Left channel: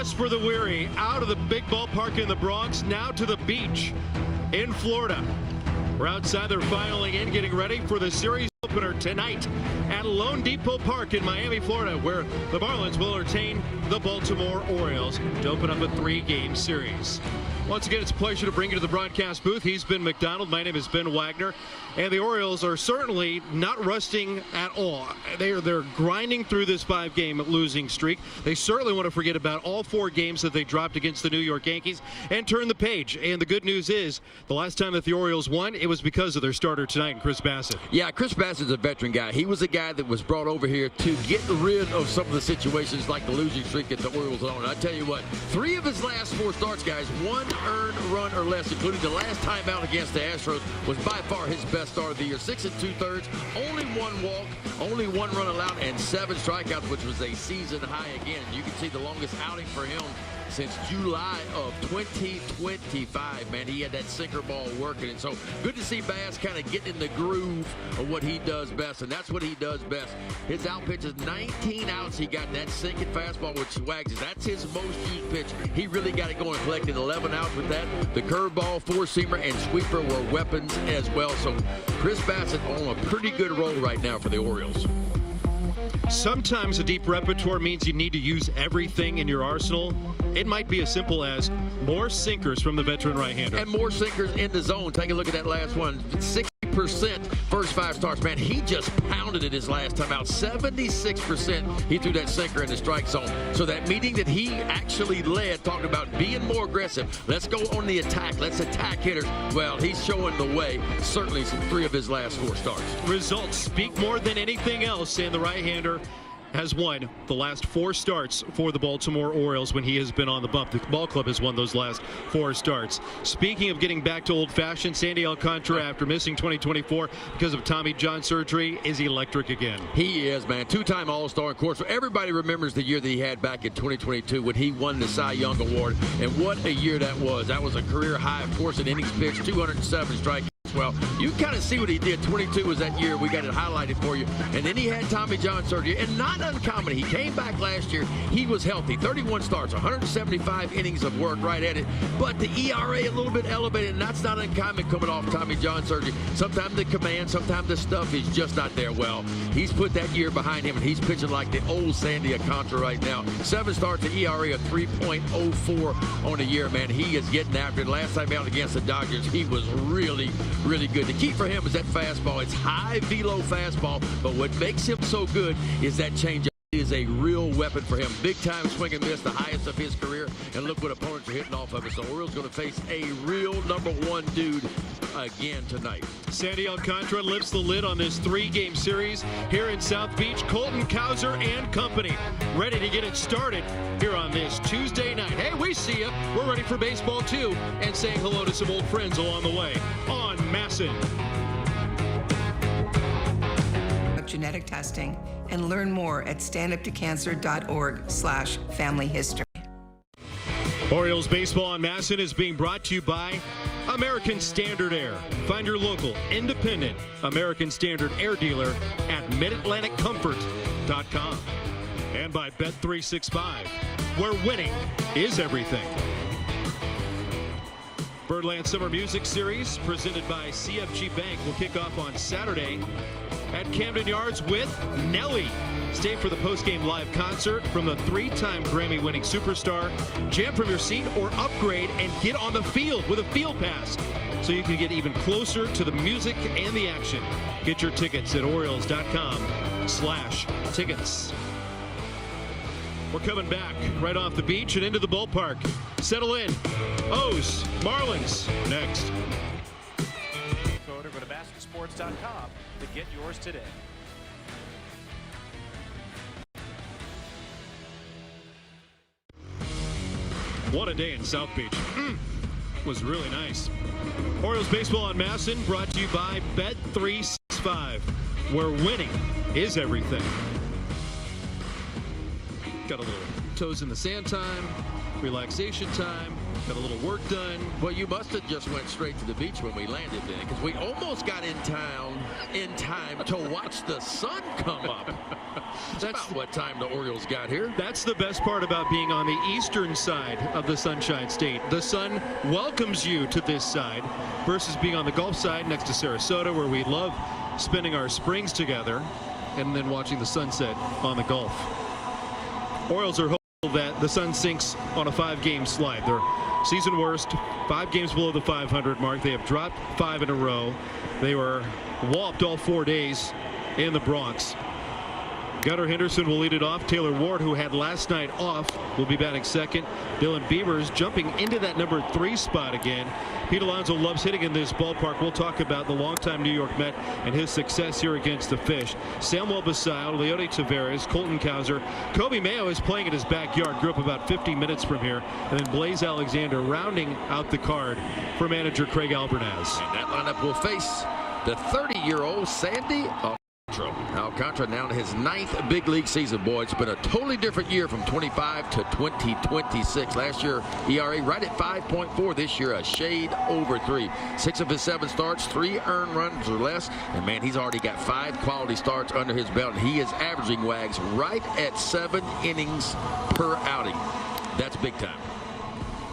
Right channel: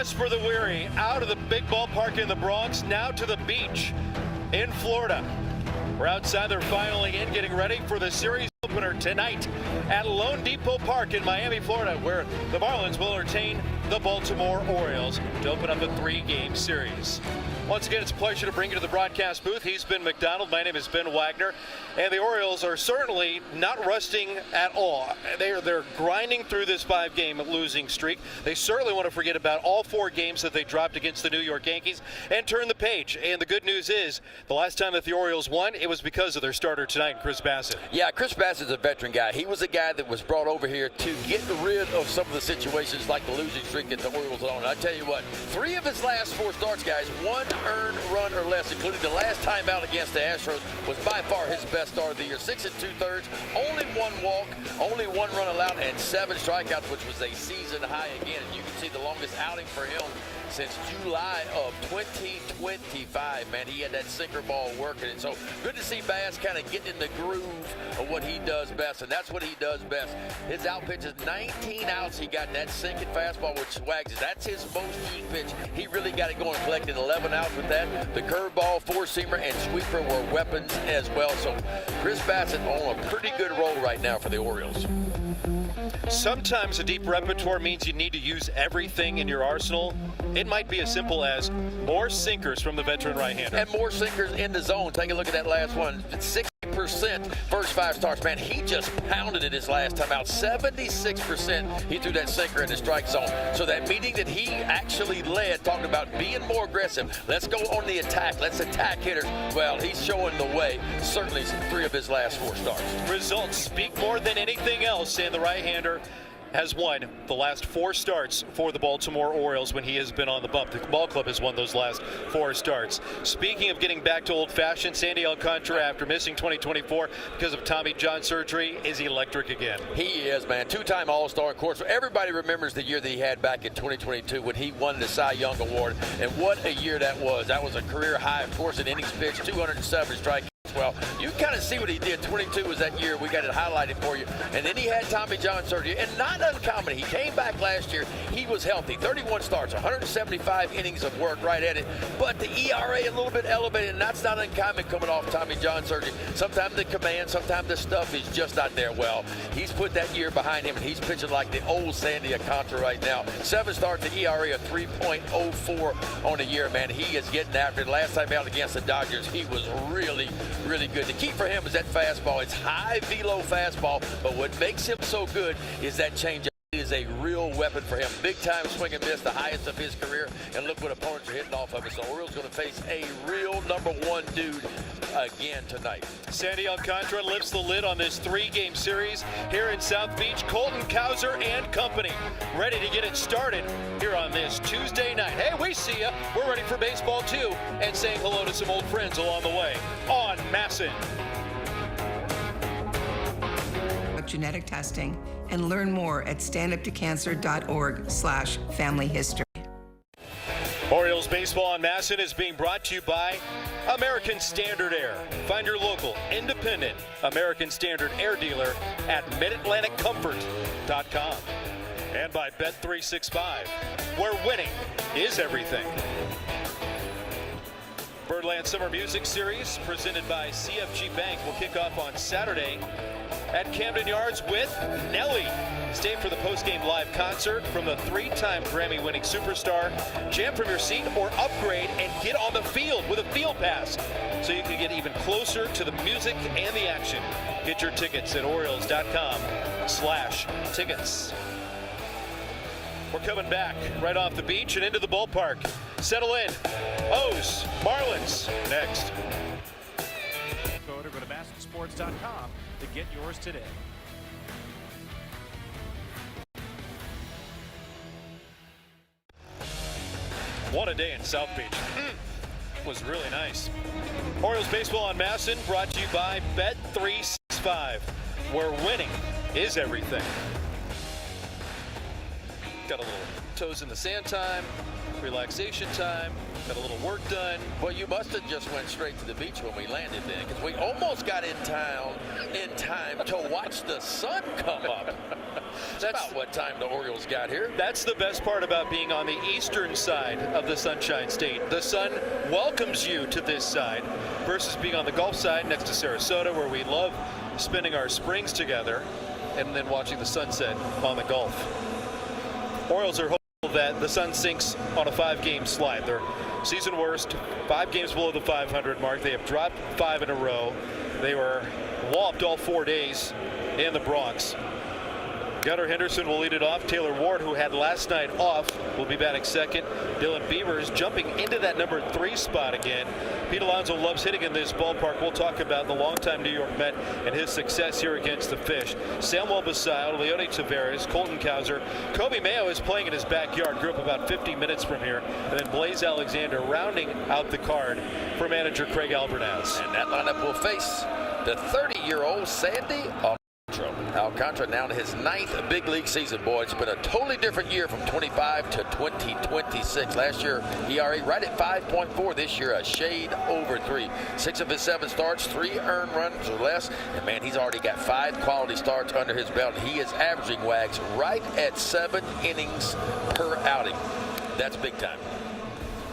rest for the weary. Out of the big ballpark in the Bronx, now to the beach in Florida. We're outside their final in, getting ready for the series opener tonight at Lone Depot Park in Miami, Florida, where the Marlins will entertain the Baltimore Orioles to open up a 3-game series. Once again, it's a pleasure to bring you to the broadcast booth. He's Ben McDonald. My name is Ben Wagner. And the Orioles are certainly not resting at all. They're grinding through this 5-game losing streak. They certainly want to forget about all 4 games that they dropped against the New York Yankees and turn the page. And the good news is, the last time that the Orioles won, it was because of their starter tonight, Chris Bassett. Yeah, Chris Bassett's a veteran guy. He was a guy that was brought over here to get rid of some of the situations like the losing streak that the Orioles on. I tell you what, 3 of his last 4 starts, guys, 1 earned run or less, including the last time out against the Astros, was by far his best start of the year. 6 2/3, only 1 walk, only 1 run allowed, and 7 strikeouts, which was a season high again. You can see the longest outing for him since July of 2025, man. He had that sinker ball working. And so good to see Bass kind of getting in the groove of what he does best, and that's what he does best. His out pitch is 19 outs. He got that sinking fastball, which swags. That's his most used pitch. He really got it going, collected 11 outs with that. The curveball, 4-seamer, and sweeper were weapons as well. So Chris Bassett on a pretty good roll right now for the Orioles. Sometimes a deep repertoire means you need to use everything in your arsenal. It might be as simple as more sinkers from the veteran right-hander. And more sinkers in the zone. Take a look at that last one. 60% first 5 starts. Man, he just pounded it his last time out. 76% he threw that sinker in the strike zone. So that meeting that he actually led, talking about being more aggressive. Let's go on the attack. Let's attack hitters. Well, he's showing the way. Certainly 3 of his last 4 starts. Results speak more than anything else, and the right-hander has won the last 4 starts for the Baltimore Orioles when he has been on the bump. The ball club has won those last 4 starts. Speaking of getting back to old-fashioned, Sandy Alcantara, after missing 2024 because of Tommy John surgery, is electric again. He is, man. 2-time All-Star. Of course, everybody remembers the year that he had back in 2022 when he won the Cy Young Award, and what a year that was. That was a career high, of course, in innings pitched, 207 strikeouts. Well, you kind of see what he did. 22 was that year. We got it highlighted for you. And then he had Tommy John surgery. And not uncommon. He came back last year. He was healthy. 31 starts, 175 innings of work right at it. But the ERA a little bit elevated. And that's not uncommon coming off Tommy John surgery. Sometimes the command, sometimes the stuff is just not there. Well, he's put that year behind him, and he's pitching like the old Sandy Alcantara right now. 7 starts, the ERA of 3.04 on the year, man. He is getting after it. Last time out against the Dodgers, he was really good. The key for him is that fastball. It's high velo fastball, but what makes him so good is that changeup. It is a real weapon for him. Big time swing and miss, the highest of his career, and look what opponents are hitting off of it. So Orioles going to face a real #1 dude again tonight. Sandy Alcantara lifts the lid on this 3-game series here in South Beach. Colton Cowser and company ready to get it started here on this Tuesday night. Hey, we see ya. We're ready for baseball too, and saying hello to some old friends along the way on Masson. Genetic testing, and learn more at standuptocancer.org/family history. Orioles baseball on Masson is being brought to you by American Standard Air. Find your local independent American Standard Air dealer at MidAtlanticComfort.com. And by Bet365, where winning is everything. Birdland Summer Music Series, presented by CFG Bank, will kick off on Saturday at Camden Yards with Nelly. Stay for the post-game live concert from the 3-time Grammy-winning superstar. Jam from your seat or upgrade and get on the field with a field pass so you can get even closer to the music and the action. Get your tickets at Orioles.com/tickets. We're coming back right off the beach and into the ballpark. Settle in. O's, Marlins, next. Go to MassenSports.com to get yours today. What a day in South Beach. Was really nice. Orioles baseball on Masson, brought to you by Bet365, where winning is everything. Got a little toes in the sand time, relaxation time, got a little work done. Well, you must have just went straight to the beach when we landed there, because we almost got in town in time to watch the sun come up. That's about what time the Orioles got here. That's the best part about being on the eastern side of the Sunshine State. The sun welcomes you to this side versus being on the Gulf side next to Sarasota, where we love spending our springs together and then watching the sunset on the Gulf. Orioles are hopeful that the sun sinks on a 5-game slide. They're season worst, 5 games below the 500 mark. They have dropped 5 in a row. They were whopped all 4 days in the Bronx. Gunnar Henderson will lead it off. Taylor Ward, who had last night off, will be batting second. Dylan Beavers jumping into that number 3 spot again. Pete Alonso loves hitting in this ballpark. We'll talk about the longtime New York Met and his success here against the Fish. Samuel Basil, Leone Taveras, Colton Cowser. Kobe Mayo is playing in his backyard. Grew up about 50 minutes from here. And then Blaze Alexander rounding out the card for manager Craig Alvarez. And that lineup will face the 30-year-old Sandy Alcantara, now in his 9th big league season. Boy, it's been a totally different year from 25 to 2026. Last year, ERA right at 5.4. This year, a shade over 3. 6 of his 7 starts, 3 earned runs or less. And, man, he's already got 5 quality starts under his belt. He is averaging, Wags, right at 7 innings per outing. That's big time.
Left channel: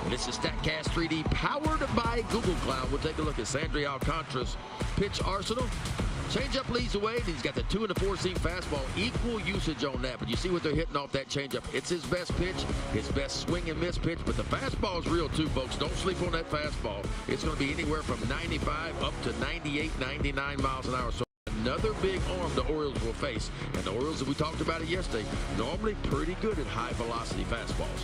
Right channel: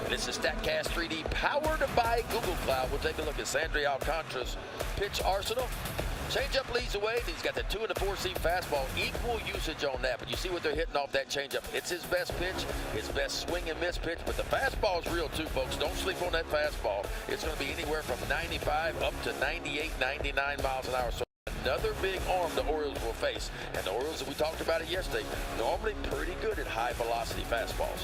This is StatCast 3D powered by Google Cloud. We'll take a look at Sandy Alcantara's pitch arsenal. Changeup leads away. He's got the 2 and the 4-seam fastball. Equal usage on that. But you see what they're hitting off that changeup. It's his best pitch, his best swing and miss pitch. But the fastball is real too, folks. Don't sleep on that fastball. It's going to be anywhere from 95 up to 98, 99 miles an hour. So another big arm the Orioles will face. And the Orioles, we talked about it yesterday, normally pretty good at high-velocity fastballs.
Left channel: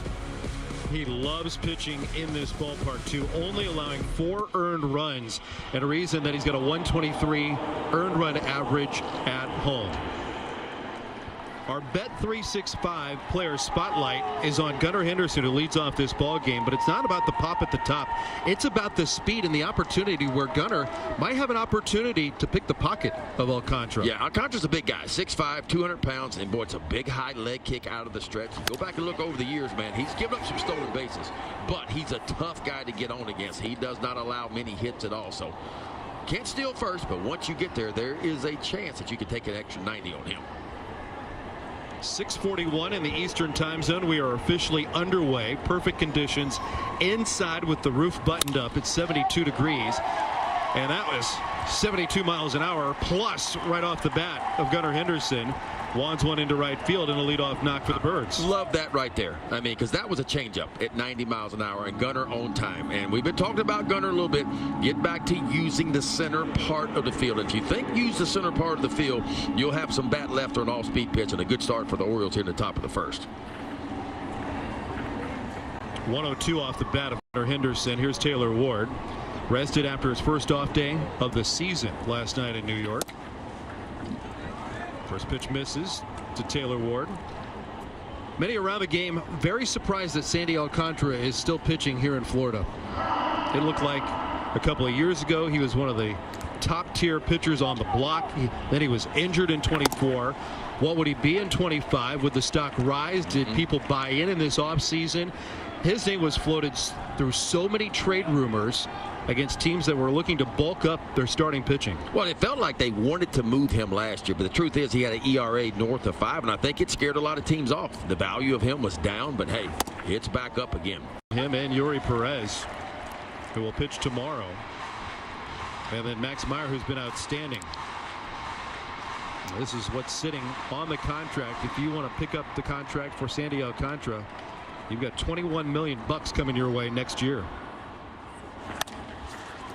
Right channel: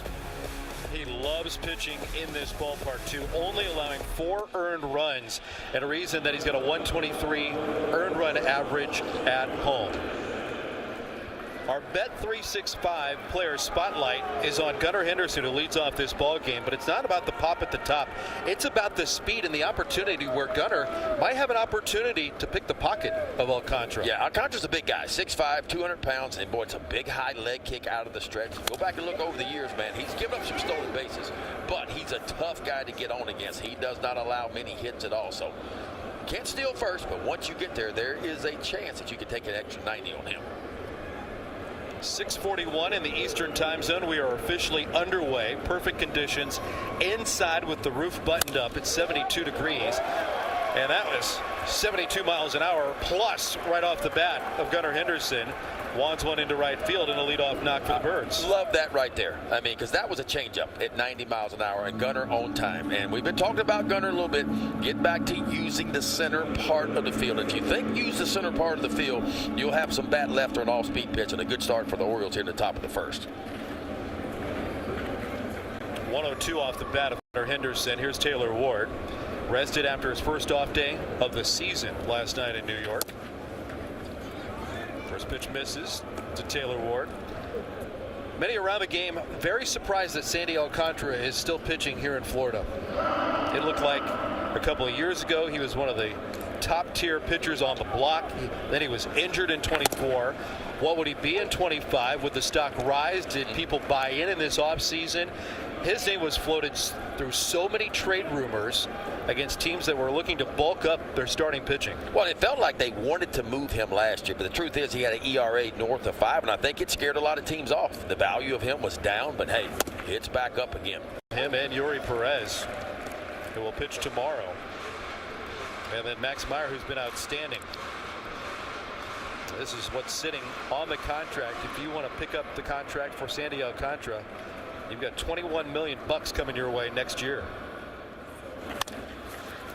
He loves pitching in this ballpark, too, only allowing 4 earned runs, and a reason that he's got a 123 earned run average at home. Our Bet365 player spotlight is on Gunnar Henderson, who leads off this ball game, but it's not about the pop at the top. It's about the speed and the opportunity where Gunnar might have an opportunity to pick the pocket of Alcantara. Yeah, Alcantara's a big guy, 6'5", 200 pounds, and boy, it's a big high leg kick out of the stretch. Go back and look over the years, man. He's given up some stolen bases, but he's a tough guy to get on against. He does not allow many hits at all, so can't steal first, but once you get there, there is a chance that you can take an extra 90 on him. 6:41 in the Eastern time zone. We are officially underway. Perfect conditions inside with the roof buttoned up. It's 72 degrees. And that was 72 miles an hour plus right off the bat of Gunnar Henderson. Wands one into right field and a leadoff knock for the Birds. Love that right there. I mean, because that was a changeup at 90 miles an hour and Gunnar on time. And we've been talking about Gunnar a little bit. Get back to using the center part of the field. If you think use the center part of the field, you'll have some bat left or an all-speed pitch and a good start for the Orioles here in the top of the first. 102 off the bat of Gunnar Henderson. Here's Taylor Ward. Rested after his first off day of the season last night in New York. First pitch misses to Taylor Ward. Many around the game very surprised that Sandy Alcantara is still pitching here in Florida. It looked like a couple of years ago he was one of the top-tier pitchers on the block. Then he was injured in 24. What would he be in 25? Would the stock rise? Did people buy in this offseason? His name was floated through so many trade rumors against teams that were looking to bulk up their starting pitching. Well, it felt like they wanted to move him last year, but the truth is he had an ERA north of 5, and I think it scared a lot of teams off. The value of him was down, but hey, it's back up again. Him and Yuri Perez, who will pitch tomorrow. And then Max Meyer, who's been outstanding. This is what's sitting on the contract. If you want to pick up the contract for Sandy Alcantara, you've got $21 million coming your way next year.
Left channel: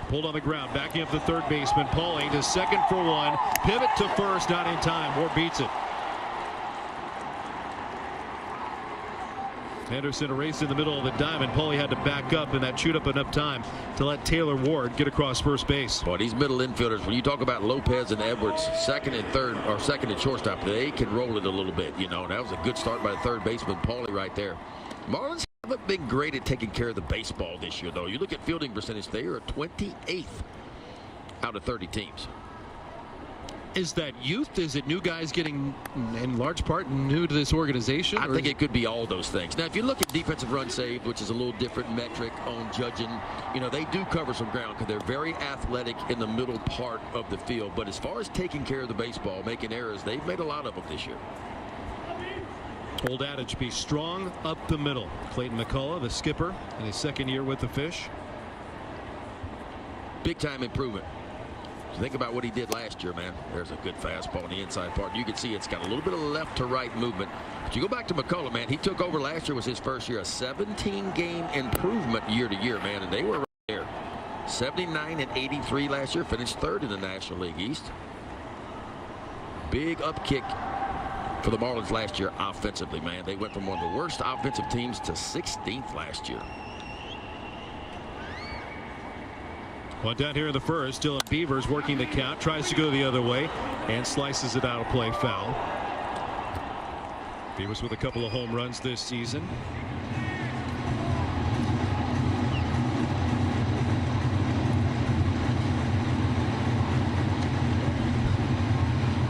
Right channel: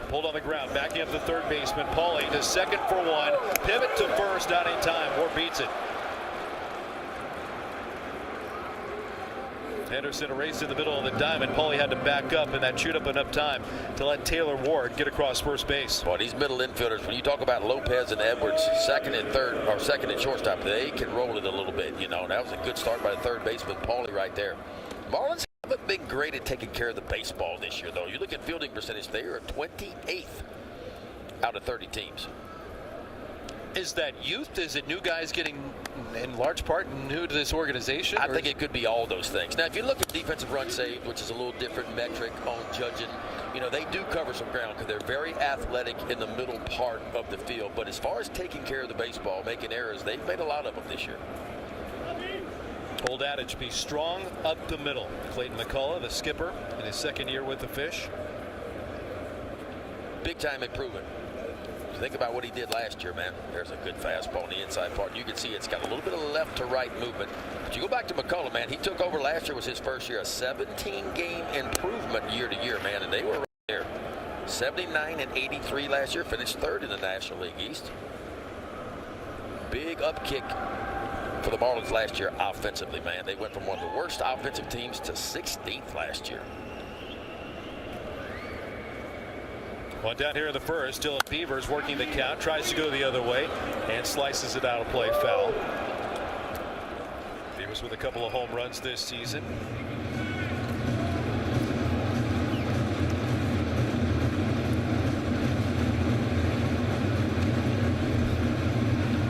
Pulled on the ground, backing up the third baseman. Paulie to second for 1. Pivot to first, not in time. Ward beats it. Henderson erased in the middle of the diamond. Paulie had to back up, and that chewed up enough time to let Taylor Ward get across first base. Boy, these middle infielders, when you talk about Lopez and Edwards, second and third, or second and shortstop, they can roll it a little bit. You know, that was a good start by the third baseman, Paulie, right there. Marlins haven't been great at taking care of the baseball this year, though. You look at fielding percentage, they are 28th out of 30 teams. Is that youth? Is it new guys getting, in large part, new to this organization? I think it could be all those things. Now, if you look at defensive run saved, which is a little different metric on judging, you know, they do cover some ground because they're very athletic in the middle part of the field. But as far as taking care of the baseball, making errors, they've made a lot of them this year. Old adage, be strong up the middle. Clayton McCullough, the skipper, in his second year with the Fish. Big time improvement. Think about what he did last year, man. There's a good fastball in the inside part. You can see it's got a little bit of left to right movement. But you go back to McCullough, man. He took over last year, was his first year. A 17-game improvement year to year, man. And they were right there. 79 and 83 last year. Finished third in the National League East. Big upkick for the Marlins last year offensively, man. They went from one of the worst offensive teams to 16th last year. One down here in the first. Still Beavers working the count. Tries to go the other way and slices it out of play, foul. Beavers with a couple of home runs this season.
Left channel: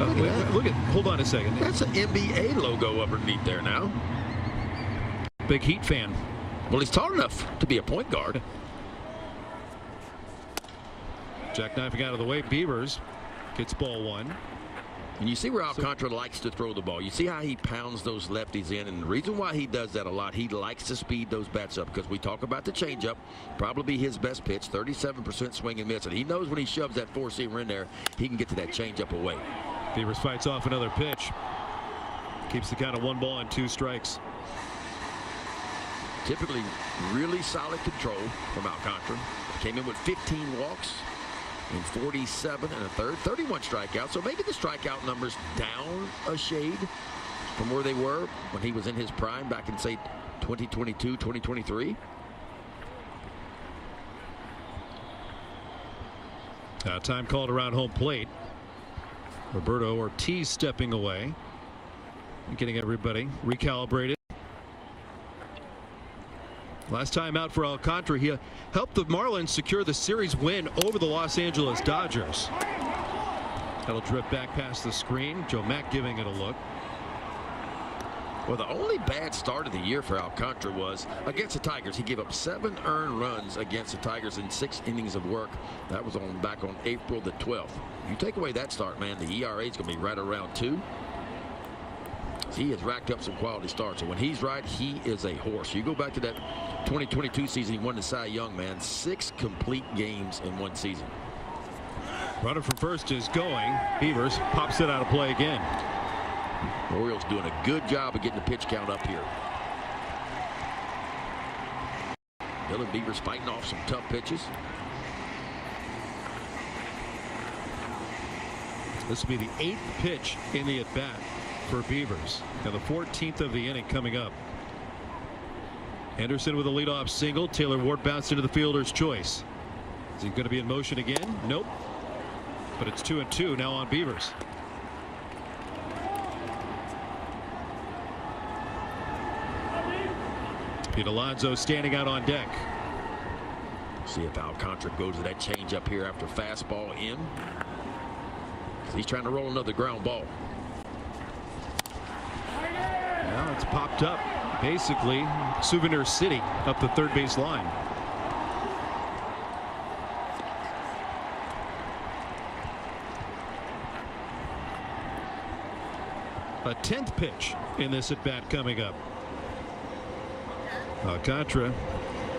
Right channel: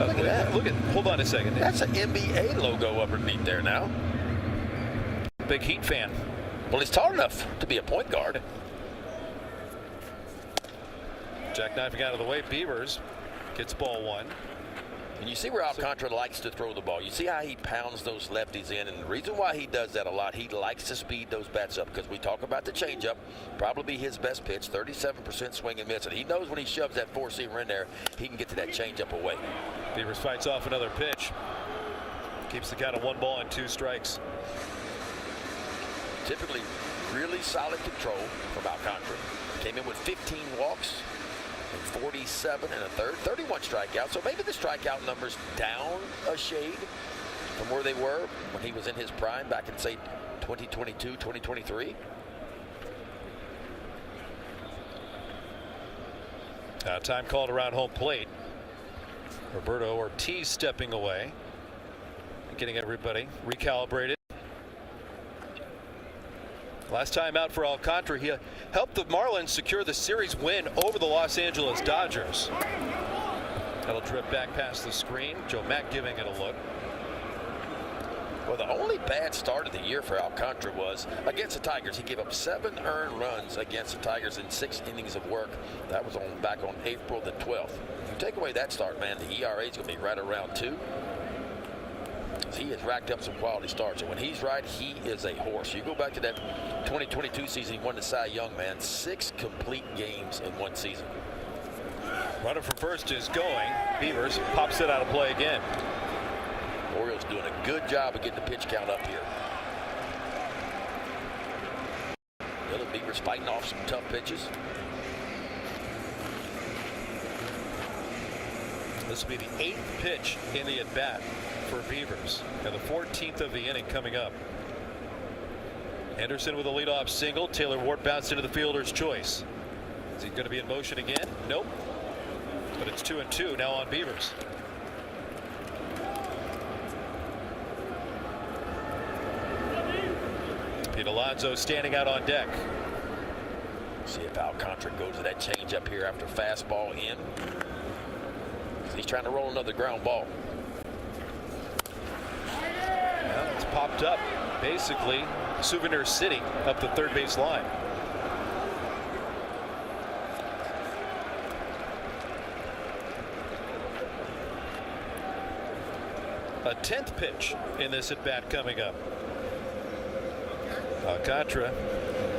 Look at that. Hold on a second. That's an NBA logo underneath there now. Big Heat fan. Well, he's tall enough to be a point guard. Jackknifing out of the way. Beavers gets ball one. And you see where Alcantara likes to throw the ball. You see how he pounds those lefties in. And the reason why he does that a lot, he likes to speed those bats up. Because we talk about the changeup, probably his best pitch, 37% swing and miss. And he knows when he shoves that four-seamer in there, he can get to that changeup away. Beavers fights off another pitch. Keeps the count of 1 ball and 2 strikes. Typically really solid control from Alcantara. Came in with 15 walks. And 47 and a third, 31 strikeouts. So maybe the strikeout numbers down a shade from where they were when he was in his prime back in, say, 2022, 2023. Time called around home plate. Roberto Ortiz stepping away. Getting everybody recalibrated. Last time out for Alcantara, he helped the Marlins secure the series win over the Los Angeles Dodgers. It'll drift back past the screen. Joe Mack giving it a look. Well, the only bad start of the year for Alcantara was against the Tigers. He gave up 7 earned runs against the Tigers in 6 innings of work. That was back on April the 12th. You take away that start, man, the ERA is going to be right around 2. He has racked up some quality starts, and when he's right, he is a horse. You go back to that 2022 season, he won the Cy Young, man. 6 complete games in 1 season. Runner from first is going. Beavers pops it out of play again. The Orioles doing a good job of getting the pitch count up here. Little Beavers fighting off some tough pitches. This will be the 8th pitch in the at-bat for Beavers. For the 14th of the inning coming up. Henderson with a leadoff single. Taylor Ward bounced into the fielder's choice. Is he going to be in motion again? Nope. But it's 2-2 now on Beavers. Pete Alonso standing out on deck. See if Alcantara goes to that changeup here after fastball in. He's trying to roll another ground ball. Well, it's popped up. Basically, Souvenir City up the third base line. A 10th pitch in this at-bat coming up. Alcantara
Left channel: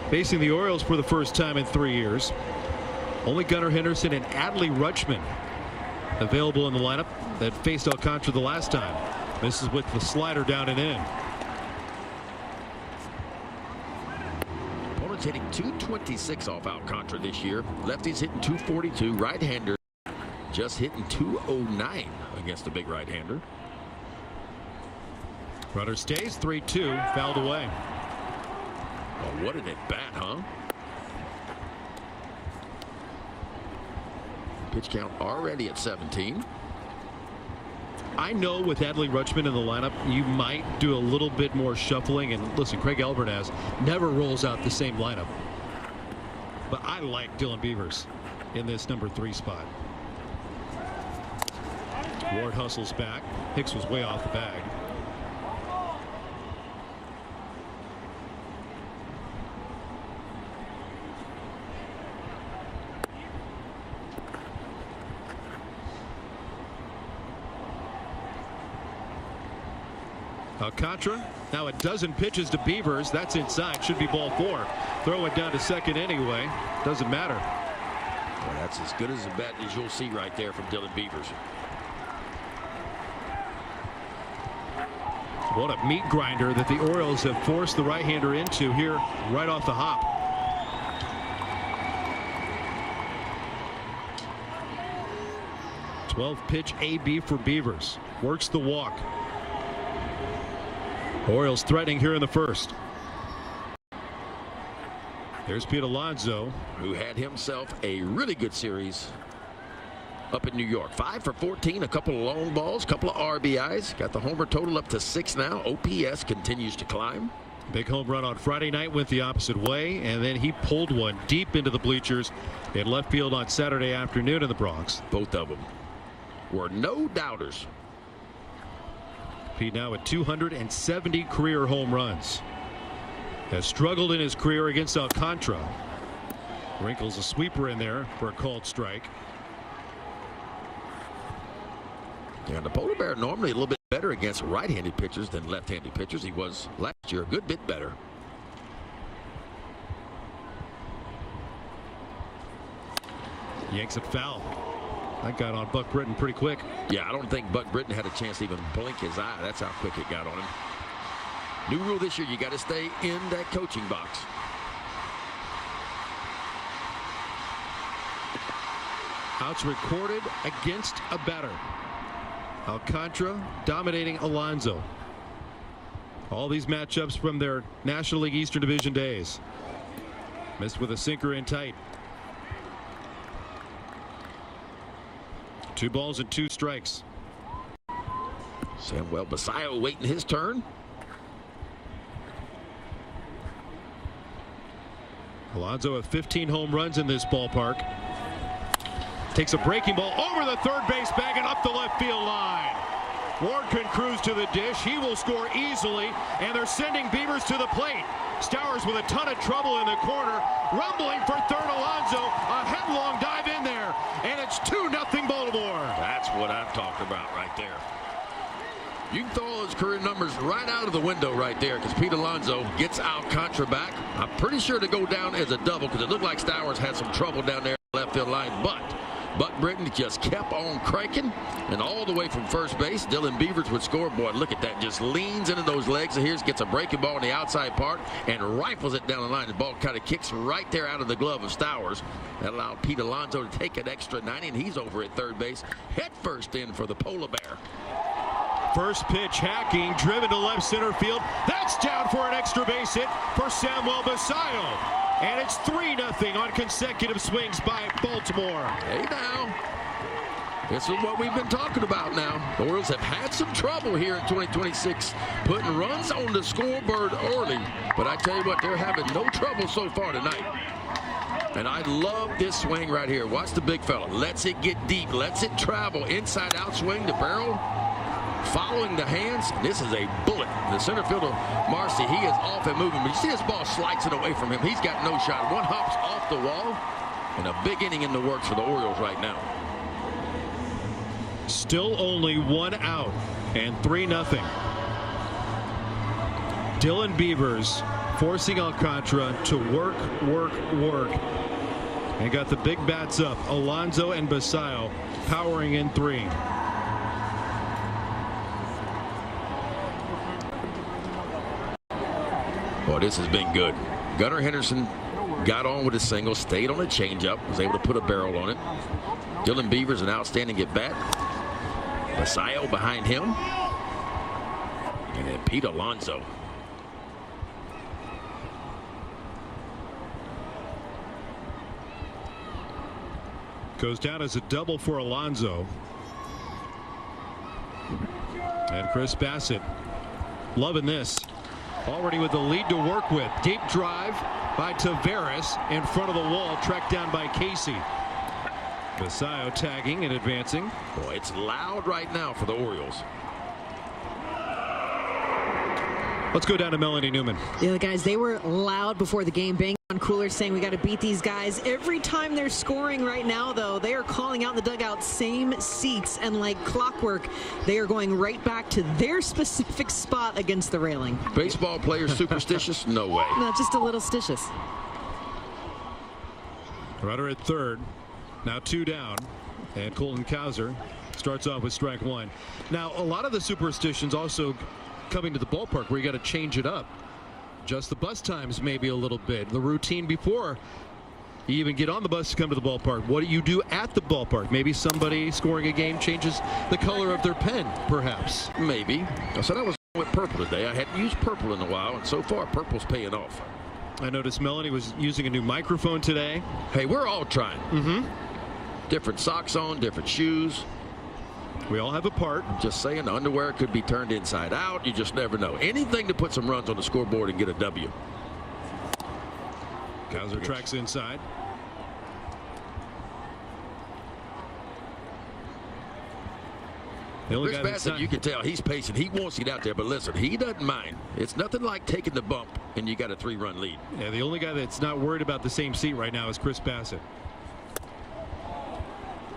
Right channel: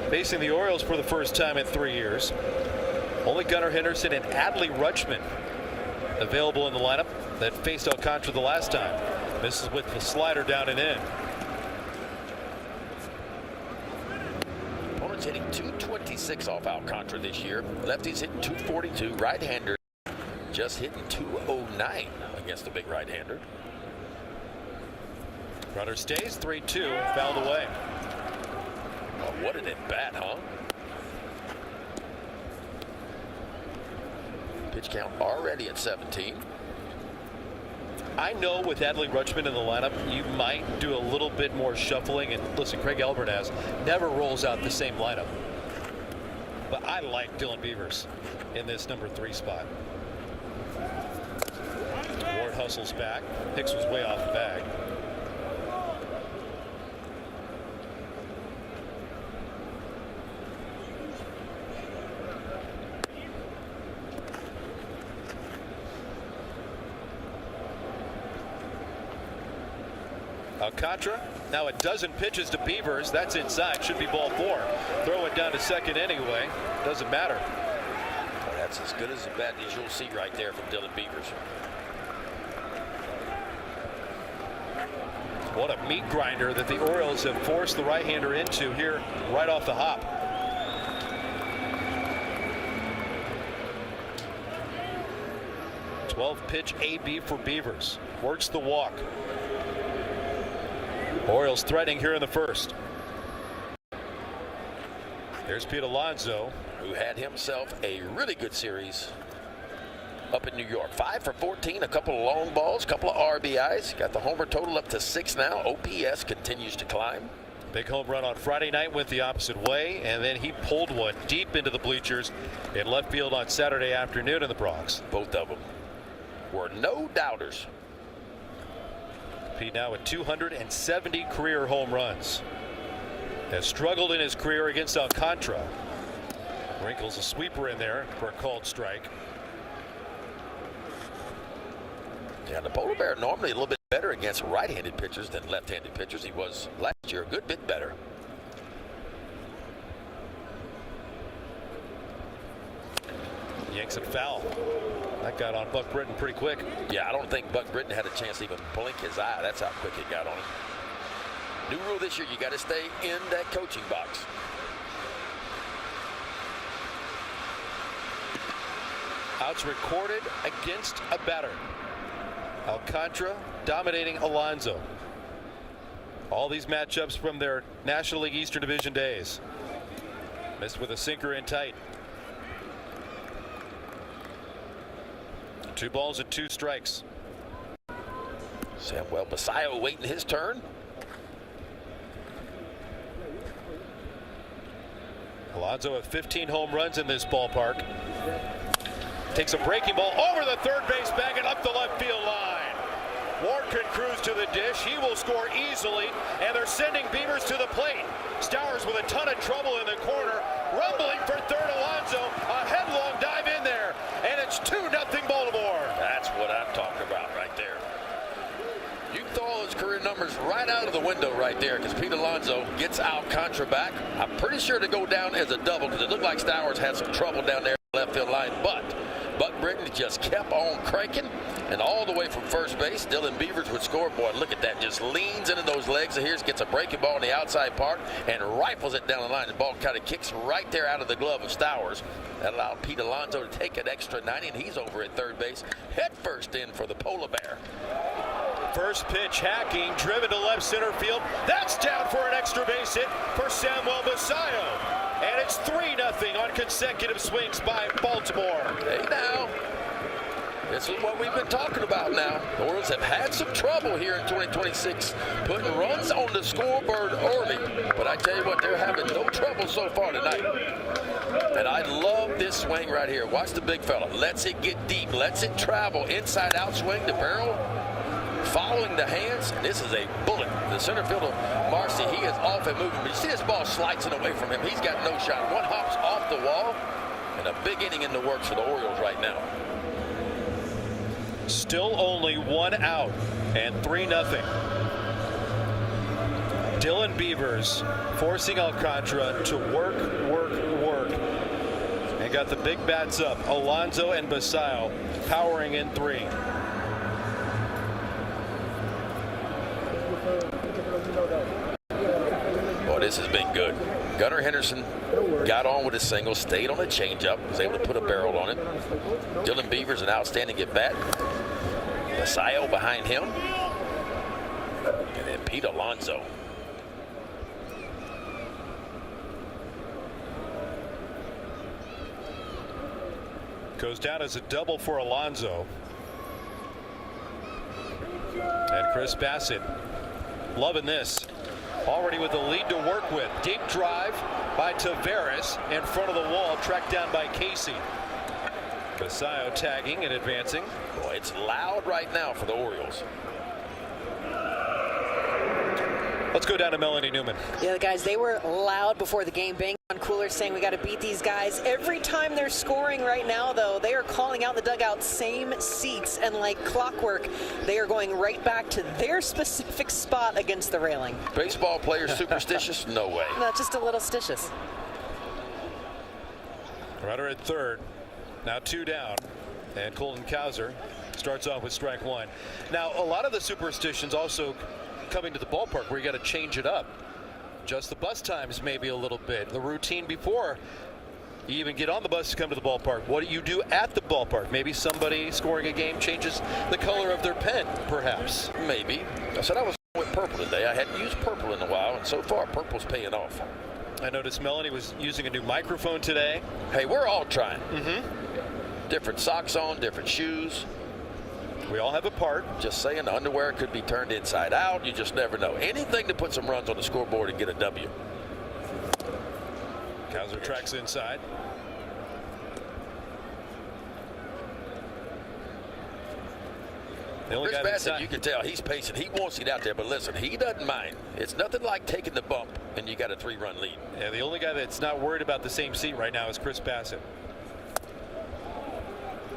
facing the Orioles for the first time in 3 years. Only Gunnar Henderson and Adley Rutschman available in the lineup that faced Alcantara the last time. This is with the slider down and in. Opponent's hitting 226 off Alcantara this year. Lefty's hitting 242. Right-hander just hitting 209 against the big right-hander. Runner stays 3-2, fouled away. Oh, what an at-bat, huh? Pitch count already at 17. I know with Adley Rutschman in the lineup, you might do a little bit more shuffling. And listen, Craig Albertaz never rolls out the same lineup. But I like Dylan Beavers in this number 3 spot. Ward hustles back. Hicks was way off the bag. Alcantara, now a dozen pitches to Beavers. That's inside. Should be ball 4. Throw it down to second anyway. Doesn't matter. That's as good as a bet as you'll see right there from Dylan Beavers. What a meat grinder that the Orioles have forced the right-hander into here right off the hop. Pitch AB for Beavers. Works the walk. Orioles threatening here in the first. There's Pete Alonso, who had himself a really good series up in New York. 5 for 14, a couple of long balls, a couple of RBIs. Got the homer total up to 6 now. OPS continues to climb. Big home run on Friday night went the opposite way, and then he pulled one deep into the bleachers in left field on Saturday afternoon in the Bronx. Both of them were no doubters. Pete now at 270 career home runs. Has struggled in his career against Alcantara. Wrinkles a sweeper in there for a called strike. Yeah, the Polar Bear normally a little bit better against right-handed pitchers than left-handed pitchers. He was last year a good bit better. Yanks it foul. That got on Buck Britton pretty quick. Yeah, I don't think Buck Britton had a chance to even blink his eye. That's how quick it got on him. New rule this year, you got to stay in that coaching box. Outs recorded against a batter. Alcantara dominating Alonso. All these matchups from their National League Eastern Division days. Missed with a sinker in tight. 2 balls and 2 strikes. Samuel Basayo waiting his turn. Alonso with 15 home runs in this ballpark. Takes a breaking ball over the third base bag and up the left field line. Ward can cruise to the dish. He will score easily, and they're sending Beavers to the plate. Stowers with a ton of trouble in the corner. Rumbling for third, Alonso. A headlong dive in there, and it's 2-0 Baltimore. That's what I'm talking about right there. You can throw all his career numbers right out of the window right there because Pete Alonso gets Alcantara back. I'm pretty sure to go down as a double because it looked like Stowers had some trouble down there in the left field line, but Buck Britton just kept on cranking, and all the way from first base, Dylan Beavers would score. Boy, look at that. Just leans into those legs of his, gets a breaking ball in the outside park, and rifles it down the line. The ball kind of kicks right there out of the glove of Stowers. That allowed Pete Alonso to take an extra 90, and he's over at third base, head first in for the Polar Bear. First pitch hacking, driven to left center field. That's down for an extra base hit for Samuel Basayo. And it's 3-0 on consecutive swings by Baltimore. Hey now. This is what we've been talking about now. The Orioles have had some trouble here in 2026 putting runs on the scoreboard early. But I tell you what, they're having no trouble so far tonight. And I love this swing right here. Watch the big fella. Lets it get deep. Lets it travel. Inside out swing, the barrel. Following the hands. This is a bullet. The center fielder, Marcy, he is off and moving. You see this ball slides it away from him. He's got no shot. One hops off the wall. And a big inning in the works for the Orioles right now. Still only 1 out and 3-0. Dylan Beavers forcing Alcantara to work. And got the big bats up. Alonso and Basayo powering in 3. Well, this has been good. Gunnar Henderson got on with a single, stayed on a changeup, was able to put a barrel on it. Dylan Beavers, an outstanding at bat. Basayo behind him. And then Pete Alonso. Goes down as a double for Alonso. And Chris Bassett loving this. Already with the lead to work with. Deep drive by Tavares in front of the wall, tracked down by Casey. Basayo tagging and advancing. Boy, it's loud right now for the Orioles. Let's go down to Melanie Newman. Yeah, guys, they were loud before the game, banging on coolers, saying we got to beat these guys. Every time they're scoring right now, though, they are calling out in the dugout, same seats, and like clockwork, they are going right back to their specific spot against the railing. Baseball players superstitious? No way. No, just a little stitious. Runner at third. Now 2 down. And Colton Cowser starts off with strike 1. Now, a lot of the superstitions also coming to the ballpark where you got to change it up. Just the bus times maybe a little bit. The routine before you even get on the bus to come to the ballpark. What do you do at the ballpark? Maybe somebody scoring a game changes the color of their pen, perhaps. Maybe. So that was with purple today. I hadn't used purple in a while, and so far purple's paying off. I noticed Melody was using a new microphone today. Hey, we're all trying. Different socks on, different shoes. We all have a part. Just saying, the underwear could be turned inside out. You just never know. Anything to put some runs on the scoreboard and get a W. Cowser tracks inside. Chris Bassett, you can tell he's pacing. He wants to get out there, but listen, he doesn't mind. It's nothing like taking the bump and you got a 3-run lead. And the only guy that's not worried about the same seat right now is Chris Bassett.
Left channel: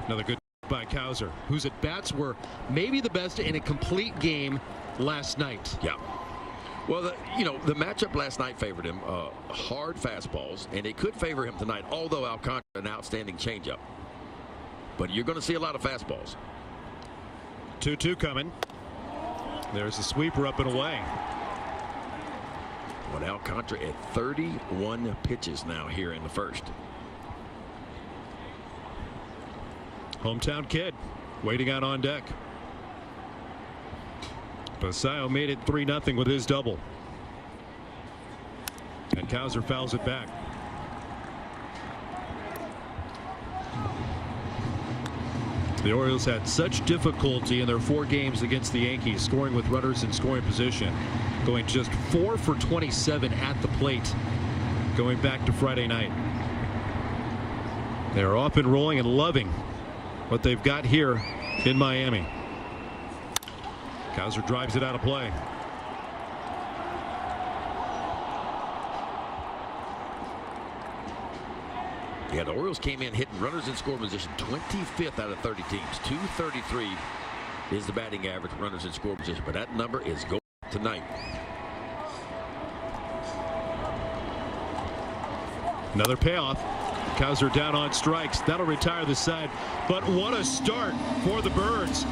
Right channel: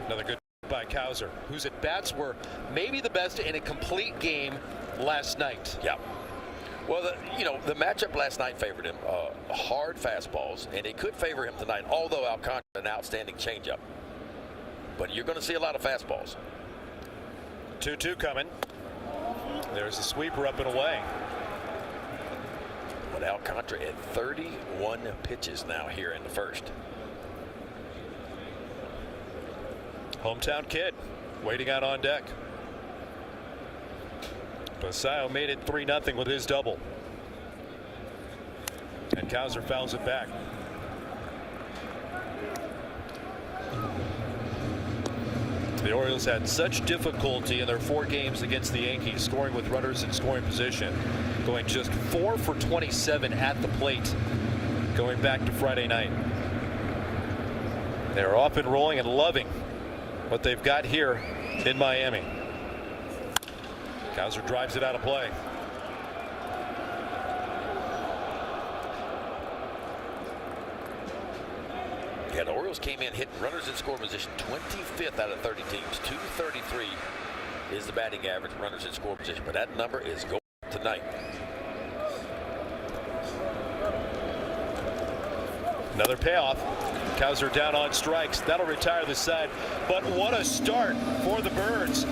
Another good by Cowser, whose at bats were maybe the best in a complete game last night. Yeah. Well, the matchup last night favored him. Hard fastballs, and it could favor him tonight, although Alcantara an outstanding changeup. But you're going to see a lot of fastballs. 2-2 coming. There's a sweeper up and away. With Alcantara at 31 pitches now here in the first. Hometown kid waiting out on deck. Basayo made it 3-0 with his double. And Cowser fouls it back. The Orioles had such difficulty in their 4 games against the Yankees, scoring with runners in scoring position, going just 4 for 27 at the plate, going back to Friday night. They're off and rolling and loving what they've got here in Miami. Cowser drives it out of play. Yeah, the Orioles came in hitting runners in scoring position 25th out of 30 teams. 233 is the batting average runners in scoring position, but that number is going tonight. Another payoff. Cowser down on strikes. That'll retire the side. But what a start for the Birds.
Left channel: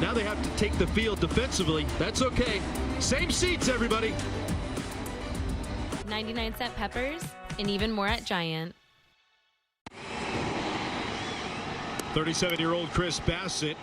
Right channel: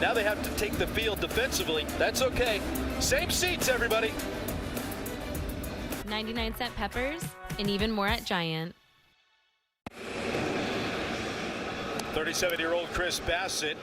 Now they have to take the field defensively. That's okay. Same seats, everybody. 99-cent peppers and even more at Giant. 37-year-old Chris Bassett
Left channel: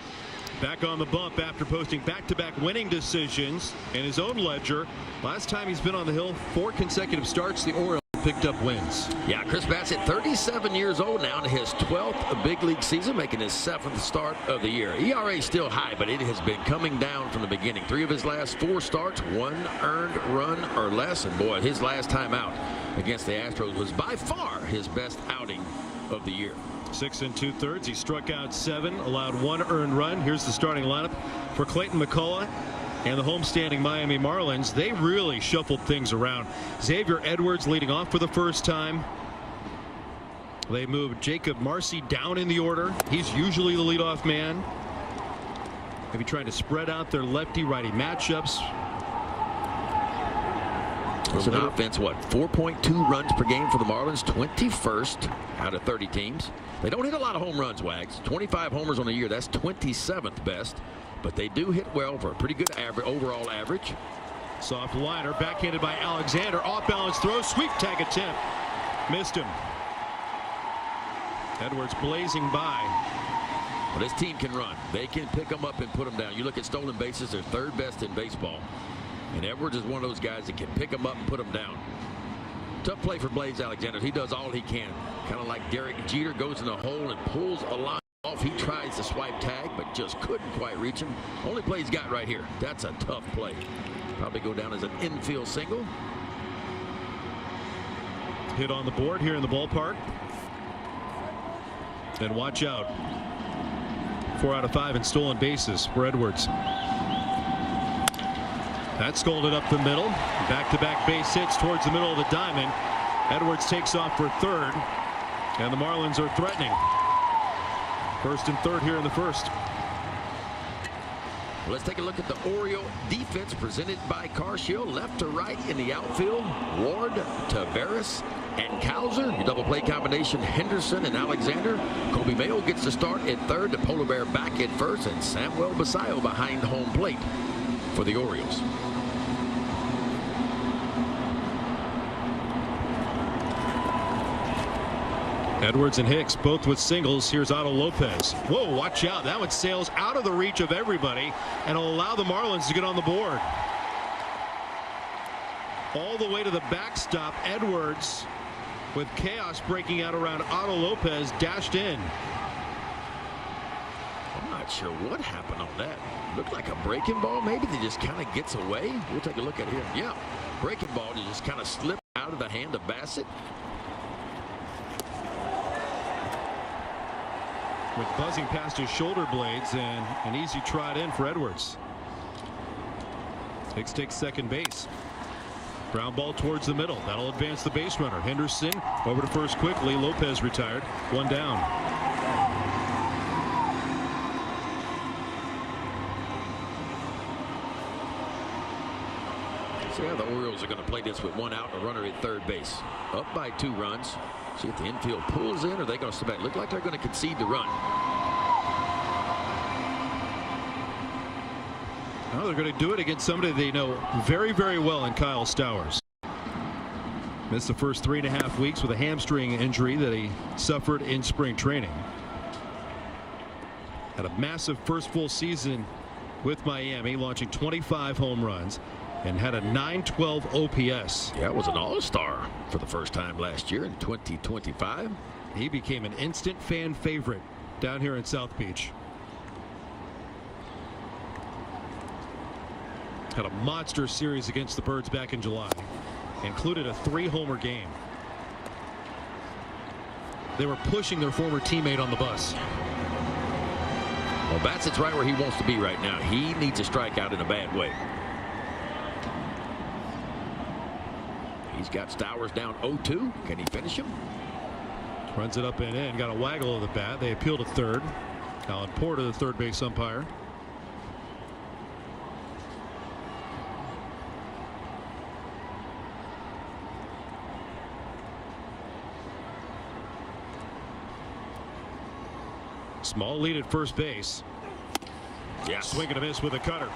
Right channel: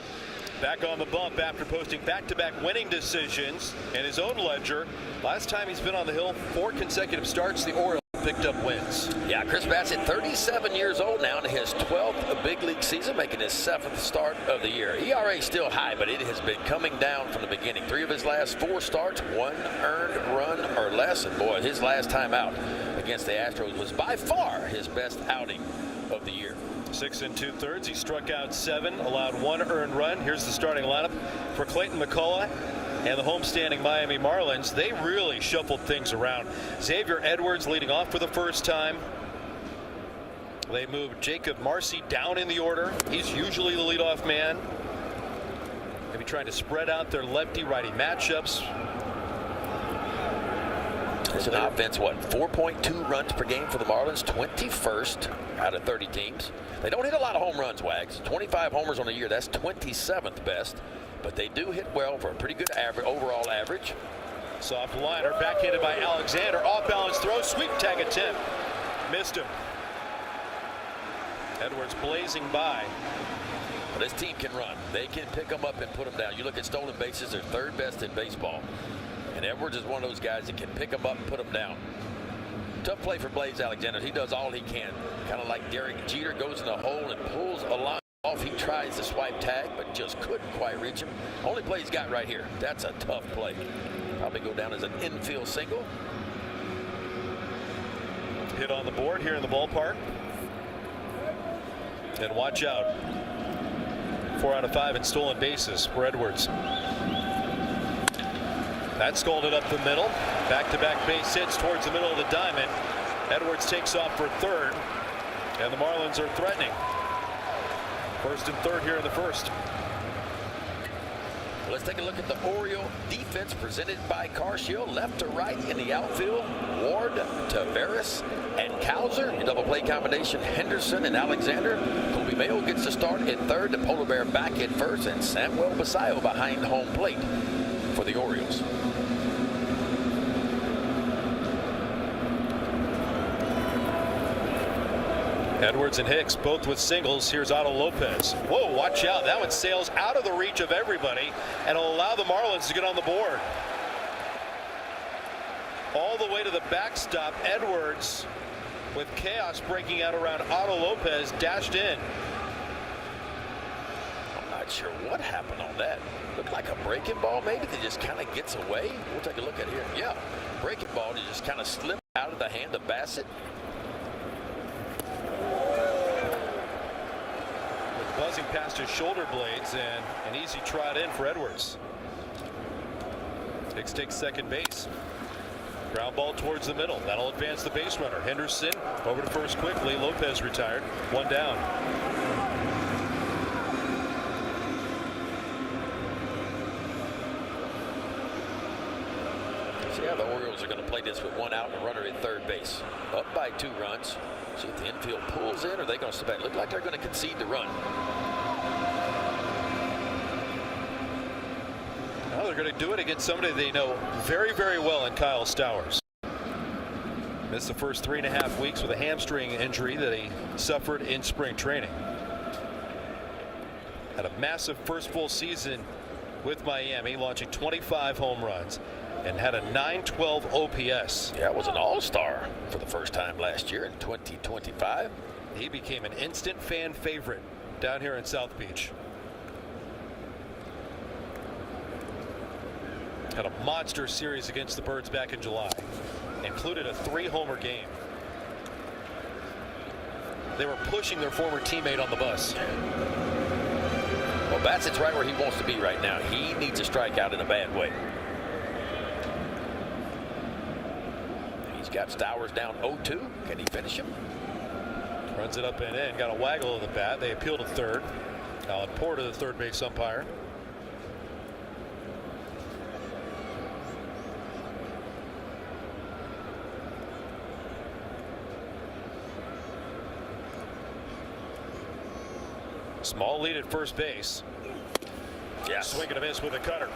back on the bump after posting back-to-back winning decisions in his own ledger. Last time he's been on the hill, 4 consecutive starts. The Orioles picked up wins. Yeah, Chris Bassett, 37 years old now, in his 12th big league season, making his 7th start of the year. ERA is still high, but it has been coming down from the beginning. 3 of his last 4 starts, 1 earned run or less. And boy, his last time out against the Astros was by far his best outing of the year. 6 2/3. He struck out 7, allowed 1 earned run. Here's the starting lineup for Clayton McCullough and the homestanding Miami Marlins. They really shuffled things around. Xavier Edwards leading off for the first time. They moved Jacob Marcy down in the order. He's usually the leadoff man. Maybe trying to spread out their lefty-righty matchups. So the offense, what, 4.2 runs per game for the Marlins, 21st out of 30 teams. They don't hit a lot of home runs, Wags. 25 homers on the year, that's 27th best. But they do hit well for a pretty good overall average. Soft liner, backhanded by Alexander. Off-balance throw, sweep tag attempt. Missed him. Edwards blazing by. This team can run. They can pick them up and put them down. You look at stolen bases, they're 3rd best in baseball. And Edwards is one of those guys that can pick them up and put them down. Tough play for Blaze Alexander. He does all he can. Kind of like Derek Jeter, goes in the hole and pulls a line off. He tries to swipe tag, but just couldn't quite reach him. Only play he's got right here. That's a tough play. Probably go down as an infield single. Hit on the board here in the ballpark. And watch out. 4 out of 5 in stolen bases for Edwards. That's scolded up the middle. Back-to-back base hits towards the middle of the diamond. Edwards takes off for third, and the Marlins are threatening. First and third here in the first. Let's take a look at the Oriole defense presented by Carshill. Left to right in the outfield, Ward, Taveras, and Cowser. Your double play combination, Henderson and Alexander. Kobe Mayo gets the start in third. The Polar Bear back in first, and Samuel Basayo behind home plate for the Orioles. Edwards and Hicks both with singles. Here's Otto Lopez. Whoa, watch out. That one sails out of the reach of everybody and will allow the Marlins to get on the board. All the way to the backstop. Edwards, with chaos breaking out around Otto Lopez, dashed in. I'm not sure what happened on that. Looked like a breaking ball. Maybe they just kind of gets away. We'll take a look at here. Yeah, breaking ball that just kind of slipped out of the hand of Bassett. Buzzing past his shoulder blades, and an easy trot in for Edwards. Hicks takes second base. Ground ball towards the middle. That'll advance the base runner. Henderson over to first quickly. Lopez retired. One down. See how the Orioles are going to play this with one out and a runner at third base. Up by 2 runs. See if the infield pulls in, or they going to submit. Look like they're going to concede the run. Well, they're going to do it against somebody they know very, very well in Kyle Stowers. This is the first 3.5 weeks with a hamstring injury that he suffered in spring training. Had a massive first full season with Miami, launching 25 home runs and had a .912 OPS. That was an all-star for the first time last year in 2025. He became an instant fan favorite down here in South Beach. Had a monster series against the Birds back in July. Included a 3-homer game. They were pushing their former teammate on the bus. Well, Bassett's right where he wants to be right now. He needs a strikeout in a bad way. He's got Stowers down 0-2. Can he finish him? Runs it up and in. Got a waggle of the bat. They appeal to third. Alan Porter, the third base umpire. Small lead at first base. Yeah, Swing and a miss with a cutter.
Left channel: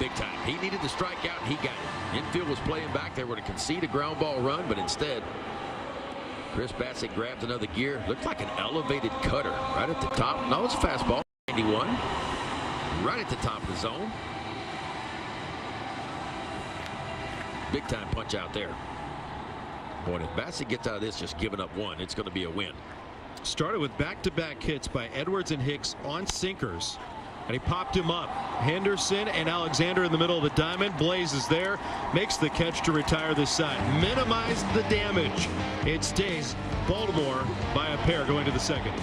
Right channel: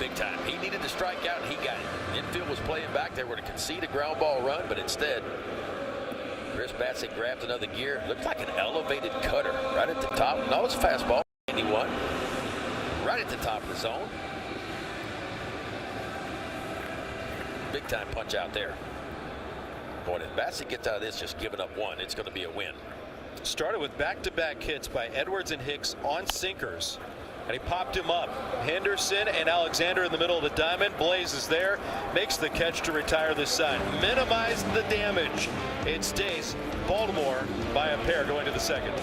Big time. He needed the strikeout, and he got it. Infield was playing back. They were to concede a ground ball run, but instead, Chris Bassett grabs another gear. Looked like an elevated cutter right at the top. No, it's a fastball. 91. Right at the top of the zone. Big time punch out there. Boy, if Bassett gets out of this just giving up one, it's going to be a win. Started with back-to-back hits by Edwards and Hicks on sinkers, and he popped him up. Henderson and Alexander in the middle of the diamond. Blaze is there, makes the catch to retire this side. Minimize the damage. It stays Baltimore by a pair going to the second.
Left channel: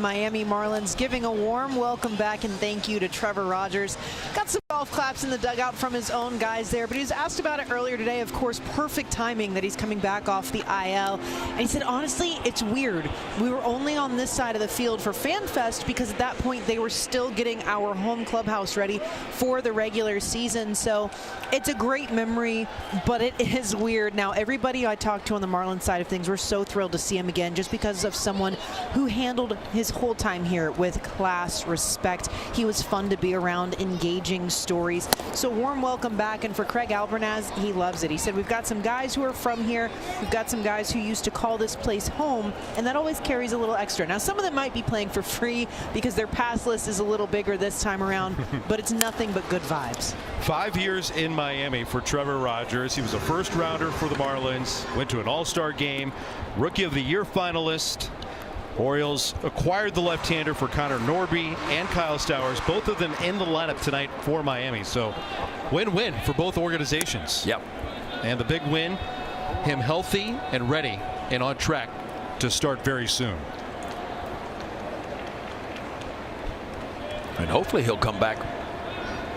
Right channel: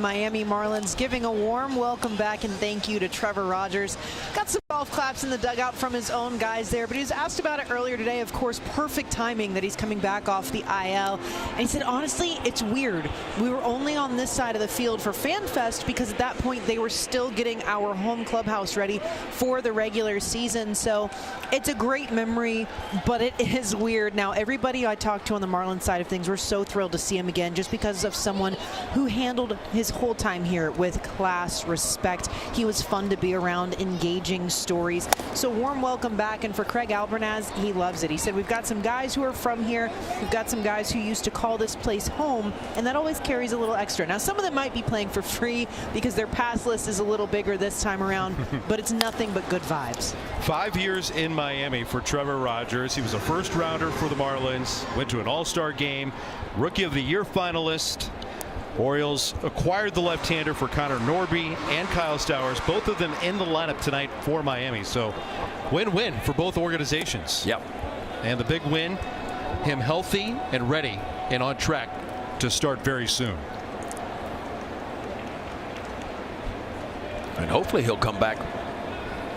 Miami Marlins giving a warm welcome back and thank you to Trevor Rogers. Got some golf claps in the dugout from his own guys there, but he was asked about it earlier today. Of course, perfect timing that he's coming back off the IL. And he said, honestly, it's weird. We were only on this side of the field for Fan Fest because at that point they were still getting our home clubhouse ready for the regular season. So it's a great memory, but it is weird. Now, everybody I talked to on the Marlins side of things, we're so thrilled to see him again just because of someone who handled his whole time here with class, respect. He was fun to be around, engaging stories. So warm welcome back. And for Craig Albernaz, he loves it. He said, we've got some guys who are from here. We've got some guys who used to call this place home, and that always carries a little extra. Now, some of them might be playing for free because their pass list is a little bigger this time around, but it's nothing but good vibes. 5 years in Miami for Trevor Rogers. He was a first rounder for the Marlins, went to an all-star game, Rookie of the Year finalist. Orioles acquired the left-hander for Connor Norby and Kyle Stowers, both of them in the lineup tonight for Miami. So win-win for both organizations. Yep. And the big win, him healthy and ready and on track to start very soon. And hopefully he'll come back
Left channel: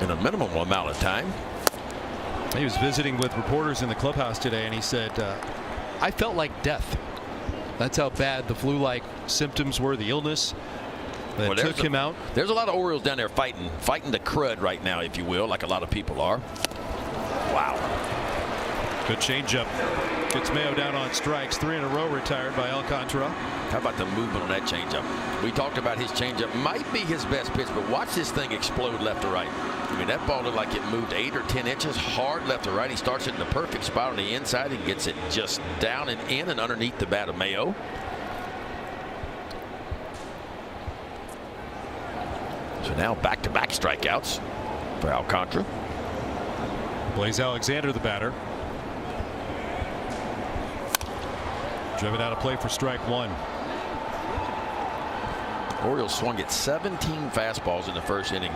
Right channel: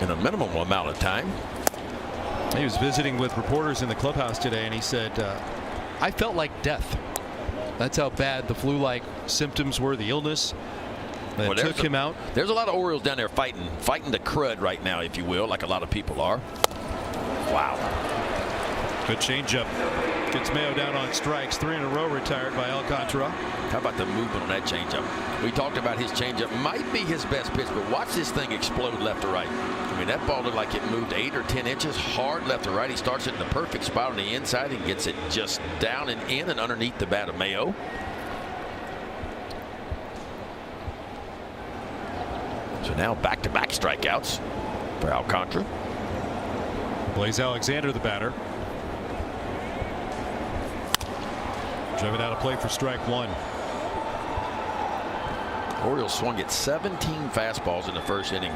in a minimum amount of time. He was visiting with reporters in the clubhouse today, and he said, I felt like death. That's how bad the flu-like symptoms were, the illness that took him out. There's a lot of Orioles down there fighting the crud right now, if you will, like a lot of people are. Wow. Good changeup. Gets Mayo down on strikes. 3 in a row retired by Alcantara. How about the movement on that changeup? We talked about his changeup. Might be his best pitch, but watch this thing explode left to right. I mean, that ball looked like it moved 8 or 10 inches hard left to right. He starts it in the perfect spot on the inside and gets it just down and in and underneath the bat of Mayo. So now back-to-back strikeouts for Alcantara. Blaze Alexander, the batter. Driven out of play for strike 1. Orioles swung at 17 fastballs in the first inning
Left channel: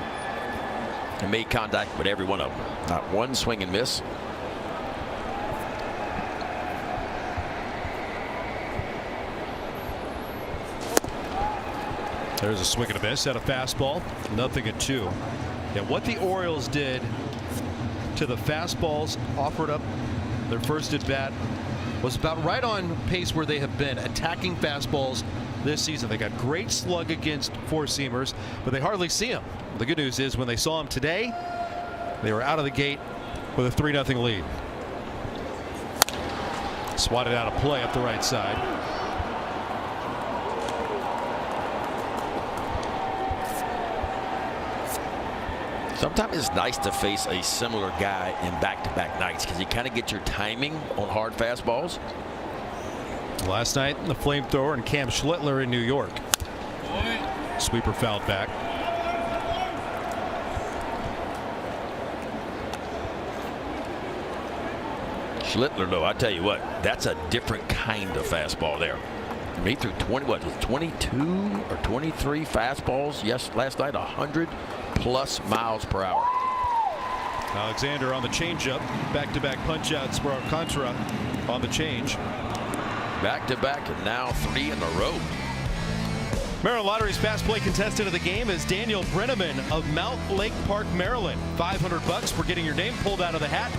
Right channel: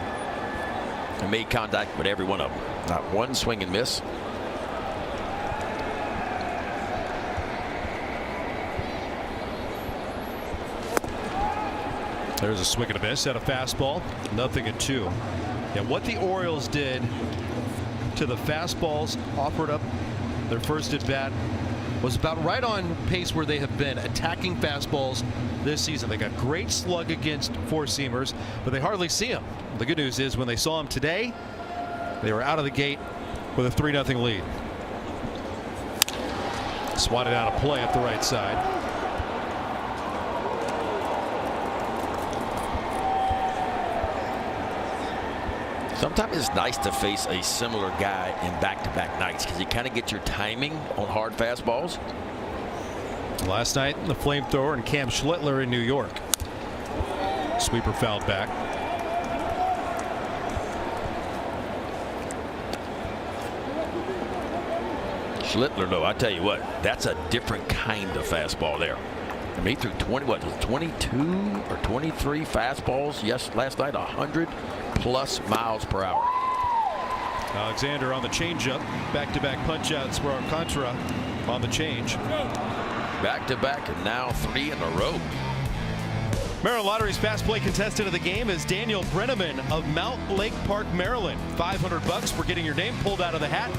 and made contact with every one of them. Not one swing and miss. There's a swing and a miss at a fastball. 0-2. And what the Orioles did to the fastballs offered up their first at bat was about right on pace where they have been attacking fastballs this season. They got great slug against four-seamers, but they hardly see them. The good news is when they saw them today, they were out of the gate with a 3-0 lead. Swatted out of play up the right side. Sometimes it's nice to face a similar guy in back-to-back nights because you kind of get your timing on hard fastballs. Last night, the flamethrower and Cam Schlittler in New York. Sweeper fouled back. Schlittler, no, I tell you what, that's a different kind of fastball there. I mean, he threw 22 or 23 fastballs last night, 100+ miles per hour. Alexander on the changeup. Back-to-back punch-outs for Alcantara on the change. Back-to-back and now 3 in a row. Maryland Lottery's fast play contestant of the game is Daniel Brenneman of Mount Lake Park, Maryland. $500 for getting your name pulled out of the hat.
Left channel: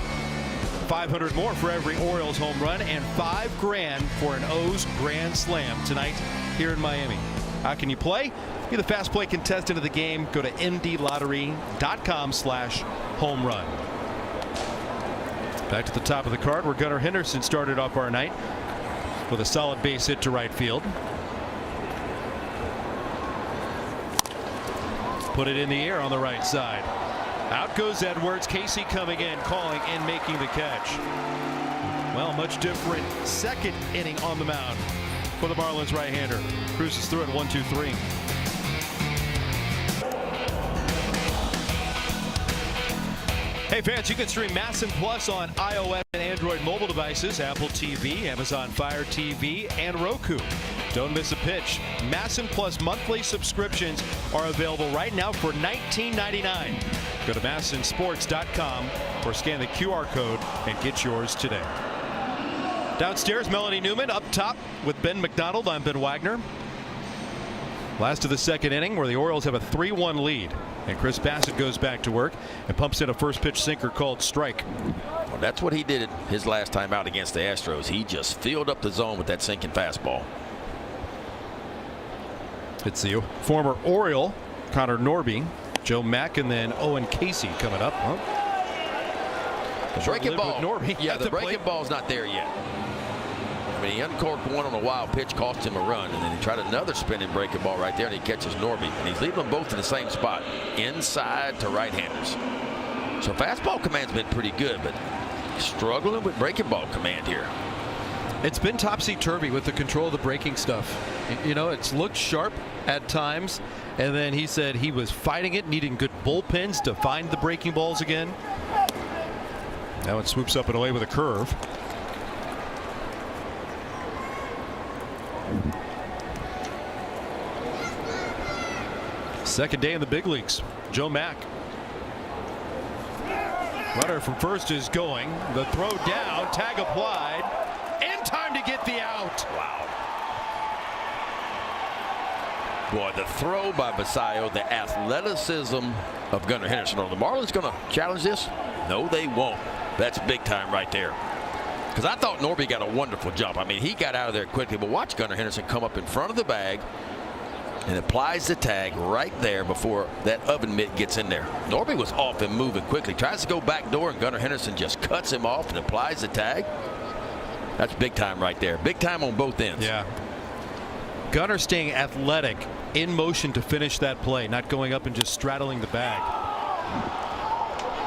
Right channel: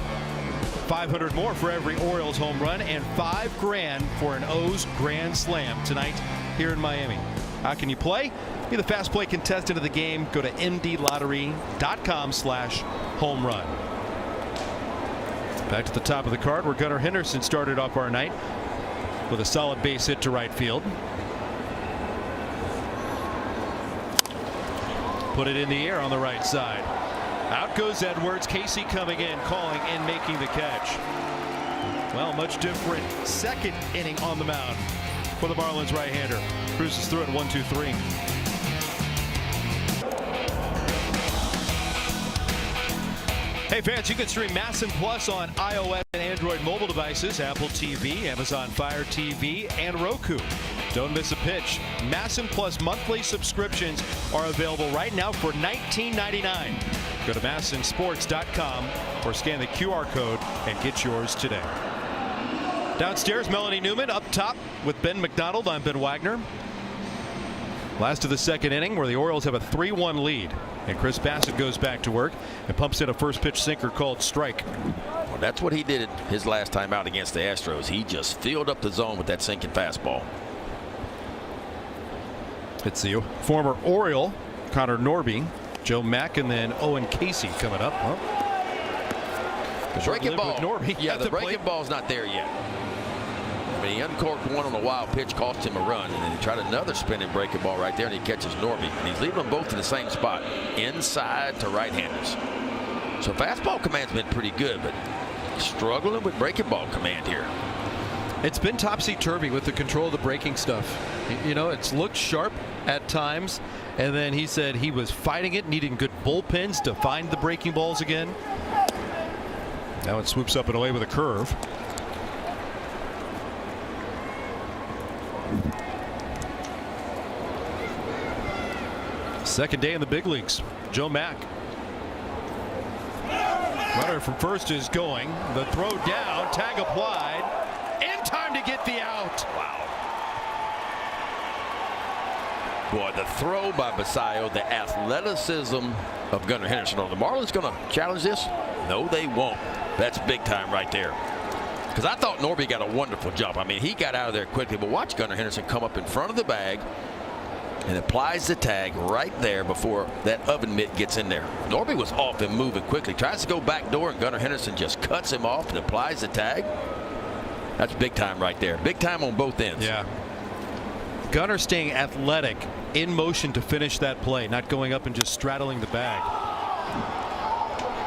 $500 more for every Orioles home run, and $5,000 for an O's Grand Slam tonight here in Miami. How can you play? Be the fast play contestant of the game. Go to mdlottery.com/homerun. Back to the top of the card where Gunnar Henderson started off our night with a solid base hit to right field. Put it in the air on the right side. Out goes Edwards. Casey coming in, calling and making the catch. Well, much different second inning on the mound for the Marlins right-hander. Cruises through it 1-2-3. Hey fans, you can stream Masson Plus on iOS and Android mobile devices, Apple TV, Amazon Fire TV, and Roku. Don't miss a pitch. Masson Plus monthly subscriptions are available right now for $19.99. Go to MassonSports.com or scan the QR code and get yours today. Downstairs, Melanie Newman. Up top with Ben McDonald. I'm Ben Wagner. Last of the second inning where the Orioles have a 3-1 lead. And Chris Bassett goes back to work and pumps in a first pitch sinker called strike. Well, that's what he did his last time out against the Astros. He just filled up the zone with that sinking fastball. It's the former Oriole, Connor Norby, Joe Mack, and then Owen Casey coming up. Huh? The breaking ball. Yeah, the breaking ball's not there yet. I mean, he uncorked one on a wild pitch, cost him a run, and then he tried another spinning breaking ball right there, and he catches Norby. And he's leaving them both in the same spot, inside to right-handers. So fastball command's been pretty good, but struggling with breaking ball command here. It's been topsy-turvy with the control of the breaking stuff. You know, it's looked sharp at times, and then he said he was fighting it, needing good bullpens to find the breaking balls again. Now it swoops up and away with a curve. Second day in the big leagues. Joe Mack. Runner from first is going. The throw down, tag applied, and time to get the out. Wow. Boy, the throw by Basayo, the athleticism of Gunnar Henderson. Are the Marlins going to challenge this? No, they won't. That's big time right there. Because I thought Norby got a wonderful jump. I mean, he got out of there quickly. But watch Gunnar Henderson come up in front of the bag and applies the tag right there before that oven mitt gets in there. Norby was off and moving quickly. Tries to go back door, and Gunnar Henderson just cuts him off and applies the tag. That's big time right there. Big time on both ends. Yeah. Gunnar staying athletic, in motion to finish that play, not going up and just straddling the bag.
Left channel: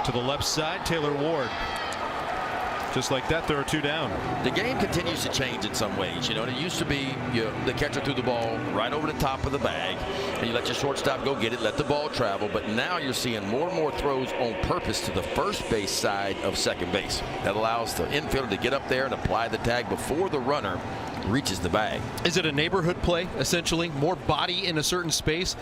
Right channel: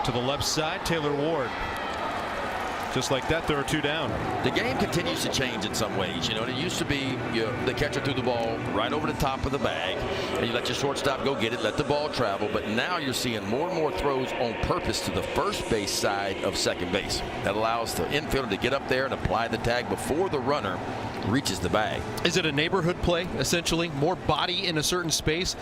To the left side, Taylor Ward. Just like that, there are 2 down. The game continues to change in some ways. You know, it used to be, the catcher threw the ball right over the top of the bag, and you let your shortstop go get it, let the ball travel. But now you're seeing more and more throws on purpose to the first base side of second base. That allows the infielder to get up there and apply the tag before the runner reaches the bag. Is it a neighborhood play, essentially? More body in a certain space?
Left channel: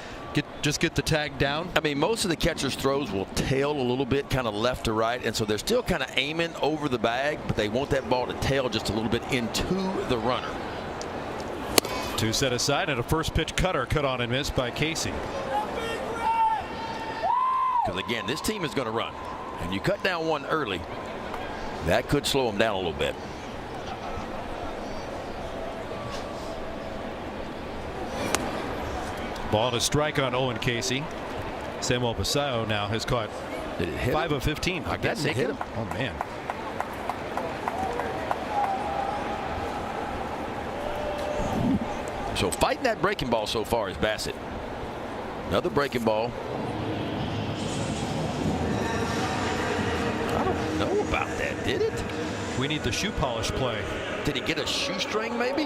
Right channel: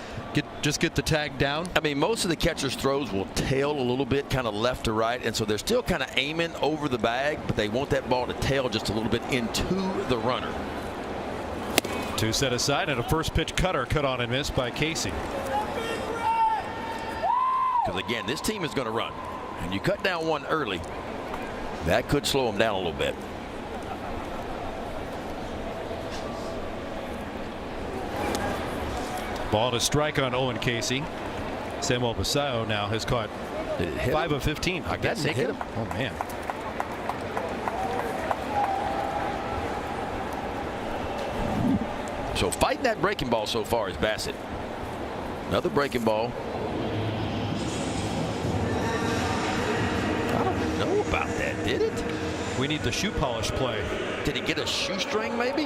Just get the tag down? I mean, most of the catcher's throws will tail a little bit, kind of left to right, and so they're still kind of aiming over the bag, but they want that ball to tail just a little bit into the runner. 2 set aside, and a first pitch cutter cut on and missed by Casey. Because again, this team is going to run, and you cut down one early, that could slow them down a little bit. Ball to strike on Owen Casey. Samuel Basayo now has caught 5 of 15. I guess it hit him. Oh, man. So fighting that breaking ball so far is Bassett. Another breaking ball. I don't know about that, did it? We need the shoe polish play. Did he get a shoestring maybe?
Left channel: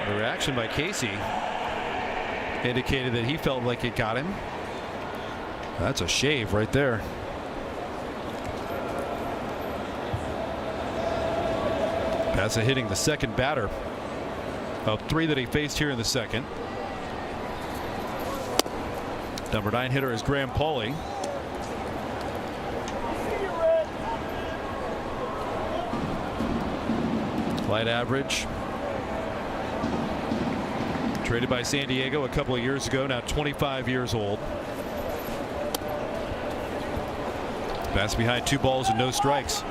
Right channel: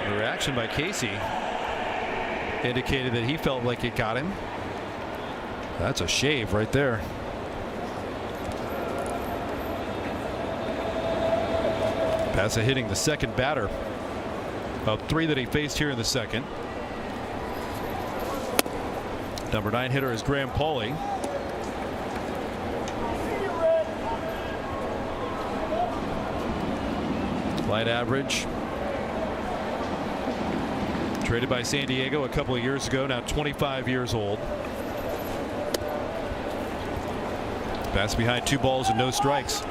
The reaction by Casey indicated that he felt like it got him. That's a shave right there. Bassett hitting the second batter of 3 that he faced here in the second. Number 9 hitter is Graham Pauling. Light average. Traded by San Diego a couple of years ago, now 25 years old. Pass behind 2 balls and no strikes.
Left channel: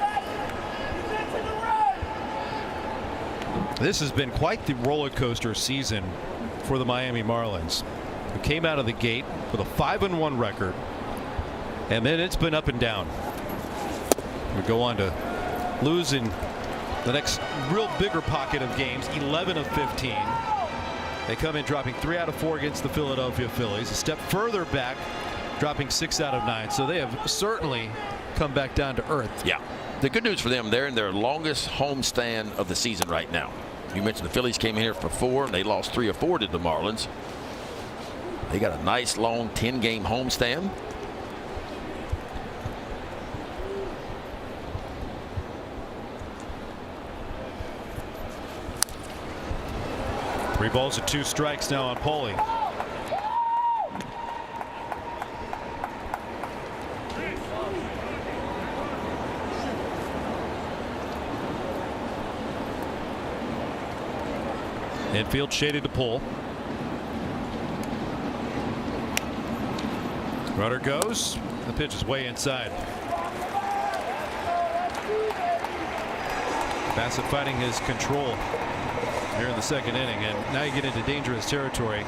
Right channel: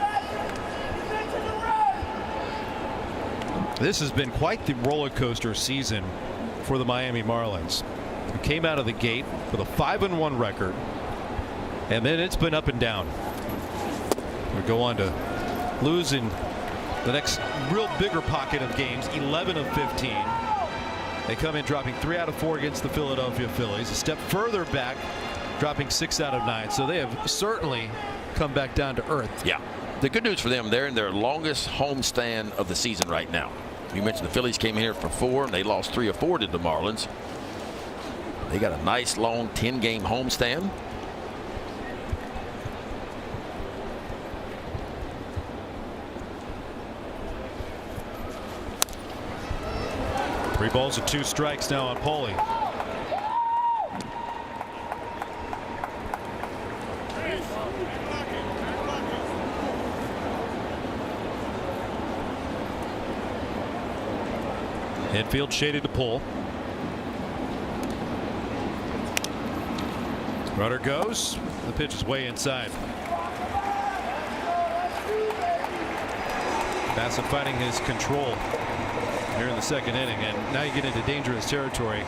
This has been quite the roller coaster season for the Miami Marlins. It came out of the gate with a 5-1 record, and then it's been up and down. We go on to lose in the next real bigger pocket of games, 11 of 15. They come in dropping 3 out of 4 against the Philadelphia Phillies. A step further back, dropping 6 out of 9. So they have certainly come back down to earth. Yeah. The good news for them, they're in their longest homestand of the season right now. You mentioned the Phillies came in here for 4, and they lost 3 of 4 to the Marlins. They got a nice, long 10-game homestand. Three balls and 2 strikes now on Pauling. Infield shaded to pull. Runner goes. The pitch is way inside. Bassett fighting his control here in the second inning, and now you get into dangerous territory.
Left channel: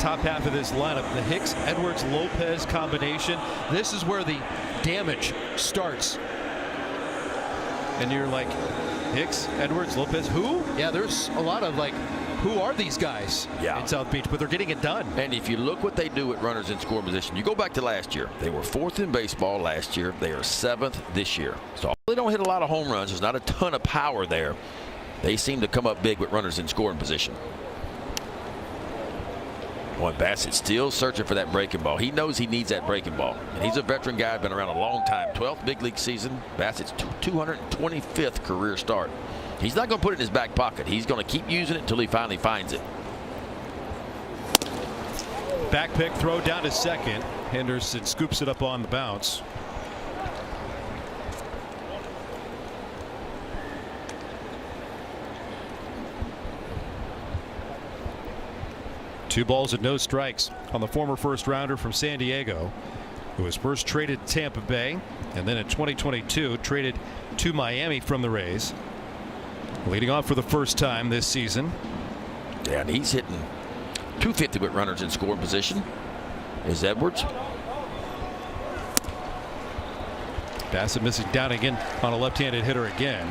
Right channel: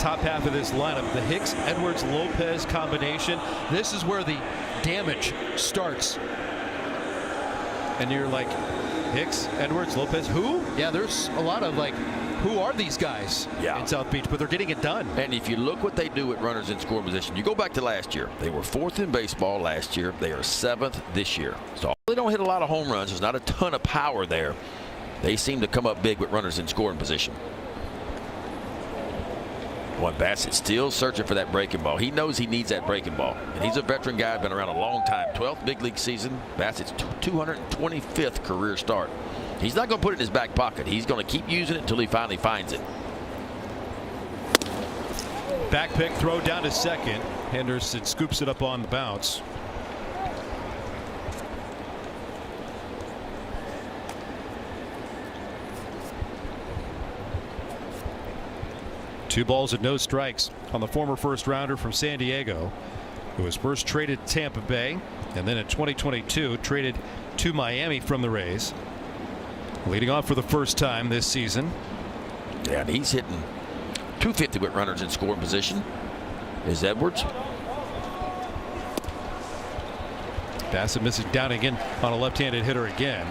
Top half of this lineup, the Hicks, Edwards, Lopez combination. This is where the damage starts. And you're like, Hicks, Edwards, Lopez, who? Yeah, there's a lot of like, who are these guys in South Beach? But they're getting it done. And if you look what they do at runners in scoring position, you go back to last year. They were 4th in baseball last year. They are 7th this year. So they don't hit a lot of home runs. There's not a ton of power there. They seem to come up big with runners in scoring position. Boy, Bassett still searching for that breaking ball. He knows he needs that breaking ball. And he's a veteran guy, been around a long time. 12th big league season. Bassett's 225th career start. He's not going to put it in his back pocket. He's going to keep using it until he finally finds it. Back pick throw down to second. Henderson scoops it up on the bounce. 2 balls and no strikes on the former first rounder from San Diego, who was first traded to Tampa Bay and then in 2022 traded to Miami from the Rays. Leading off for the first time this season. And he's hitting .250 with runners in scoring position. Is Edwards. Bassett missing down again on a left-handed hitter again.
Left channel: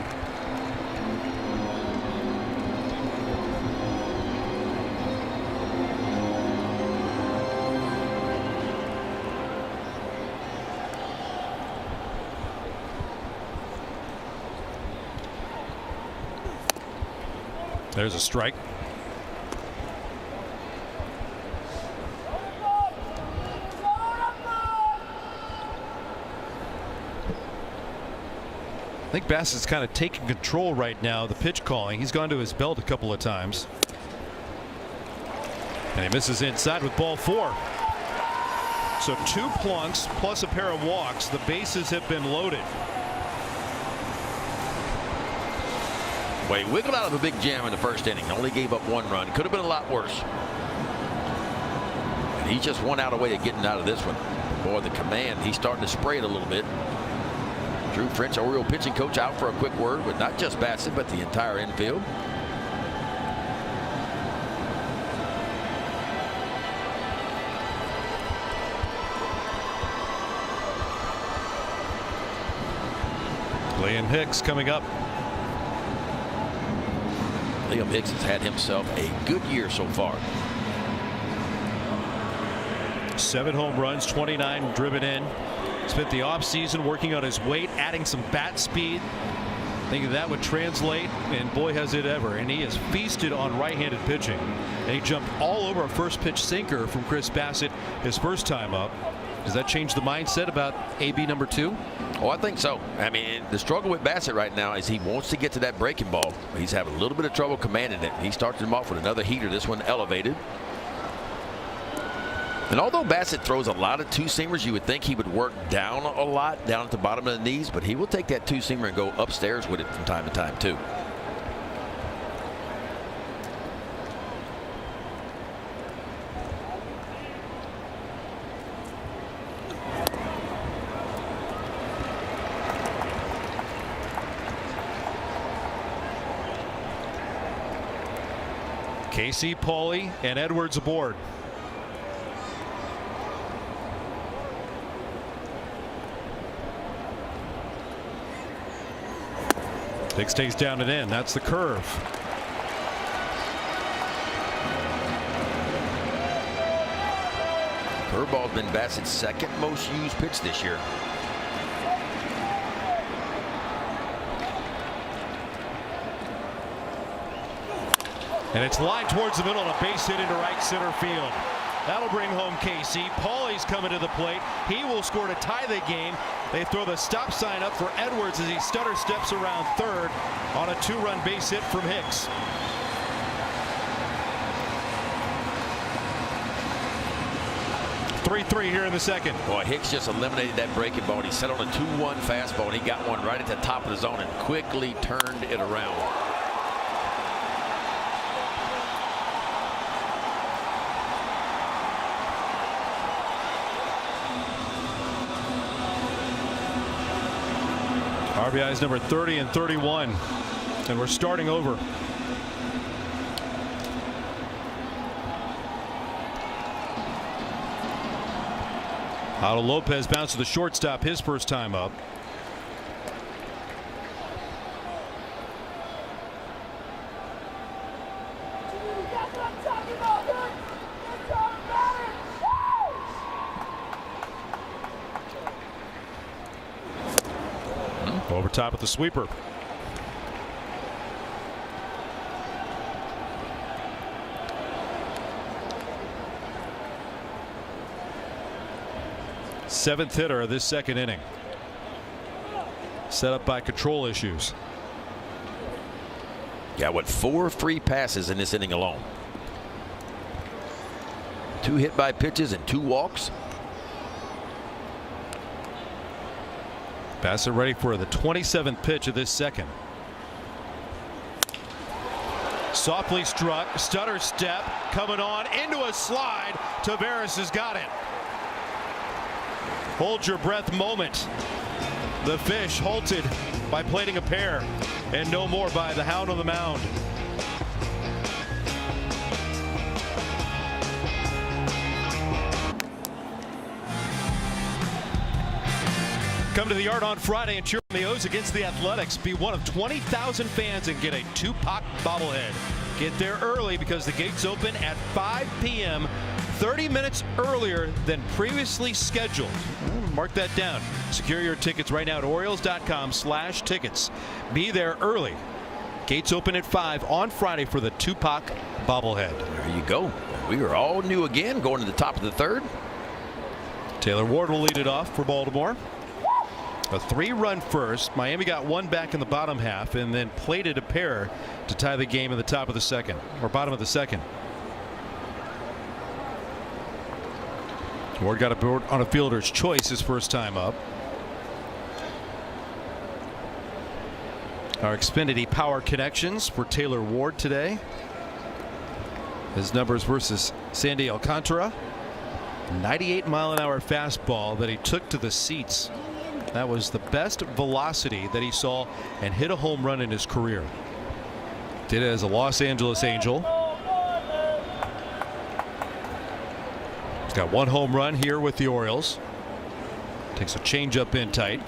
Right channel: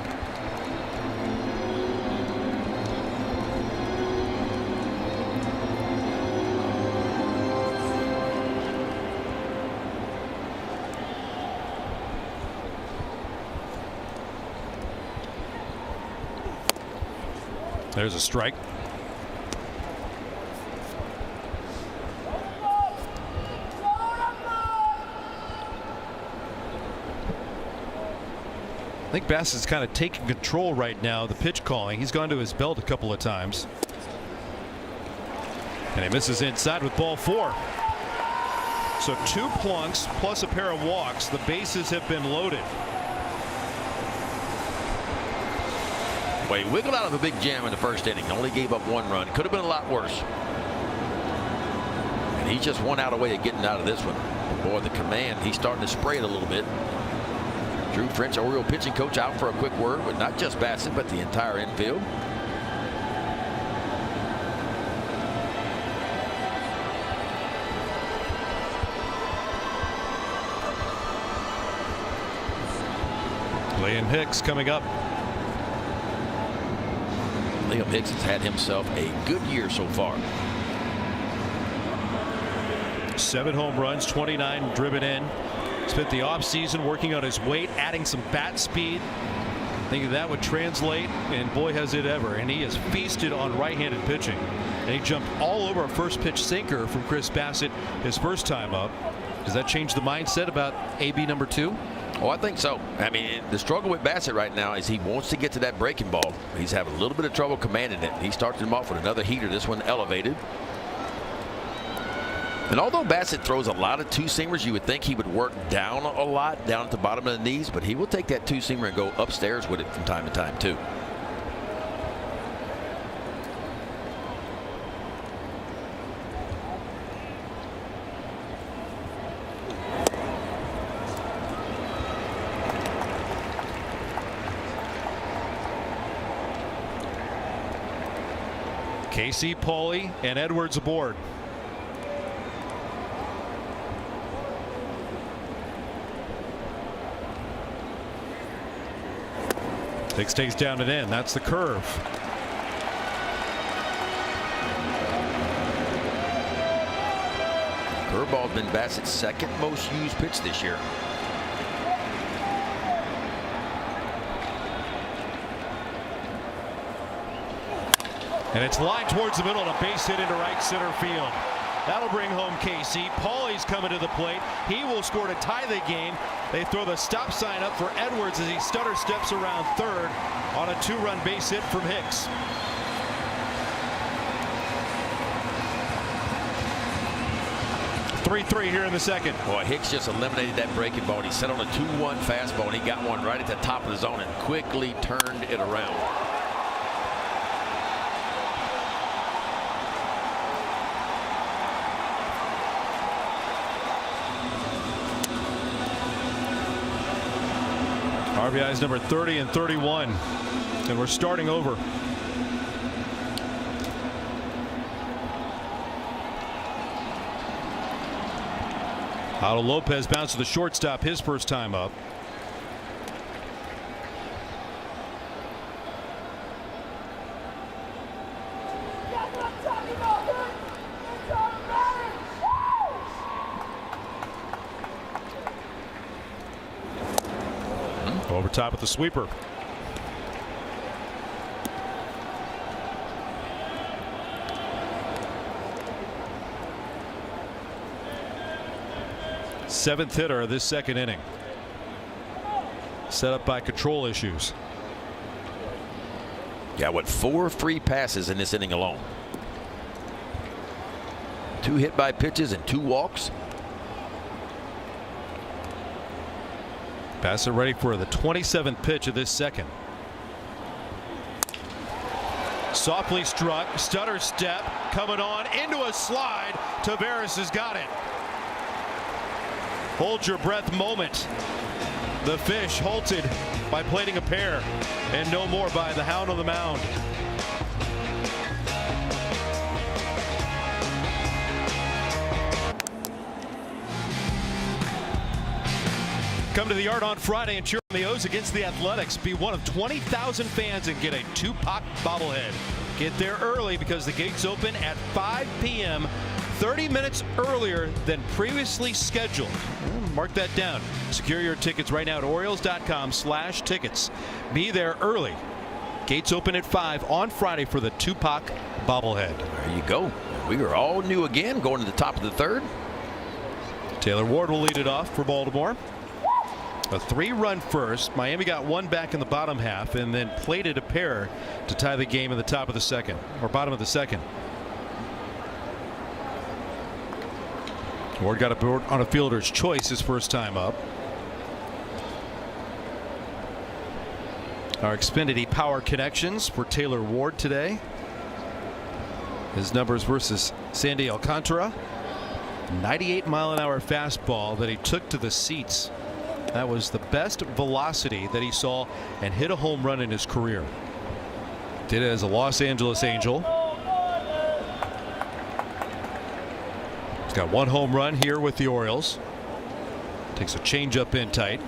There's a strike. I think Bassett's kind of taking control right now, the pitch calling. He's gone to his belt a couple of times. And he misses inside with ball 4. So 2 plunks plus a pair of walks. The bases have been loaded. Well, he wiggled out of a big jam in the first inning. Only gave up 1 run. Could have been a lot worse. And he's just 1 out away of getting out of this one. Boy, the command, he's starting to spray it a little bit. Drew French, Oriole pitching coach, out for a quick word with not just Bassett, but the entire infield. Liam Hicks coming up. Liam Hicks has had himself a good year so far. 7 home runs, 29 driven in. Spent the offseason working on his weight, adding some bat speed. Thinking that would translate, and boy has it ever. And he has feasted on right-handed pitching. And he jumped all over a first pitch sinker from Chris Bassett his first time up. Does that change the mindset about AB number 2? Oh, I think so. I mean, the struggle with Bassett right now is he wants to get to that breaking ball. He's having a little bit of trouble commanding it. He starts him off with another heater, this one elevated. And although Bassett throws a lot of 2-seamers, you would think he would work down a lot, down at the bottom of the knees, but he will take that 2-seamer and go upstairs with it from time to time, too. Casey, Pauly, and Edwards aboard. Hicks stays down and in. That's the curve. Curveball's been Bassett's second most used pitch this year. And it's lined towards the middle and a base hit into right center field. That'll bring home Casey. Pauly's coming to the plate. He will score to tie the game. They throw the stop sign up for Edwards as he stutter steps around third on a 2-run base hit from Hicks. Here in the second. Boy, Hicks just eliminated that breaking ball. He set on a 2-1 fastball, and he got one right at the top of the zone and quickly turned it around. RBIs number 30 and 31, and we're starting over. Otto Lopez bounced to the shortstop his first time up. Over top of the sweeper. Seventh hitter of this second inning. Set up by control issues. Yeah, with 4 free passes in this inning alone. 2 hit by pitches and 2 walks. Bassett ready for the 27th pitch of this second. Softly struck, stutter step, coming on into a slide. Taveras has got it. Hold your breath moment. The fish halted by plating a pair, and no more by the hound on the mound. Come to the Yard on Friday and cheer on the O's against the Athletics. Be one of 20,000 fans and get a Tupac bobblehead. Get there early because the gates open at 5 p.m., 30 minutes earlier than previously scheduled. Mark that down. Secure your tickets right now at Orioles.com/tickets. Be there early. Gates open at 5 on Friday for the Tupac bobblehead. There you go. We are all new again going to the top of the third. Taylor Ward will lead it off for Baltimore. A 3-run first. Miami got one back in the bottom half and then plated a pair to tie the game in the top of the second, or bottom of the second. Ward got a board on a fielder's choice his first time up. Our Xfinity Power Connections for Taylor Ward today. His numbers versus Sandy Alcantara. 98-mile-an-hour fastball that he took to the seats. That was the best velocity that he saw and hit a home run in his career. Did it as a Los Angeles Angel. He's got one home run here with the Orioles. Takes a changeup in tight.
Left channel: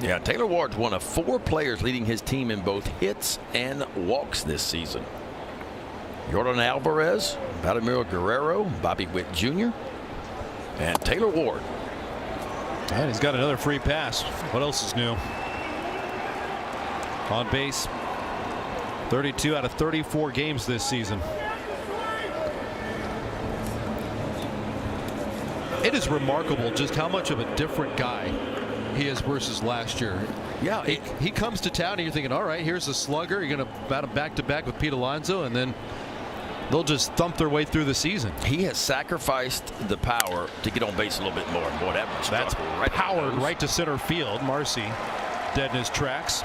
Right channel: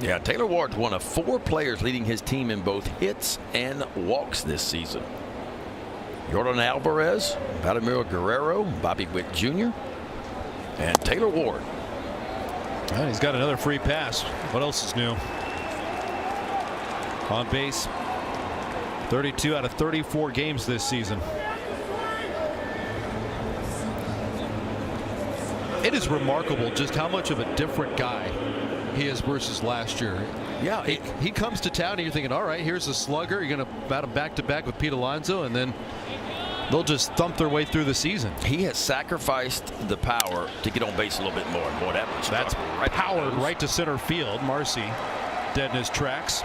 Yeah, Taylor Ward's one of 4 players leading his team in both hits and walks this season. Jordan Alvarez, Vladimir Guerrero, Bobby Witt Jr., and Taylor Ward. And he's got another free pass. What else is new? On base 32 out of 34 games this season. It is remarkable just how much of a different guy he is versus last year. Yeah, he comes to town and you're thinking, all right, here's a slugger. You're going to bat him back-to-back with Pete Alonso, and then they'll just thump their way through the season. He has sacrificed the power to get on base a little bit more. Boy, that's right. Powered right to center field. Marcy dead in his tracks.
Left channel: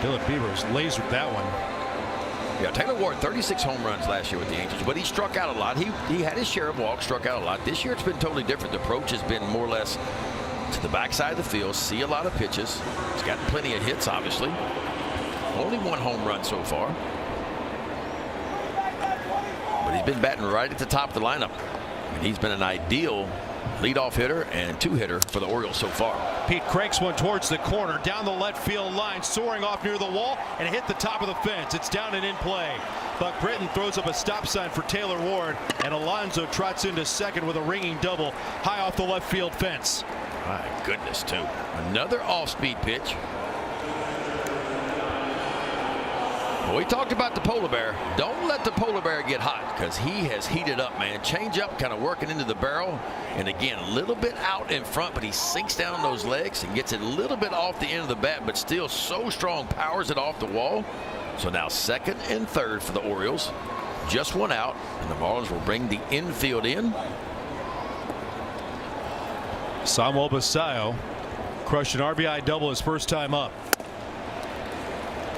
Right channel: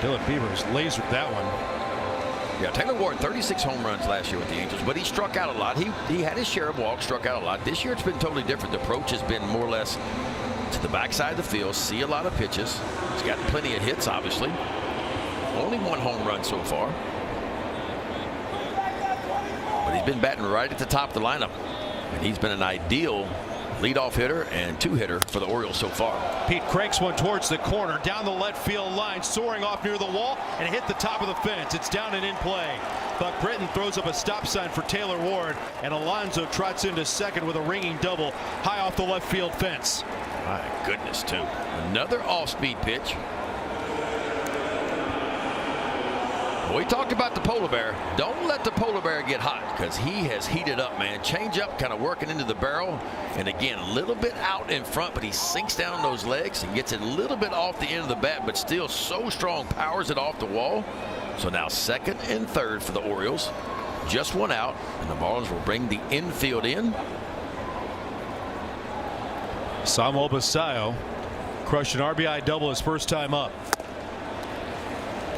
Dylan Beavers lasered that one. Yeah, Taylor Ward, 36 home runs last year with the Angels, but he struck out a lot. He had his share of walks, struck out a lot. This year it's been totally different. The approach has been more or less to the backside of the field, see a lot of pitches. He's got plenty of hits, obviously. Only one home run so far. But he's been batting right at the top of the lineup. And he's been an ideal leadoff hitter and 2-hitter for the Orioles so far. Pete cranks one towards the corner, down the left field line, soaring off near the wall, and hit the top of the fence. It's down and in play. Buck Britton throws up a stop sign for Taylor Ward, and Alonso trots into second with a ringing double high off the left field fence. My goodness, too. Another off-speed pitch. We talked about the polar bear. Don't let the polar bear get hot because he has heated up, man. Change up, kind of working into the barrel. And again, a little bit out in front, but he sinks down those legs and gets it a little bit off the end of the bat, but still so strong, powers it off the wall. So now second and third for the Orioles. Just one out, and the Marlins will bring the infield in. Samuel Basallo crushed an RBI double his first time up.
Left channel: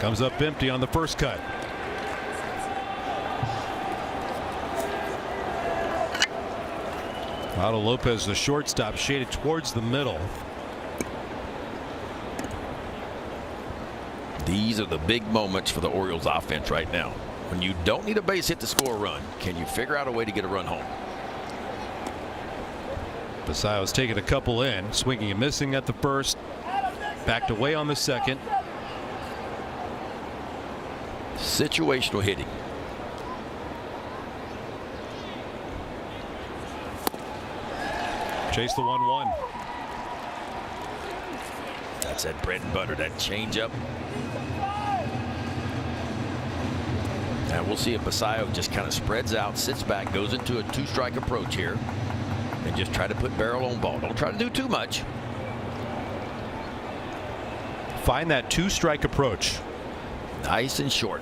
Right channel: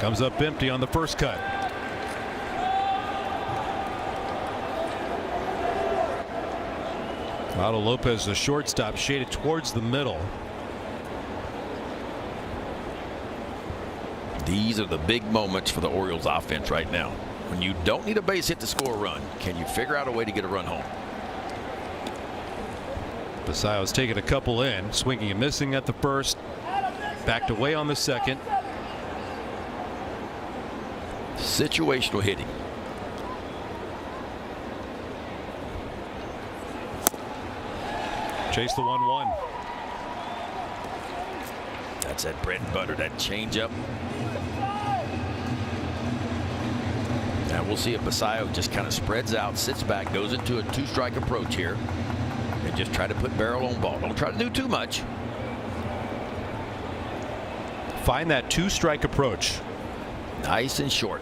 Comes up empty on the first cut. Lalo Lopez, the shortstop, shaded towards the middle. These are the big moments for the Orioles offense right now. When you don't need a base hit to score a run, can you figure out a way to get a run home? Basallo's taking a couple in, swinging and missing at the first. Backed away on the second. Situational hitting. Chase the 1-1. That's that bread and butter, that changeup. Now we'll see if Basallo just kind of spreads out, sits back, goes into a 2-strike approach here, and just try to put barrel on ball. Don't try to do too much. Find that 2-strike approach. Nice and short.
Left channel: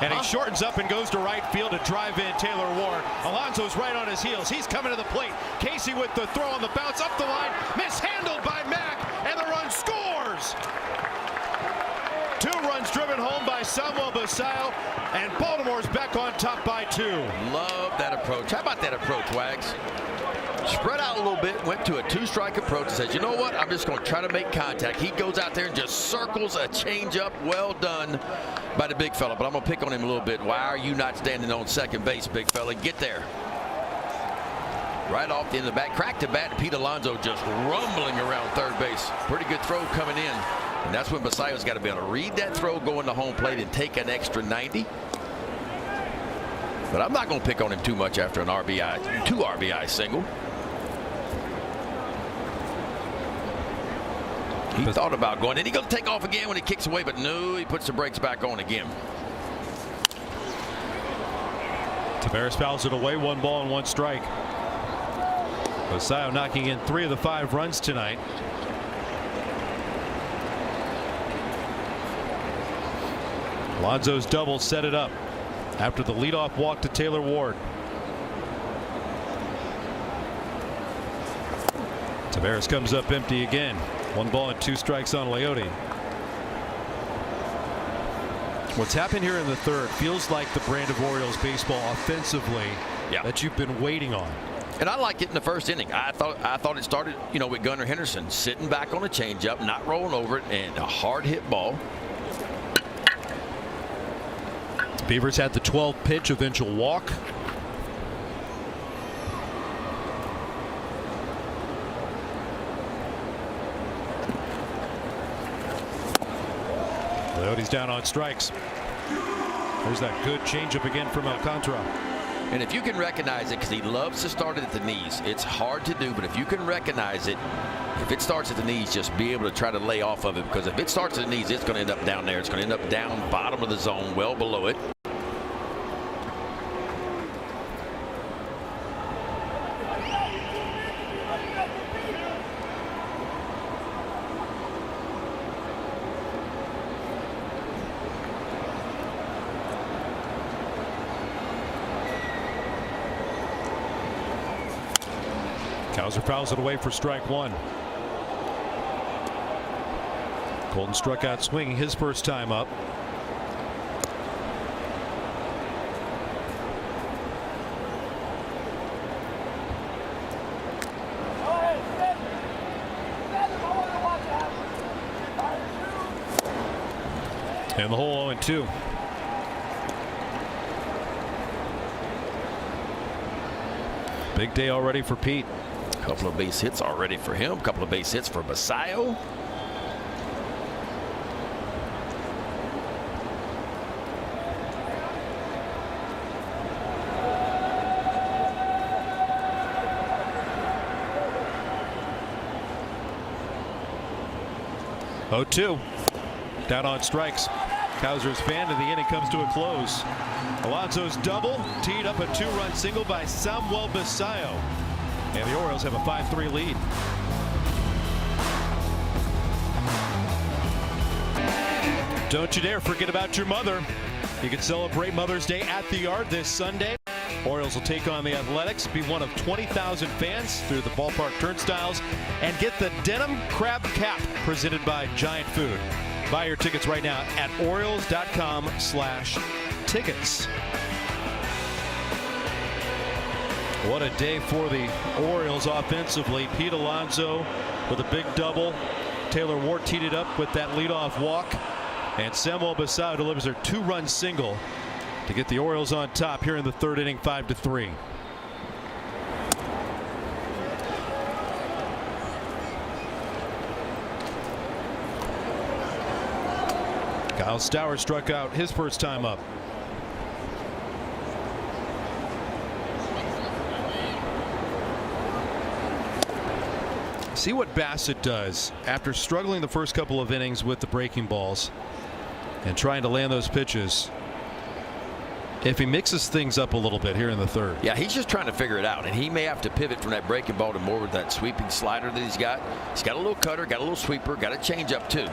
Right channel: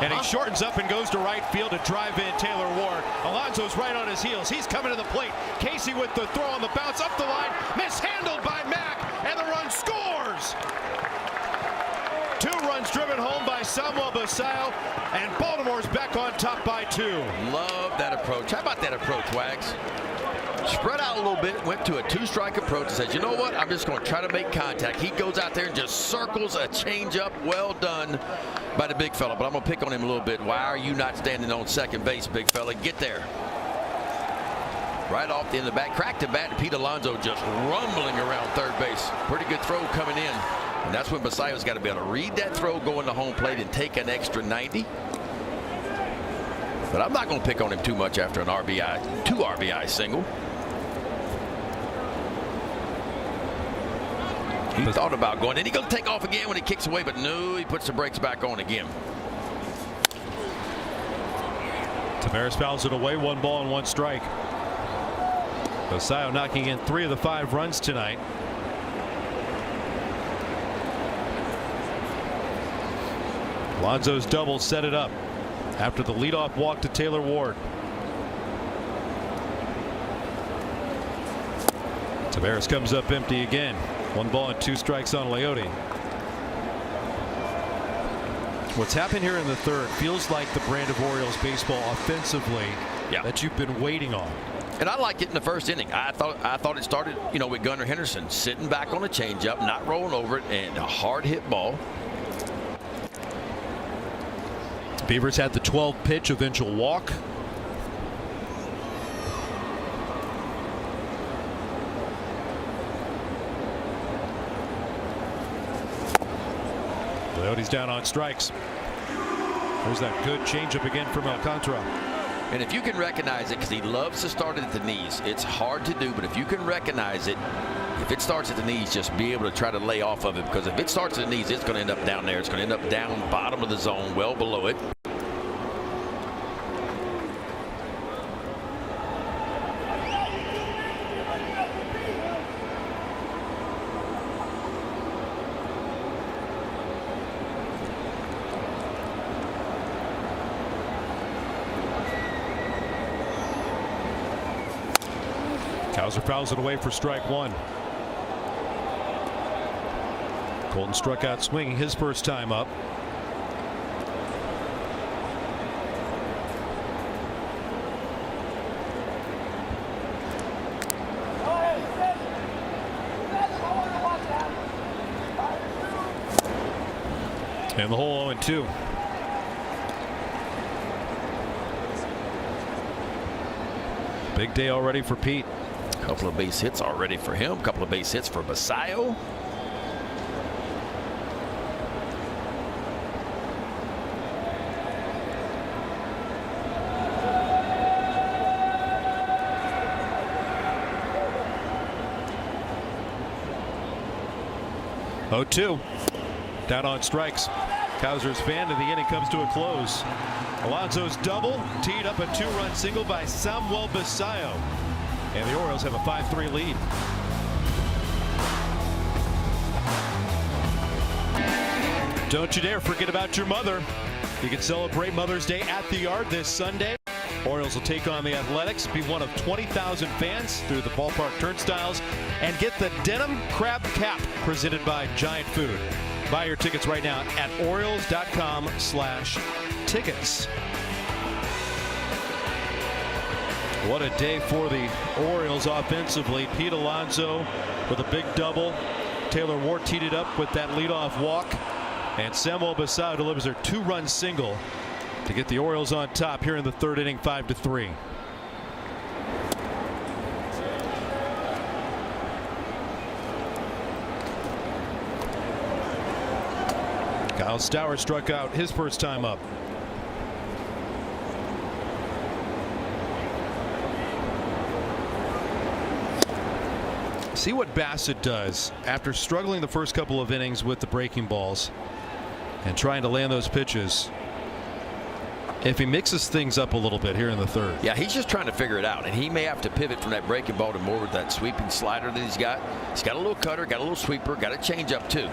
And he shortens up and goes to right field to drive in Taylor Ward. Alonso's right on his heels. He's coming to the plate. Casey with the throw on the bounce up the line. Mishandled by Mack, and the run scores. 2 runs driven home by Samuel Basallo. and says, you know what, I'm just going to try to make contact. He goes out there and just circles a changeup. Well done by the big fella, but I'm going to pick on him a little bit. Why are you not standing on second base, big fella? Get there. Right off the end of the bat. Cracked the bat, and Pete Alonso just rumbling around third base. Pretty good throw coming in. And that's when Basayo's got to be able to read that throw, going to home plate, and take an extra 90. But I'm not going to pick on him too much after an RBI, 2 RBI single. He thought about going, and he's going to take off again when he kicks away, but no, he puts the brakes back on again. Tavares fouls it away, 1 ball and 1 strike. Basayo knocking in 3 of the 5 runs tonight. Alonso's double set it up after the leadoff walk to Taylor Ward. Tavares comes up empty again. 1 ball and 2 strikes on Leote. What's happened here in the third feels like the brand of Orioles baseball offensively that you've been waiting on. And I liked it in the first inning. I thought it started, with Gunnar Henderson sitting back on a changeup, not rolling over it, and a hard hit ball. Beavers had the 12-pitch eventual walk. He's down on strikes. Here's that good changeup again from Alcantara. And if you can recognize it, because he loves to start it at the knees, it's hard to do, but if you can recognize it, if it starts at the knees, just be able to try to lay off of it, because if it starts at the knees, it's going to end up down there. It's going to end up down bottom of the zone, well below it. Fouls it away for strike 1. Colton struck out swinging his first time up. And the hole 0-2. Big day already for Pete. A couple of base hits already for him. A couple of base hits for Basayo. Oh, 2. Down on strikes. Kaiser's fan, and the inning comes to a close. Alonso's double teed up a 2-run single by Samuel Basayo. And the Orioles have a 5-3 lead. Don't you dare forget about your mother. You can celebrate Mother's Day at the Yard this Sunday. Orioles will take on the Athletics, be one of 20,000 fans through the ballpark turnstiles, and get the denim crab cap presented by Giant Food. Buy your tickets right now at Orioles.com/tickets. What a day for the Orioles offensively. Pete Alonso with a big double. Taylor Ward teed it up with that leadoff walk. And Samuel Basayo delivers their 2-run single to get the Orioles on top here in the third inning, 5-3. Kyle Stowers struck out his first time up. See what Bassett does after struggling the first couple of innings with the breaking balls and trying to land those pitches. If he mixes things up a little bit here in the third. Yeah, he's just trying to figure it out, and he may have to pivot from that breaking ball to more of that sweeping slider that he's got. He's got a little cutter, got a little sweeper, got a changeup too.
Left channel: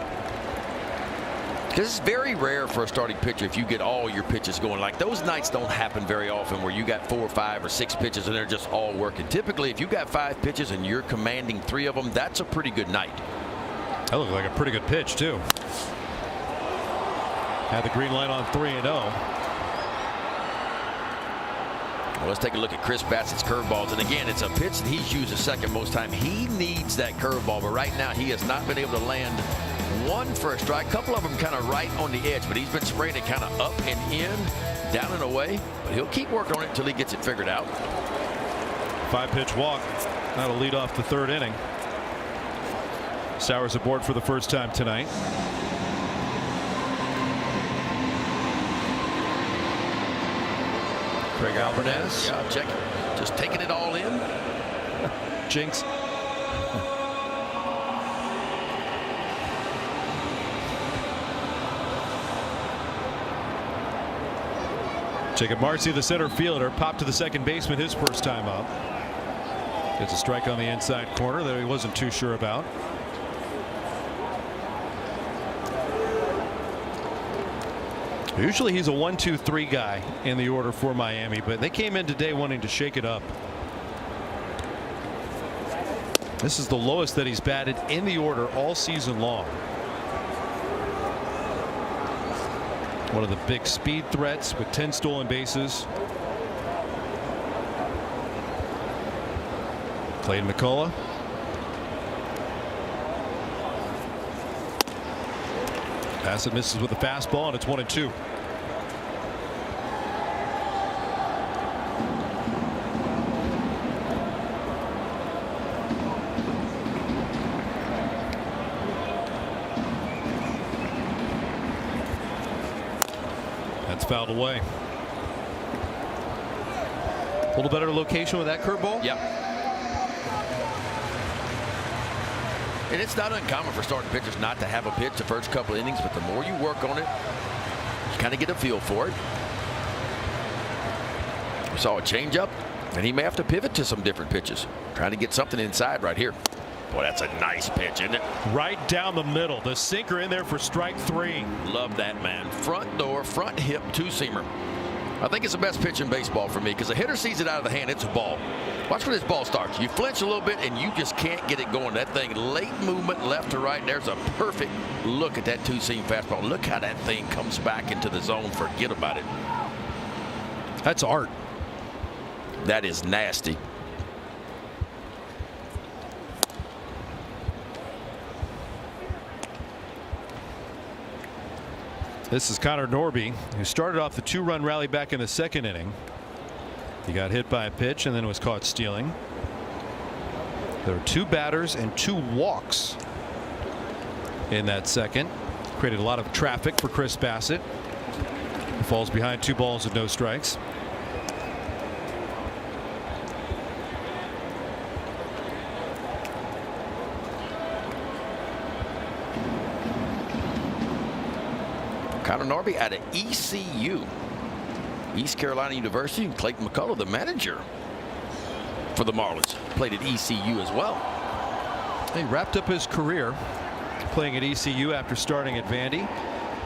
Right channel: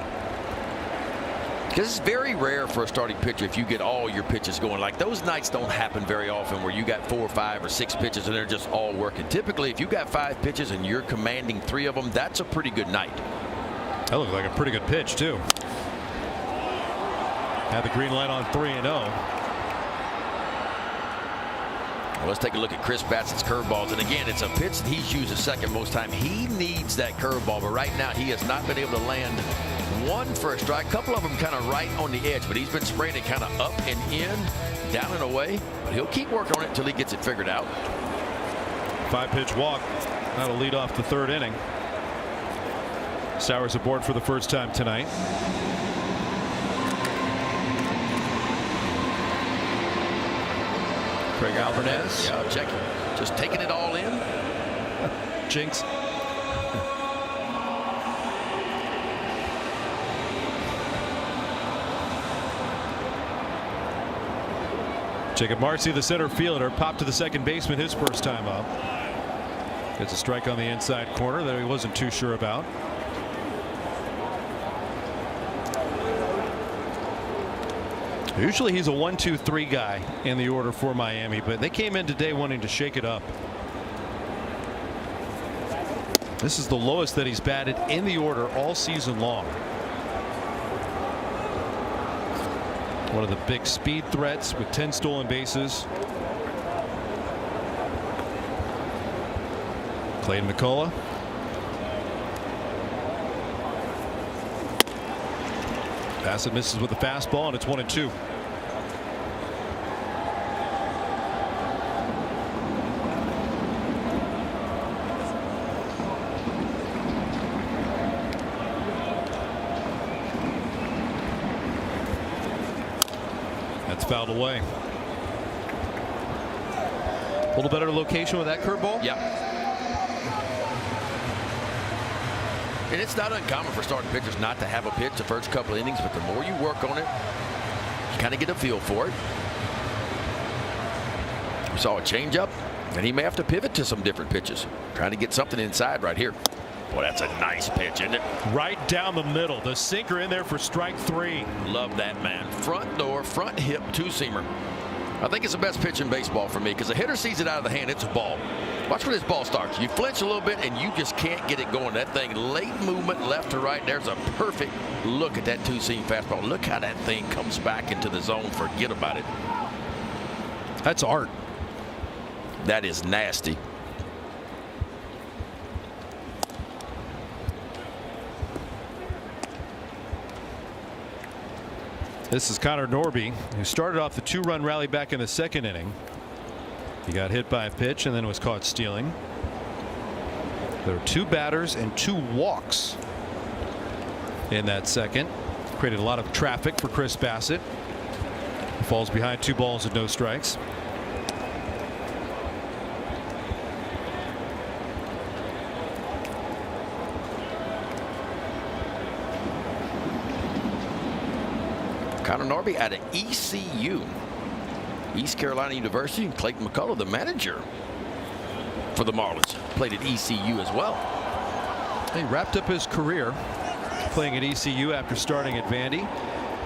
Because it's very rare for a starting pitcher if you get all your pitches going. Like, those nights don't happen very often where you got 4 or 5 or 6 pitches and they're just all working. Typically, if you got 5 pitches and you're commanding 3 of them, that's a pretty good night. That looked like a pretty good pitch too. Had the green light on 3-0. Let's take a look at Chris Bassett's curveballs. And again, it's a pitch that he's used the second most time. He needs that curveball, but right now he has not been able to land one for a strike. A couple of them kind of right on the edge, but he's been spraying it kind of up and in, down and away. But he'll keep working on it until he gets it figured out. 5-pitch walk. That'll lead off the third inning. Sowers aboard for the first time tonight. Craig Alvarez, check it. Just taking it all in. Jinx. Jacob Marcy, the center fielder, popped to the second baseman his first time up. It's a strike on the inside corner that he wasn't too sure about. Usually he's a 1-2-3 guy in the order for Miami, but they came in today wanting to shake it up. This is the lowest that he's batted in the order all season long. One of the big speed threats with 10 stolen bases. Clayton McCullough. Bassett misses with the fastball, and it's 1-2. That's fouled away. A little better location with that curveball? Yeah. And it's not uncommon for starting pitchers not to have a pitch the first couple innings, but the more you work on it, you kind of get a feel for it. We saw a changeup, and he may have to pivot to some different pitches, trying to get something inside right here. Boy, that's a nice pitch, isn't it? Right down the middle. The sinker in there for strike 3. Love that, man. Front door, front hip, two-seamer. I think it's the best pitch in baseball for me because the hitter sees it out of the hand. It's a ball. Watch where this ball starts. You flinch a little bit, and you just can't get it going. That thing, late movement left to right, and there's a perfect look at that two-seam fastball. Look how that thing comes back into the zone. Forget about it. That's art. That is nasty. This is Connor Norby, who started off the 2-run rally back in the second inning. He got hit by a pitch and then was caught stealing. There were 2 batters and 2 walks in that second. Created a lot of traffic for Chris Bassett. He falls behind 2 balls and no strikes. Connor Norby out of ECU, East Carolina University. Clayton McCullough, the manager for the Marlins, played at ECU as well. He wrapped up his career playing at ECU after starting at Vandy.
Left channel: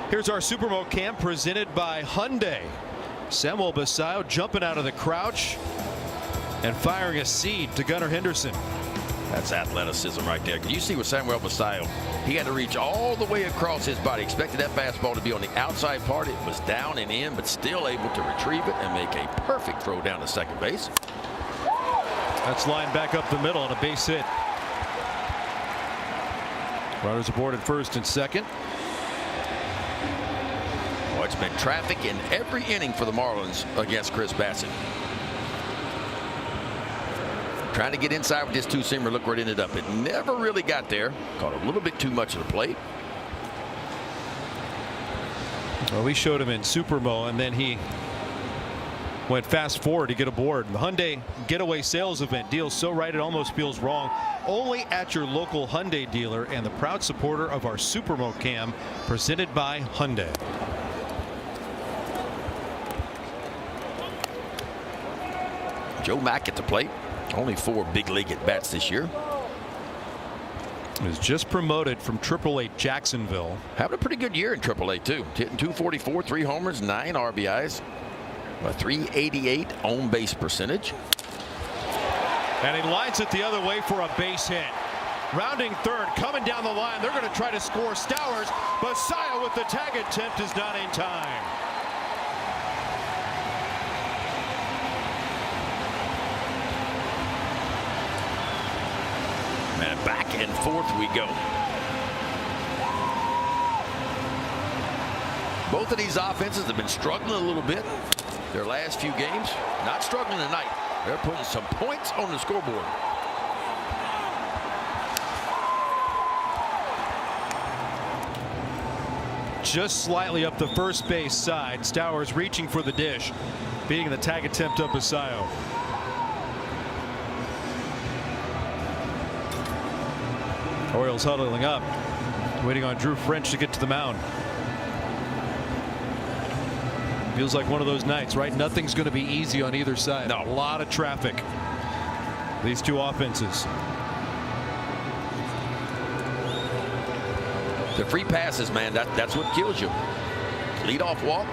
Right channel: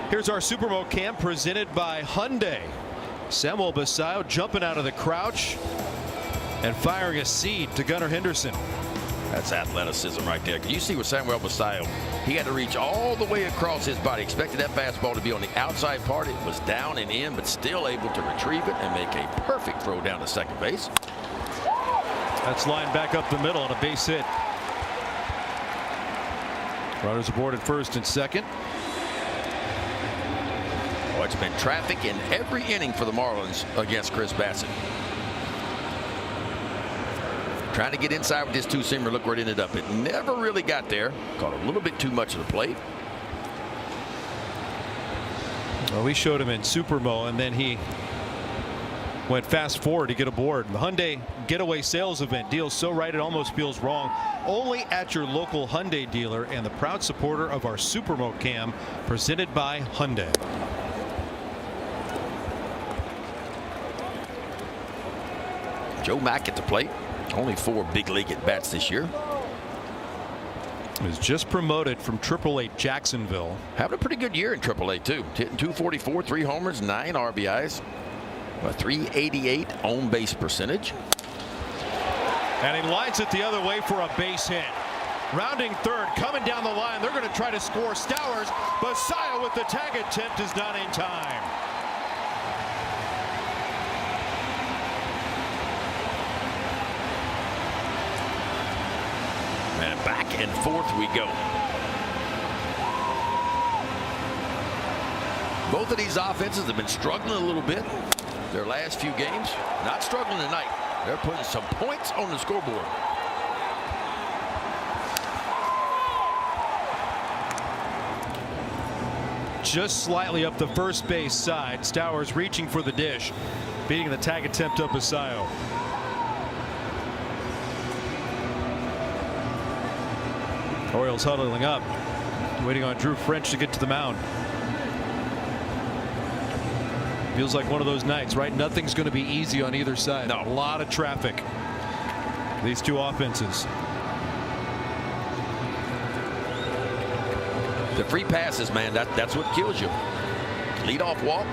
Here's our Super Bowl camp presented by Hyundai. Samuel Basayo jumping out of the crouch and firing a seed to Gunnar Henderson. That's athleticism right there. You see with Samuel Basayo, he had to reach all the way across his body. Expected that fastball to be on the outside part. It was down and in, but still able to retrieve it and make a perfect throw down to second base. That's lined back up the middle on a base hit. Runners aboard at first and second. Well, it's been traffic in every inning for the Marlins against Chris Bassett. Trying to get inside with this two-seamer. Look where it ended up. It never really got there. Caught a little bit too much of the plate. Well, we showed him in Supermo, and then he went fast forward to get aboard. The Hyundai Getaway Sales Event deals so right it almost feels wrong. Only at your local Hyundai dealer, and the proud supporter of our Supermo Cam, presented by Hyundai. Joe Mack at the plate. Only 4 big league at bats this year. He was just promoted from AAA Jacksonville. Having a pretty good year in AAA too. Hitting .244, 3 homers, 9 RBIs, a .388 on base percentage. And he lines it the other way for a base hit. Rounding third, coming down the line. They're going to try to score. Stowers, Basayo with the tag attempt is not in time. go. Both of these offenses have been struggling a little bit their last few games. Not struggling tonight. They're putting some points on the scoreboard. Just slightly up the first base side. Stowers reaching for the dish, beating the tag attempt up Basayo. Orioles huddling up, waiting on Drew French to get to the mound. Feels like one of those nights, right? Nothing's going to be easy on either side. No. A lot of traffic. These two offenses. The free passes, man, that's what kills you. Leadoff walk.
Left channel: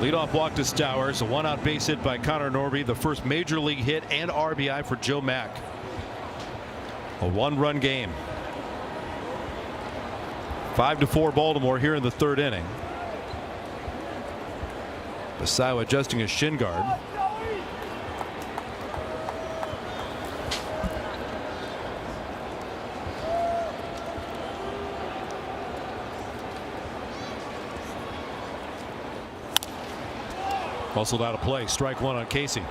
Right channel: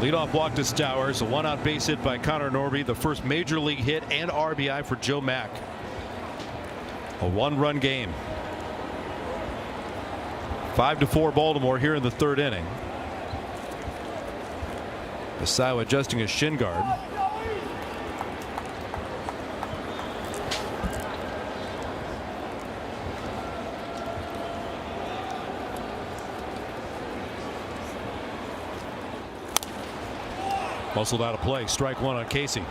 Leadoff walk to Stowers. A one-out base hit by Connor Norby. The first major league hit and RBI for Joe Mack. A one-run game. 5-4 Baltimore here in the third inning. Basayo adjusting his shin guard. Hustled out of play. Strike one on Casey.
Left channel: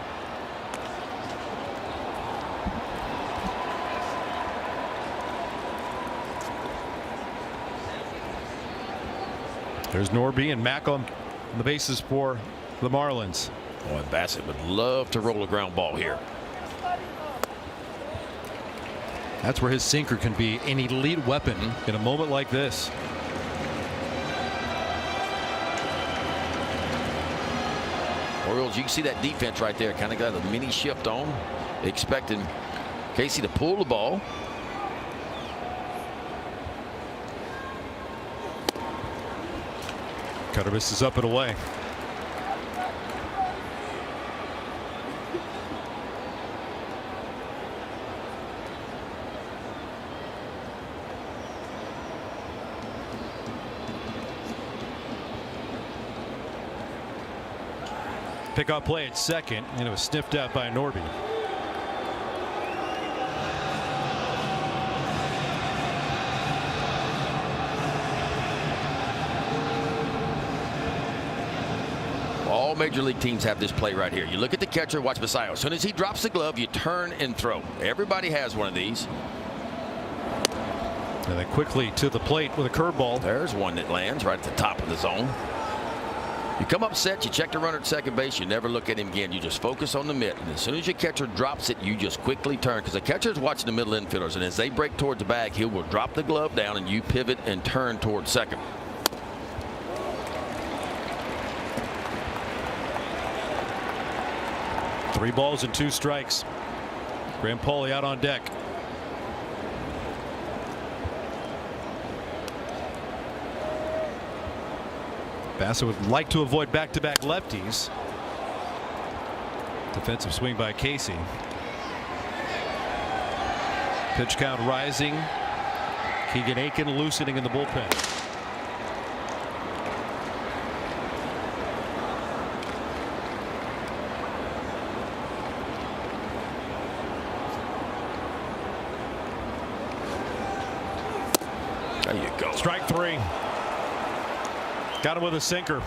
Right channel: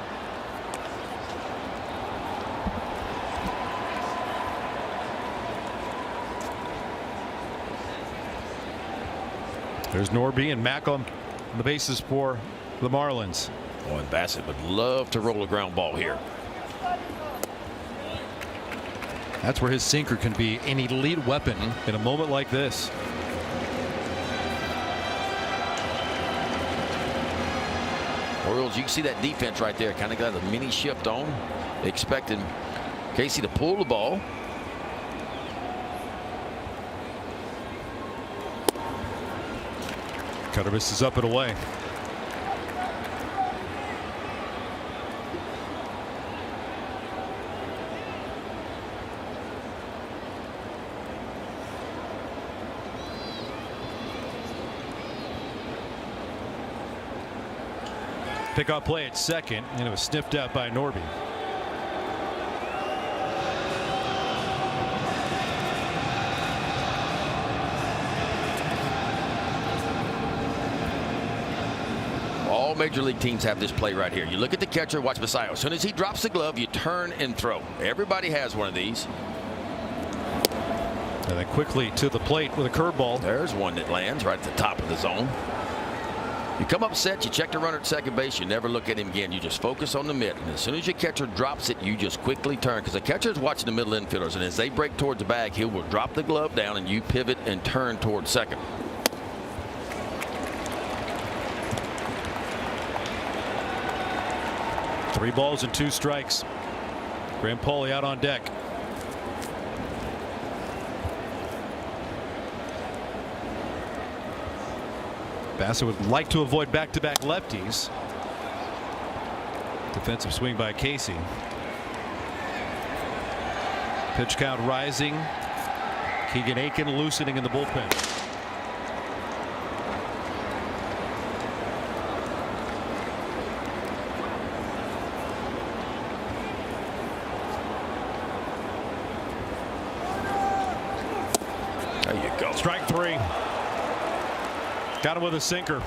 Here's Norby and Mack on the bases for the Marlins. Boy, Bassett would love to roll a ground ball here. That's where his sinker can be an elite weapon in a moment like this. Orioles, you can see that defense right there. Kind of got a mini shift on. Expecting Casey to pull the ball. Cutter misses up and away. Pickoff play at second, and it was sniffed out by Norby. Major league teams have this play right here. You look at the catcher, watch Basayo. As soon as he drops the glove, you turn and throw. Everybody has one of these. And then quickly to the plate with a curveball. There's one that lands right at the top of the zone. You come up set, you check the runner at second base, you never look at him again. You just focus on the mitt. And as soon as your catcher drops it, you just quickly turn. Because the catcher's watching the middle infielders, and as they break towards the bag, he will drop the glove down, and you pivot and turn towards second. Three balls and 2 strikes. Graham Pauley out on deck. Bassett would like to avoid back-to-back lefties. Defensive swing by Casey. Pitch count rising. Keegan Aiken loosening in the bullpen. Strike 3. Got him with a sinker.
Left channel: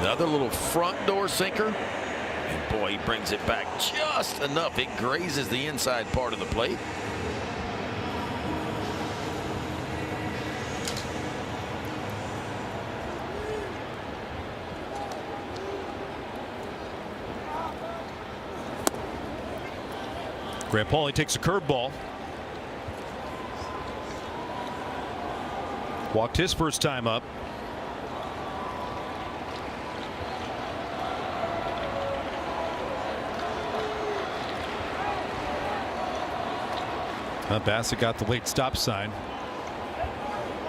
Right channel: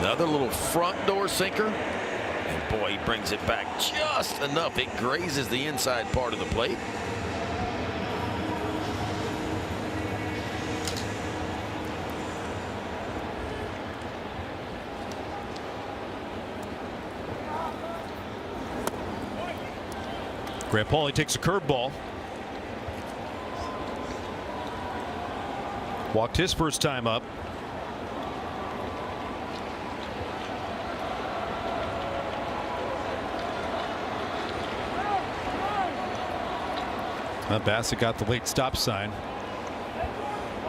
Another little front door sinker. And boy, he brings it back just enough. It grazes the inside part of the plate. Graham Pauley takes a curveball. Walked his first time up. Bassett got the late stop sign.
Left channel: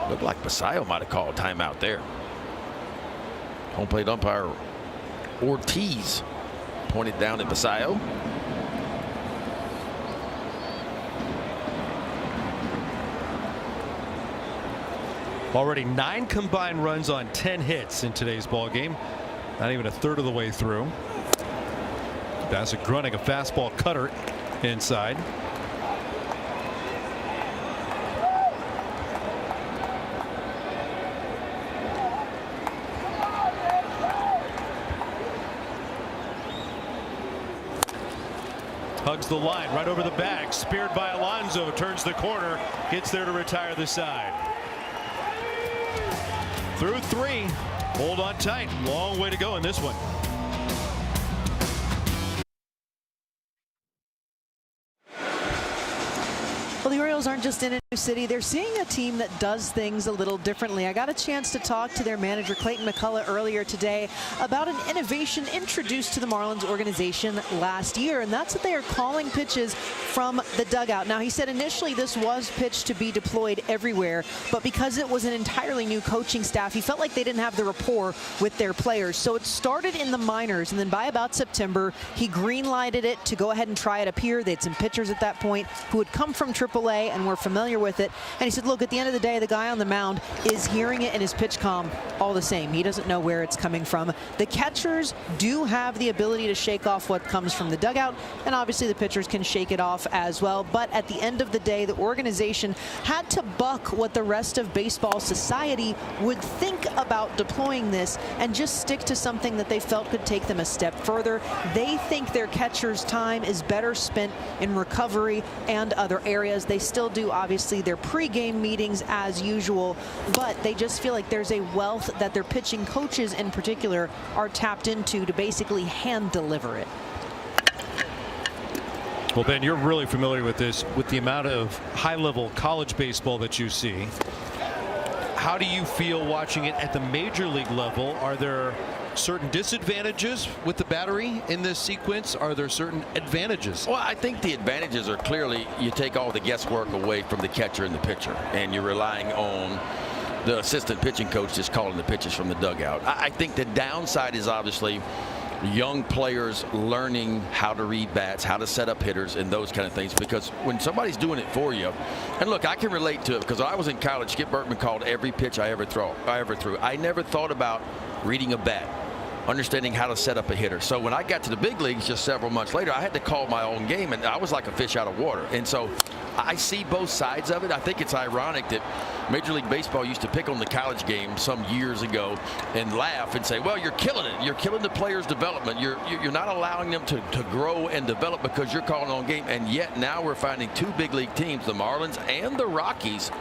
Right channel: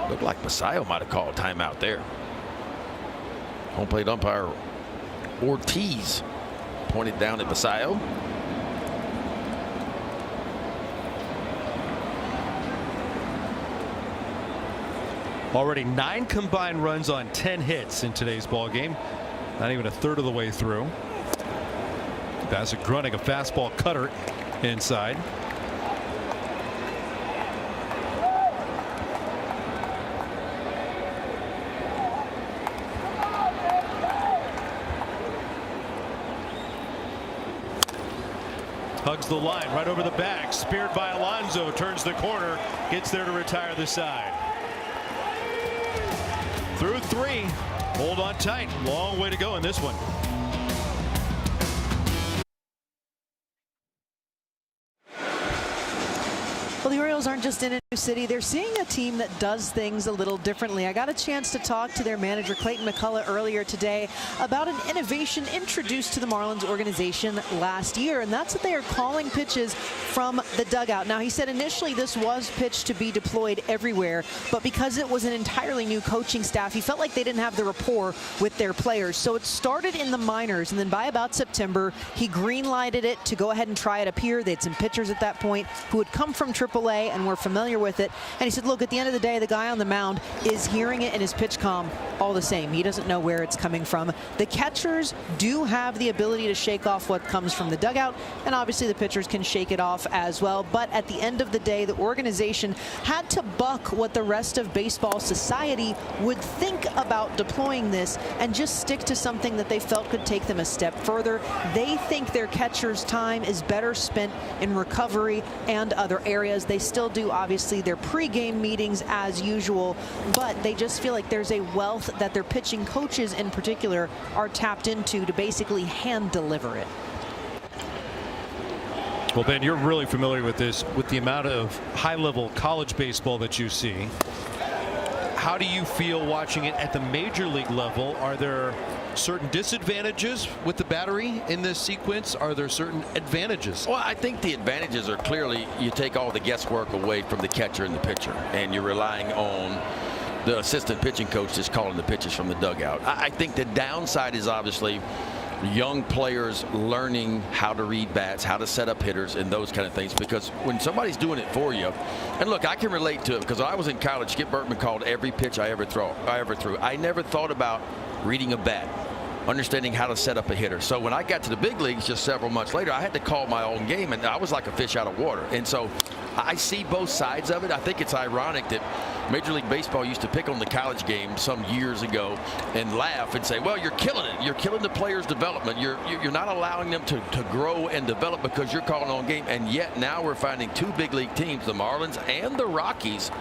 Looked like Basayo might have called a timeout there. Home plate umpire Ortiz pointed down at Basayo. Already 9 combined runs on 10 hits in today's ball game. Not even a third of the way through. Bassett grunting a fastball cutter inside. Hugs the line right over the back. Speared by Alonso. Turns the corner. Gets there to retire the side. Through 3. Hold on tight. Long way to go in this one. Well, the Orioles aren't just in a new city. They're seeing a team that does things a little differently. I got a chance to talk to their manager, Clayton McCullough, earlier today about an innovation introduced to the Marlins organization last year, and that's that they are calling pitches from the dugout. Now, he said initially this was pitched to be deployed everywhere, but because it was an entirely new coaching staff, he felt like they didn't have the rapport with their players. So it started in the minors, and then by about September, he green-lighted it to go ahead and try it up here. They had some pitchers at that point who had come from AAA and were familiar with it. And he said, look, at the end of the day, the guy on the mound is hearing it in his pitch comm all the same. He doesn't know where it's coming from. The catchers do have the ability to shake off what comes from the dugout, and obviously the pitchers can shake it off as well. But at the end of the day, the organization had to buck what the rest of baseball society would think about deploying this and just stick to something that they felt could take them a step further. They think their catchers' time is better spent in recovery and other areas. They still do, obviously, their pregame meetings as usual, but they just feel like there's a wealth that their pitching coaches in particular are tapped into to basically hand deliver it. Well, Ben, you're really familiar with this, with the amount of high-level college baseball that you see. How do you feel watching it at the major league level? Are there certain disadvantages with the battery in this sequence? Are there certain advantages? Well, I think the advantages are clearly you take all the guesswork away from the catcher and the pitcher, and you're relying on the assistant pitching coach just calling the pitches from the dugout. I think the downside is obviously young players learning how to read bats, how to set up hitters, and those kind of things, because when somebody's doing it for you, and look, I can relate to it because I was in college. Skip Bertman called every pitch I ever threw. I never thought about reading a bat, understanding how to set up a hitter. So when I got to the big leagues just several months later, I had to call my own game, and I was like a fish out of water. And so I see both sides of it. I think it's ironic that Major League Baseball used to pick on the college game some years ago and laugh and say, well, you're killing it. You're killing the players' development. You're not allowing them to grow and develop because you're calling on game. And yet now we're finding 2 big league teams, the Marlins and the Rockies,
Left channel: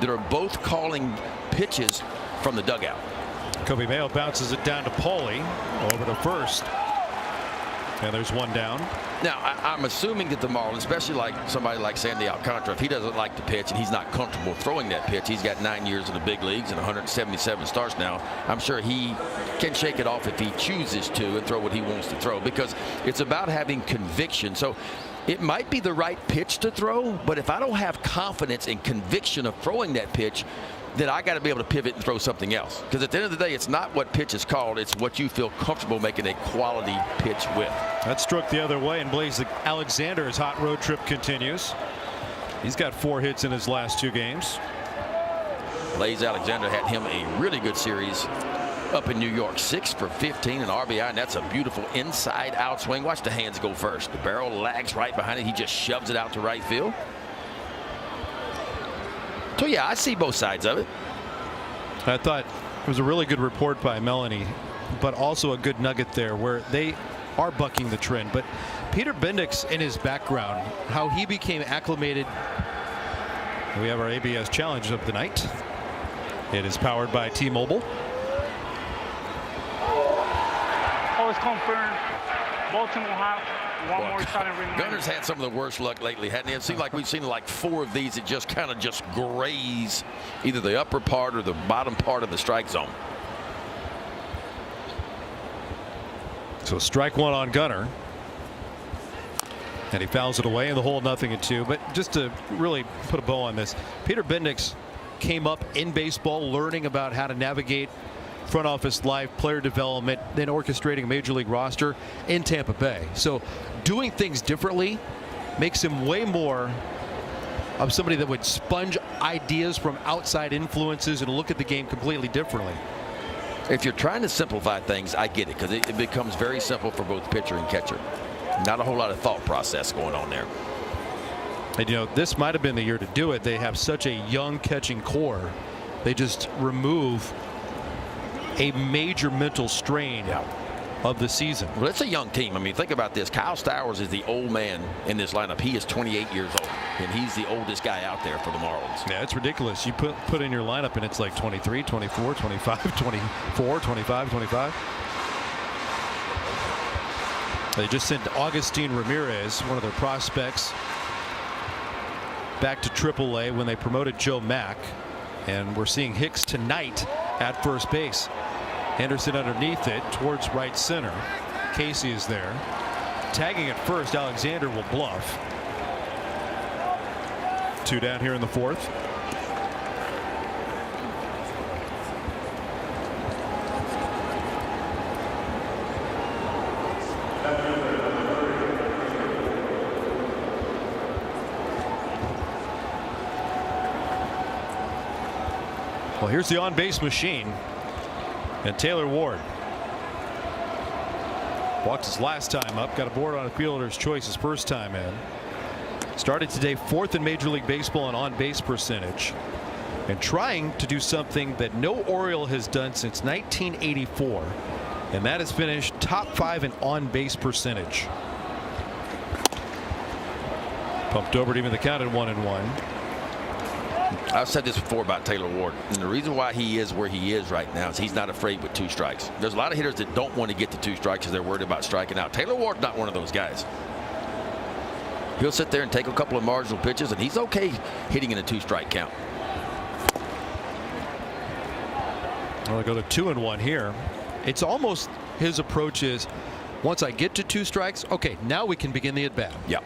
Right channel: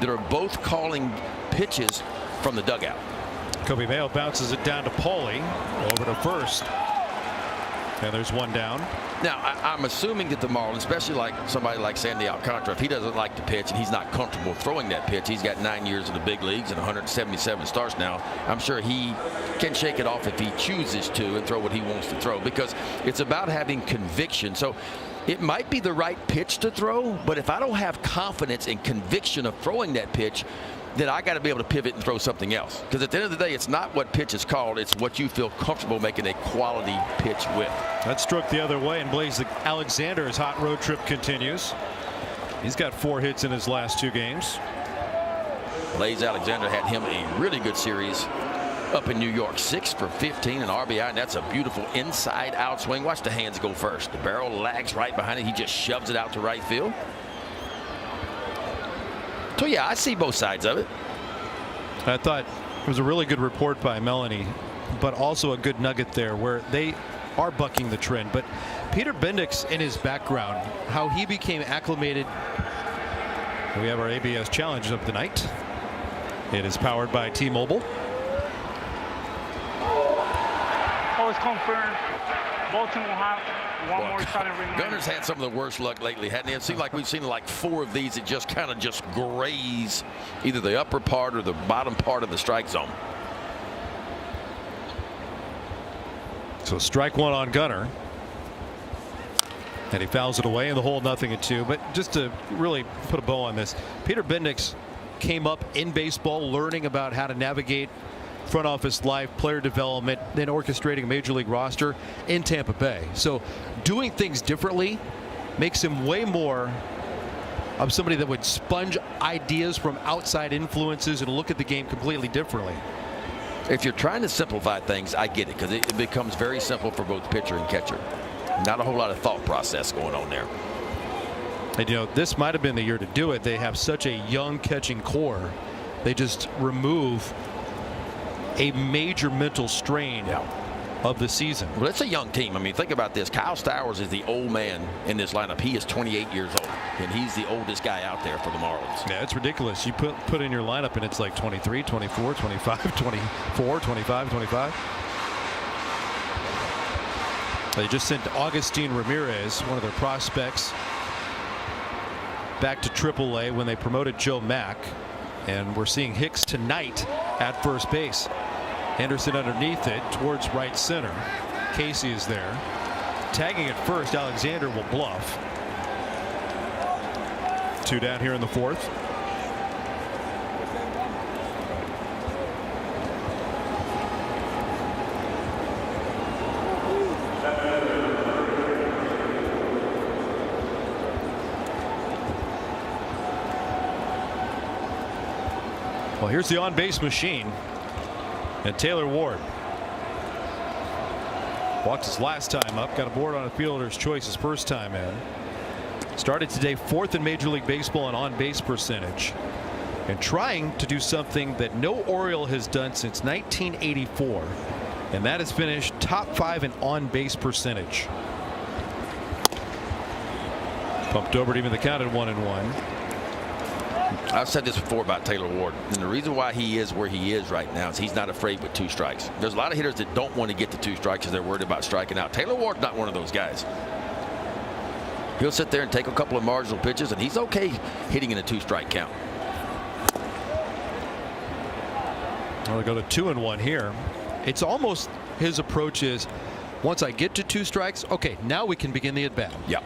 that are both calling pitches from the dugout. Kobe Mayo bounces it down to Pauling, over to first. And there's one down. Now, I'm assuming that the Marlins, especially like somebody like Sandy Alcantara, if he doesn't like to pitch and he's not comfortable throwing that pitch, he's got 9 years in the big leagues and 177 starts now. I'm sure he can shake it off if he chooses to and throw what he wants to throw, because it's about having conviction. So it might be the right pitch to throw, but if I don't have confidence and conviction of throwing that pitch, then I got to be able to pivot and throw something else. Because at the end of the day, it's not what pitch is called, it's what you feel comfortable making a quality pitch with. That struck the other way, and Blaze Alexander's hot road trip continues. He's got 4 hits in his last 2 games. Blaze Alexander had him a really good series up in New York. 6 for 15 and RBI, and that's a beautiful inside out swing. Watch the hands go first. The barrel lags right behind it. He just shoves it out to right field. So yeah, I see both sides of it. I thought it was a really good report by Melanie, but also a good nugget there where they are bucking the trend. But Peter Bendix, in his background, how he became acclimated. We have our ABS challenge of the night. It is powered by T-Mobile. Gunner's had some of the worst luck lately, hadn't he? It seems like we've seen like 4 of these that just kind of just graze either the upper part or the bottom part of the strike zone. So strike 1 on Gunner. And he fouls it away in the hole, 0-2. But just to really put a bow on this, Peter Bendix came up in baseball learning about how to navigate front office life, player development, then orchestrating a major league roster in Tampa Bay. So doing things differently makes him way more of somebody that would sponge ideas from outside influences and look at the game completely differently. If you're trying to simplify things, I get it, because it becomes very simple for both pitcher and catcher. Not a whole lot of thought process going on there. And, you know, this might have been the year to do it. They have such a young catching core. They just remove a major mental strain of the season. Well, it's a young team. I mean, think about this. Kyle Stowers is the old man in this lineup. He is 28 years old, and he's the oldest guy out there for the Marlins. Yeah, it's ridiculous. You put in your lineup, and it's like 23, 24, 25, 24, 25, 25. They just sent Augustin Ramirez, one of their prospects, back to AAA when they promoted Joe Mack. And we're seeing Hicks tonight at first base. Henderson underneath it towards right center. Casey is there. Tagging at first, Alexander will bluff. 2 down here in the fourth. Well, here's the on-base machine. And Taylor Ward walked his last time up, got a board on a fielder's choice his first time in. Started today 4th in Major League Baseball in on-base percentage, and trying to do something that no Oriole has done since 1984, and that is finish top 5 in on-base percentage. Pumped over to even the count at 1-1. I've said this before about Taylor Ward, and the reason why he is where he is right now is he's not afraid with 2 strikes. There's a lot of hitters that don't want to get to 2 strikes because they're worried about striking out. Taylor Ward's not one of those guys. He'll sit there and take a couple of marginal pitches, and he's okay hitting in a 2-strike count. I'll go to 2-1 here. It's almost his approach is, once I get to 2 strikes, okay, now we can begin the at-bat. Yeah.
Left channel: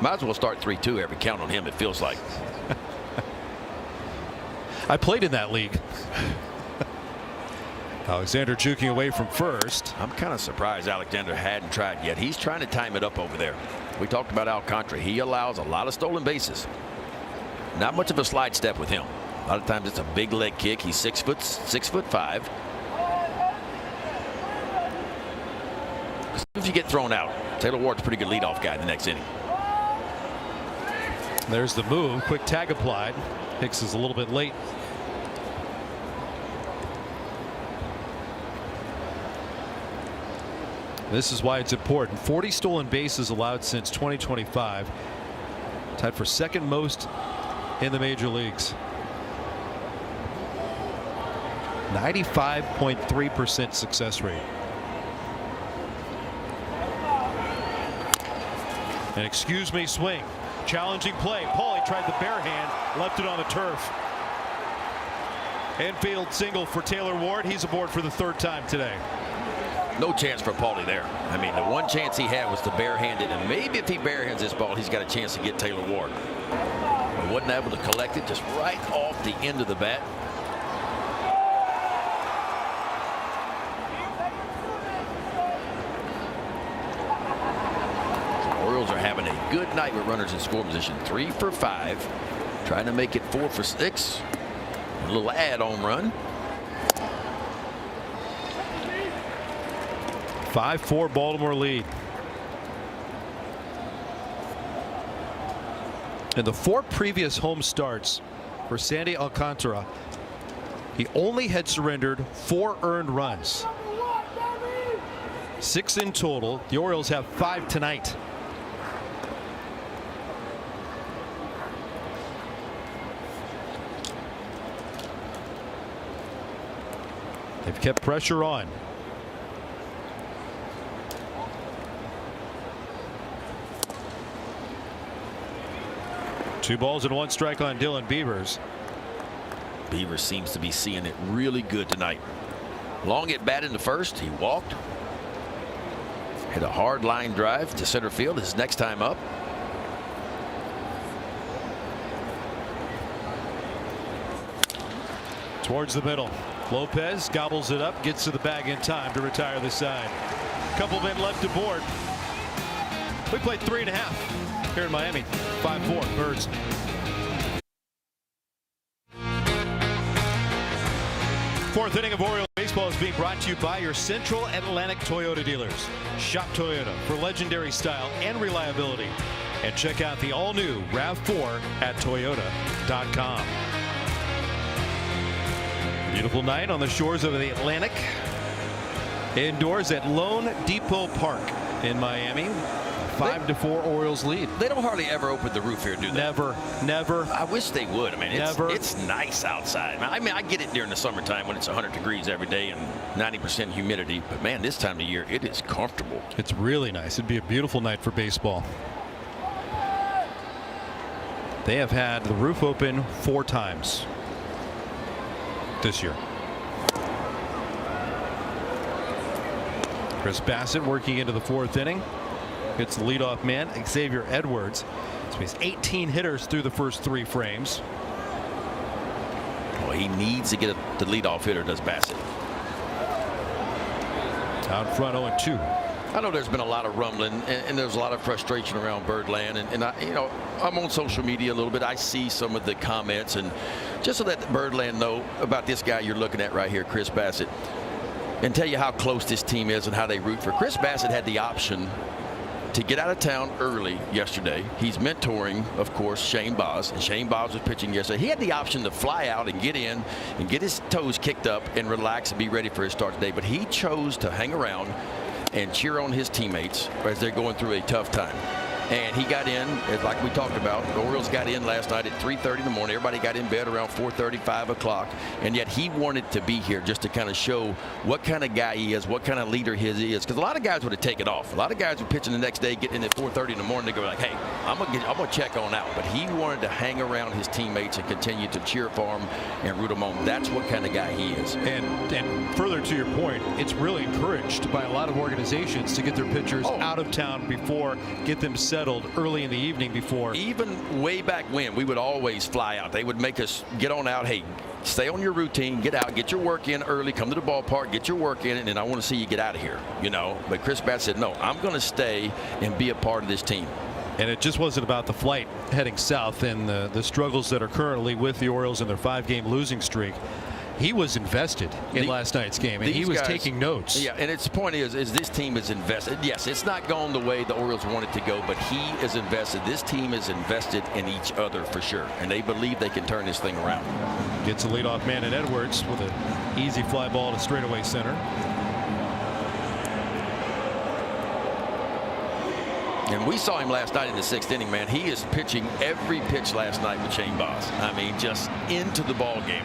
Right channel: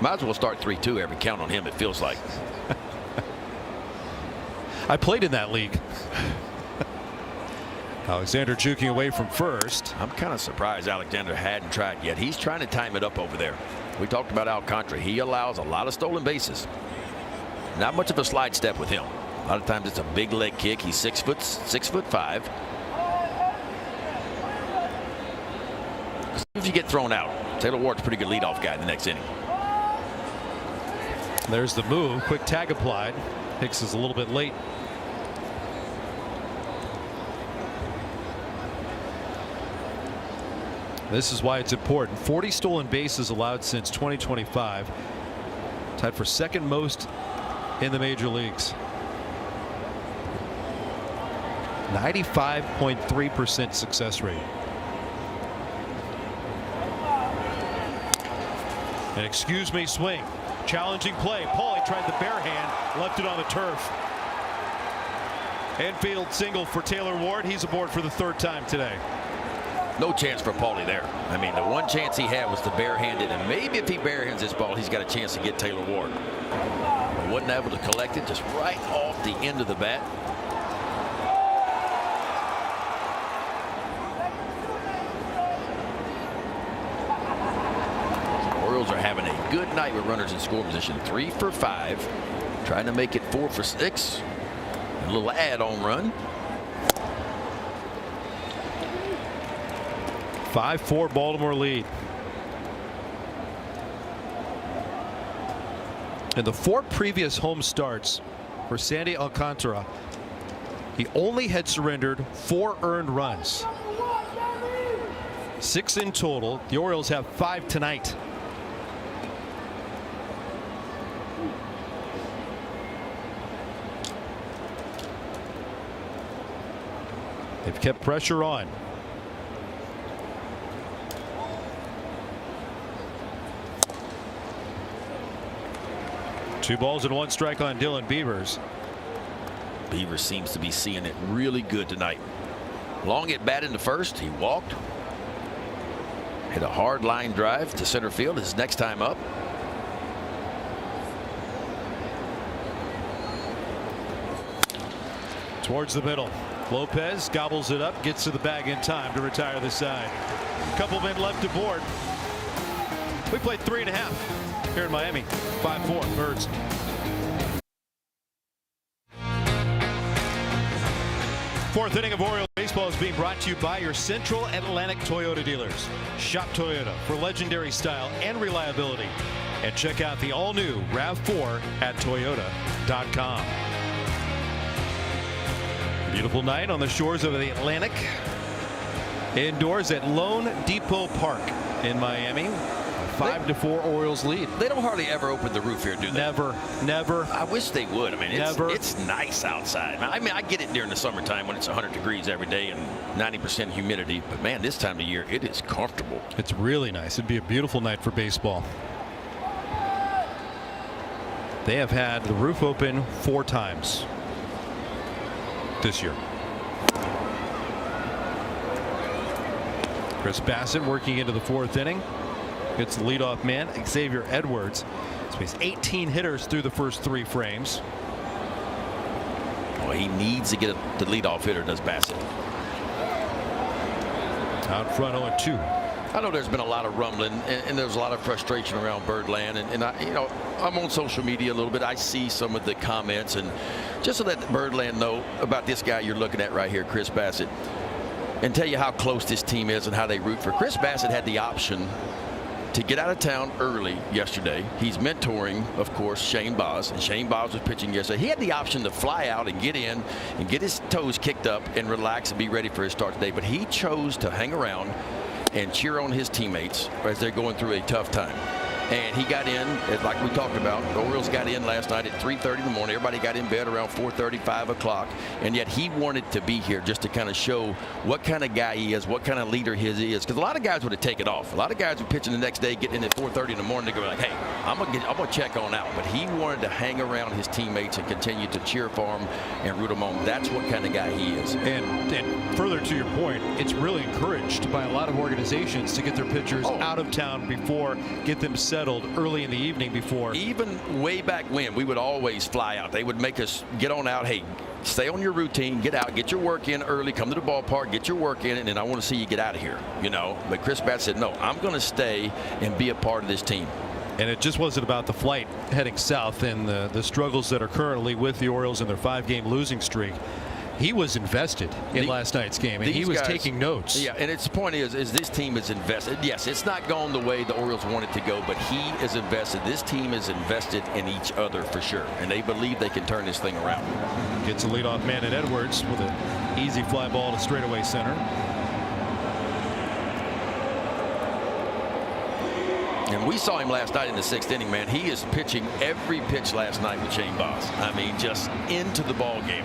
Might as well start 3-2 every count on him, it feels like. I played in that league. Alexander juking away from first. I'm kind of surprised Alexander hadn't tried yet. He's trying to time it up over there. We talked about Alcantara. He allows a lot of stolen bases. Not much of a slide step with him. A lot of times it's a big leg kick. He's 6'5". As soon as you get thrown out, Taylor Ward's a pretty good leadoff guy in the next inning. There's the move. Quick tag applied. Hicks is a little bit late. This is why it's important. 40 stolen bases allowed since 2025. Tied for 2nd most in the major leagues. 95.3% success rate. An excuse me swing. Challenging play. Paulie tried the bare hand, left it on the turf. Infield single for Taylor Ward. He's aboard for the 3rd time today. No chance for Paulie there. I mean, the one chance he had was to barehand it, and maybe if he barehands this ball, he's got a chance to get Taylor Ward. But wasn't able to collect it, just right off the end of the bat. The Orioles are having a good night with runners in score position. 3 for 5, trying to make it 4 for 6. A little add-on run. 5-4 Baltimore lead. In the 4 previous home starts for Sandy Alcantara, he only had surrendered 4 earned runs. 6 in total. The Orioles have 5 tonight. They've kept pressure on. Two balls and 1 strike on Dylan Beavers. Beavers seems to be seeing it really good tonight. Long at bat in the first. He walked. Hit a hard line drive to center field his next time up. Towards the middle. Lopez gobbles it up, gets to the bag in time to retire the side. Couple men left to board. We played 3.5 here in Miami. 5-4 Birds. Fourth inning of Orioles baseball is being brought to you by your Central Atlantic Toyota dealers. Shop Toyota for legendary style and reliability. And check out the all-new RAV4 at Toyota.com. Beautiful night on the shores of the Atlantic. Indoors at Lone Depot Park in Miami. 5-4 Orioles lead. They don't hardly ever open the roof here, do they? Never. I wish they would. I mean, it's nice outside. I mean, I get it during the summertime when it's 100 degrees every day and 90% humidity. But, man, this time of year, it is comfortable. It's really nice. It'd be a beautiful night for baseball. They have had the roof open 4 times this year. Chris Bassett working into the 4th inning. It's the leadoff man, Xavier Edwards. So he's 18 hitters through the first 3 frames. Well, he needs to get the leadoff hitter, does Bassett. Out front 0-2. I know there's been a lot of rumbling and there's a lot of frustration around Birdland, and I'm on social media a little bit. I see some of the comments, and just to let Birdland know about this guy you're looking at right here, Chris Bassett, and tell you how close this team is and how they root for. Chris Bassett had the option to get out of town early yesterday. He's mentoring, of course, Shane Baz, and Shane Baz was pitching yesterday. He had the option to fly out and get in and get his toes kicked up and relax and be ready for his start today, but he chose to hang around and cheer on his teammates as they're going through a tough time. And he got in, like we talked about, the Orioles got in last night at 3:30 in the morning. Everybody got in bed around 4:30, 5 o'clock. And yet he wanted to be here just to kind of show what kind of guy he is, what kind of leader he is. Because a lot of guys would have taken off. A lot of guys were pitching the next day, getting in at 4:30 in the morning to go like, hey, I'm gonna check on out. But he wanted to hang around his teammates and continue to cheer for them and root them on. That's what kind of guy he is. And further to your point, it's really encouraged by a lot of organizations to get their pitchers out of town before, get them settled early in the evening before. Even way back when, we would always fly out. They would make us get on out. Hey, stay on your routine, get out, get your work in early, come to the ballpark, get your work in, and then I want to see you get out of here. But Chris Bassett said, no, I'm going to stay and be a part of this team. And it just wasn't about the flight heading south and the struggles that are currently with the Orioles in their 5-game losing streak. He was invested in last night's game, and he was taking notes. Yeah, and its point is this team is invested. Yes, it's not going the way the Orioles want it to go, but he is invested. This team is invested in each other for sure, and they believe they can turn this thing around. Gets a leadoff man in Edwards with an easy fly ball to straightaway center. And we saw him last night in the 6th inning, man. He is pitching every pitch last night with Shane Baz. I mean, just into the ball game.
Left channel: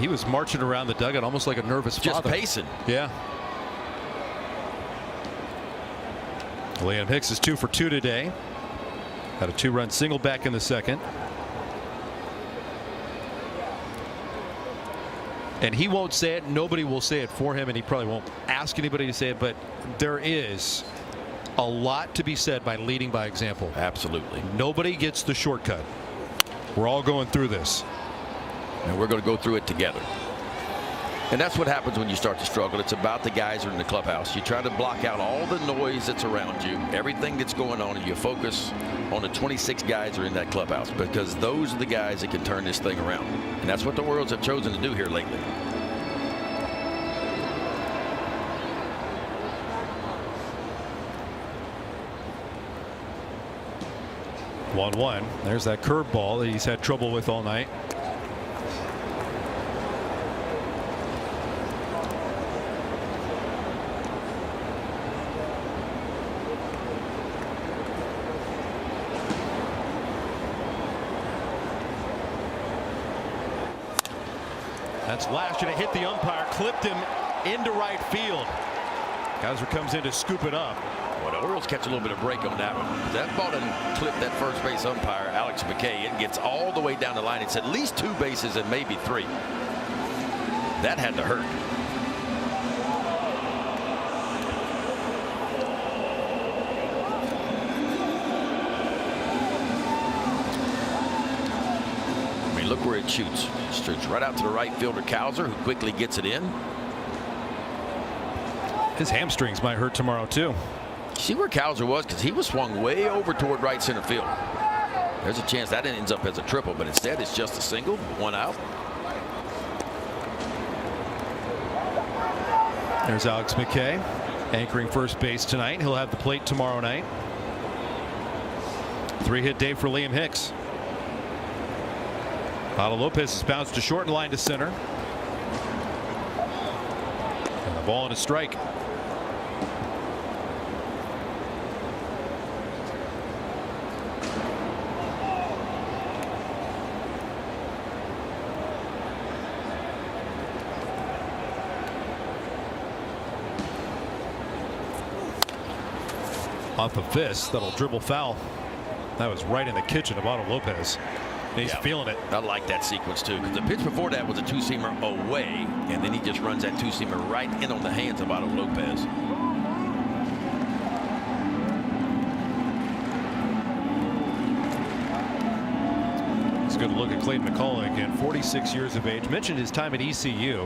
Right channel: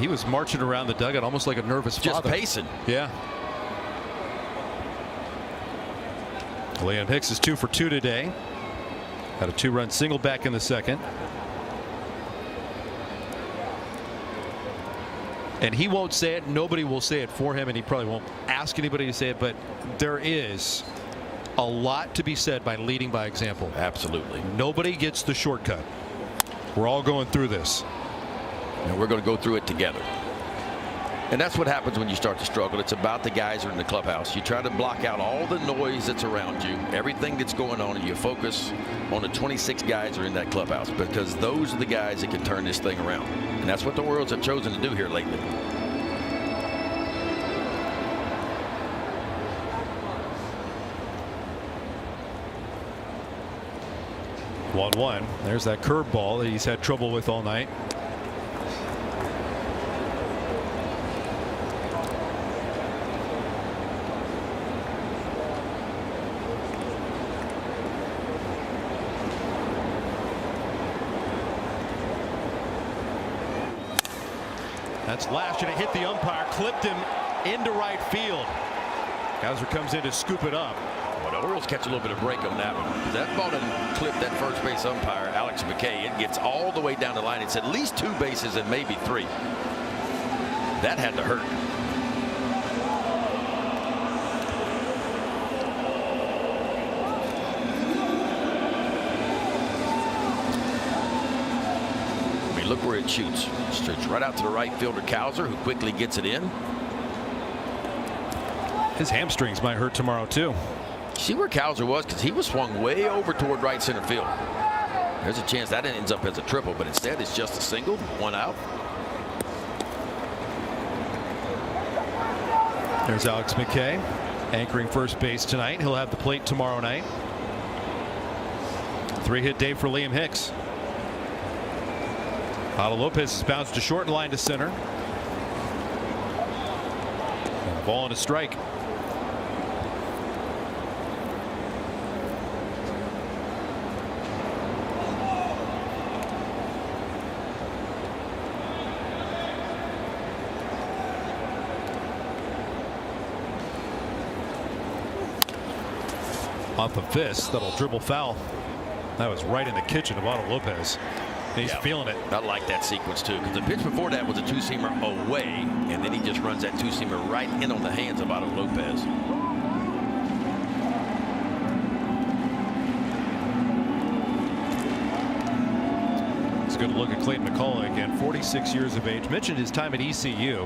He was marching around the dugout almost like a nervous father. Just pacing. Yeah. Liam Hicks is 2 for 2 today. Had a 2-run single back in the 2nd. And he won't say it. Nobody will say it for him, and he probably won't ask anybody to say it. But there is a lot to be said by leading by example. Absolutely. Nobody gets the shortcut. We're all going through this. And we're going to go through it together. And that's what happens when you start to struggle. It's about the guys who are in the clubhouse. You try to block out all the noise that's around you, everything that's going on, and you focus on the 26 guys who are in that clubhouse, because those are the guys that can turn this thing around. And that's what the Orioles have chosen to do here lately. One. There's that curveball that he's had trouble with all night. That's lashed, and it hit the umpire, clipped him into right field. Gouser comes in to scoop it up. Well, the Orioles catch a little bit of break on that one. That ball didn't clip that first base umpire, Alex McKay. It gets all the way down the line. It's at least 2 bases and maybe 3. That had to hurt. I mean, look where it shoots. right out to the right fielder, Cowser, who quickly gets it in. His hamstrings might hurt tomorrow, too. See where Cowser was, because he was swung way over toward right center field. There's a chance that ends up as a triple, but instead it's just a single, 1 out. There's Alex McKay, anchoring first base tonight. He'll have the plate tomorrow night. 3-hit day for Liam Hicks. Otto Lopez has bounced to short and line to center. And the ball and a strike. Off the fist, that'll dribble foul. That was right in the kitchen of Otto Lopez. He's feeling it. I like that sequence, too, because the pitch before that was a two-seamer away, and then he just runs that two-seamer right in on the hands of Otto Lopez. Let's go to look at Clayton McCullough again, 46 years of age. Mentioned his time at ECU.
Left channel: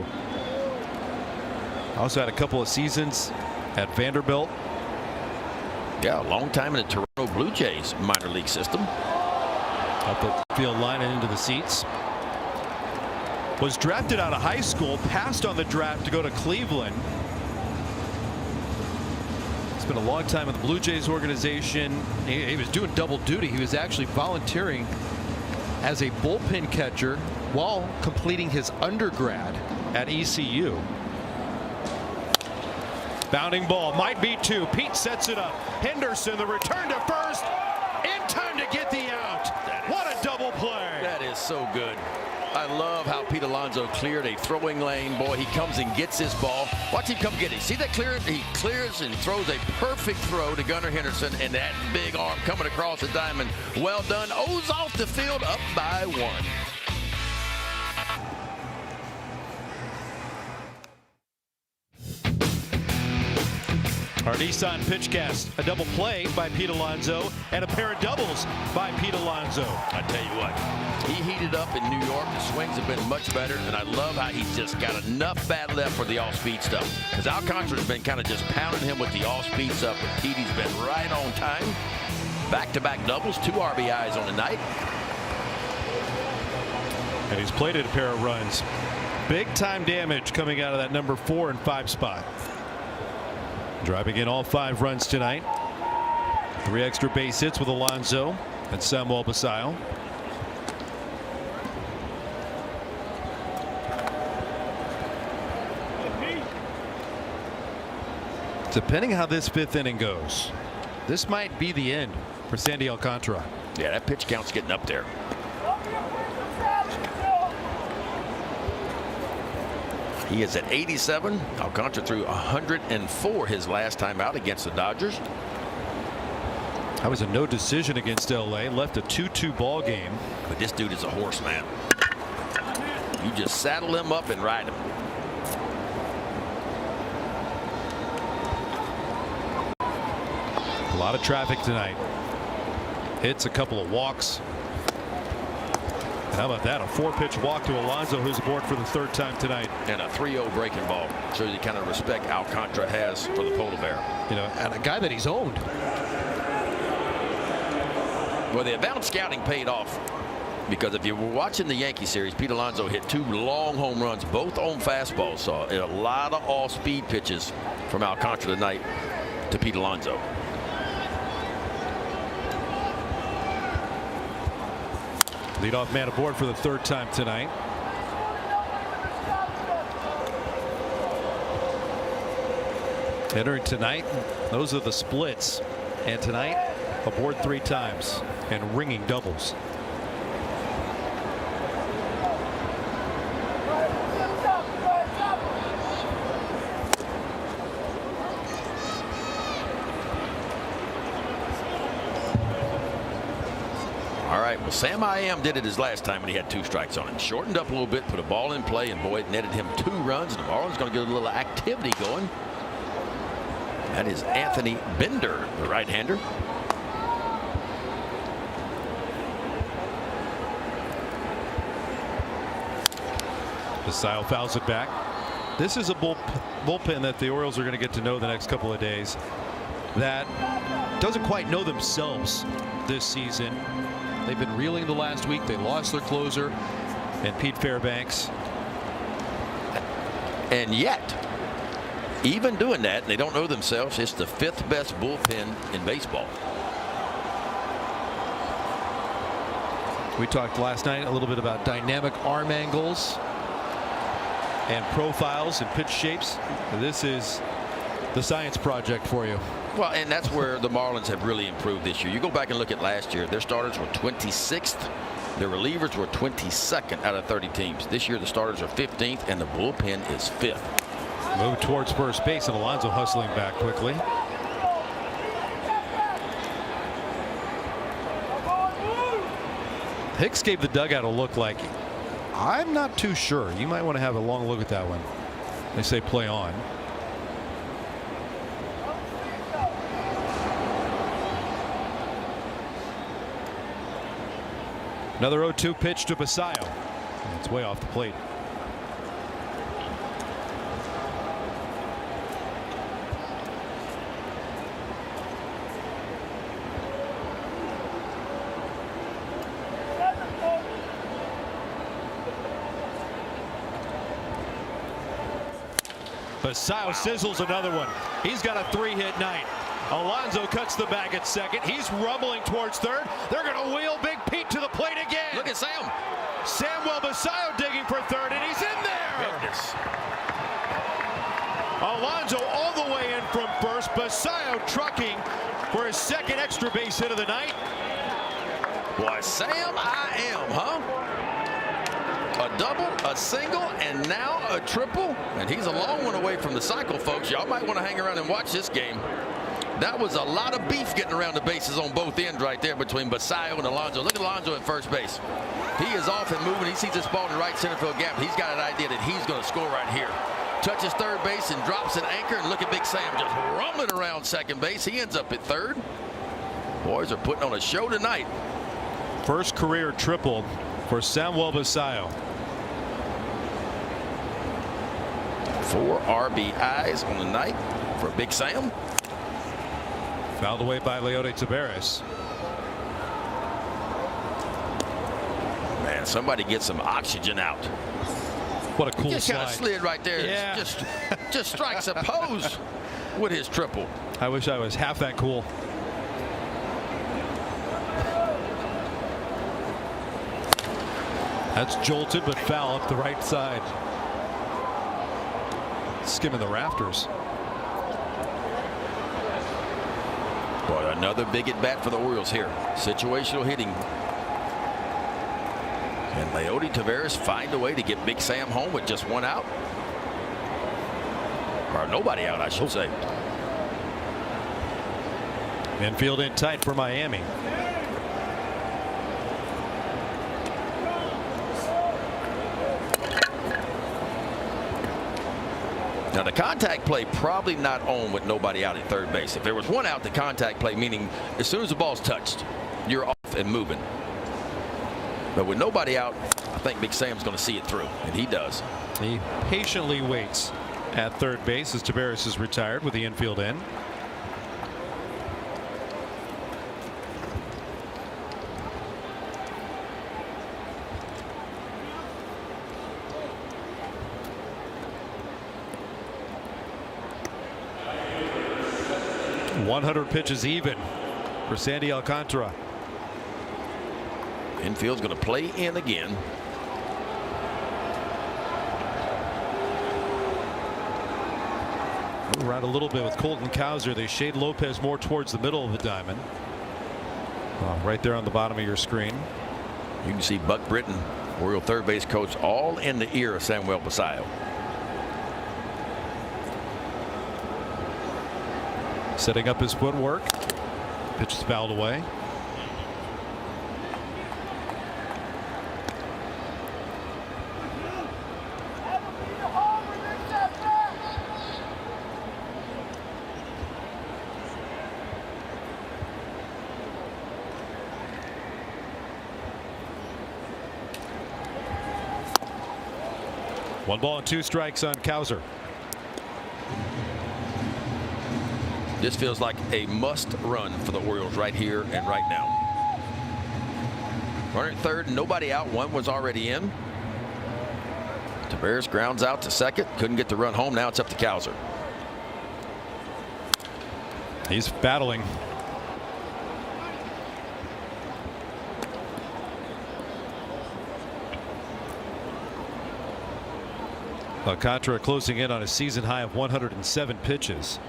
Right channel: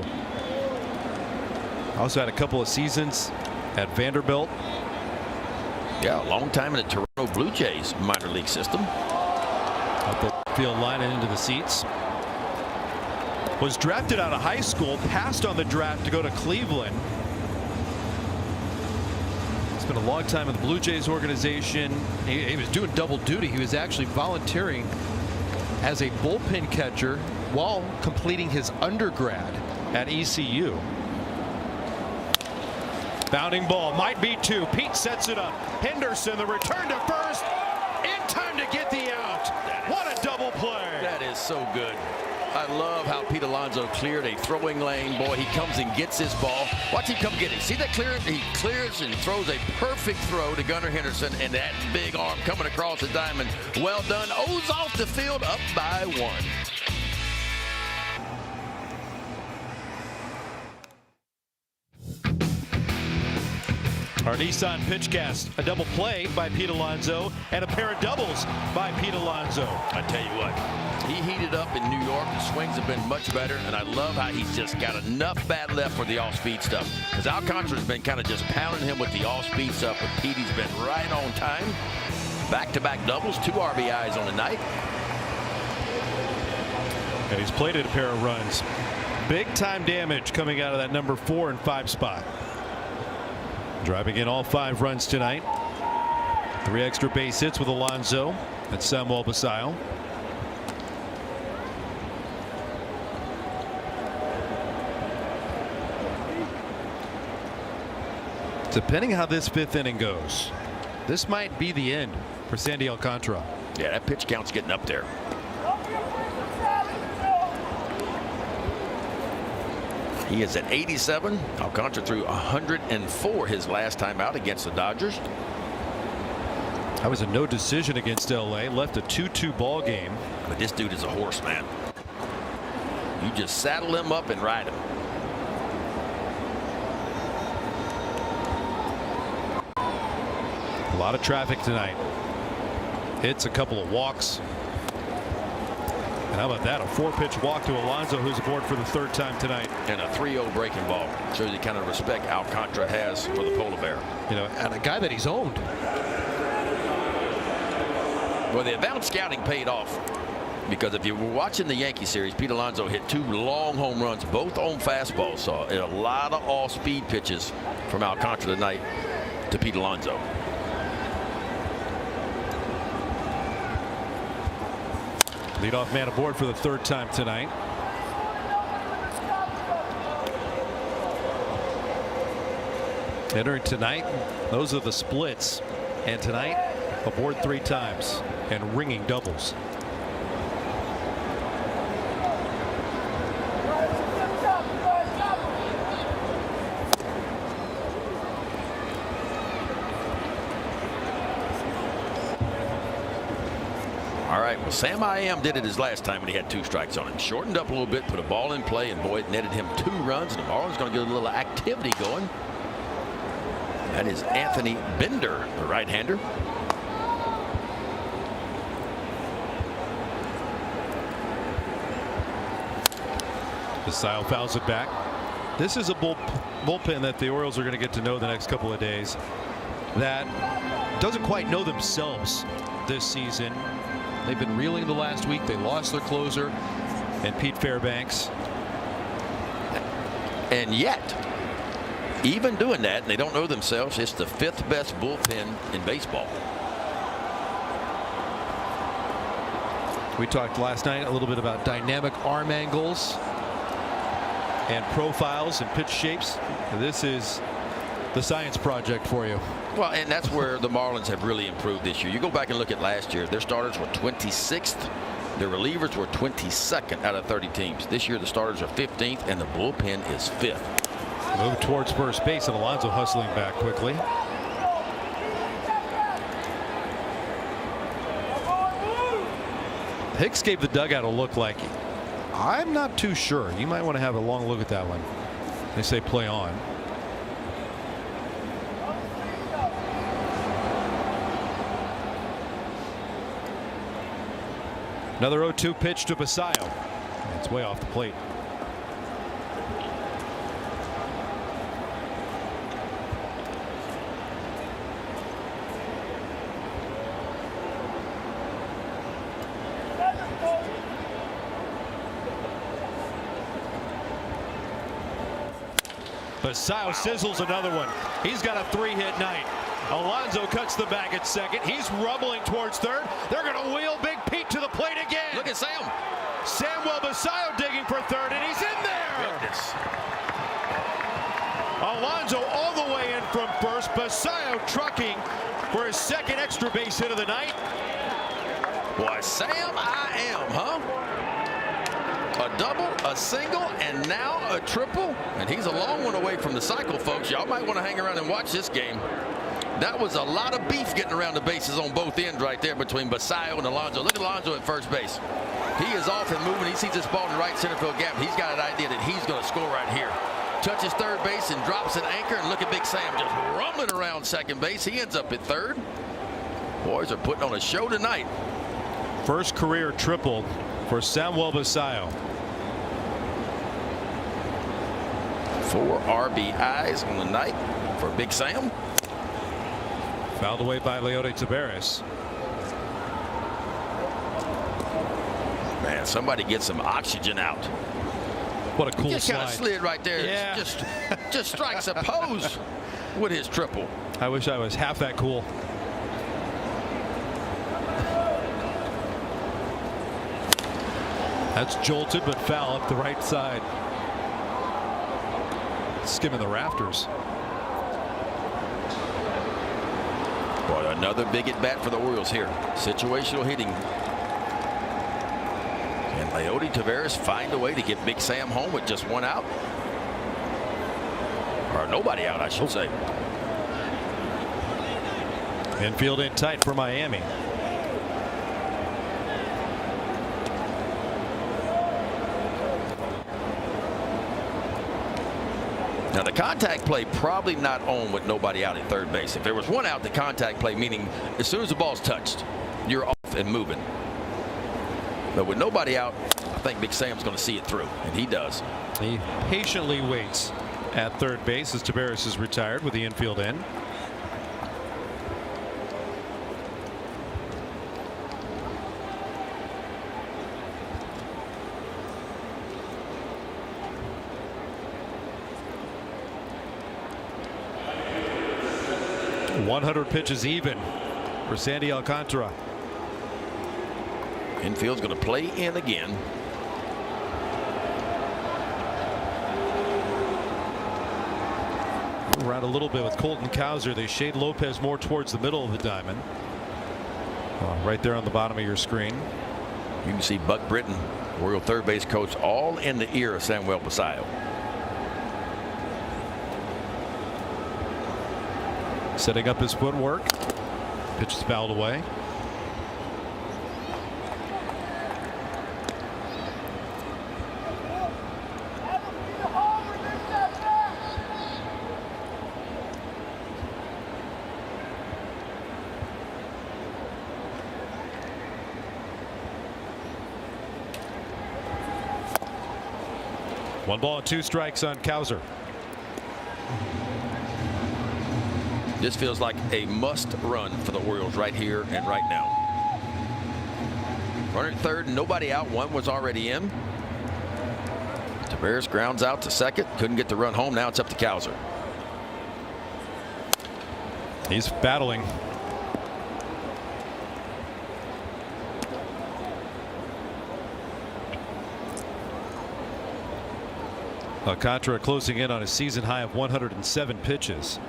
Also had a couple of seasons at Vanderbilt. Yeah, a long time in the Toronto Blue Jays minor league system. Up the field line and into the seats. Was drafted out of high school, passed on the draft to go to Cleveland. Spent a long time with the Blue Jays organization. He was doing double duty. He was actually volunteering as a bullpen catcher while completing his undergrad at ECU. Bounding ball, might be two. Pete sets it up. Henderson, the return to first. In time to get the out. What a double play. That is so good. I love how Pete Alonso cleared a throwing lane. Boy, he comes and gets his ball. Watch him come get it. See that clearance? He clears and throws a perfect throw to Gunnar Henderson, and that big arm coming across the diamond. Well done. O's off the field, up by 1. Our Nissan Pitchcast, a double play by Pete Alonso and a pair of doubles by Pete Alonso. I tell you what, he heated up in New York. The swings have been much better, and I love how he's just got enough bat left for the off-speed stuff. Because Alcantara's been kind of just pounding him with the off-speed stuff. Petey's been right on time. Back-to-back doubles, 2 RBIs on the night. And he's plated a pair of runs. Big-time damage coming out of that number 4 and 5 spot. Driving in all 5 runs tonight. 3 extra base hits with Alonso and Samuel Basayo. Depending how this 5th inning goes, this might be the end for Sandy Alcantara. Yeah, that pitch count's getting up there. He is at 87. Alcantara threw 104 his last time out against the Dodgers. That was a no decision against LA. Left a 2-2 ball game. This dude is a horse, man. You just saddle him up and ride him. A lot of traffic tonight. Hits, a couple of walks. And how about that? A 4-pitch walk to Alonso, who's aboard for the 3rd time tonight. And a 3-0 breaking ball. Shows the kind of respect Alcantara has for the Polar Bear. You know, and a guy that he's owned. Well, the advanced scouting paid off. Because if you were watching the Yankee series, Pete Alonso hit 2 long home runs, both on fastballs. So, and a lot of off-speed pitches from Alcantara tonight to Pete Alonso. Leadoff man aboard for the 3rd time tonight. Entering tonight, those are the splits. And tonight, aboard 3 times and ringing doubles. Sam I Am did it his last time when he had 2 strikes on him. Shortened up a little bit, put a ball in play, and boy, it netted him 2 runs. And the Marlins going to get a little activity going. That is Anthony Bender, the right-hander. Basayo fouls it back. This is a bullpen that the Orioles are going to get to know the next couple of days that doesn't quite know themselves this season. They've been reeling the last week. They lost their closer and Pete Fairbanks. And yet, even doing that, they don't know themselves. It's the 5th best bullpen in baseball. We talked last night a little bit about dynamic arm angles and profiles and pitch shapes. And this is the science project for you. Well, and that's where the Marlins have really improved this year. You go back and look at last year. Their starters were 26th. Their relievers were 22nd out of 30 teams. This year the starters are 15th and the bullpen is 5th. Move towards first base and Alonso hustling back quickly. Hicks gave the dugout a look like, I'm not too sure. You might want to have a long look at that one. They say play on. Another 0-2 pitch to Basayo. It's way off the plate. Basayo sizzles another one. He's got a 3-hit night. Alonso cuts the bag at second. He's rumbling towards third. They're going to wheel Big Pete to the plate again. Look at Sam. Samuel Basayo digging for third, and he's in there. Goodness. Alonso all the way in from first. Basayo trucking for his second extra base hit of the night. Boy, Sam, I am, huh? A double, a single, and now a triple. And he's a long one away from the cycle, folks. Y'all might want to hang around and watch this game. That was a lot of beef getting around the bases on both ends right there between Basayo and Alonso. Look at Alonso at first base. He is off and moving. He sees this ball in the right center field gap. He's got an idea that he's going to score right here. Touches third base and drops an anchor. And look at Big Sam just rumbling around second base. He ends up at third. Boys are putting on a show tonight. First career triple for Samuel Basayo. 4 RBIs on the night for Big Sam. Fouled away by Leody Taveras. Man, somebody get some oxygen out. What a cool Just kind of slide. slid right there. Yeah. Just strikes a pose with his triple. I wish I was half that cool. That's jolted but foul up the right side. Skimming the rafters. Boy, another big at bat for the Orioles here. Situational hitting. And Leody Taveras find a way to get Big Sam home with just 1 out. Or nobody out, I should say. Infield in tight for Miami. Now the contact play probably not on with nobody out at third base. If there was 1 out, the contact play, meaning as soon as the ball's touched, you're off and moving. But with nobody out, I think Big Sam's going to see it through, and he does. He patiently waits at third base as Taveras is retired with the infield in. Pitches even for Sandy Alcantara. Infield's going to play in again. Right a little bit with Colton Cowser. They shade Lopez more towards the middle of the diamond. Right there on the bottom of your screen. You can see Buck Britton, Oriole third base coach, all in the ear of Samuel Basayo. Setting up his footwork. Pitch is fouled away. 1-2 on Cowser. This feels like a must run for the Orioles right here and right now. Runner at third, nobody out. One was already in. Tavares grounds out to second. Couldn't get the run home. Now it's up to Cowser. He's battling. Alcantara closing in on a season high of 107 pitches.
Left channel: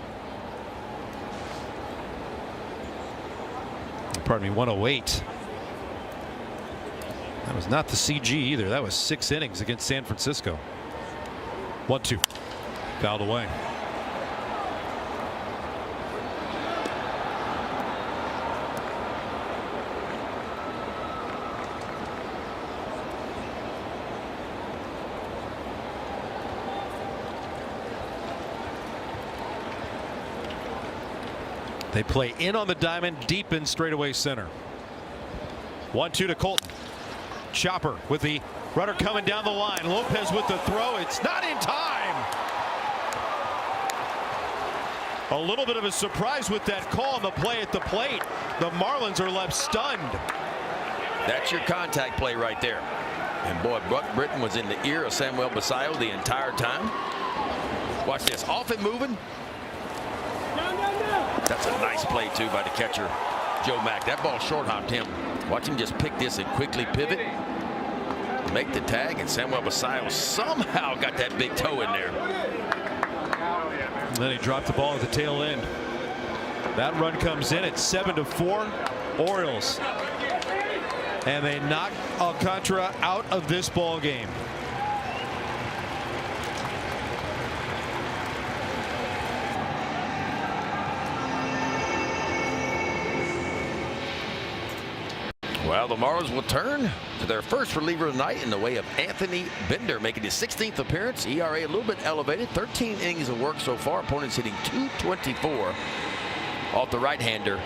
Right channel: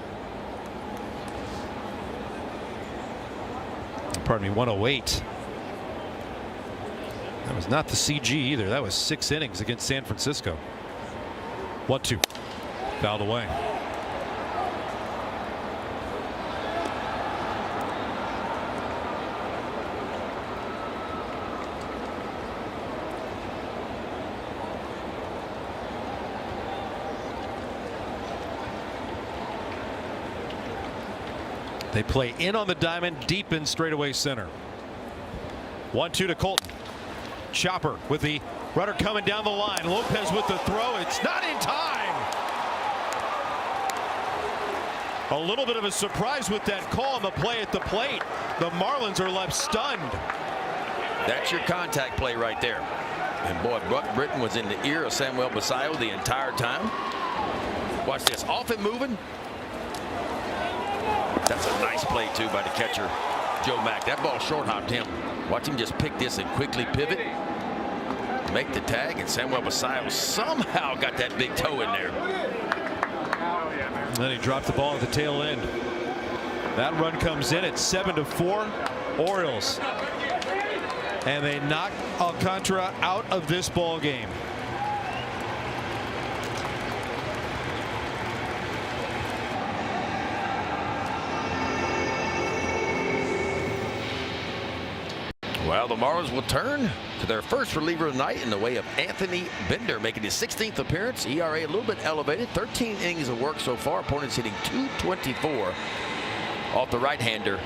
Pardon me, 108. That was not the CG either. That was 6 innings against San Francisco. 1-2. Fouled away. They play in on the diamond, deep in straightaway center. 1-2 to Colton. Chopper with the runner coming down the line. Lopez with the throw. It's not in time. A little bit of a surprise with that call on the play at the plate. The Marlins are left stunned. That's your contact play right there. And boy, Buck Britton was in the ear of Samuel Basallo the entire time. Watch this. Off and moving. That's a nice play, too, by the catcher, Joe Mack. That ball short-hopped him. Watch him just pick this and quickly pivot, make the tag, and Samuel Basallo somehow got that big toe in there. And then he dropped the ball at the tail end. That run comes in at 7-4 Orioles. And they knock Alcantara out of this ball game. Well, the Marlins will turn to their first reliever of the night in the way of Anthony Bender, making his 16th appearance. ERA a little bit elevated. 13 innings of work so far. Opponents hitting .224 off the right-hander,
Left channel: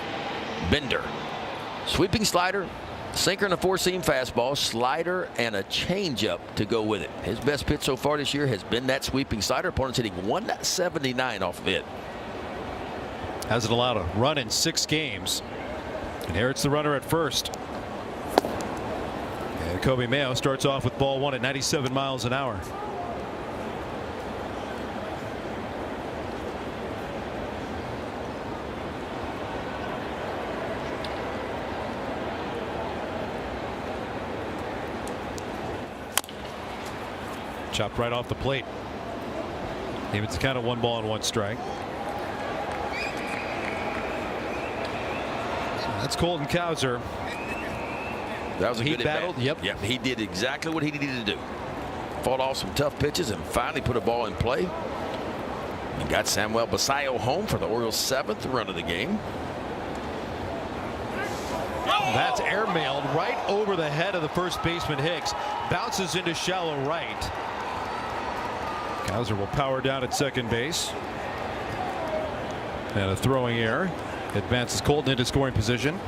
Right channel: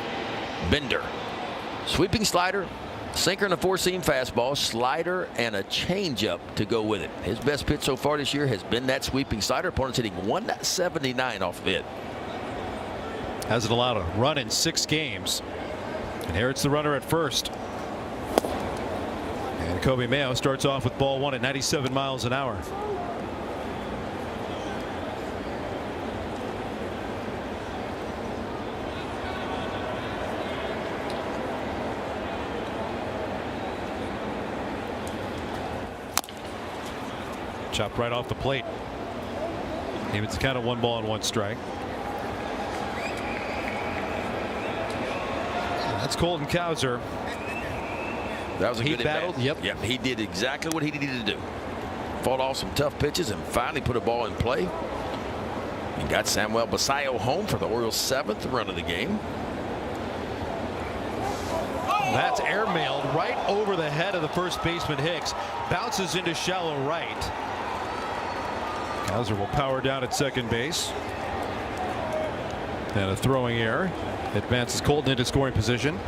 Bender. Sweeping slider, sinker and a four-seam fastball, slider, and a changeup to go with it. His best pitch so far this year has been that sweeping slider. Opponents hitting .179 off of it. Hasn't allowed a run in 6 games. And here it's the runner at first. And Kobe Mayo starts off with ball 1 at 97 miles an hour. Chopped right off the plate. It's kind of 1-1 strike. That's Colton Cowser. That was a good battle. Yep, he did exactly what he needed to do. Fought off some tough pitches and finally put a ball in play. And got Samuel Basallo home for the Orioles' 7th run of the game. That's airmailed right over the head of the first baseman Hicks. Bounces into shallow right. Cowser will power down at second base. And a throwing error advances Colton into scoring position.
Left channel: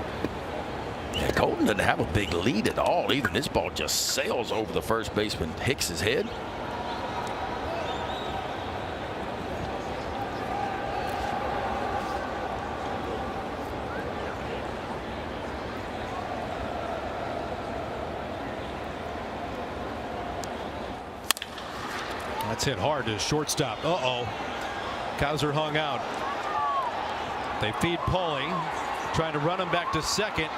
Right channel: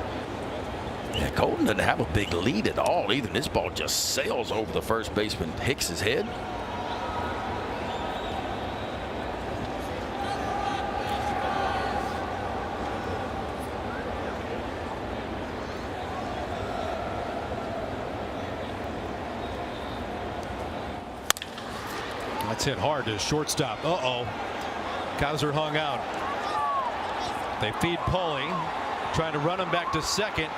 Yeah, Colton doesn't have a big lead at all either. This ball just sails over the first baseman Hicks's head. That's hit hard to shortstop. Cowser hung out. They feed Paulie, trying to run him back to second.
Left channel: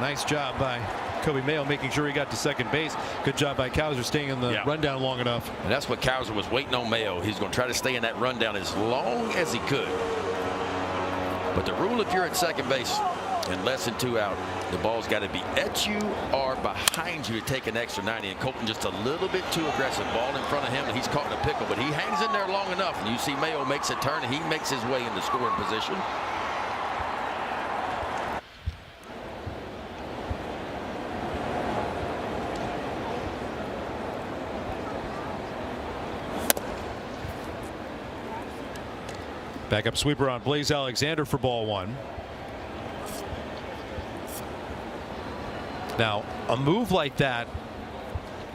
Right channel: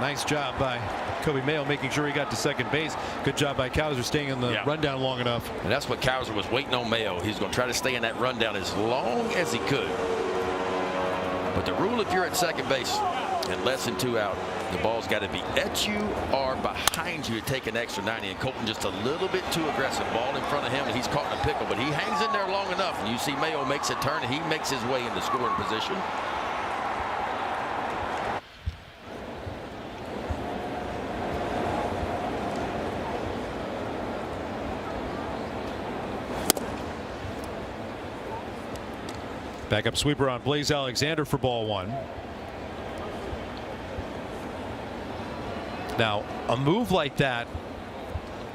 Nice job by Kobe Mayo making sure he got to second base. Good job by Cowser staying in the rundown long enough. And that's what Cowser was waiting on Mayo. He's going to try to stay in that rundown as long as he could. But the rule, if you're at second base and less than 2 out, the ball's got to be at you or behind you to take an extra 90. And Colton just a little bit too aggressive. Ball in front of him, and he's caught in a pickle. But he hangs in there long enough, and you see Mayo makes a turn, and he makes his way into scoring position. Backup sweeper on Blaze Alexander for ball 1. Now, a move like that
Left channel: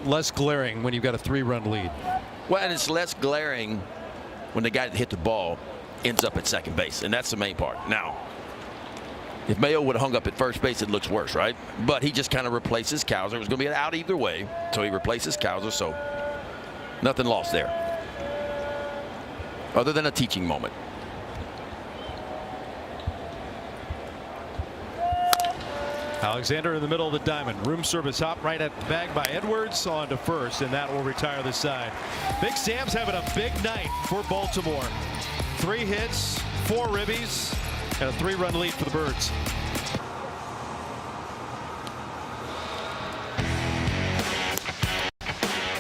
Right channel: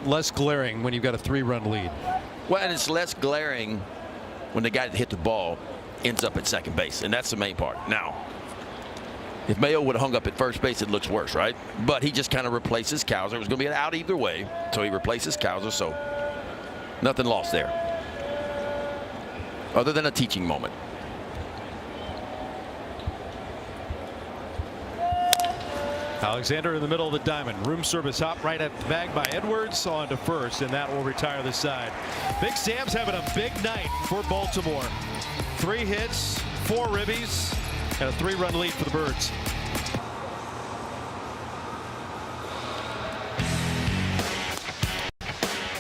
less glaring when you've got a 3-run lead. Well, and it's less glaring when the guy that hit the ball ends up at second base, and that's the main part. Now, if Mayo would have hung up at first base, it looks worse, right? But he just kind of replaces Cowser. It was going to be an out either way, so he replaces Cowser, so nothing lost there, other than a teaching moment. Alexander in the middle of the diamond. Room service hop right at the bag by Edwards on to first, and that will retire the side. Big Sam's having a big night for Baltimore. 3 hits, 4 ribbies, and a 3-run lead for the Birds.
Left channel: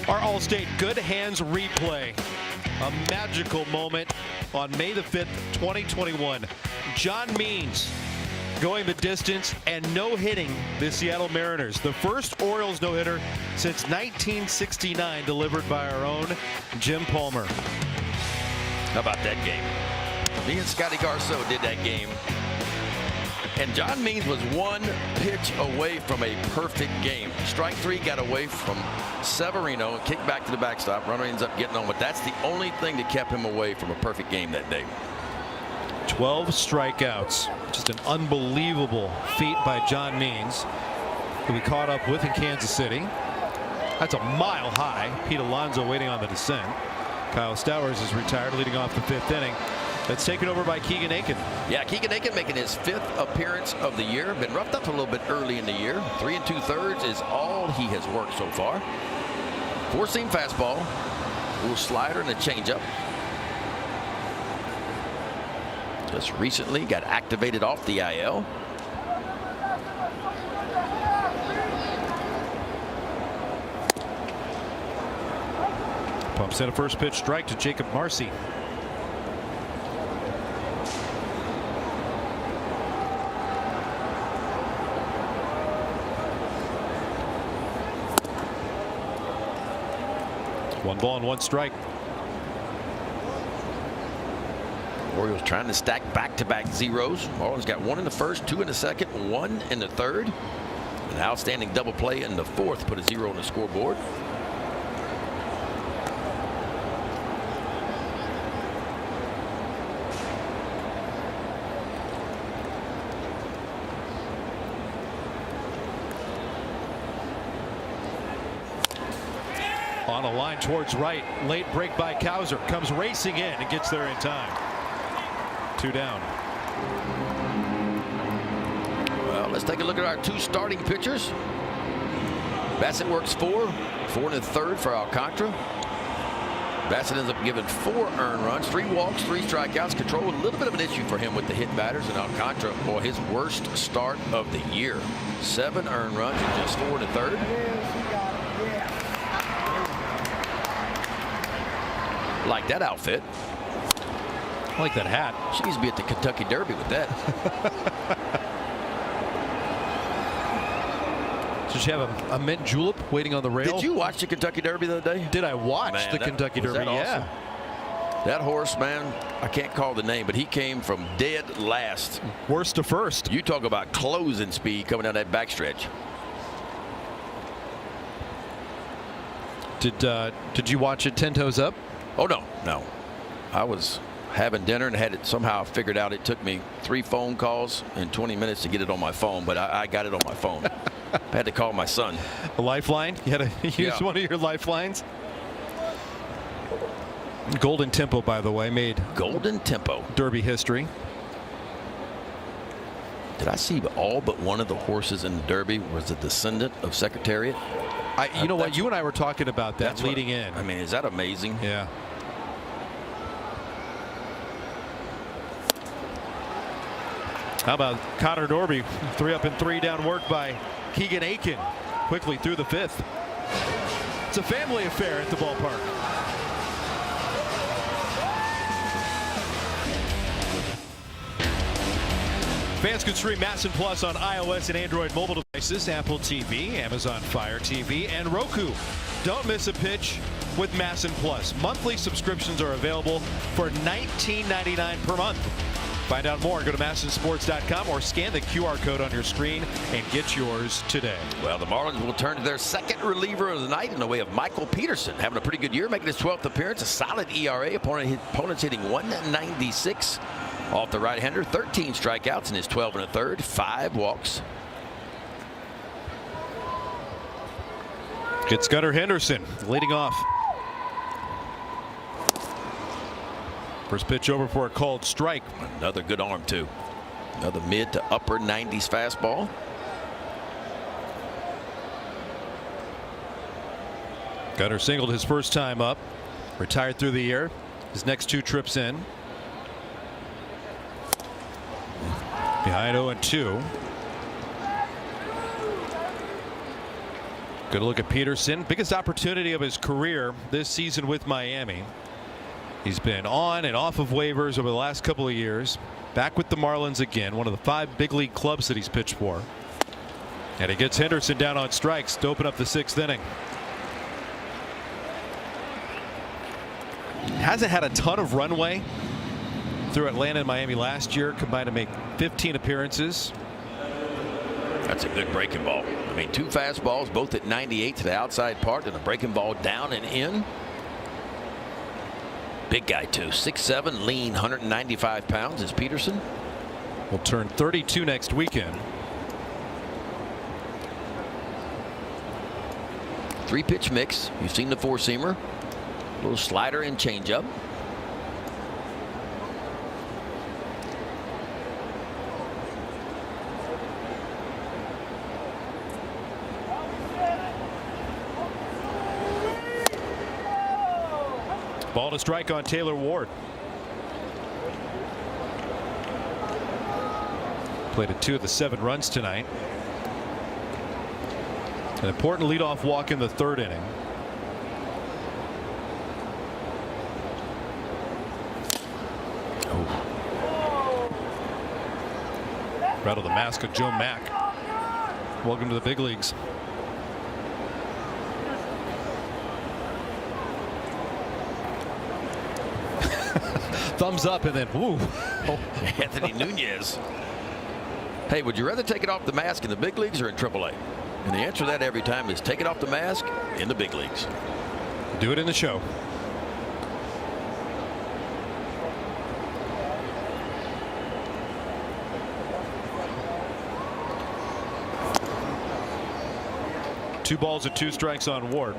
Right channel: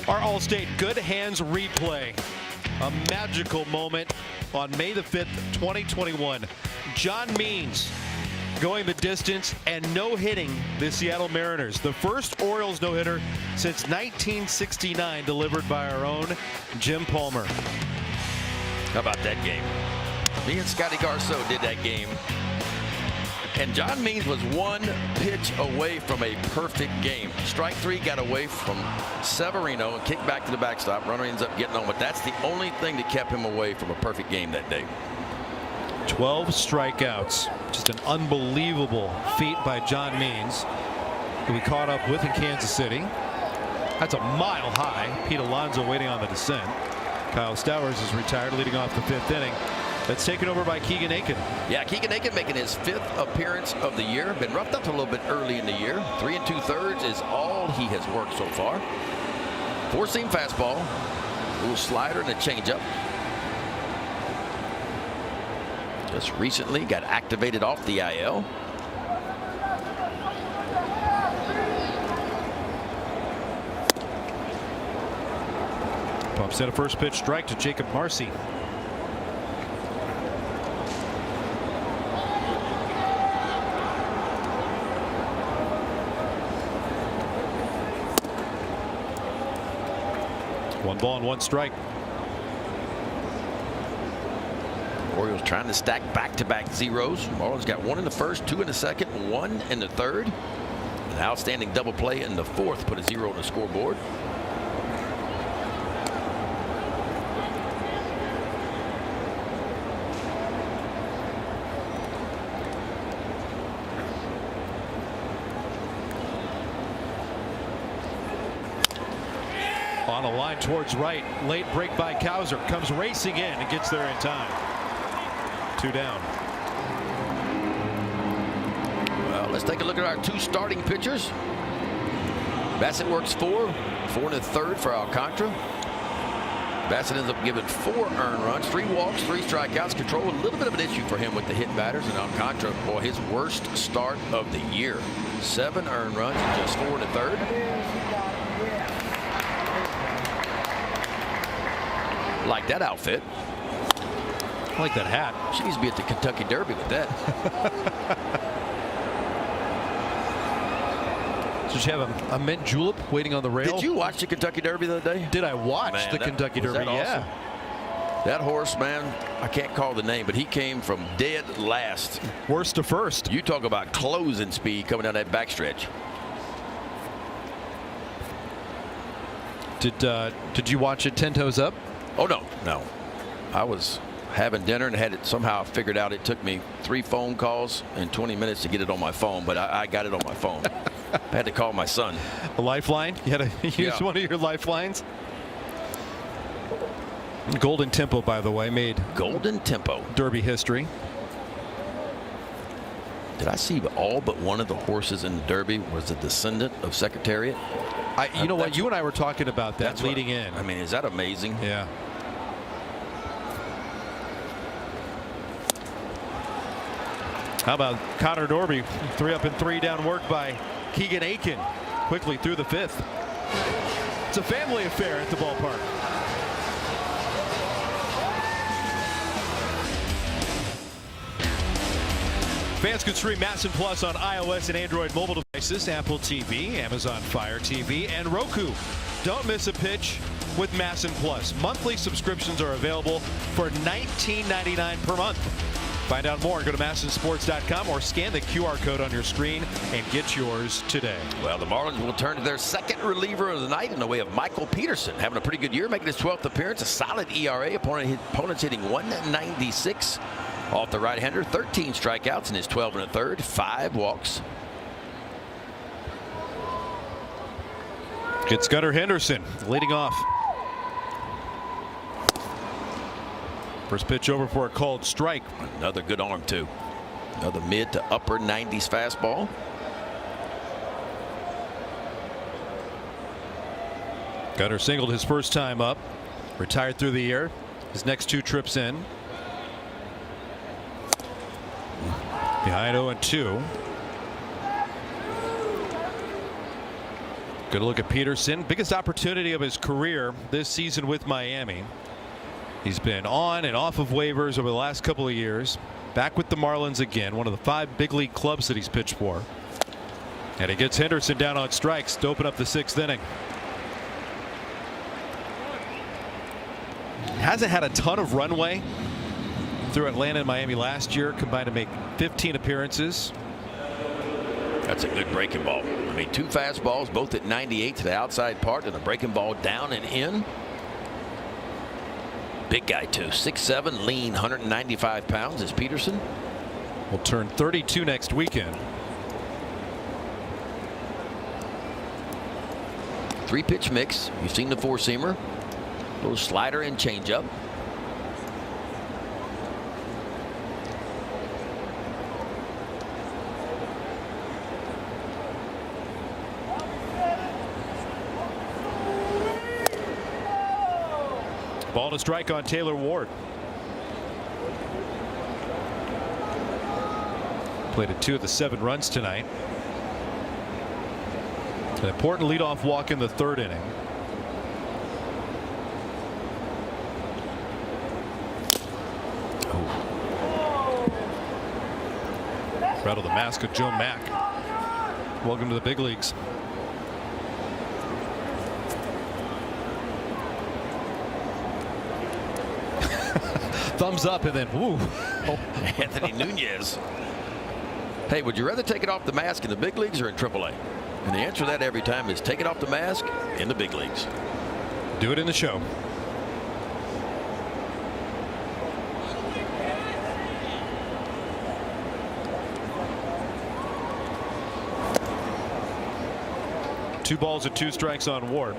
Our All-State Good Hands replay. A magical moment on May the 5th, 2021. John Means going the distance and no-hitting the Seattle Mariners. The first Orioles no-hitter since 1969, delivered by our own Jim Palmer. How about that game? Me and Scotty Garceau did that game. And John Means was 1 pitch away from a perfect game. Strike 3 got away from Severino and kicked back to the backstop. Runner ends up getting on, but that's the only thing that kept him away from a perfect game that day. 12 strikeouts. Just an unbelievable feat by John Means, who we caught up with in Kansas City. That's a mile high. Pete Alonso waiting on the descent. Kyle Stowers is retired, leading off the 5th inning. That's taken over by Keegan Aiken. Yeah, Keegan Aiken making his 5th appearance of the year. Been roughed up a little bit early in the year. 3 2/3 is all he has worked so far. 4-seam fastball, a little slider and a changeup. Just recently got activated off the IL. Pumps in a first pitch strike to Jacob Marcy. One ball and 1 strike. Orioles trying to stack back-to-back zeros. Marlins got 1 in the first, 2 in the second, 1 in the third. An outstanding double play in the 4th put a 0 on the scoreboard. On a line towards right. Late break by Cowser. Comes racing in and gets there in time. 2 down. Well, let's take a look at our 2 starting pitchers. Bassett works 4 in the 3rd for Alcantara. Bassett ends up giving 4 earned runs, 3 walks, 3 strikeouts. Control a little bit of an issue for him with the hit batters, and Alcantara, boy, his worst start of the year. 7 earned runs and just 4 in the 3rd. Like that outfit. I like that hat. She needs to be at the Kentucky Derby with that. Did you have a mint julep waiting on the rail? Did you watch the Kentucky Derby the other day? Did I watch the Kentucky Derby? That awesome? Yeah. That horse, man, I can't call the name, but he came from dead last. Worst to first. You talk about closing speed coming down that backstretch. Did you watch it 10 toes up? Oh, no. I was having dinner and had it somehow figured out. It took me 3 phone calls in 20 minutes to get it on my phone, but I got it on my phone. I had to call my son. A lifeline? You had to use one of your lifelines? Golden Tempo, by the way, made Golden Tempo Derby history. Did I see all but one of the horses in the Derby was a descendant of Secretariat? You know what? You and I were talking about that leading in. I mean, is that amazing? Yeah. How about Connor Norby? 3 up and 3 down work by Keegan Aiken. Quickly through the 5th. It's a family affair at the ballpark. Fans can stream Massive Plus on iOS and Android mobile devices, Apple TV, Amazon Fire TV, and Roku. Don't miss a pitch with Masson Plus. Monthly subscriptions are available for $19.99 per month. Find out more. Go to MassonSports.com or scan the QR code on your screen and get yours today. Well, the Marlins will turn to their second reliever of the night in the way of Michael Peterson, having a pretty good year, making his 12th appearance, a solid ERA. Opponents hitting 196 off the right-hander, 13 strikeouts in his 12 1/3, 5 walks. It's Gunnar Henderson leading off. First pitch over for a called strike. Another good arm, too. Another mid to upper 90s fastball. Gunnar singled his first time up. Retired through the year. His next 2 trips in. Behind 0-2. Good look at Peterson. Biggest opportunity of his career this season with Miami. He's been on and off of waivers over the last couple of years. Back with the Marlins again, one of the 5 big league clubs that he's pitched for. And he gets Henderson down on strikes to open up the 6th inning. Hasn't had a ton of runway through Atlanta and Miami last year, combined to make 15 appearances. That's a good breaking ball. I mean, 2 fastballs, both at 98 to the outside part, and a breaking ball down and in. Big guy, too. 6'7", lean, 195 pounds is Peterson. Will turn 32 next weekend. 3-pitch mix. You've seen the 4-seamer. Little slider and changeup. Ball to strike on Taylor Ward. Played at 2 of the 7 runs tonight. An important leadoff walk in the 3rd inning. Right on the mask of Joe Mack. Welcome to the big leagues. Thumbs up and then woo. Anthony Nunez. Hey, would you rather take it off the mask in the big leagues or in AAA? And the answer to that every time is take it off the mask in the big leagues. Do it in the show. Two balls and 2 strikes on Ward.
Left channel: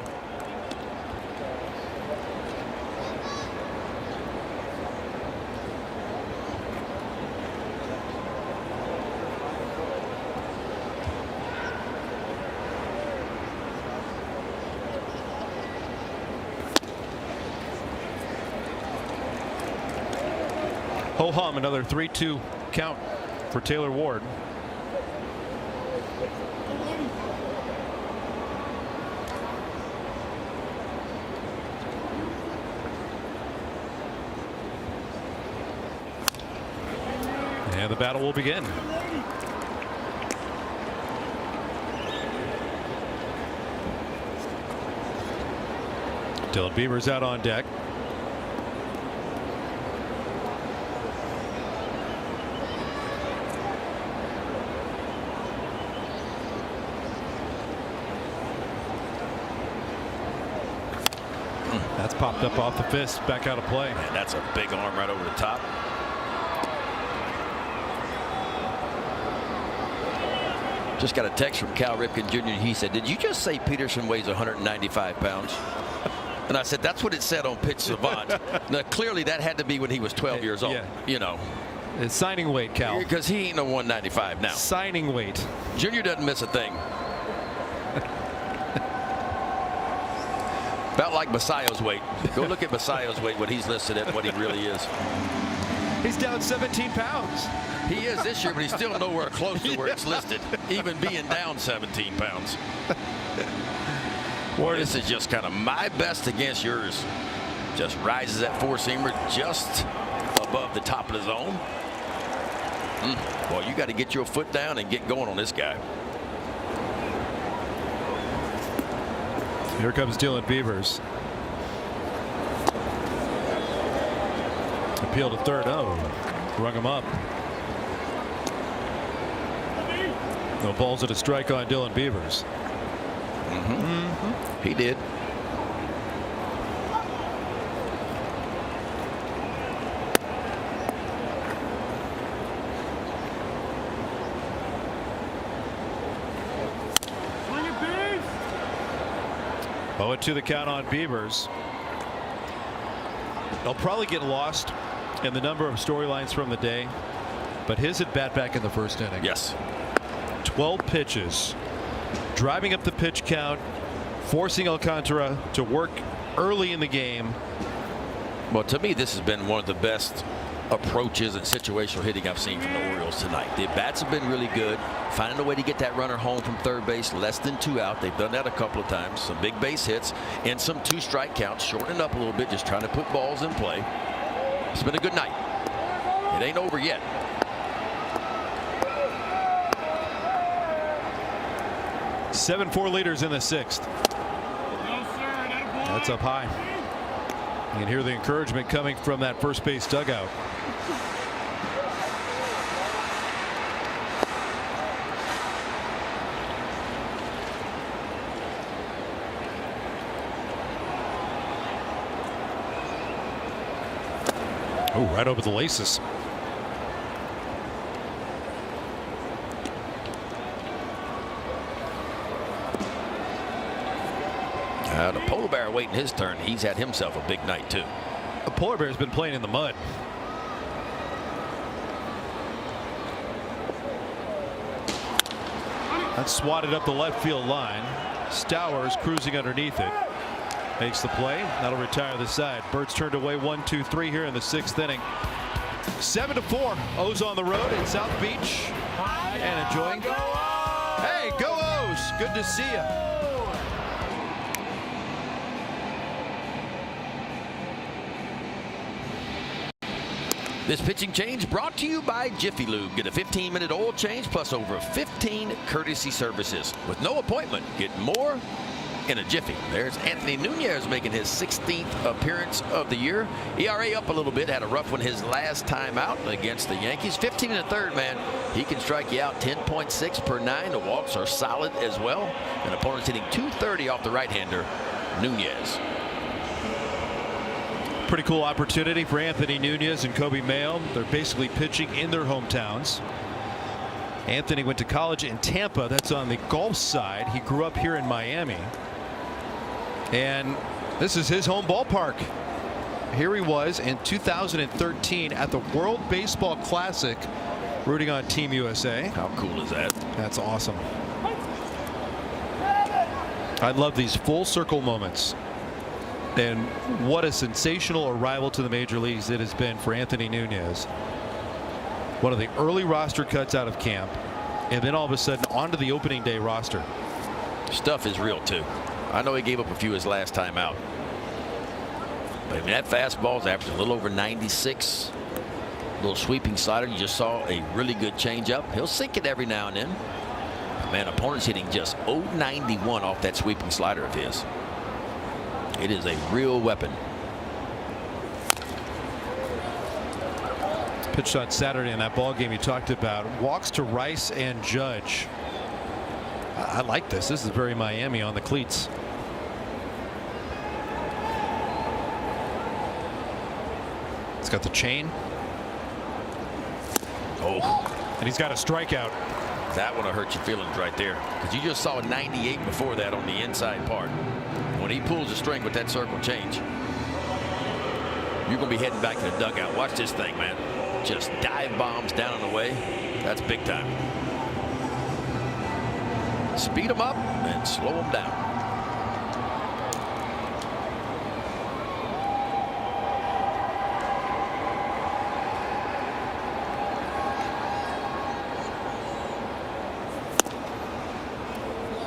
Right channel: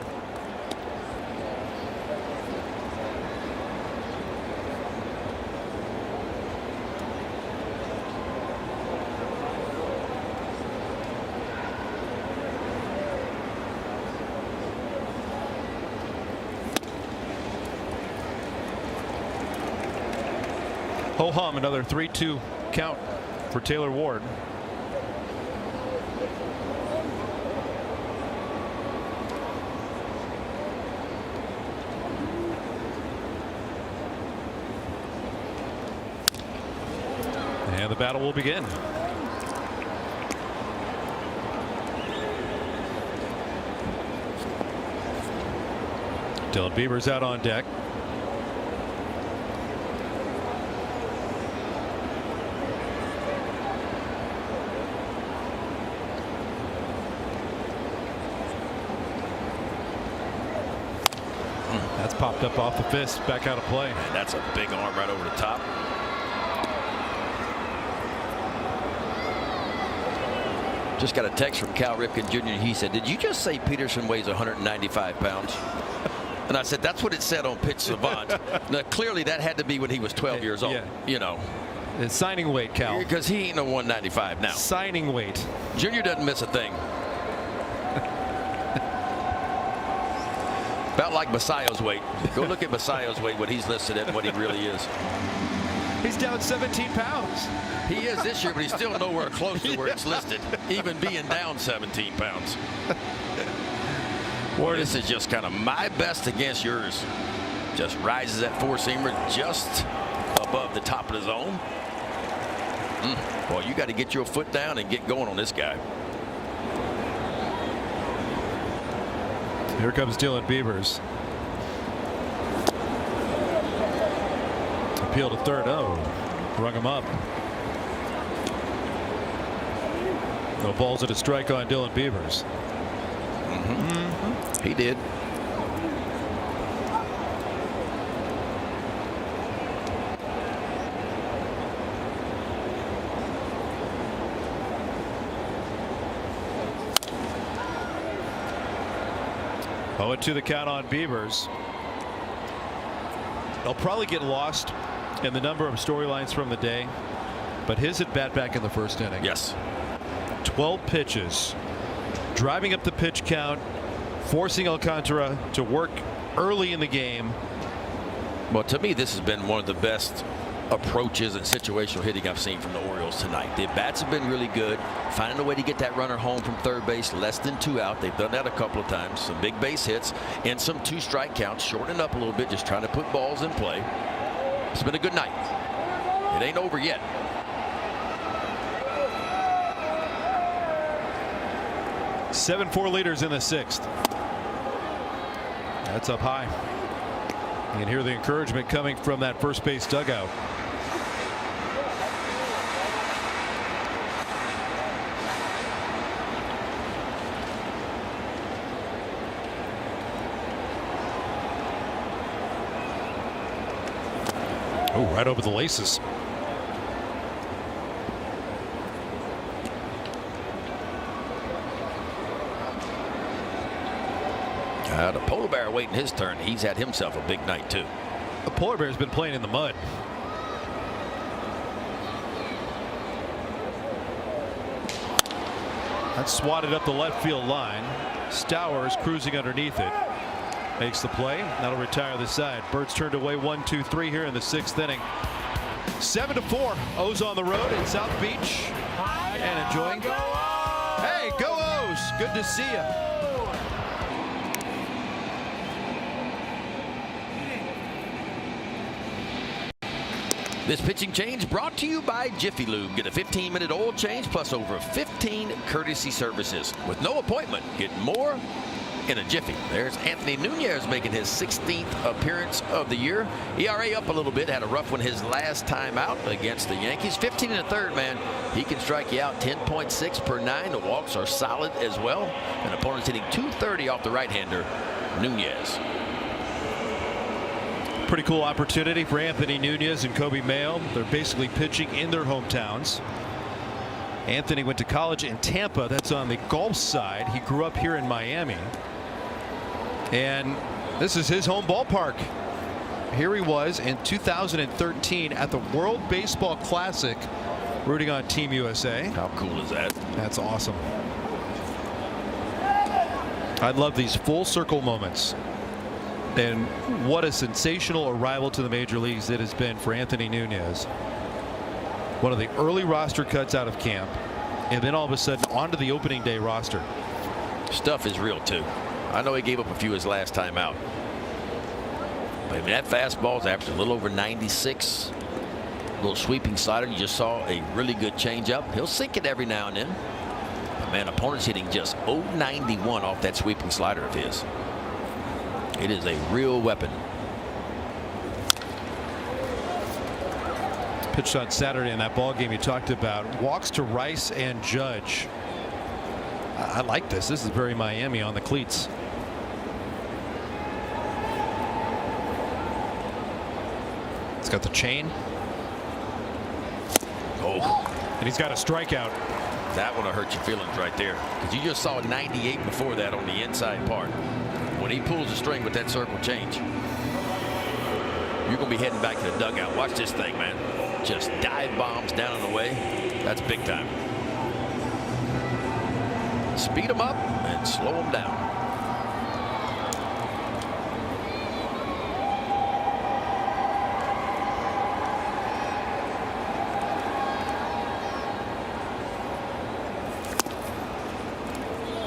Ho-hum, another 3-2 count for Taylor Ward. And the battle will begin. Dylan Bieber's out on deck. That's popped up off the fist, back out of play. Man, that's a big arm right over the top. Just got a text from Cal Ripken Jr. He said, "Did you just say Peterson weighs 195 pounds?" And I said, "That's what it said on Pitch Savant." Now, clearly, that had to be when he was 12 years old. Yeah. You know. It's signing weight, Cal. Because he ain't no 195 now. Signing weight. Junior doesn't miss a thing. About like Messiah's weight. Go look at Messiah's weight when he's listed at what he really is. He's down 17 pounds. He is this year, but he's still nowhere close to where it's listed, even being down 17 pounds. Boy, this is just kind of my best against yours. Just rises that 4-seamer just above the top of the zone. Well, you got to get your foot down and get going on this guy. Here comes Dylan Beavers. Appeal to third. Oh, rung him up. No balls at a strike on Dylan Beavers. He did. To the count on Beavers. They'll probably get lost in the number of storylines from the day, but his at bat back in the first inning. Yes. 12 pitches, driving up the pitch count, forcing Alcantara to work early in the game. Well, to me, this has been one of the best approaches and situational hitting I've seen from the Orioles tonight. The bats have been really good, finding a way to get that runner home from third base, less than 2 out. They've done that a couple of times. Some big base hits and some 2-strike counts, shortening up a little bit, just trying to put balls in play. It's been a good night. It ain't over yet. Seven 4 leaders in the 6th. That's up high. You can hear the encouragement coming from that first base dugout. Oh, right over the laces. The polar bear waiting his turn. He's had himself a big night, too. The polar bear's been playing in the mud. That's swatted up the left field line. Stowers cruising underneath it. Makes the play. That'll retire the side. Birds turned away 1-2-3 here in the 6th inning. 7-4. O's on the road in South Beach. And enjoying. Hey, go O's. Good to see you. This pitching change brought to you by Jiffy Lube. Get a 15-minute oil change plus over 15 courtesy services. With no appointment, get more in a jiffy. There's Anthony Nunez making his 16th appearance of the year. ERA up a little bit. Had a rough one his last time out against the Yankees. 15 in the third, man. He can strike you out 10.6 per 9. The walks are solid as well. And opponent's hitting .230 off the right-hander, Nunez. Pretty cool opportunity for Anthony Nunez and Kobe Mayo. They're basically pitching in their hometowns. Anthony went to college in Tampa. That's on the golf side. He grew up here in Miami. And this is his home ballpark. Here he was in 2013 at the World Baseball Classic, rooting on Team USA. How cool is that? That's awesome. I love these full circle moments. And what a sensational arrival to the major leagues it has been for Anthony Nunez. One of the early roster cuts out of camp, and then all of a sudden onto the opening day roster. Stuff is real too. I know he gave up a few his last time out. But that fastball's averaging a little over 96. A little sweeping slider. You just saw a really good changeup. He'll sink it every now and then. But man, opponent's hitting just .091 off that sweeping slider of his. It is a real weapon. Pitched on Saturday in that ball game you talked about. Walks to Rice and Judge. I like this. This is very Miami on the cleats. It's got the chain. Oh. And he's got a strikeout. That one will hurt your feelings right there. Because you just saw 98 before that on the inside part. When he pulls the string with that circle change, you're going to be heading back to the dugout. Watch this thing, man. Just dive bombs down and away. That's big time. Speed them up and slow them down.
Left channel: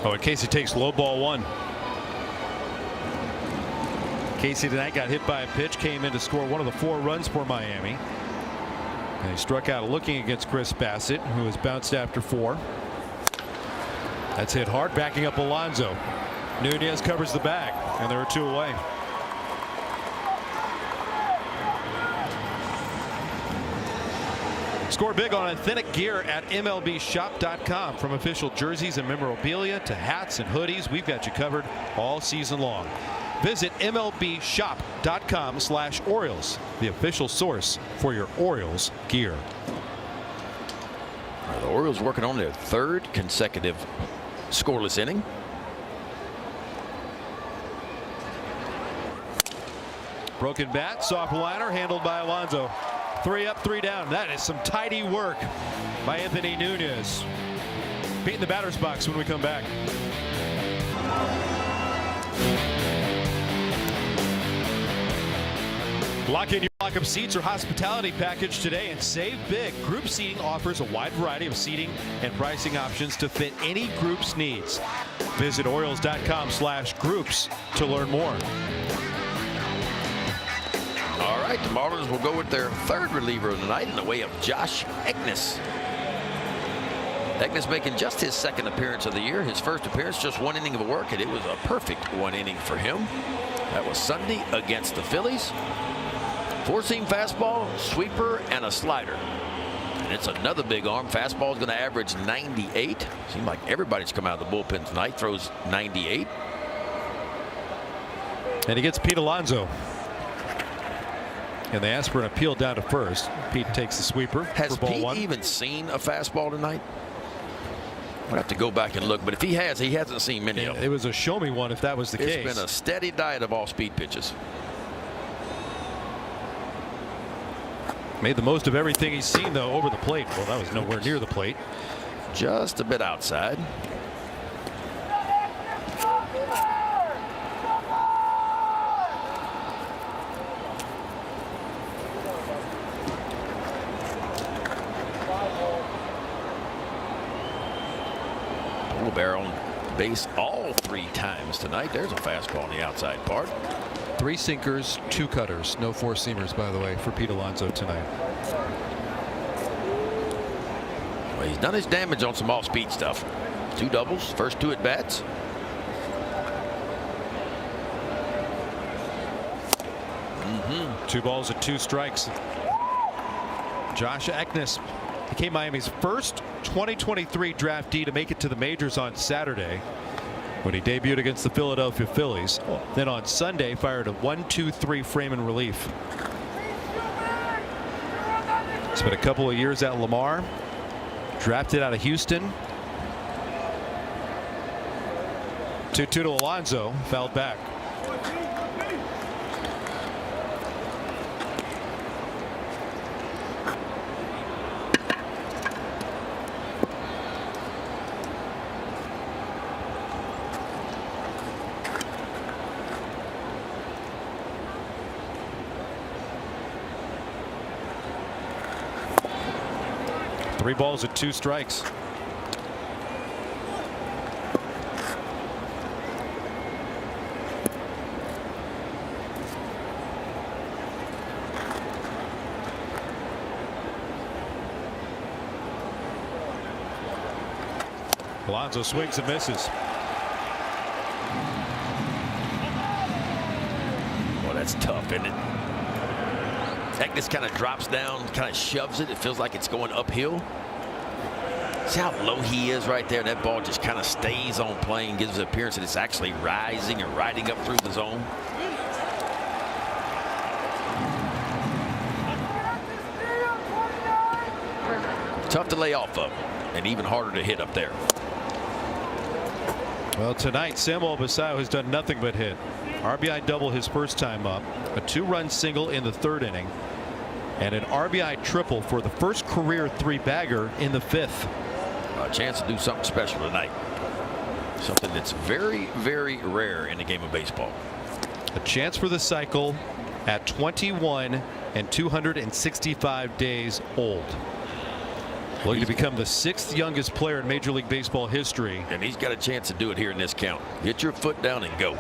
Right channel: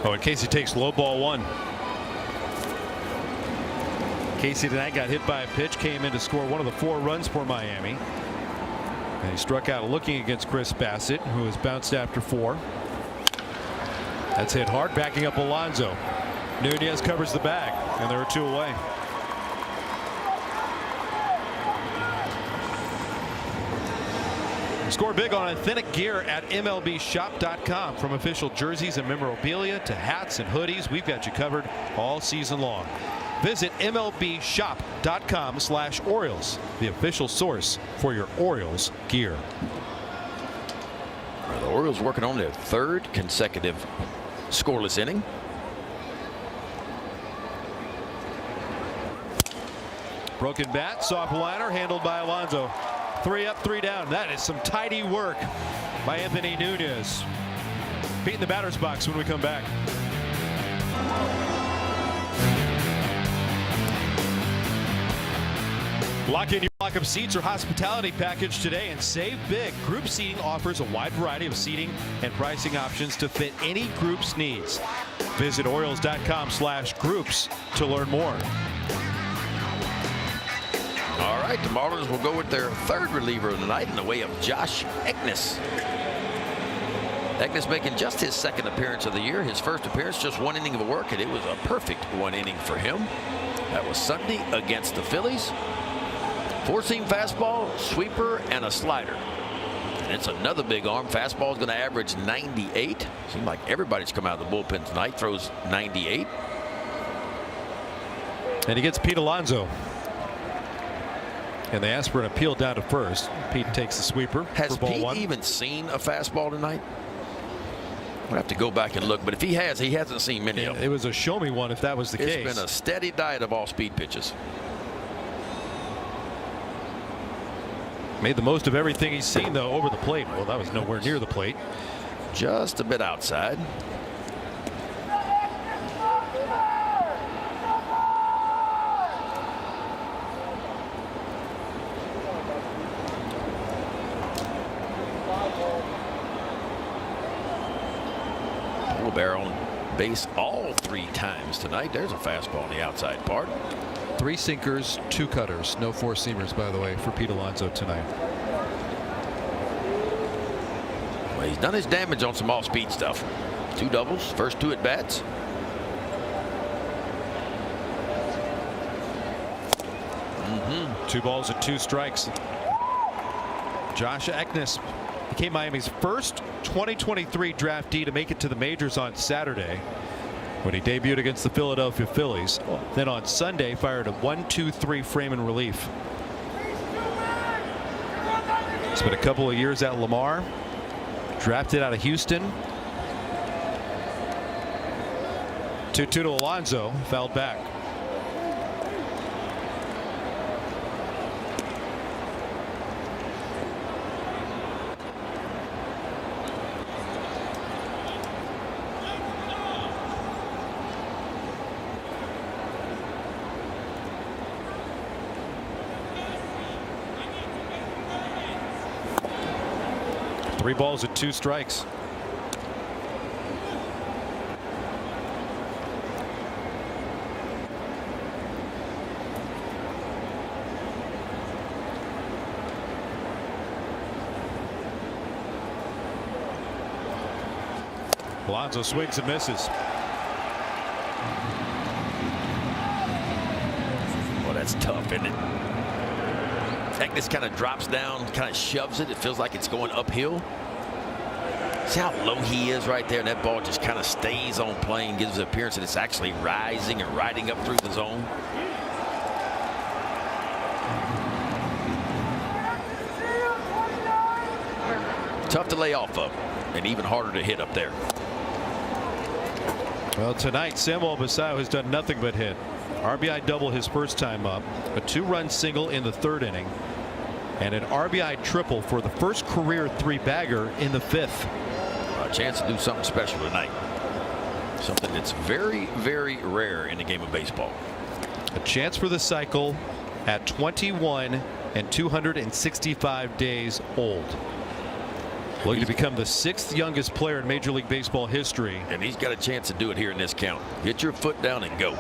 Oh, and Casey takes low ball 1. Casey tonight got hit by a pitch, came in to score one of the 4 runs for Miami. And he struck out looking against Chris Bassett, who was bounced after 4. That's hit hard, backing up Alonso. Nunez covers the bag, and there are 2 away. Score big on authentic gear at MLBshop.com. From official jerseys and memorabilia to hats and hoodies, we've got you covered all season long. Visit MLBshop.com/Orioles, the official source for your Orioles gear. Well, the Orioles working on their third consecutive scoreless inning. Broken bat, soft liner, handled by Alonso. 3 up, 3 down. That is some tidy work by Anthony Nunez. Beating the batter's box when we come back. Lock in your lock-up seats or hospitality package today and save big. Group seating offers a wide variety of seating and pricing options to fit any group's needs. Visit Orioles.com/groups to learn more. All right, the Marlins will go with their third reliever of the night in the way of Josh Eknes. Eknes making just his second appearance of the year. His first appearance, just 1 inning of work, and it was a perfect 1 inning for him. That was Sunday against the Phillies. 4-seam fastball, sweeper, and a slider. And it's another big arm. Fastball is going to average 98. Seems like everybody's come out of the bullpen tonight, throws 98. And he gets Pete Alonso. And they ask for an appeal down to first. Pete takes the sweeper. Has for ball Pete 1. even seen a fastball tonight? We'll have to go back and look. But if he has, he hasn't seen many of them. It was a show me one if that was the It's case. been a steady diet of all-speed pitches. Made the most of everything he's seen, though, over the plate. Well, that was nowhere near the plate. Just a bit outside. Barrel on base all 3 times tonight. There's a fastball on the outside part. 3 sinkers, 2 cutters. No 4-seamers, by the way, for Pete Alonso tonight. Well, he's done his damage on some off-speed stuff. 2 doubles, first 2 at-bats. Mm-hmm. 2 balls and 2 strikes. Josh Eknes became Miami's first 2023 draftee to make it to the majors on Saturday when he debuted against the Philadelphia Phillies. Then on Sunday fired a 1-2-3 frame in relief. Spent a couple of years at Lamar, drafted out of Houston. 2-2 to Alonso, fouled back. Three balls and 2 strikes. Alonso swings and misses. Well, that's tough, isn't it? Eknes kind of drops down, kind of shoves it. It feels like it's going uphill. See how low he is right there? That ball just kind of stays on plane, gives the appearance that it's actually rising or riding up through the zone. Tough to lay off of, and even harder to hit up there. Well, tonight, Samuel Basallo has done nothing but hit. RBI double his first time up, a 2-run single in the 3rd inning, and an RBI triple for the first career 3-bagger in the 5th. A chance to do something special tonight. Something that's very, very rare in the game of baseball. A chance for the cycle at 21 and 265 days old. Looking to become the 6th youngest player in Major League Baseball history. And he's got a chance to do it here in this count. Get your foot down and go.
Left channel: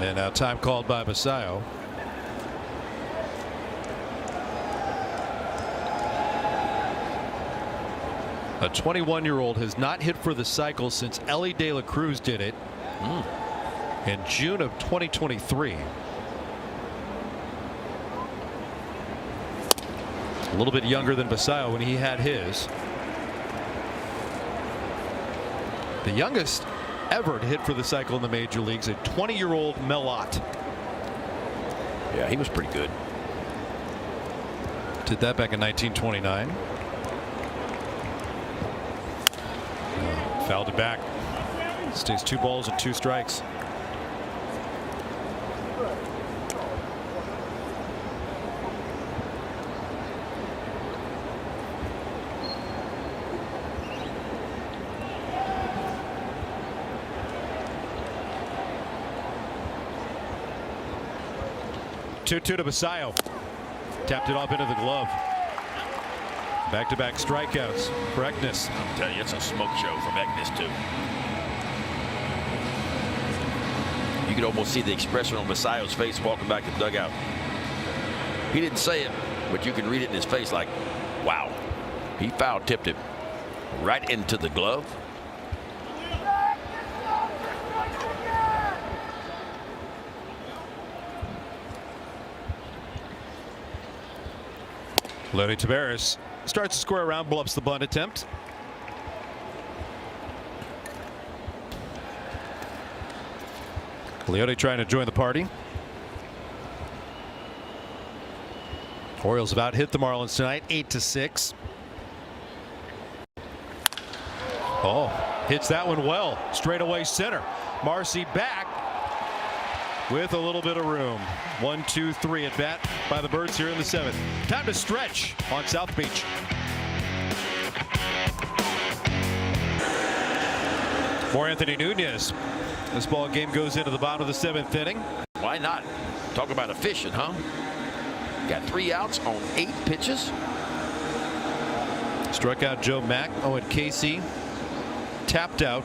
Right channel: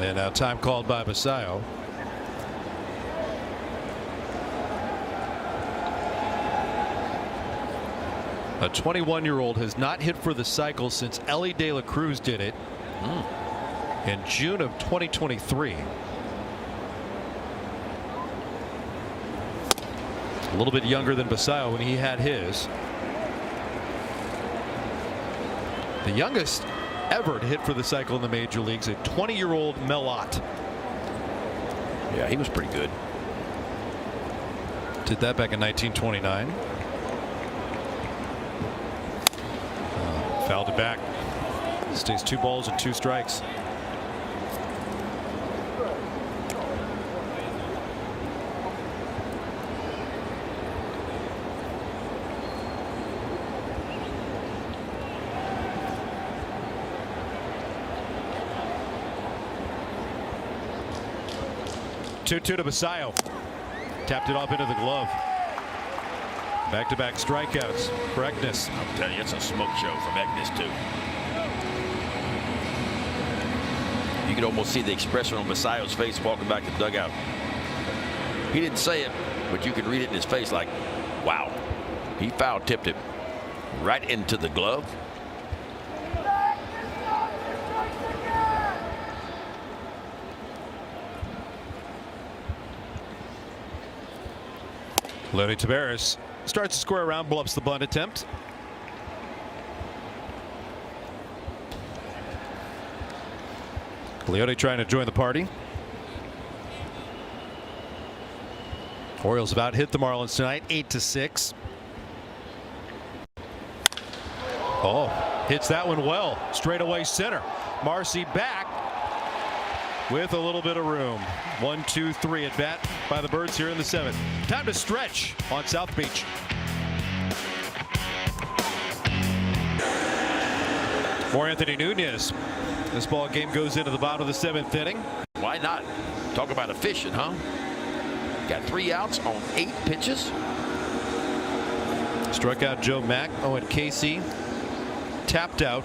And now time called by Basallo. 21-year-old has not hit for the cycle since Ellie De La Cruz did it in June of 2023. A little bit younger than Basayo when he had his. The youngest ever to hit for the cycle in the major leagues, a 20-year-old Melot. Yeah, he was pretty good. Did that back in 1929. Fouled it back. Stays 2 balls and 2 strikes. Two to Basayo. Tapped it off into the glove. Back-to-back strikeouts for Eknes. I'll tell you, it's a smoke show from Eknes, too. You can almost see the expression on Basayo's face walking back to the dugout. He didn't say it, but you can read it in his face like, wow. He foul-tipped it right into the glove. Leody Taveras starts to square around, bluffs the bunt attempt. Leody trying to join the party. Orioles about hit the Marlins tonight, 8-6. Oh, hits that one well. Straightaway center. Marcy back with a little bit of room. 1-2-3 at bat by the Birds here in the 7th. Time to stretch on South Beach. For Anthony Nunez, this ball game goes into the bottom of the 7th inning. Why not? Talk about efficient, huh? Got 3 outs on 8 pitches. Struck out Joe Mack, Owen Casey tapped out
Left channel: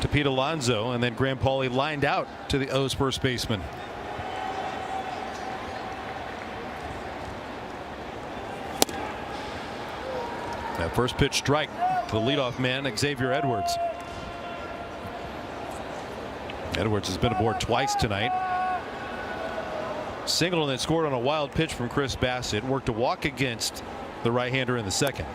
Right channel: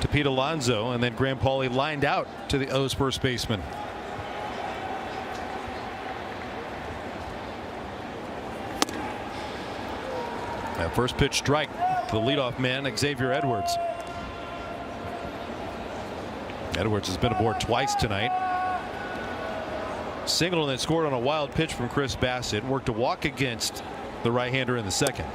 to Pete Alonso, and then Graham Pauley lined out to the O's first baseman. That first pitch strike to the leadoff man, Xavier Edwards. Edwards has been aboard twice tonight. Single and then scored on a wild pitch from Chris Bassett. Worked a walk against the right-hander in the 2nd.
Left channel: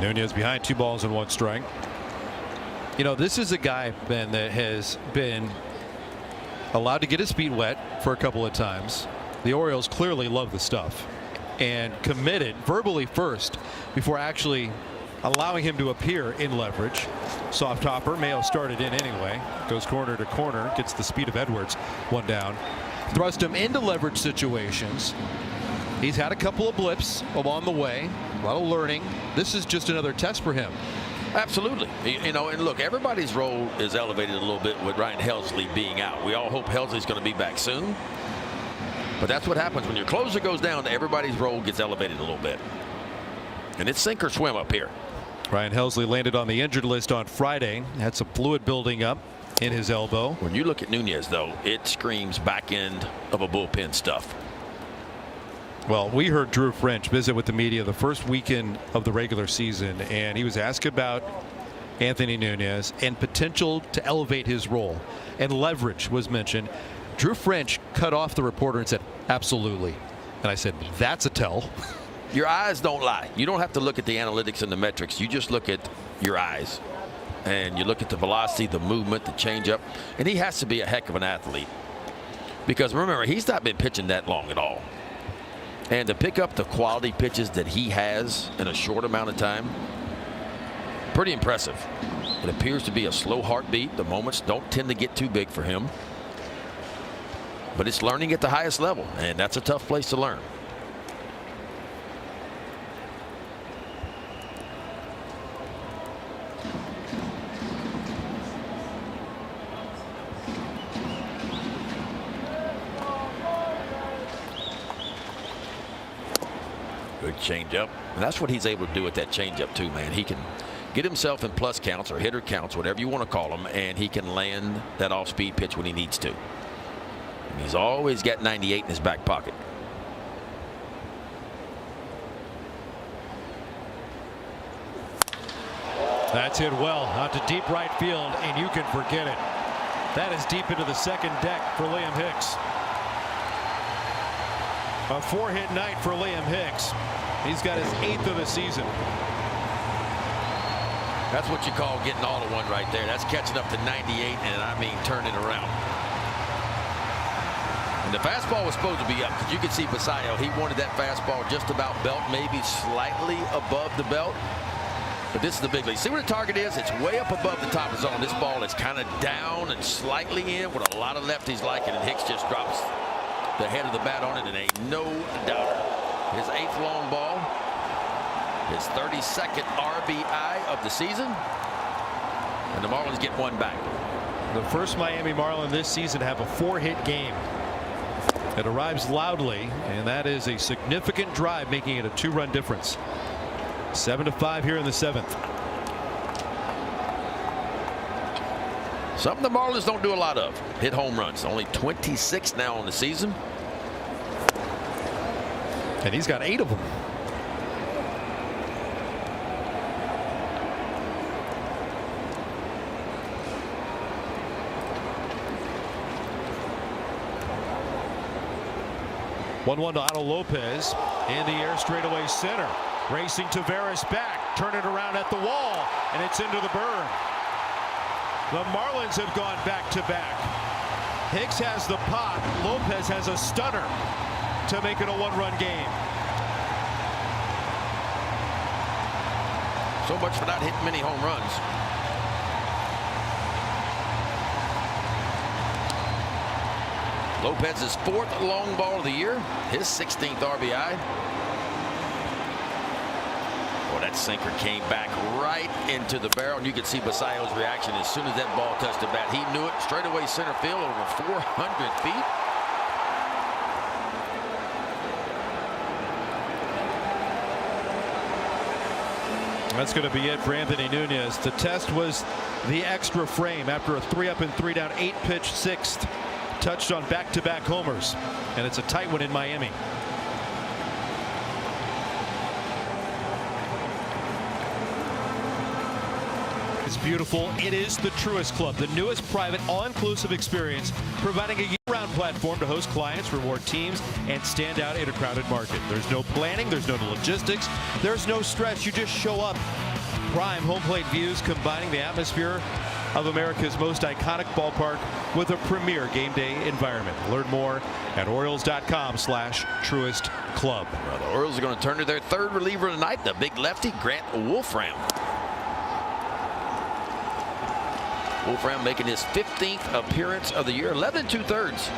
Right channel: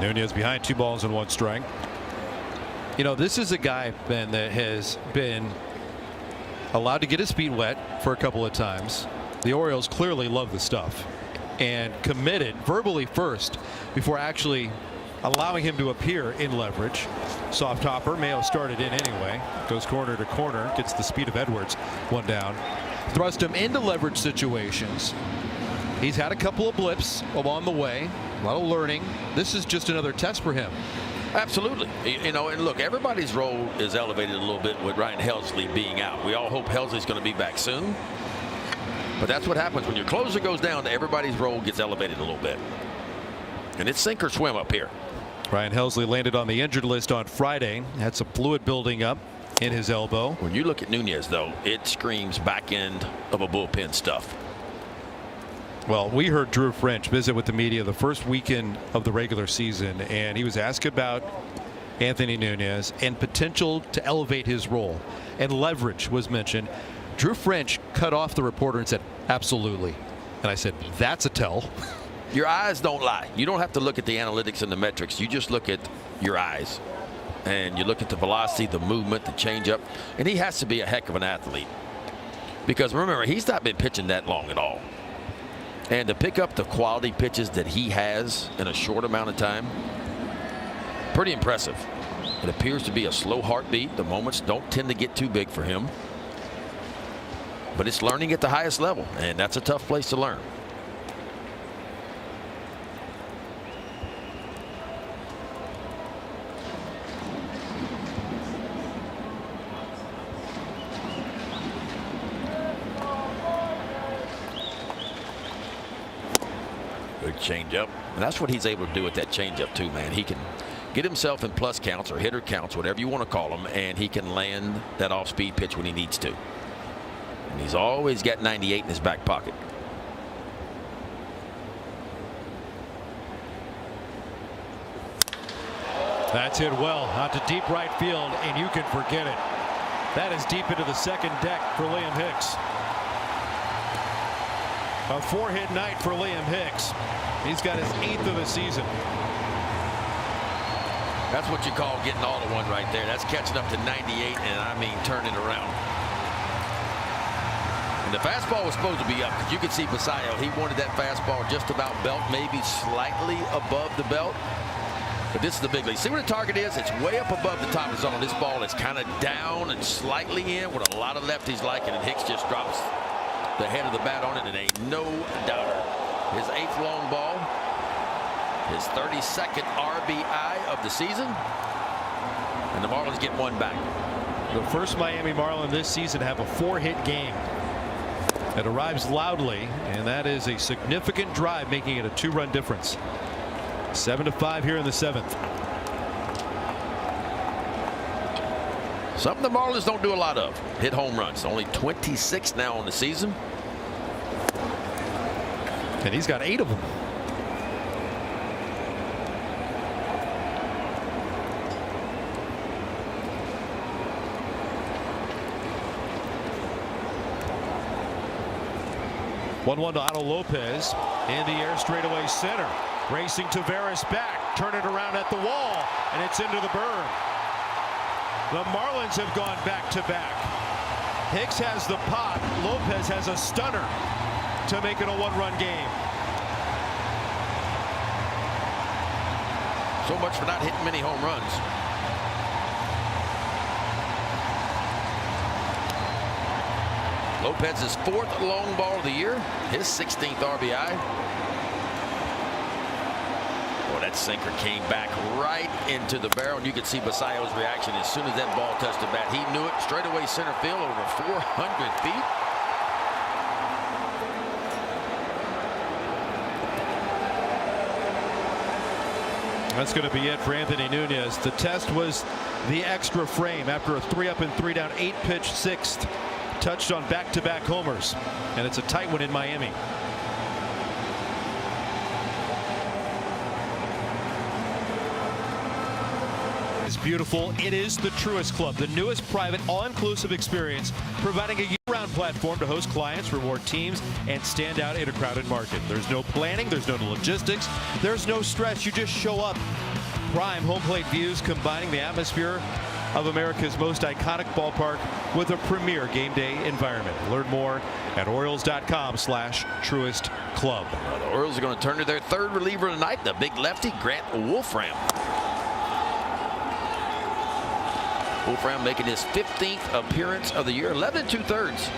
Nunez behind 2 balls and 1 strike. You know, this is a guy, Ben, that has been allowed to get his feet wet for a couple of times. The Orioles clearly love the stuff and committed verbally first before actually allowing him to appear in leverage. Soft hopper. Mayo started in anyway. Goes corner to corner. Gets the speed of Edwards. 1 down. Thrust him into leverage situations. He's had a couple of blips along the way. A lot of learning. This is just another test for him. Absolutely. You know, and look, everybody's role is elevated a little bit with Ryan Helsley being out. We all hope Helsley's going to be back soon. But that's what happens when your closer goes down. Everybody's role gets elevated a little bit. And it's sink or swim up here. Ryan Helsley landed on the injured list on Friday. Had some fluid building up in his elbow. When you look at Nunez, though, it screams back end of a bullpen stuff. Well, we heard Drew French visit with the media the first weekend of the regular season, and he was asked about Anthony Nunez and potential to elevate his role. And leverage was mentioned. Drew French cut off the reporter and said, absolutely. And I said, that's a tell. Your eyes don't lie. You don't have to look at the analytics and the metrics. You just look at your eyes. And you look at the velocity, the movement, the changeup. And he has to be a heck of an athlete. Because remember, he's not been pitching that long at all. And to pick up the quality pitches that he has in a short amount of time, pretty impressive. It appears to be a slow heartbeat. The moments don't tend to get too big for him. But it's learning at the highest level, and that's a tough place to learn. changeup. And that's what he's able to do with that changeup too, man. He can get himself in plus counts or hitter counts, whatever you want to call them, and he can land that off-speed pitch when he needs to. And he's always got 98 in his back pocket. That's hit well out to deep right field, and you can forget it. That is deep into the second deck for Liam Hicks. A 4-hit night for Liam Hicks. He's got his 8th of the season. That's what you call getting all in one right there. That's catching up to 98, and I mean turning around. And the fastball was supposed to be up. You could see Basayo, he wanted that fastball just about belt, maybe slightly above the belt. But this is the big league. See what the target is? It's way up above the top zone. This ball is kind of down and slightly in, what a lot of lefties like it, and Hicks just drops the head of the bat on it, and ain't no doubt. His 8th long ball, his 32nd RBI of the season, and the Marlins get one back. The first Miami Marlin this season have a 4-hit game. It arrives loudly, and that is a significant drive, making it a 2-run difference. 7-5 here in the 7th. Something the Marlins don't do a lot of. Hit home runs. Only 26 now on the season. And he's got 8 of them. One to Otto Lopez. In the air, straightaway center. Racing Tavares back. Turn it around at the wall. And it's into the burn. The Marlins have gone back-to-back. Hicks has the pop. Lopez has a stunner to make it a 1-run game. So much for not hitting many home runs. Lopez's 4th long ball of the year. His 16th RBI. Well, that sinker came back right into the barrel, and you could see Basayo's reaction as soon as that ball touched the bat. He knew it. Straightaway center field over 400 feet. That's going to be it for Anthony Nunez. The test was the extra frame after a 3-up and 3-down 8-pitch 6th. Touched on back-to-back homers, and it's a tight one in Miami. It's beautiful. It is the Truist Club, the newest private all-inclusive experience, providing a year-round platform to host clients, reward teams, and stand out in a crowded market. There's no planning, there's no logistics, there's no stress. You just show up. Prime home plate views combining the atmosphere of America's most iconic ballpark with a premier game day environment. Learn more at Orioles.com/Truist Club. Well, the Orioles are going to turn to their 3rd reliever tonight, the big lefty, Grant Wolfram. Wolfram making his 15th appearance of the year, 11 2/3.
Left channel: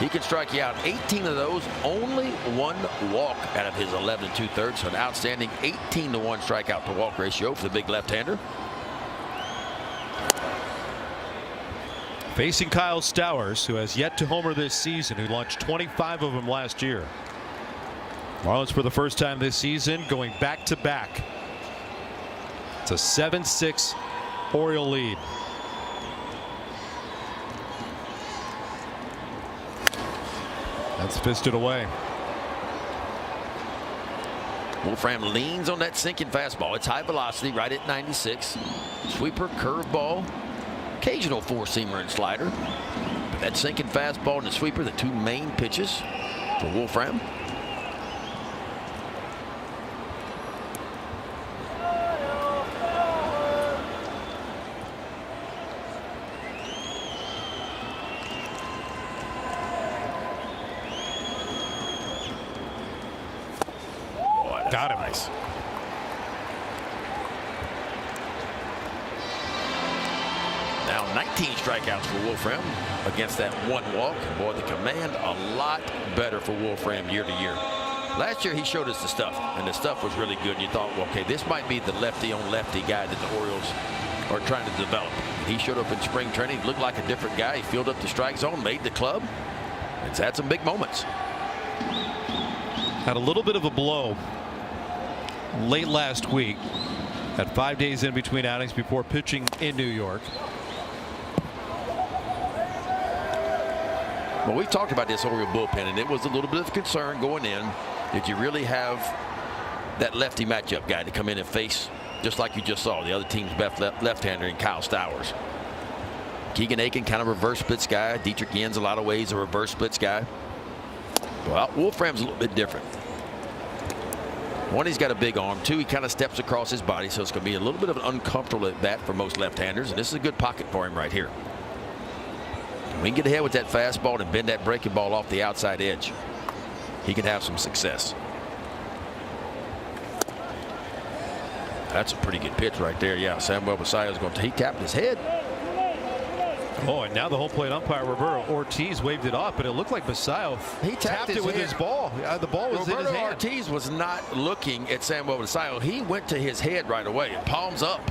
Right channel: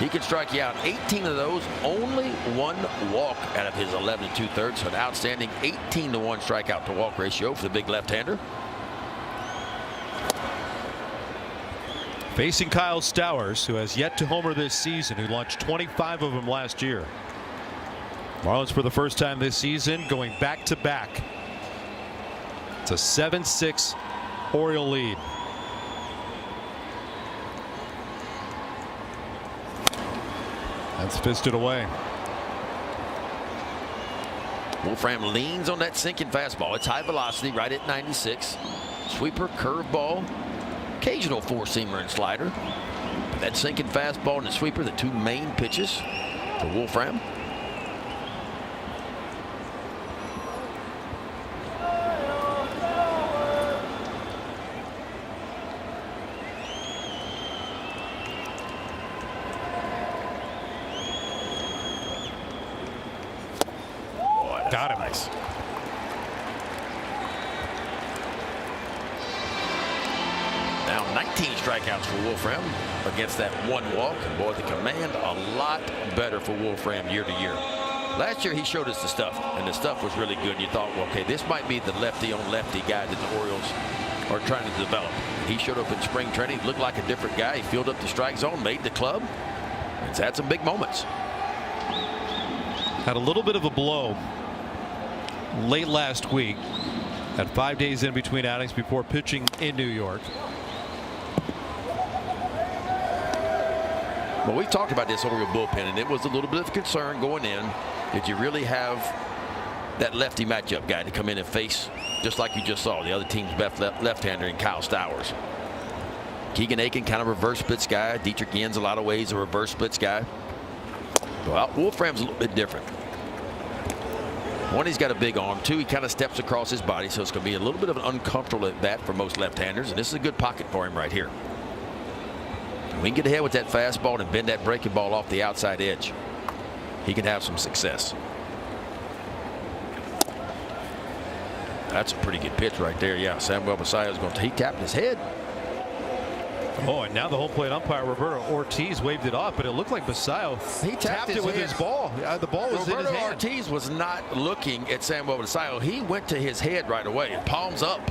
He can strike you out 18 of those, only 1 walk out of his 11 2/3. So an outstanding 18-to-1 strikeout to walk ratio for the big left-hander. Facing Kyle Stowers, who has yet to homer this season, who launched 25 of them last year. Marlins for the first time this season going back-to-back. It's a 7-6 Oriole lead. That's fisted away. Wolfram leans on that sinking fastball. It's high velocity, right at 96. Sweeper, curveball, occasional 4-seamer and slider. That sinking fastball and the sweeper, the 2 main pitches for Wolfram. Got it. Nice. Now 19 strikeouts for Wolfram against that 1 walk. Boy, the command a lot better for Wolfram year to year. Last year he showed us the stuff, and the stuff was really good. And you thought, well, okay, this might be the lefty-on-lefty guy that the Orioles are trying to develop. He showed up in spring training, looked like a different guy. He filled up the strike zone, made the club. It's had some big moments. Had a little bit of a blow late last week. Had 5 days in between outings before pitching in New York. Well, we talked about this Oriole bullpen, and it was a little bit of concern going in. Did you really have that lefty matchup guy to come in and face, just like you just saw, the other team's best left-hander in Kyle Stowers? Keegan Aiken, kind of reverse splits guy. Dietrich Yen's a lot of ways a reverse splits guy. Well, Wolfram's a little bit different. One, he's got a big arm. Two, he kind of steps across his body, so it's going to be a little bit of an uncomfortable at bat for most left-handers, and this is a good pocket for him right here. When he can get ahead with that fastball and bend that breaking ball off the outside edge, he can have some success. That's a pretty good pitch right there. Yeah, Samuel Basayo's going to, he tapped his head. Oh, and now the home plate umpire, Roberto Ortiz, waved it off, but it looked like Basayo, he tapped it with his ball. The ball was in his hand. Ortiz was not looking at Samuel Basayo. He went to his head right away and palms up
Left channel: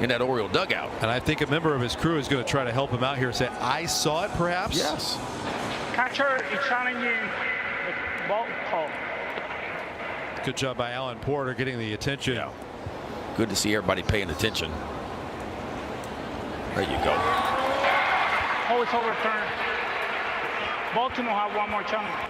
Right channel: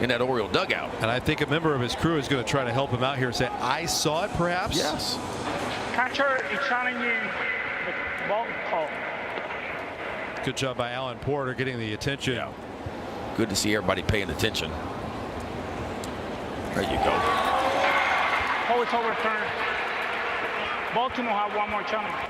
in that Oriole dugout. And I think a member of his crew is going to try to help him out here and say, I saw it, perhaps? Yes. Catcher is challenging the ball call. Good job by Alan Porter getting the attention. Yeah. Good to see everybody paying attention. There you go. Ball is overturned. Baltimore have one more challenge.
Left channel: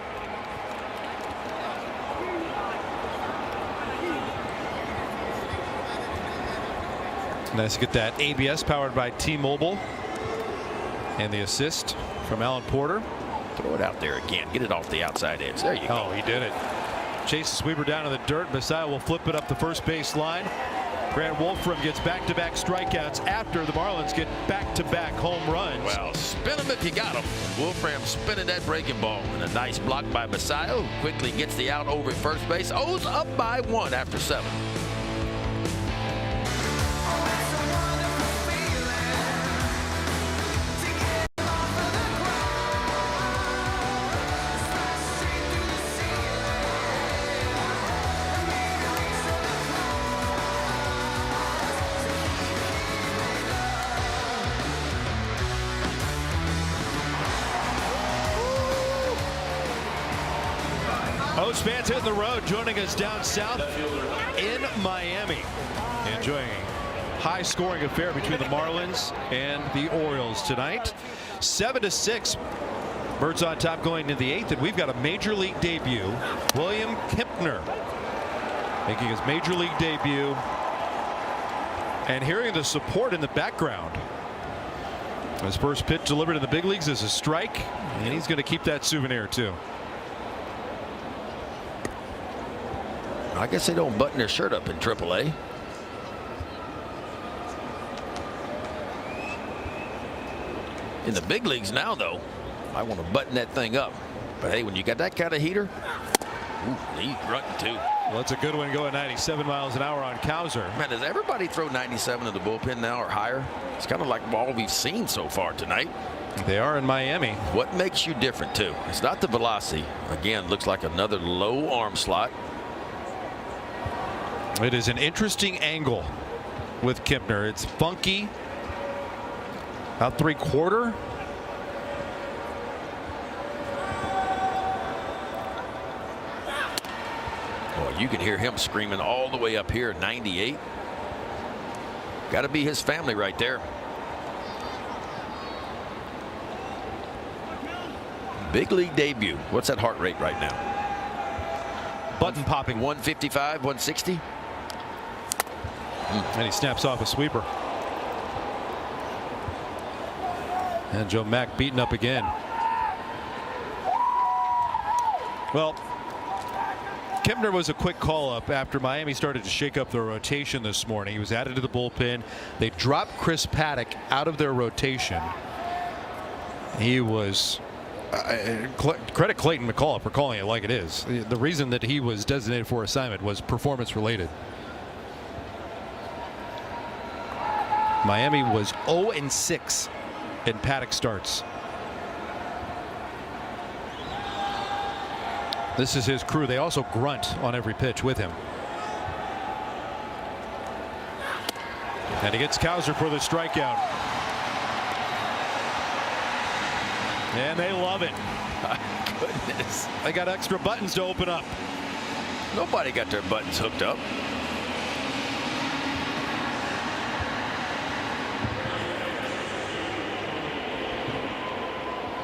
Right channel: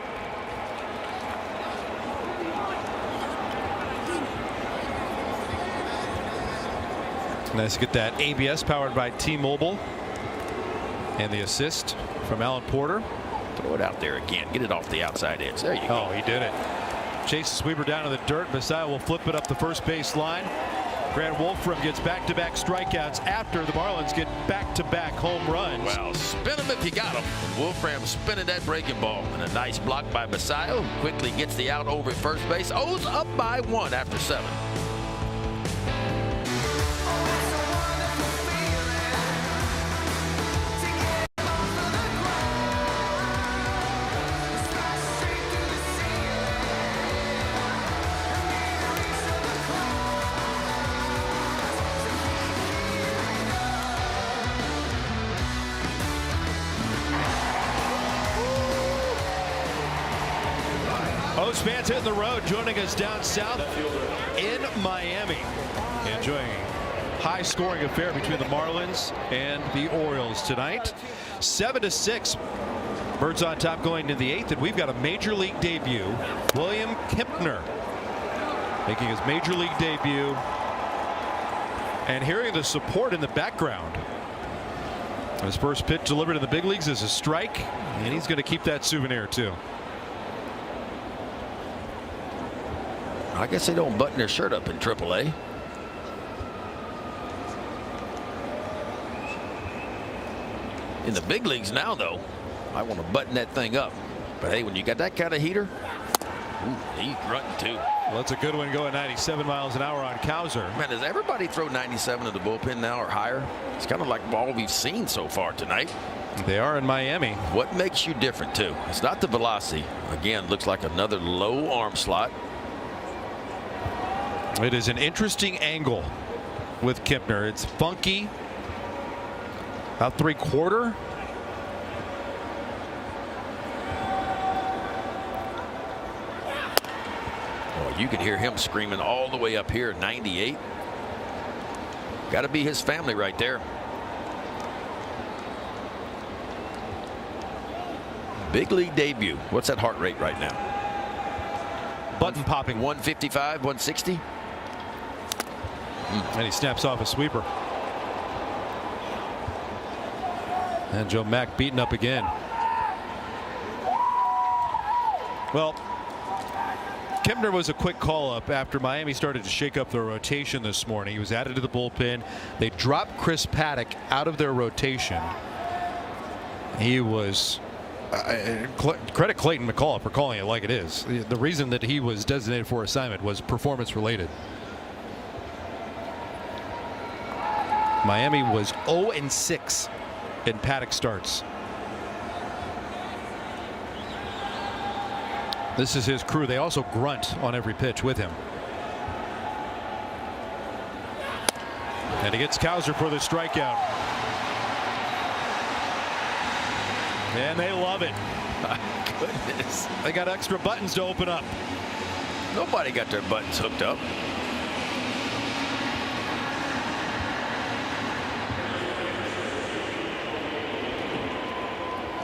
Nice to get that ABS powered by T-Mobile. And the assist from Alan Porter. Throw it out there again. Get it off the outside edge. There you go. Oh, he did it. Chase the sweeper down to the dirt. Basayo will flip it up the first base line. Grant Wolfram gets back-to-back strikeouts after the Marlins get back-to-back home runs. Well, spin him if you got him. Wolfram spinning that breaking ball. And a nice block by Basayo. Quickly gets the out over at first base. O's up by 1 after 7. Most fans hitting the road, joining us down south in Miami. Enjoying a high-scoring affair between the Marlins and the Orioles tonight. 7-6. Birds on top going into the 8th, and we've got a major league debut. William Kempner making his major league debut, and hearing the support in the background. His first pitch delivered in the big leagues is a strike, and he's going to keep that souvenir too. I guess they don't button their shirt up in AAA. In the big leagues now, though, I want to button that thing up. But hey, when you got that kind of heater, he's grunting too. Well, that's a good one going 97 miles an hour on Cowser. Man, does everybody throw 97 to the bullpen now or higher? It's kind of like all we've seen so far tonight. They are in Miami. What makes you different, too? It's not the velocity. Again, looks like another low arm slot. It is an interesting angle with Kempner. It's funky. About 3/4. Oh, you can hear him screaming all the way up here, 98. Got to be his family right there. Big league debut. What's that heart rate right now? Button popping. 155, 160. And he snaps off a sweeper. And Joe Mack beaten up again. Well, Kempner was a quick call-up after Miami started to shake up their rotation this morning. He was added to the bullpen. They dropped Chris Paddock out of their rotation. He was... credit Clayton McCall for calling it like it is. The reason that he was designated for assignment was performance-related. Miami was 0-6 in Paddock starts. This is his crew. They also grunt on every pitch with him. And he gets Cowser for the strikeout. And they love it. They got extra buttons to open up. Nobody got their buttons hooked up.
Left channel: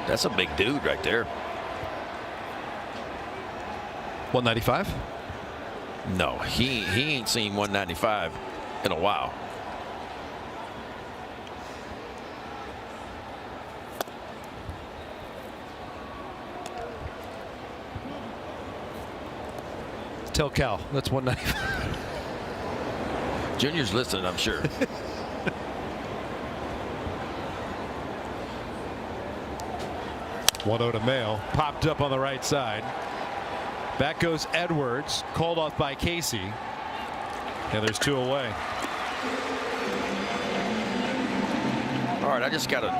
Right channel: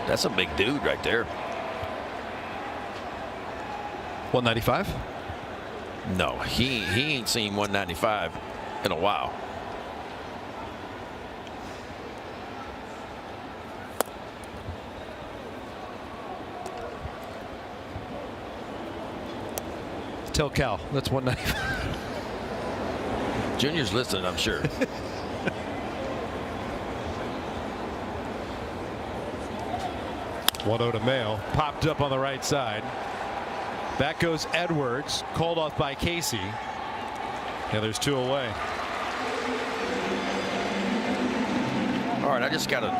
That's a big dude right there. 195? No, he ain't seen 195 in a while. Tell Cal, that's 195. Junior's listening, I'm sure. One to Mayo, popped up on the right side. Back goes Edwards, called off by Casey. And there's 2 away. All right, I just got to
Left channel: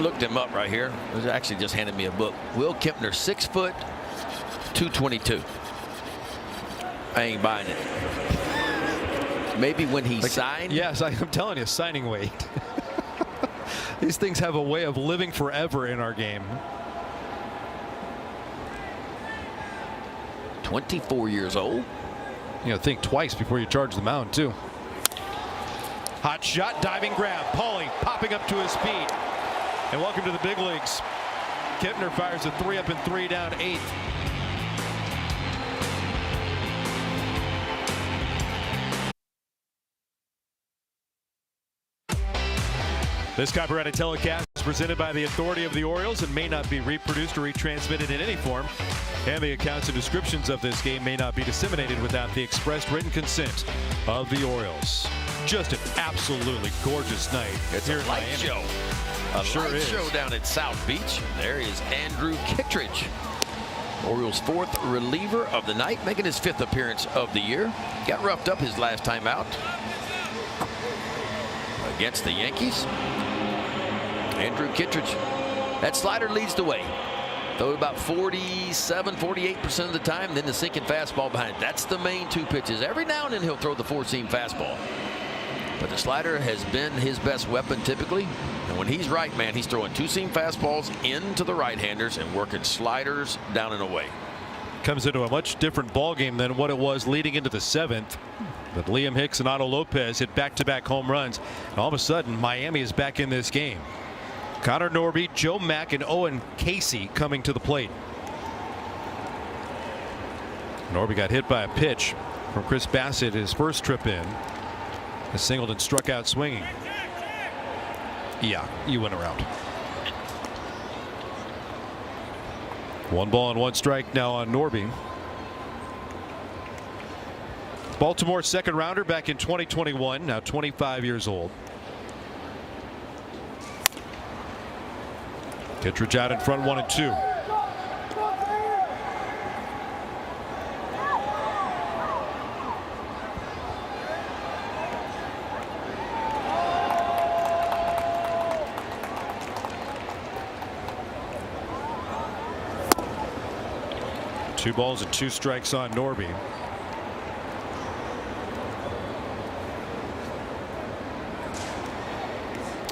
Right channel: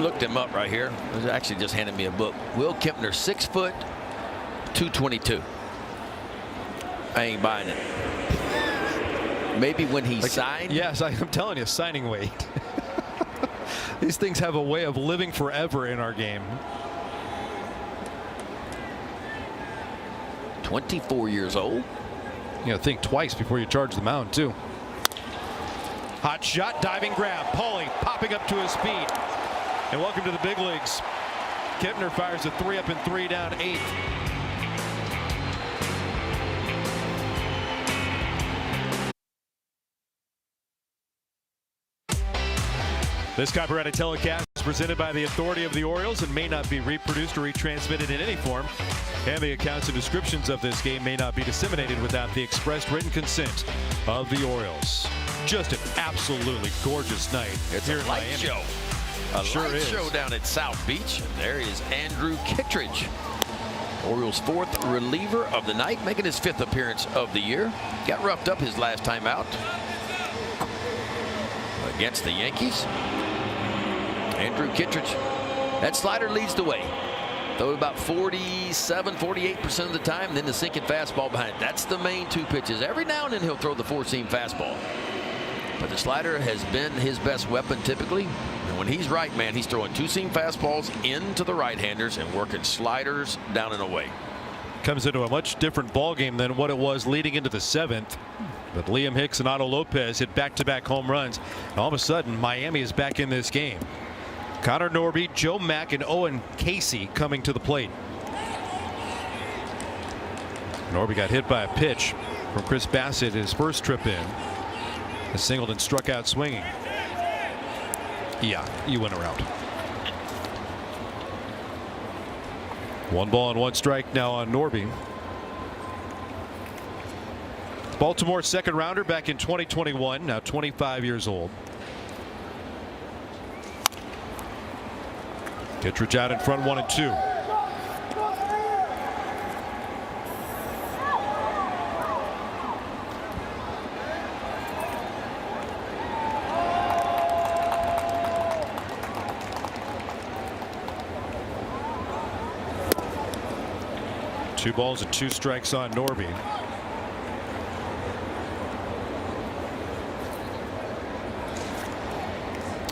look them up right here. He actually just handed me a book. Will Kempner, 6 foot, 222. I ain't buying it. Maybe when he signed? Yes, I'm telling you, signing weight. These things have a way of living forever in our game. 24 years old. You gotta think twice before you charge the mound, too. Hot shot, diving grab. Pauly popping up to his speed. And welcome to the big leagues. Kempner fires a 3-up and 3 down, 8th. This copyrighted telecast is presented by the authority of the Orioles and may not be reproduced or retransmitted in any form. And the accounts and descriptions of this game may not be disseminated without the expressed written consent of the Orioles. Just an absolutely gorgeous night. It's a light show. A light show down at South Beach. There is Andrew Kittredge, Orioles' 4th reliever of the night, making his 5th appearance of the year. Got roughed up his last time out against the Yankees. Andrew Kittredge. That slider leads the way. Throw it about 47, 48% of the time, then the sinking fastball behind it. That's the main 2 pitches. Every now and then he'll throw the 4-seam fastball. But the slider has been his best weapon typically. And when he's right, man, he's throwing 2-seam fastballs into the right-handers and working sliders down and away. Comes into a much different ball game than what it was leading into the 7th. But Liam Hicks and Otto Lopez hit back-to-back home runs. And all of a sudden, Miami is back in this game. Connor Norby, Joe Mack, and Owen Casey coming to the plate. Norby got hit by a pitch from Chris Bassett his first trip in. The Singleton struck out swinging. Yeah, you went around. 1 ball and 1 strike now on Norby. Baltimore's 2nd rounder back in 2021, now 25 years old. Kittredge out in front, 1-2. Two balls and 2 strikes on Norby.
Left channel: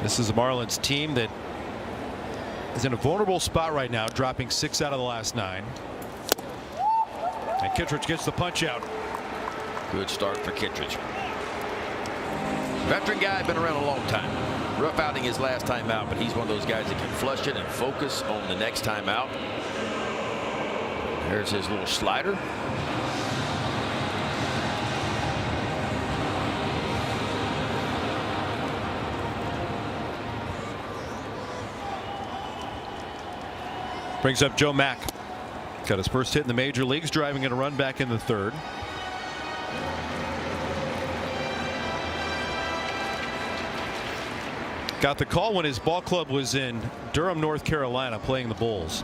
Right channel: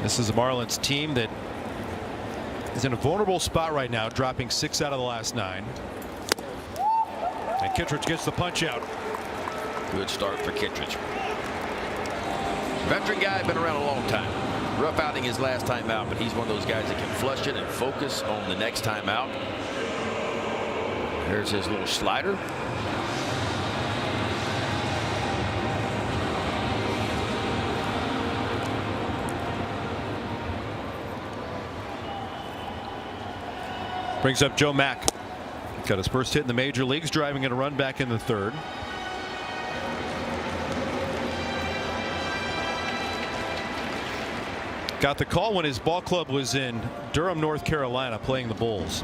This is the Marlins team that is in a vulnerable spot right now, dropping 6 out of the last 9. And Kittredge gets the punch out. Good start for Kittredge. Veteran guy, been around a long time. Rough outing his last time out, but he's one of those guys that can flush it and focus on the next time out. There's his little slider. Brings up Joe Mack. Got his first hit in the major leagues, driving in a run back in the 3rd. Got the call when his ball club was in Durham, North Carolina, playing the Bulls.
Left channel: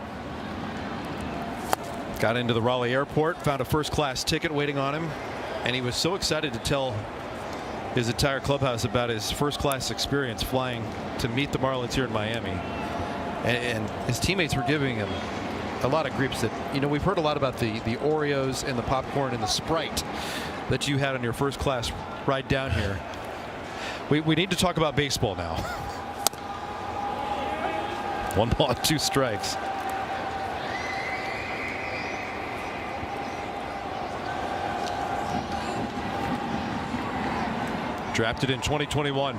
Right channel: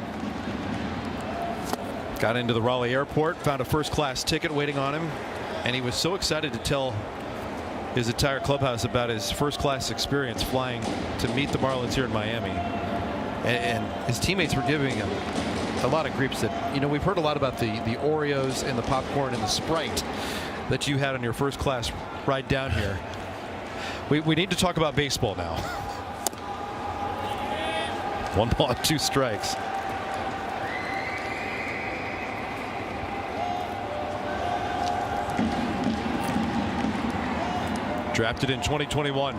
Got into the Raleigh airport, found a first-class ticket waiting on him, and he was so excited to tell his entire clubhouse about his first-class experience flying to meet the Marlins here in Miami. And his teammates were giving him a lot of griefs that, you know, we've heard a lot about the Oreos and the popcorn and the Sprite that you had on your first class ride down here. We need to talk about baseball now. 1 ball, 2 strikes. drafted in 2021.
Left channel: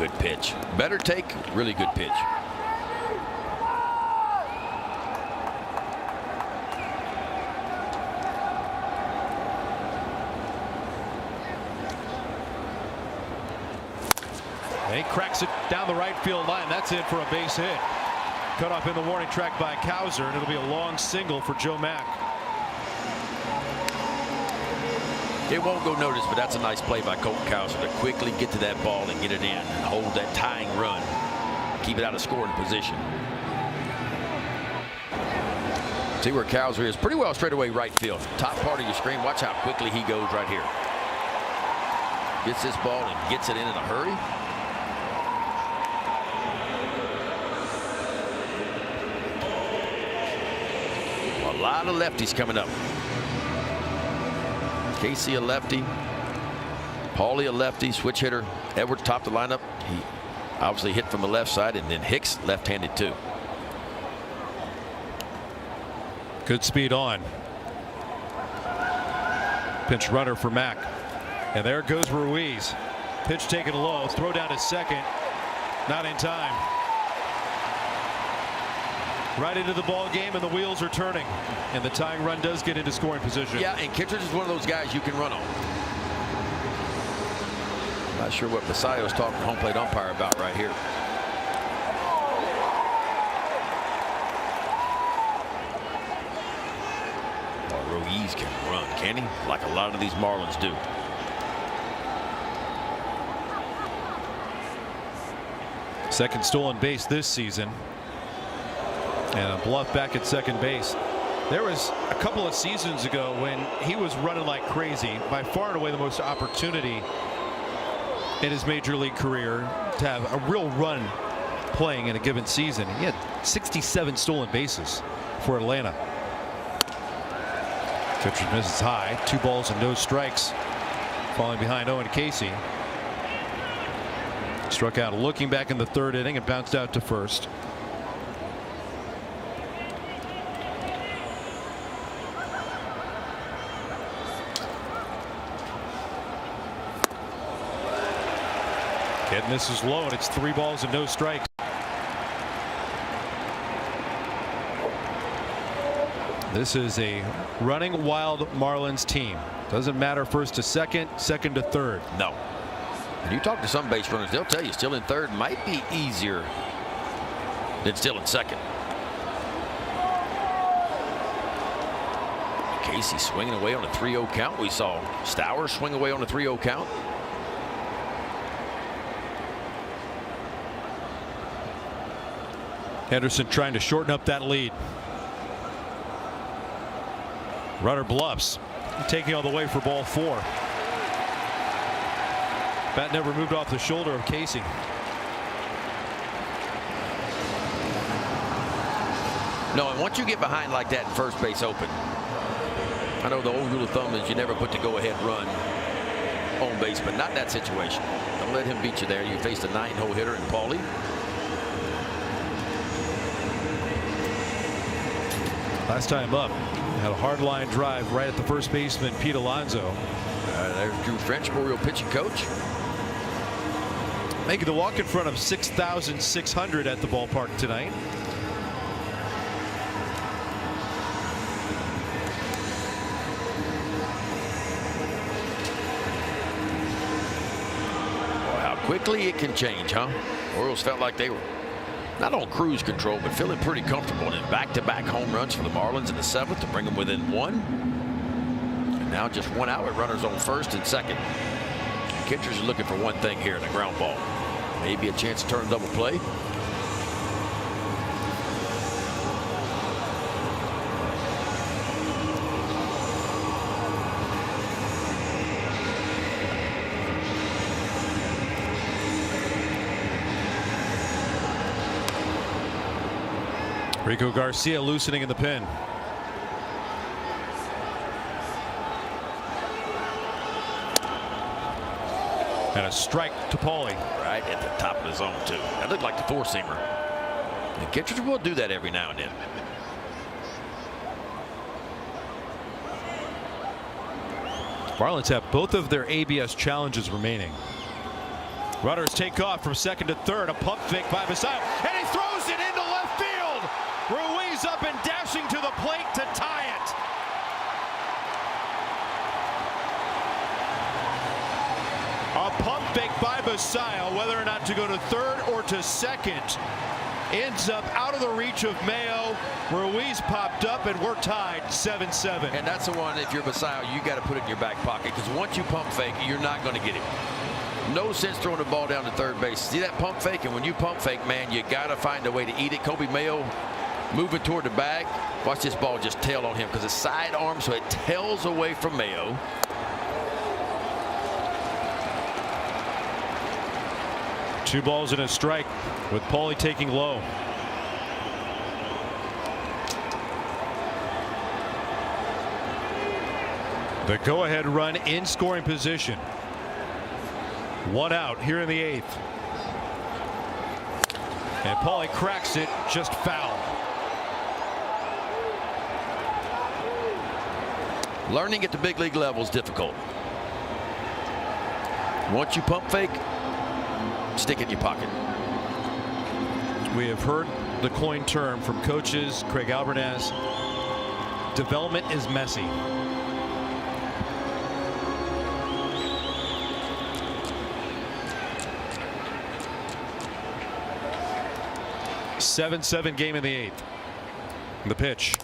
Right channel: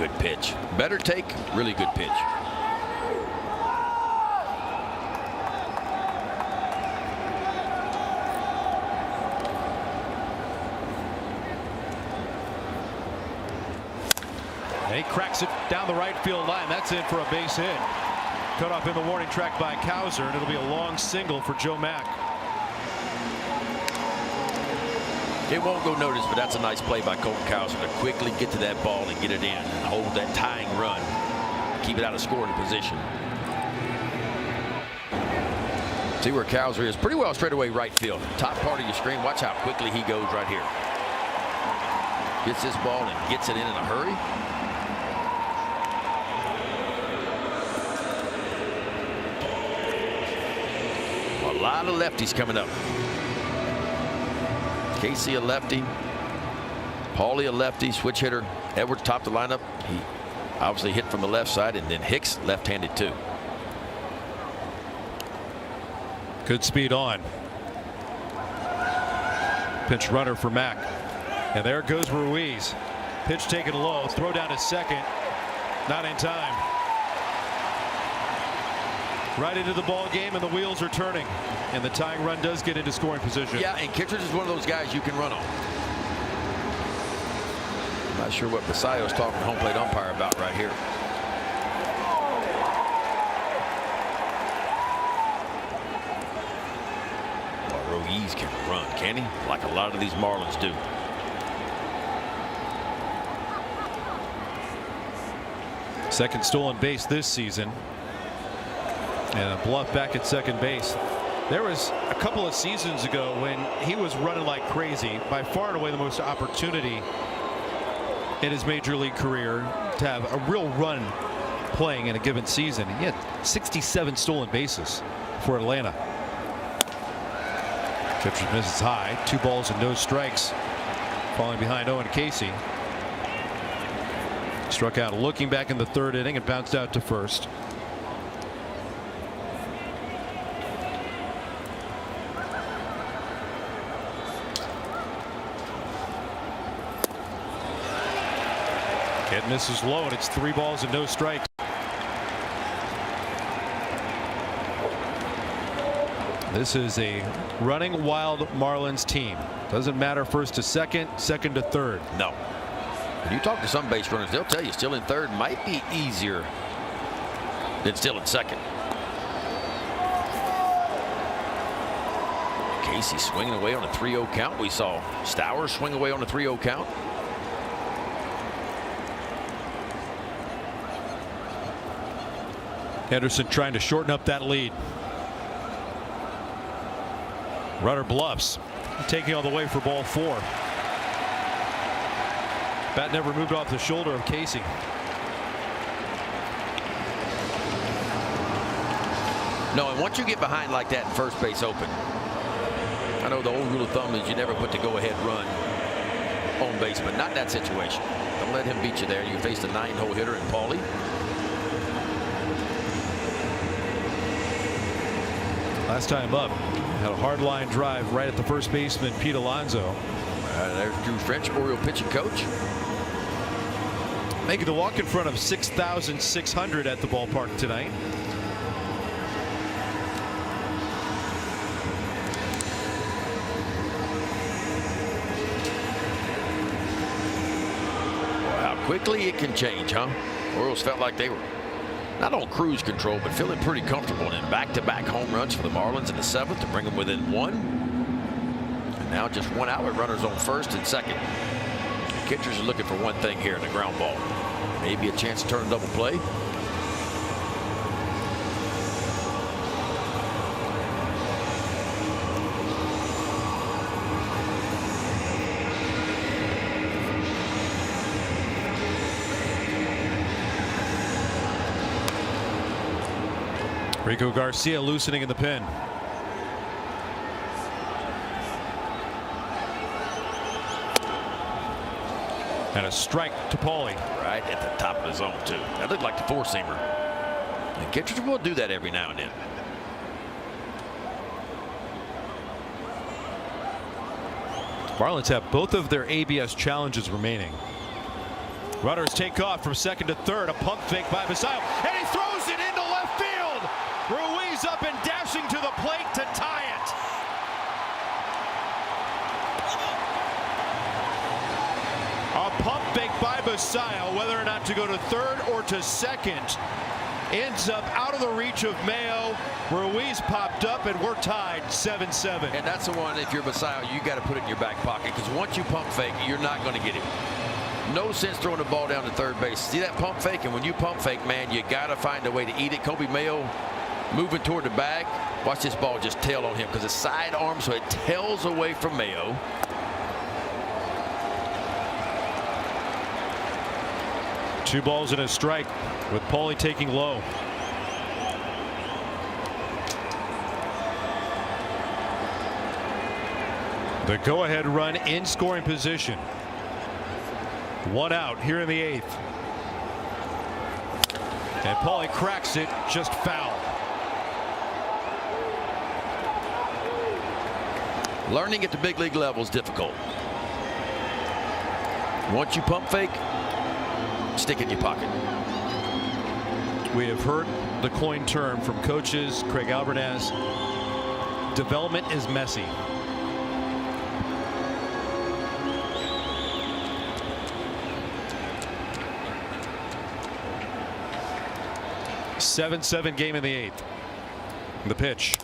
Good pitch. Better take. Really good pitch. He cracks it down the right field line. That's it for a base hit. Cut off in the warning track by Cowser, and it'll be a long single for Joe Mack. It won't go noticed, but that's a nice play by Colton Cowser to quickly get to that ball and get it in. Hold that tying run. Keep it out of scoring position. See where Cowser is. Pretty well straight away right field. Top part of your screen. Watch how quickly he goes right here. Gets this ball and gets it in a hurry. A lot of lefties coming up. Casey a lefty. Paulie a lefty, switch hitter. Edwards topped the lineup. He obviously hit from the left side, and then Hicks left-handed too. Good speed on. Pitch runner for Mack. And there goes Ruiz. Pitch taken low. Throw down to second. Not in time. Right into the ball game, and the wheels are turning. And the tying run does get into scoring position. Yeah, and Kittredge is one of those guys you can run on. Not sure what Messiah was talking to home plate umpire about right here. Well, Ruiz can run, can he? Like a lot of these Marlins do. Second stolen base this season. And a bluff back at second base. There was a couple of seasons ago when he was running like crazy. By far and away the most opportunity in his major league career to have a real run playing in a given season. He had 67 stolen bases for Atlanta. Kittredge misses high. 2 balls and no strikes. Falling behind Owen Casey. Struck out looking back in the 3rd inning and bounced out to first. And this is low, and it's 3 balls and no strikes. This is a running wild Marlins team. Doesn't matter first to second, second to third. No. When you talk to some base runners, they'll tell you still in third might be easier than still in second. Casey swinging away on a 3-0 count. We saw Stowers swing away on a 3-0 count. Henderson trying to shorten up that lead. Runner bluffs, taking all the way for ball 4. Bat never moved off the shoulder of Casey. No, and once you get behind like that in first base open, I know the old rule of thumb is you never put the go-ahead run on base, but not that situation. Don't let him beat you there. You face the 9-hole hitter in Paulie. Last time up, had a hard line drive right at the first baseman, Pete Alonso. There's Drew French, Oriole pitching coach. Making the walk in front of 6,600 at the ballpark tonight. How quickly it can change, huh? Orioles felt like they were not on cruise control, but feeling pretty comfortable in back-to-back home runs for the Marlins in the 7th to bring them within 1. And now just 1 out with runners on first and second. The Kittredge is looking for one thing here in the ground ball. Maybe a chance to turn a double play. Rico Garcia loosening in the pen. And a strike to Paulie. Right at the top of the zone, too. That looked like the four-seamer. And Kittredge will do that every now and then. Marlins have both of their ABS challenges remaining. Runners take off from second to third. A pump fake by Basayo, and he throws it into left field. Ruiz up and dashing to the plate to tie it. A pump fake by Basayo, whether or not to go to third or to second, ends up out of the reach of Mayo. Ruiz popped up, and we're tied 7-7. And that's the one, if you're Basayo, you got to put it in your back pocket, because once you pump fake, you're not going to get it. No sense throwing the ball down to third base. See that pump fake? And when you pump fake, man, you got to find a way to eat it. Kobe Mayo moving toward the bag. Watch this ball just tail on him, because it's side arm, so it tails away from Mayo. Two balls and a strike with Paulie taking low. The go-ahead run in scoring position. One out here in the eighth. And Paulie cracks it, just foul. Learning at the big league level is difficult. Once you pump fake, stick it in your pocket. We have heard the coin term from coaches, Craig Alvarez. Development is messy. 7-7 game in the eighth. The pitch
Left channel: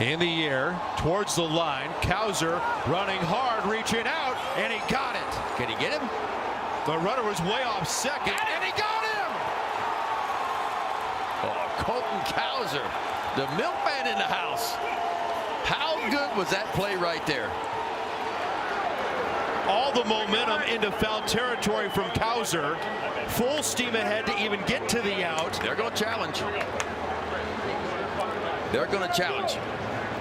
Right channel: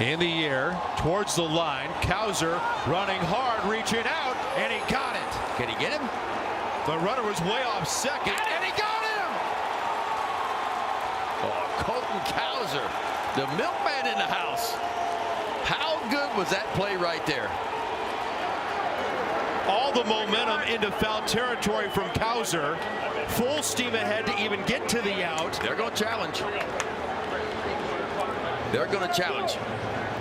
in the air towards the line. Cowser running hard, reaching out, and he got it. Can he get him? The runner was way off second, and he got him. Oh, Colton Cowser, the milkman in the house. How good was that play right there? All the momentum into foul territory from Cowser. Full steam ahead to even get to the out. They're going to challenge. They're going to challenge.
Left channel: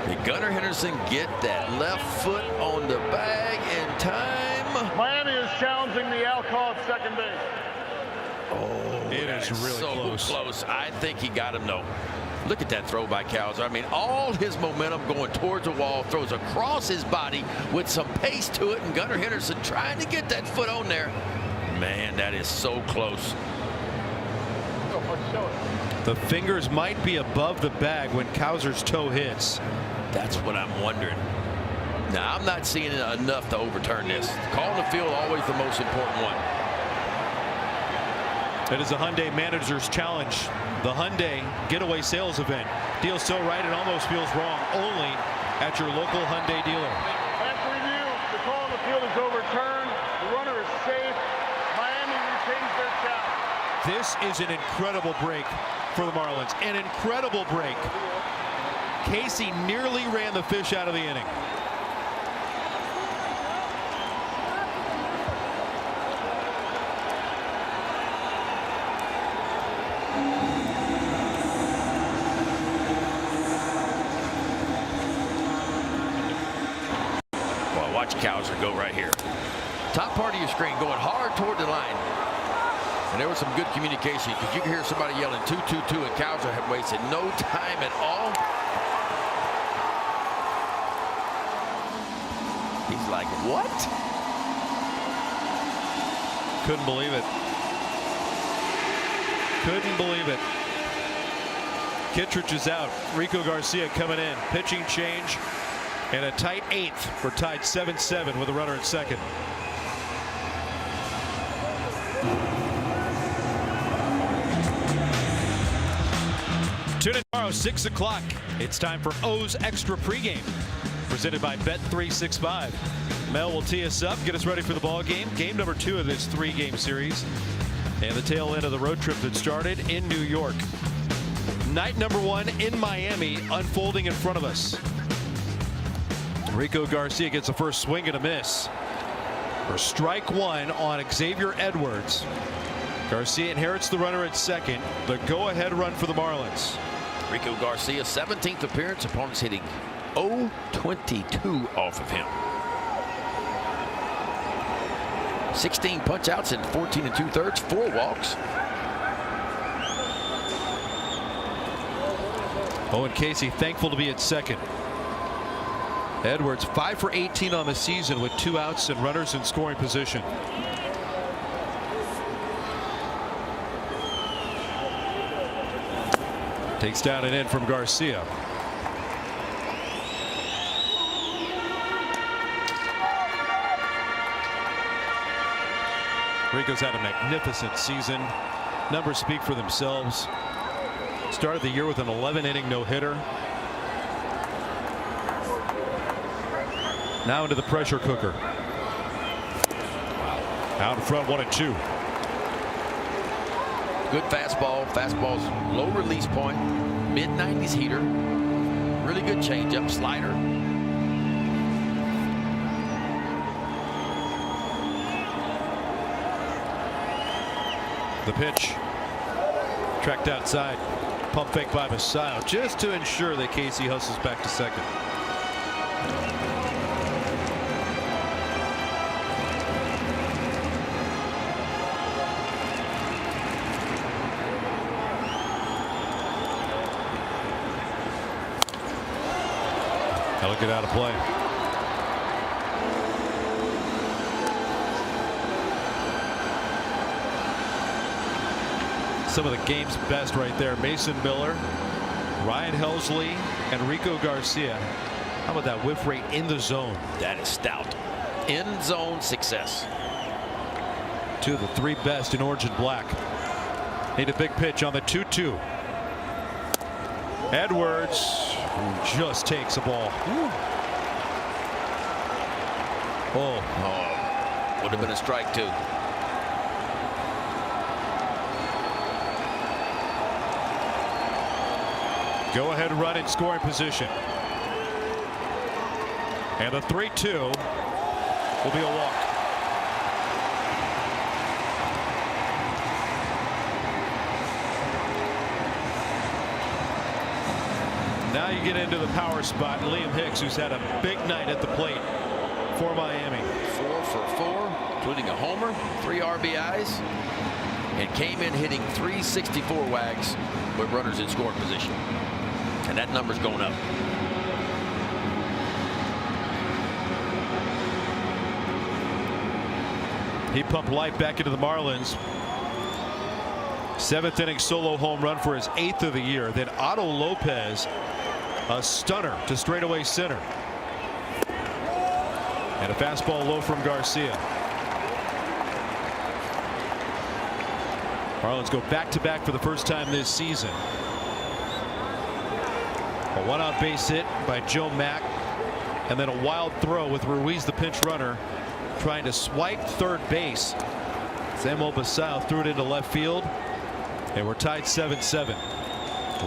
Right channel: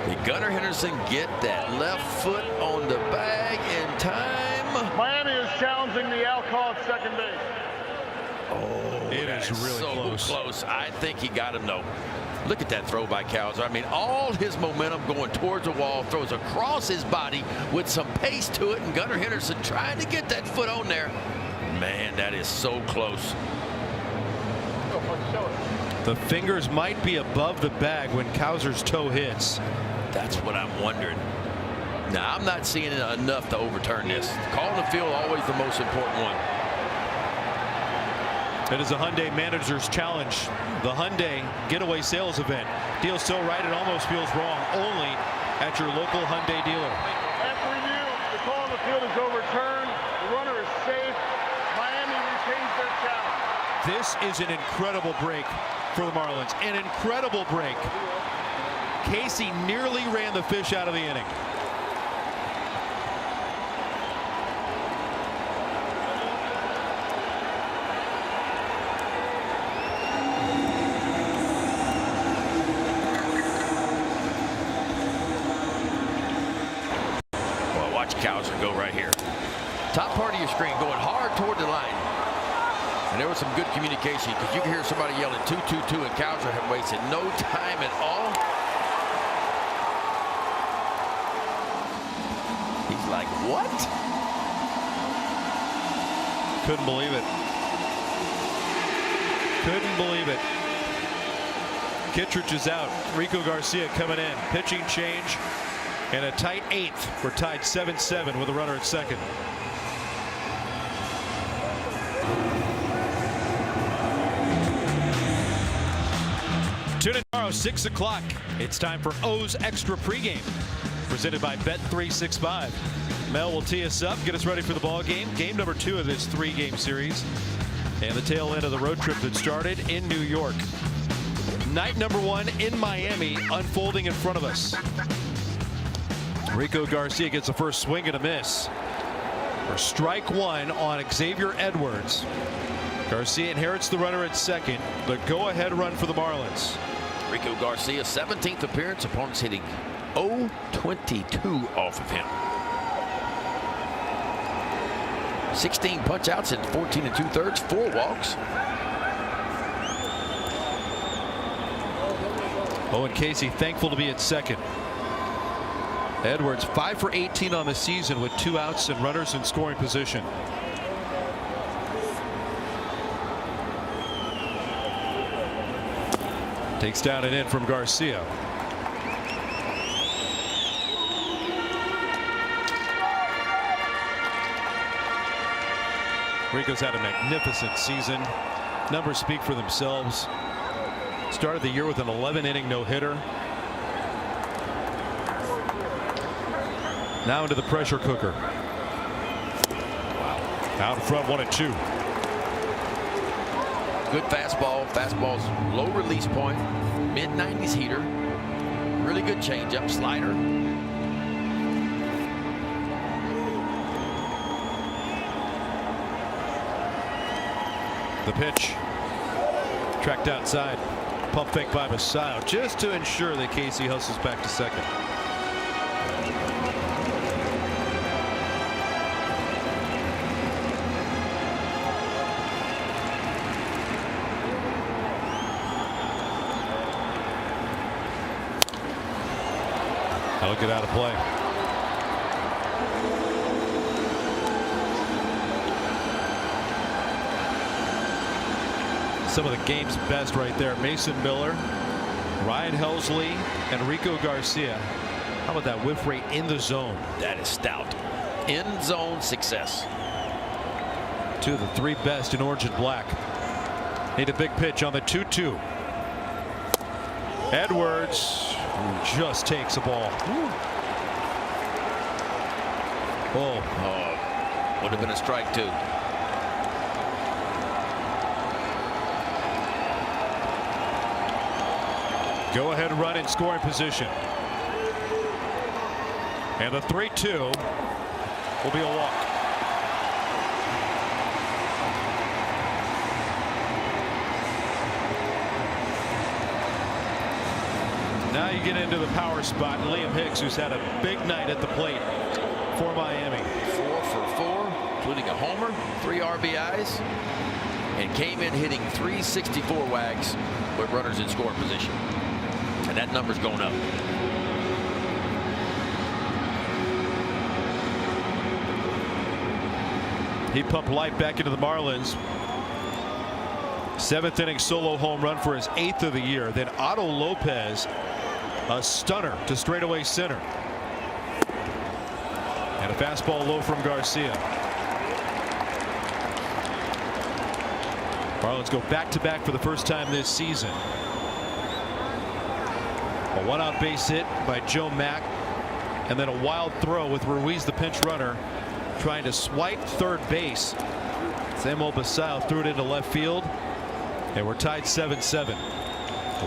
Did Gunnar Henderson get that left foot on the bag in time? Miami is challenging the Alcoff second base. Oh, it is really so close. I think he got him, though. Look at that throw by Cowser. I mean, all his momentum going towards the wall, throws across his body with some pace to it, and Gunnar Henderson trying to get that foot on there. Man, that is so close. The fingers might be above the bag when Cowser's toe hits. That's what I'm wondering. Now, I'm not seeing enough to overturn this. Calling the field always the most important one. It is a Hyundai Manager's Challenge, the Hyundai Getaway Sales Event. Deals so right it almost feels wrong. Only at your local Hyundai dealer. After review, the call on the field is overturned. The runner is safe. Miami retains their challenge. This is an incredible break for the Marlins. An incredible break. Casey nearly ran the fish out of the inning. Cowser go right here. Top part of your screen going hard toward the line. And there was some good communication because you can hear somebody yelling 2-2-2 and Cowser had wasted no time at all. He's like, what? Couldn't believe it. Couldn't believe it. Kittredge is out. Rico Garcia coming in. Pitching change. And a tight eighth. We're tied 7-7 with a runner at second. Tune in tomorrow, 6 o'clock. It's time for O's Extra Pregame. Presented by Bet365. Mel will tee us up, get us ready for the ball game. Game number 2 of this 3-game series. And the tail end of the road trip that started in New York. Night number 1 in Miami unfolding in front of us. Rico Garcia gets the first swing and a miss. For strike 1 on Xavier Edwards. Garcia inherits the runner at second. The go-ahead run for the Marlins. Rico Garcia's 17th appearance, opponents hitting 0-22 off of him. 16 punch-outs in 14 2/3, 4 walks. Owen Casey thankful to be at second. Edwards 5 for 18 on the season with 2 outs and runners in scoring position. Takes down and in from Garcia. Rico's had a magnificent season. Numbers speak for themselves. Started the year with an 11-inning no-hitter. Now into the pressure cooker. Out in front, 1-2. Good fastball. Fastball's low release point. Mid-90s heater. Really good changeup, slider. The pitch. Tracked outside. Pump fake by Machado just to ensure that Casey hustles back to second. That'll get out of play. Some of the game's best right there. Mason Miller, Ryan Helsley, and Rico Garcia. How about that whiff rate in the zone? That is stout. In zone success. 2 of the 3 best in orange and black. Need a big pitch on the 2-2. Edwards just takes the ball. Oh, would have been a strike too. Go ahead and run in scoring position. And the 3-2 will be a walk. Now you get into the power spot. Liam Hicks, who's had a big night at the plate for Miami. 4 for 4, including a homer, 3 RBIs, and came in hitting 364 wags with runners in scoring position. And that number's going up. He pumped life back into the Marlins. 7th inning solo home run for his 8th of the year. Then Otto Lopez, a stunner to straightaway center. And a fastball low from Garcia. Marlins go back-to-back for the first time this season. A one-out base hit by Joe Mack, and then a wild throw with Ruiz, the pinch runner, trying to swipe third base. Samuel Basallo threw it into left field, and we're tied 7-7.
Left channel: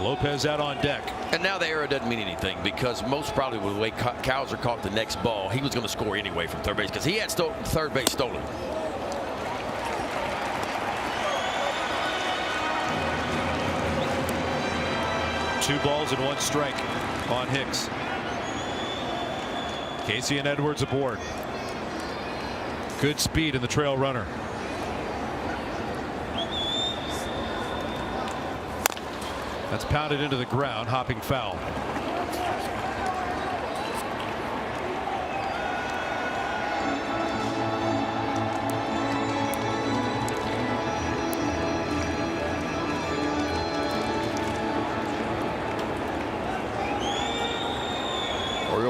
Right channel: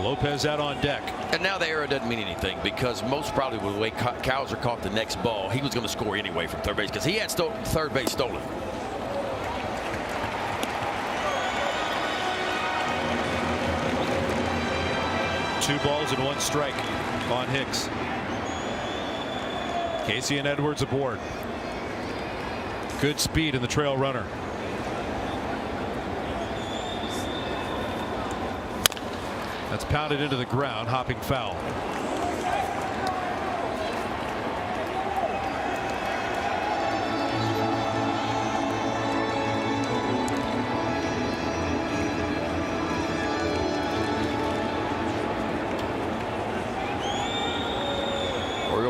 Lopez out on deck. And now the error doesn't mean anything, because most probably when the way Cowser caught the next ball, he was going to score anyway from third base, because he had third base stolen. Two balls and 1 strike on Hicks. Casey and Edwards aboard. Good speed in the trail runner. That's pounded into the ground, hopping foul.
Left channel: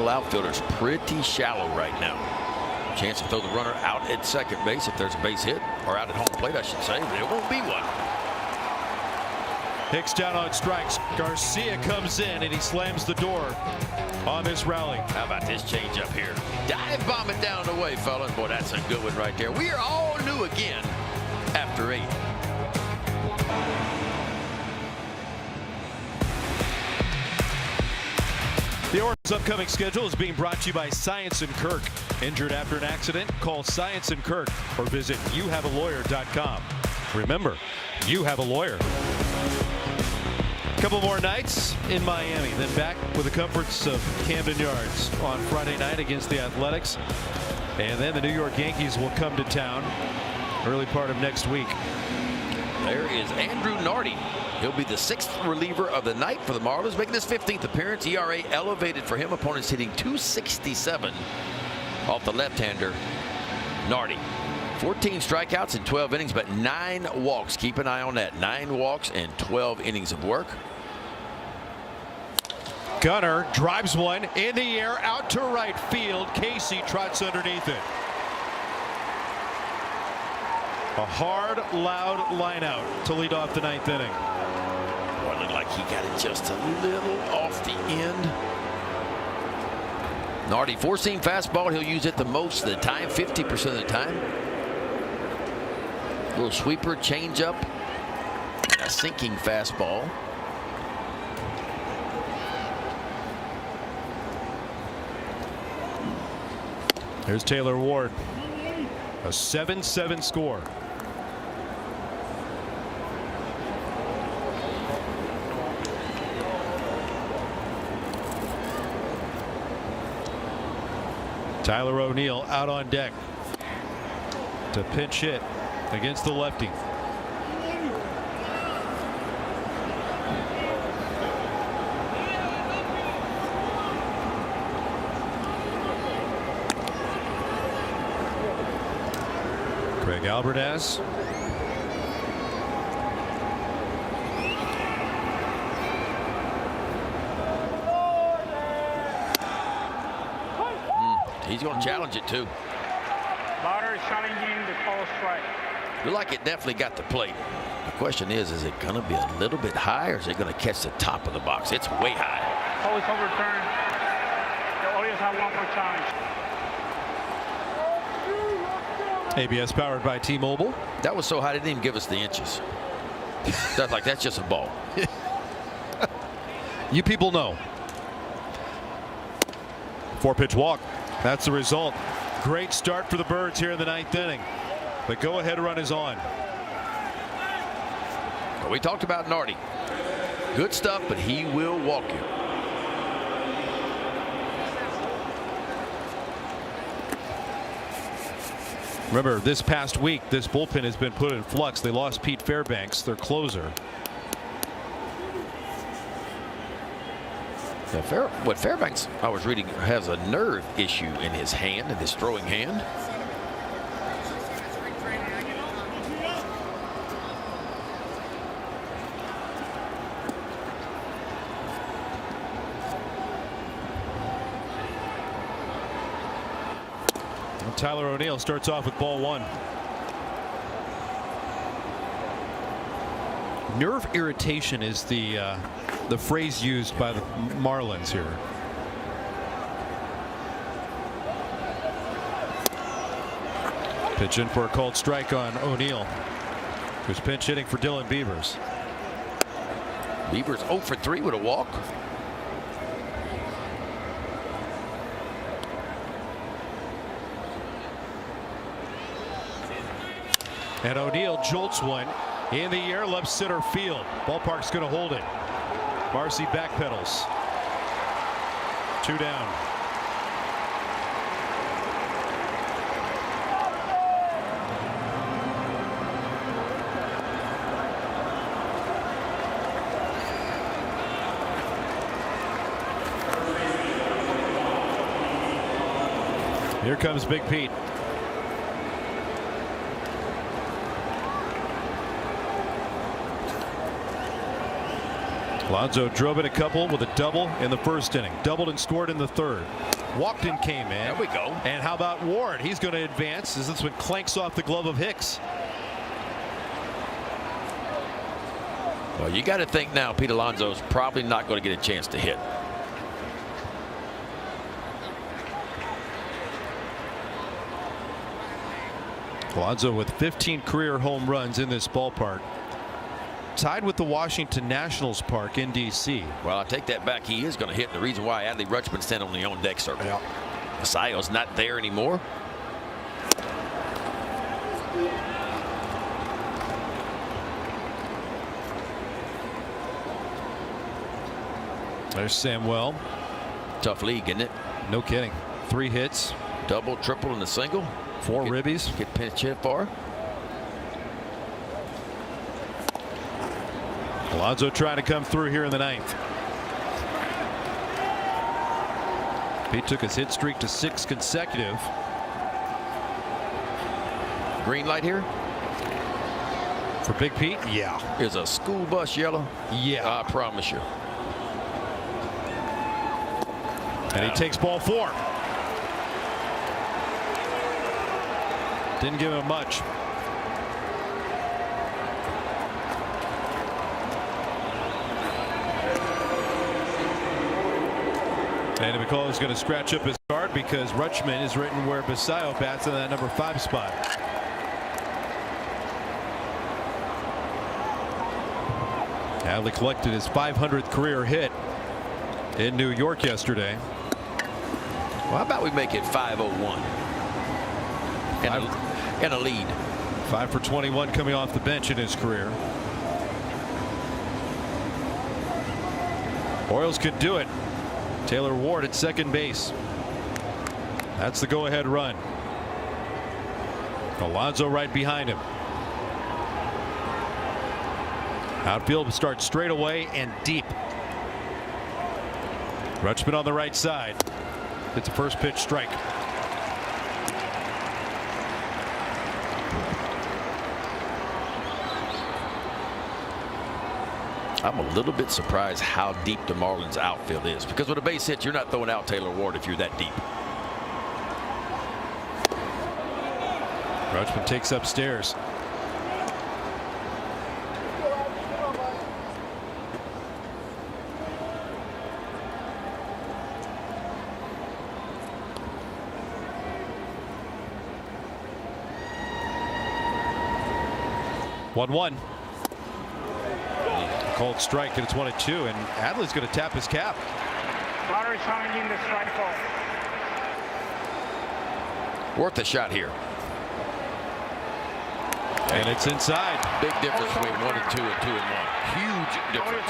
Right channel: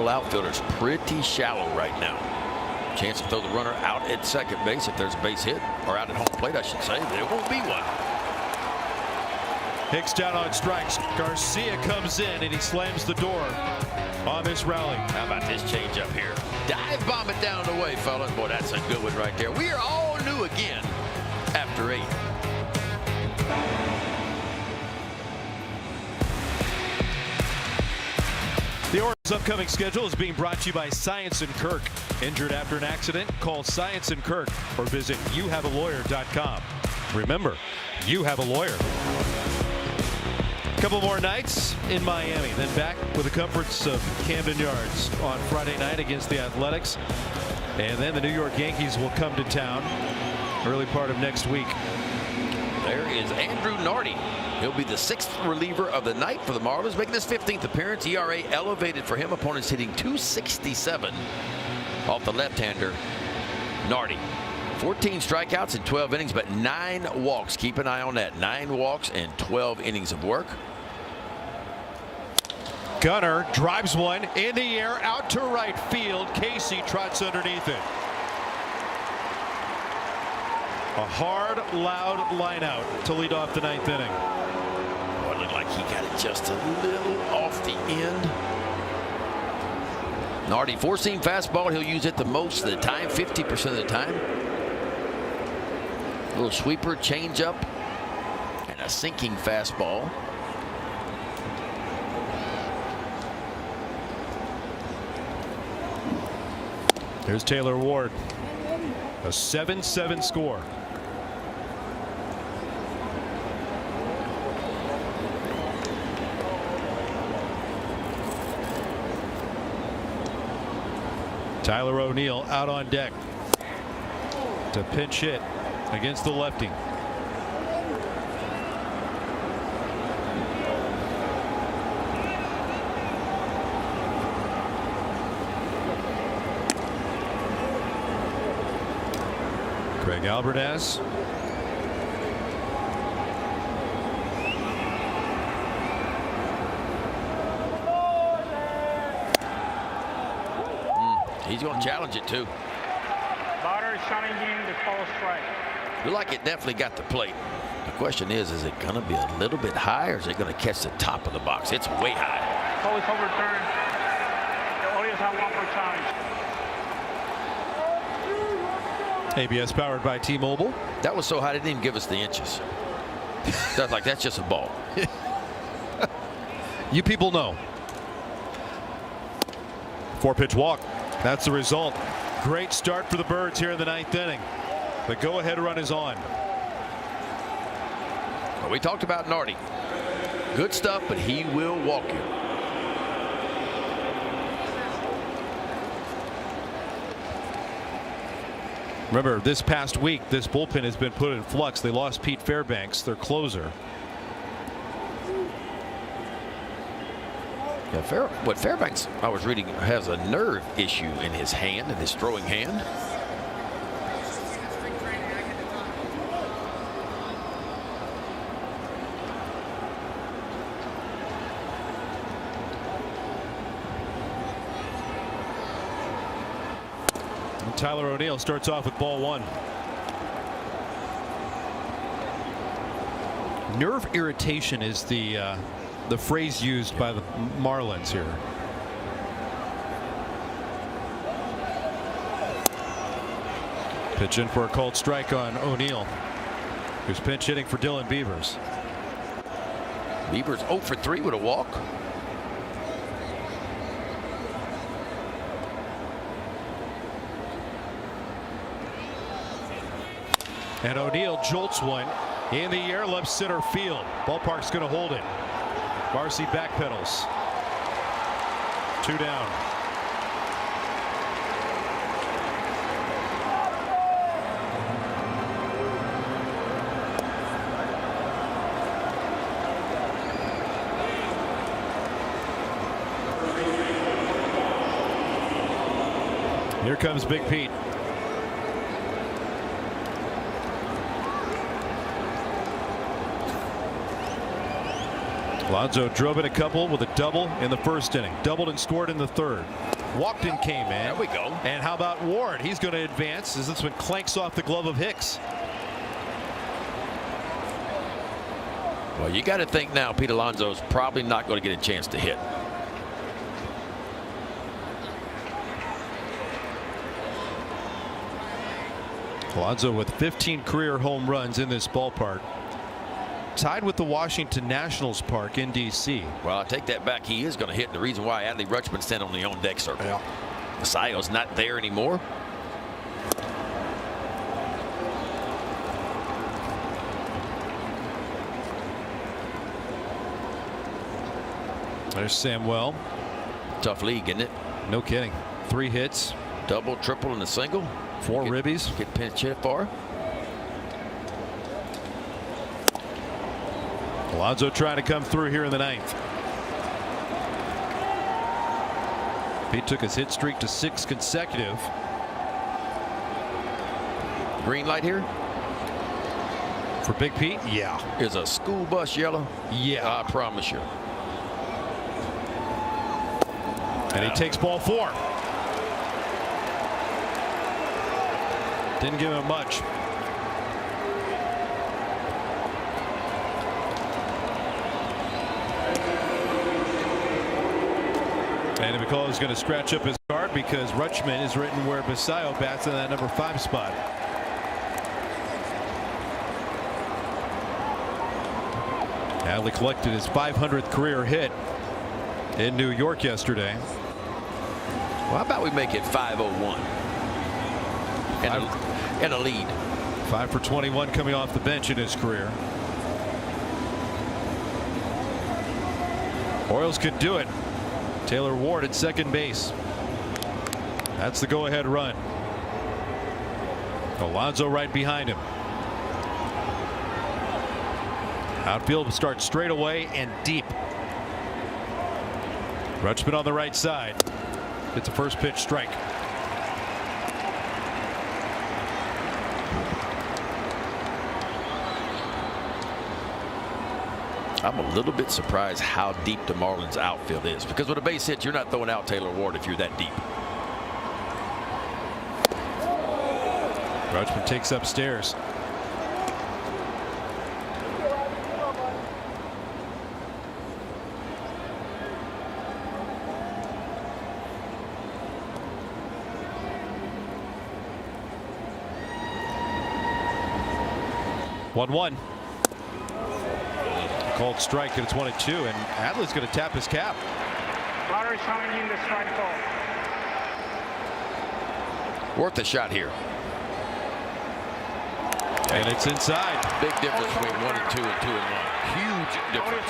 Outfielder's pretty shallow right now. Chance to throw the runner out at second base if there's a base hit, or out at home plate, I should say. There won't be one. Hicks down on strikes. Garcia comes in and he slams the door on this rally. How about this change up here? Dive bomb it down the way, fellas. Boy, that's a good one right there. We are all new again after 8. The Orioles' upcoming schedule is being brought to you by Science and Kirk. Injured after an accident? Call Science and Kirk or visit youhavealawyer.com. Remember, you have a lawyer. A couple more nights in Miami, then back with the comforts of Camden Yards on Friday night against the Athletics. And then the New York Yankees will come to town early part of next week. There is Andrew Nardi. He'll be the the 6th reliever of the night for the Marlins, making his 15th appearance. ERA elevated for him. Opponents hitting .267 off the left-hander, Nardi. 14 strikeouts in 12 innings, but 9 walks. Keep an eye on that. 9 walks and 12 innings of work. Gunnar drives one in the air out to right field. Casey trots underneath it. A hard, loud line out to lead off the 9th inning. Well, it looked like he got it just a little off the end. Nardi, 4-seam fastball. He'll use it the most of the time, 50% of the time. Little sweeper, changeup, and a sinking fastball. Here's Taylor Ward. A 7-7 score. Tyler O'Neill out on deck to pinch hit against the lefty. Greg Alvarez. He's going to challenge it too. Moderate challenging the call strike. Look like it definitely got the plate. The question is it going to be a little bit high, or is it going to catch the top of the box? It's way high. Call is overturned. The audience have one for challenge. ABS powered by T-Mobile. That was so high they didn't even give us the inches. That's like, that's just a ball. You people know. 4-pitch walk. That's the result. Great start for the Birds here in the 9th inning. The go-ahead run is on. Well, we talked about Nardi. Good stuff, but he will walk you. Remember, this past week, this bullpen has been put in flux. They lost Pete Fairbanks, their closer. And Fairbanks, I was reading, has a nerve issue in his hand, in his throwing hand. And Tyler O'Neill starts off with ball 1. Nerve irritation is the phrase used by the Marlins here. Pitch in for a called strike on O'Neill, who's pinch hitting for Dylan Beavers. Beavers 0 for 3 with a walk. And O'Neill jolts one in the air, left center field. Ballpark's going to hold it. Marcy backpedals. 2 down. Here comes Big Pete. Alonso drove in a couple with a double in the first inning. Doubled and scored in the 3rd. Walked and came in. There we go. And how about Ward? He's going to advance as this one clanks off the glove of Hicks. Well, you got to think now Pete Alonso's probably not going to get a chance to hit. Alonso with 15 career home runs in this ballpark. Tied with the Washington Nationals Park in D.C. Well, I take that back. He is going to hit. The reason why Adley Rutschman's standing on the on-deck circle. Yeah. Masayo's not there anymore. There's Samuel. Tough league, isn't it? No kidding. 3 hits. Double, triple, and a single. 4 ribbies. Get pitch hit for. Alonso trying to come through here in the ninth. He took his hit streak to 6 consecutive. Green light here for Big Pete. Yeah. Is a school bus yellow? Yeah. I promise you. And he takes ball 4. Didn't give him much. And McCall is going to scratch up his card because Rutschman is written where Basayo bats in that number 5 spot. Adley collected his 500th career hit in New York yesterday. Well, how about we make it 501 and a lead. 5 for 21 coming off the bench in his career. Orioles could do it. Taylor Ward at second base. That's the go-ahead run. Alonso right behind him. Outfield will start straight away and deep. Rutschman on the right side. It's a first pitch strike. I'm a little bit surprised how deep the Marlins outfield is, because with a base hit, you're not throwing out Taylor Ward if you're that deep. Rutschman takes upstairs. One. Called strike, and it's 1-2, and Adley's going to tap his cap. Worth a shot here. And it's inside. Big difference between 1-2 and 2-1. Huge difference.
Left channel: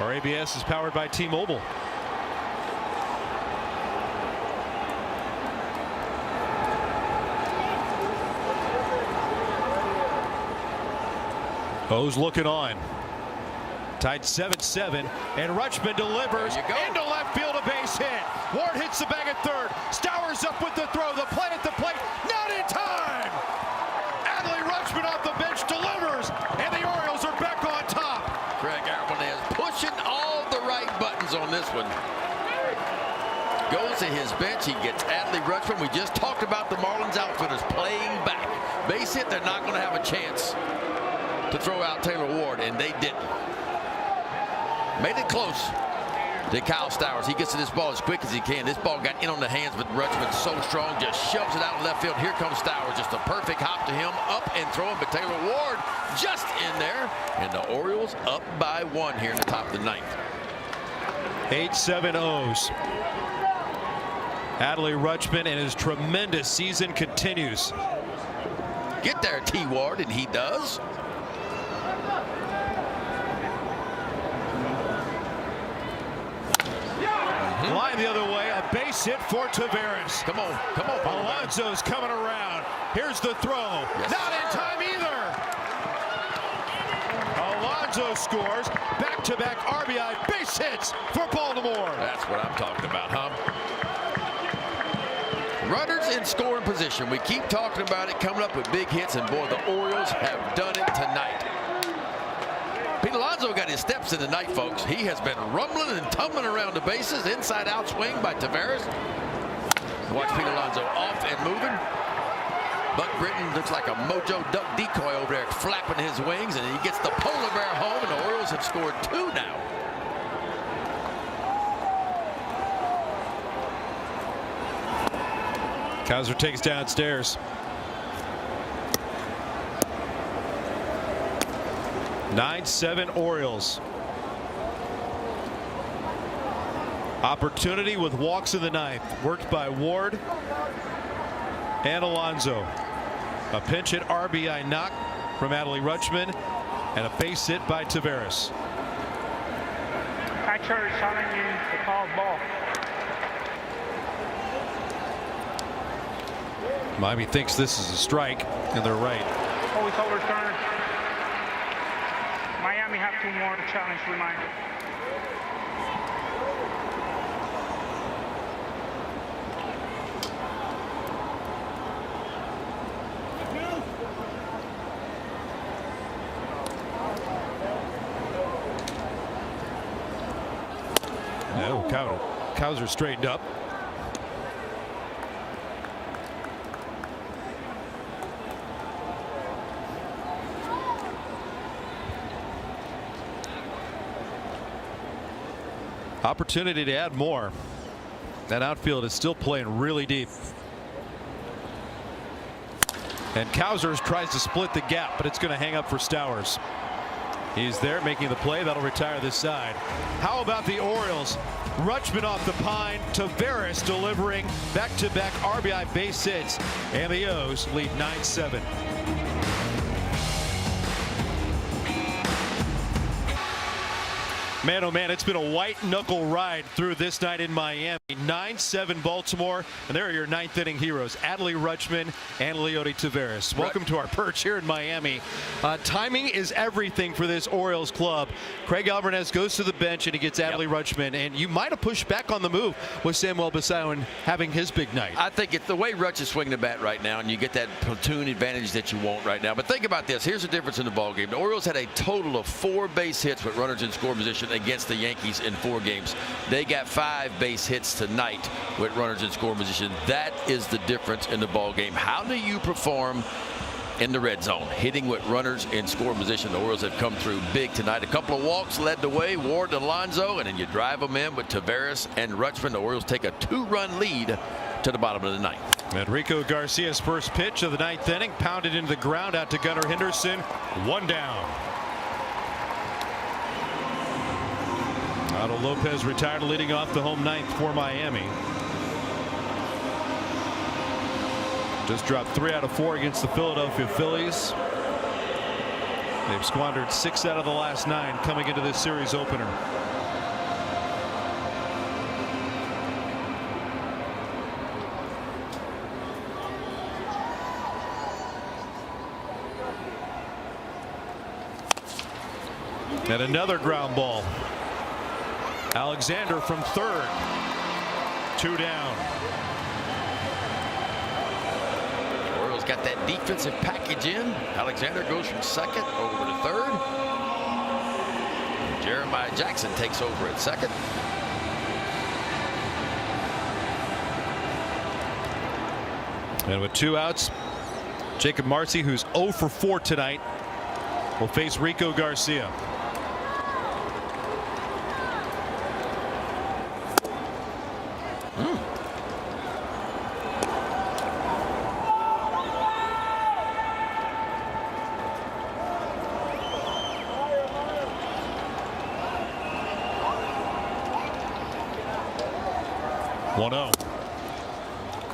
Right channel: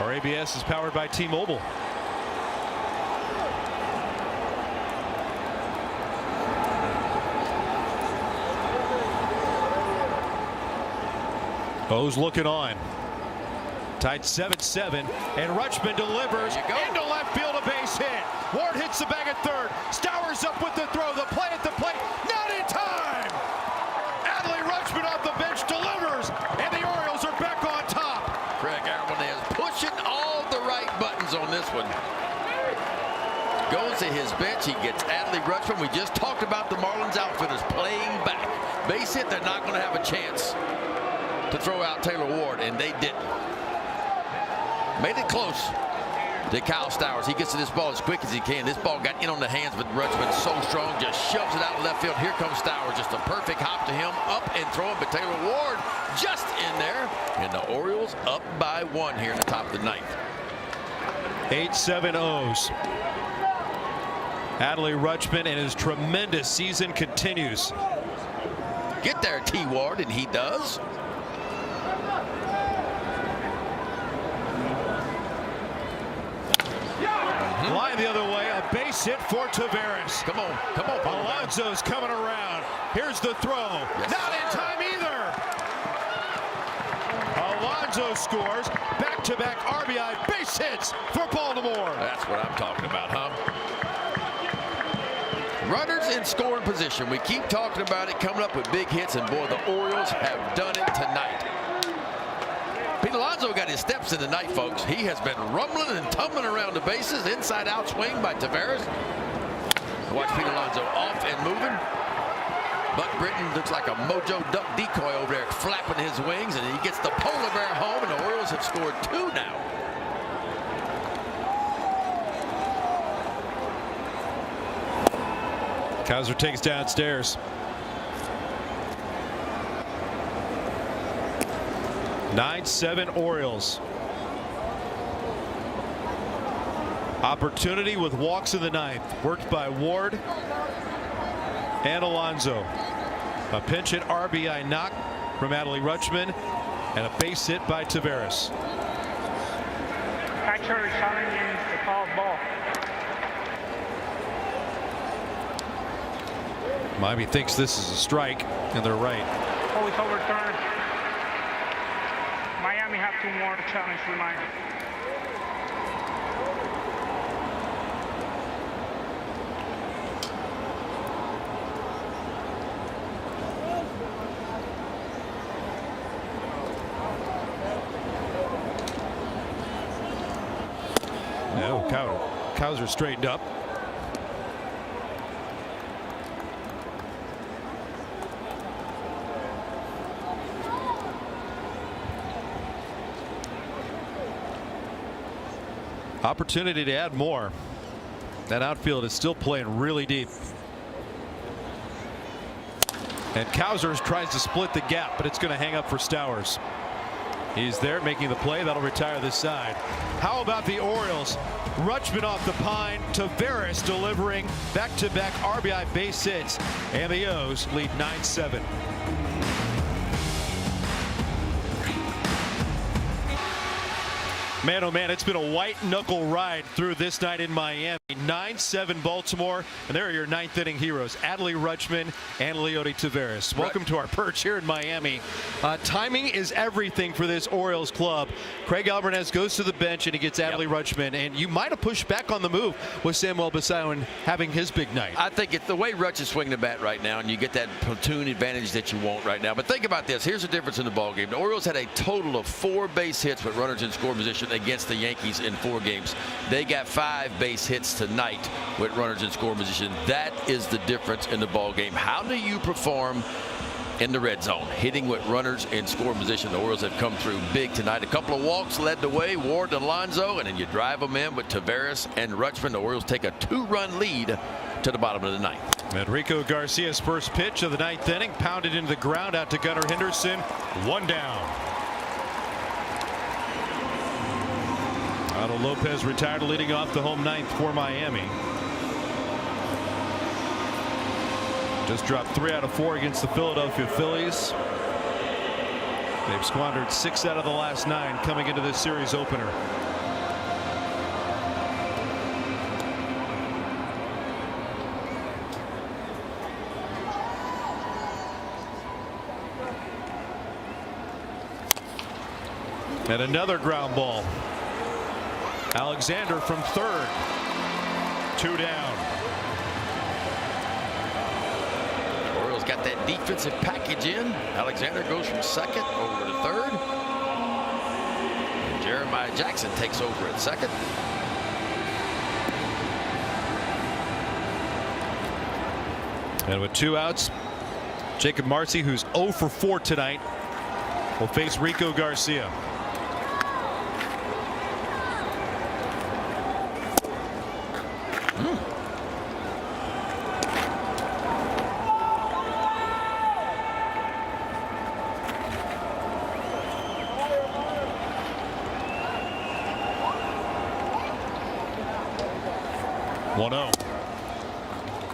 Our ABS is powered by T-Mobile. O's looking on. Tied 7-7, and Rutschman delivers into left field, a base hit. Ward hits the bag at third. Stowers up with the throw. The play at the plate, not in time. Adley Rutschman off the bench delivers, and the Orioles are back on top. Craig Irwin is pushing all the right buttons on this one. Goes to his bench. He gets Adley Rutschman. We just talked about the Marlins outfielders playing back. Base hit, they're not going to have a chance to throw out Taylor Ward, and they didn't. Made it close to Kyle Stowers. He gets to this ball as quick as he can. This ball got in on the hands, but Rutschman so strong, just shoves it out left field. Here comes Stowers. Just a perfect hop to him, up and throw him to Taylor Ward. Just in there, and the Orioles up by 1 here in the top of the ninth. 8-7 O's. Adley Rutschman and his tremendous season continues. Get there, T. Ward, and he does. Line the other way, a base hit for Taveras. Come on. Alonso's coming around. Here's the throw. Yes. Not in time either. Alonso scores. Back-to-back RBI base hits for Baltimore. That's what I'm talking about, huh? Runners in scoring position. We keep talking about it, coming up with big hits, and boy, the Orioles have done it tonight. Pete Alonso got his steps in tonight, folks. He has been rumbling and tumbling around the bases. Inside-out swing by Taveras. Watch Pete Alonso off and moving. Buck Britton looks like a Mojo Duck decoy over there, flapping his wings, and he gets the polar bear home, and the Orioles have scored 2 now. Kaiser takes downstairs. 9-7 Orioles. Opportunity with walks in the ninth. Worked by Ward and Alonso. A pinch hit RBI knock from Adley Rutschman and a base hit by Taveras. Catcher shouting in the called ball. Miami thinks this is a strike, and they're right. Always overturned. Miami asking more challenge for my. Cows are straightened up. Opportunity to add more. That outfield is still playing really deep. And Cowsers tries to split the gap, but it's going to hang up for Stowers. He's there making the play. That'll retire this side. How about the Orioles? Rutschman off the pine. Tavares delivering back-to-back RBI base hits. And the O's lead 9-7. Man, oh man, it's been a white-knuckle ride through this night in Miami. 9-7 Baltimore, and there are your ninth inning heroes, Adley Rutschman and Leody Taveras. Welcome to our perch here in Miami. Timing is everything for this Orioles club. Craig Alvarez goes to the bench, and he gets Adley Rutschman, and you might have pushed back on the move with Samuel Basayo having his big night. I think it's the way Rutsch is swinging the bat right now, and you get that platoon advantage that you want right now. But think about this. Here's the difference in the ballgame. The Orioles had a total of 4 base hits with runners in score position against the Yankees in 4 games. They got 5 base hits tonight with runners in scoring position. That is the difference in the ball game. How do you perform in the red zone, hitting with runners in scoring position? The Orioles have come through big tonight. A couple of walks led the way, Ward and Alonso, and then you drive them in with Taveras and Rutschman. The Orioles take a 2-run lead to the bottom of the ninth. Enrico Garcia's first pitch of the ninth inning, pounded into the ground out to Gunnar Henderson. 1 down. Ronald Lopez retired, leading off the home ninth for Miami. Just dropped 3 out of 4 against the Philadelphia Phillies. They've squandered 6 out of the last 9 coming into this series opener. And another ground ball. Alexander from third. 2 down. Orioles got that defensive package in. Alexander goes from second over to third. Jeremiah Jackson takes over at second. And with 2 outs, Jacob Marcy, who's 0 for 4 tonight, will face Rico Garcia.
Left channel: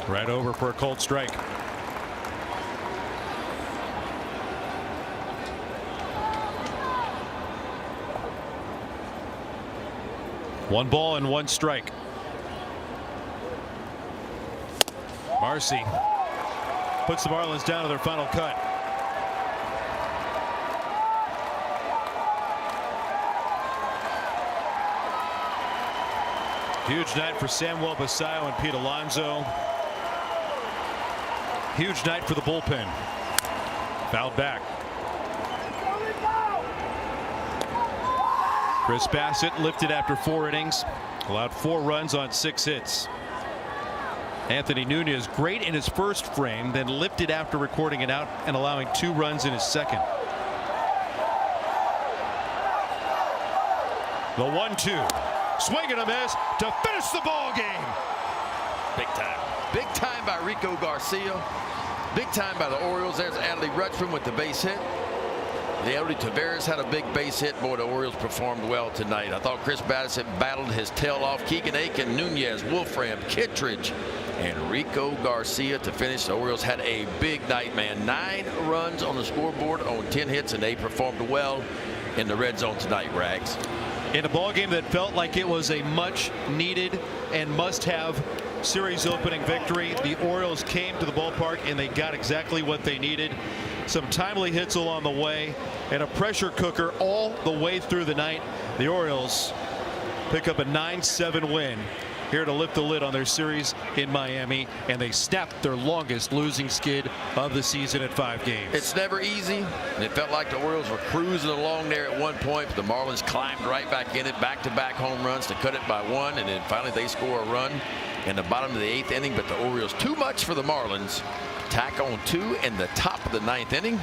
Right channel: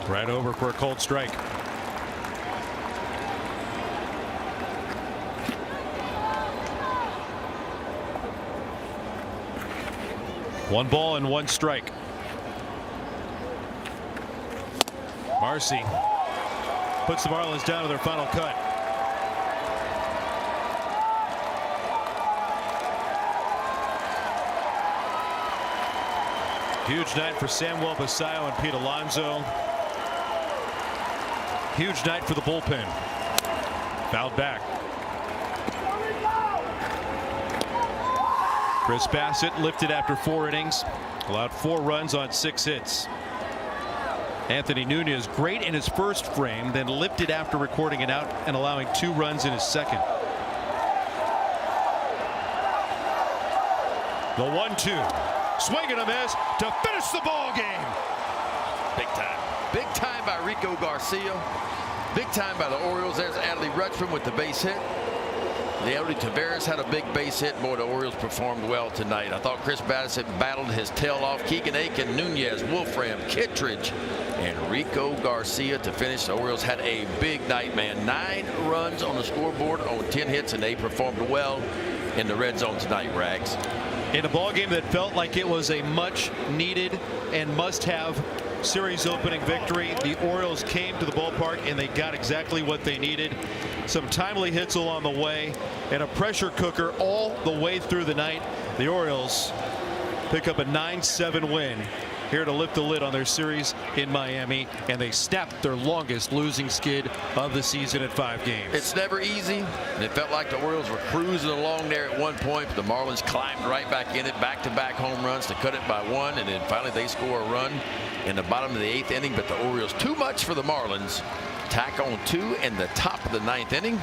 Right over for a cold strike. One ball and 1 strike. Marcy puts the Marlins down in their final cut. Huge night for Samuel Basayo and Pete Alonso. Huge night for the bullpen. Fouled back. Chris Bassett lifted after 4 innings. Allowed 4 runs on 6 hits. Anthony Nunez, great in his first frame, then lifted after recording it out and allowing 2 runs in his second. The 1-2. Swing and a miss to finish the ball game. Big time. Big time by Rico Garcia. Big time by the Orioles. There's Adley Rutschman with the base hit. Leody Taveras had a big base hit. Boy, the Orioles performed well tonight. I thought Chris Bassett battled his tail off. Keegan Aiken, Nunez, Wolfram, Kittredge, and Rico Garcia to finish. The Orioles had a big night, man. 9 runs on the scoreboard on 10 hits, and they performed well in the red zone tonight, Rags. In a ball game that felt like it was a much needed and must-have series opening victory. The Orioles came to the ballpark and they got exactly what they needed. Some timely hits along the way and a pressure cooker all the way through the night. The Orioles pick up a 9-7 win here to lift the lid on their series in Miami, and they snapped their longest losing skid of the season at 5 games. It's never easy, and it felt like the Orioles were cruising along there at one point. The Marlins climbed right back in it, back-to-back home runs to cut it by 1, and then finally they score a run in the bottom of the 8th inning. But the Orioles, too much for the Marlins. Tack on 2 in the top of the 9th inning,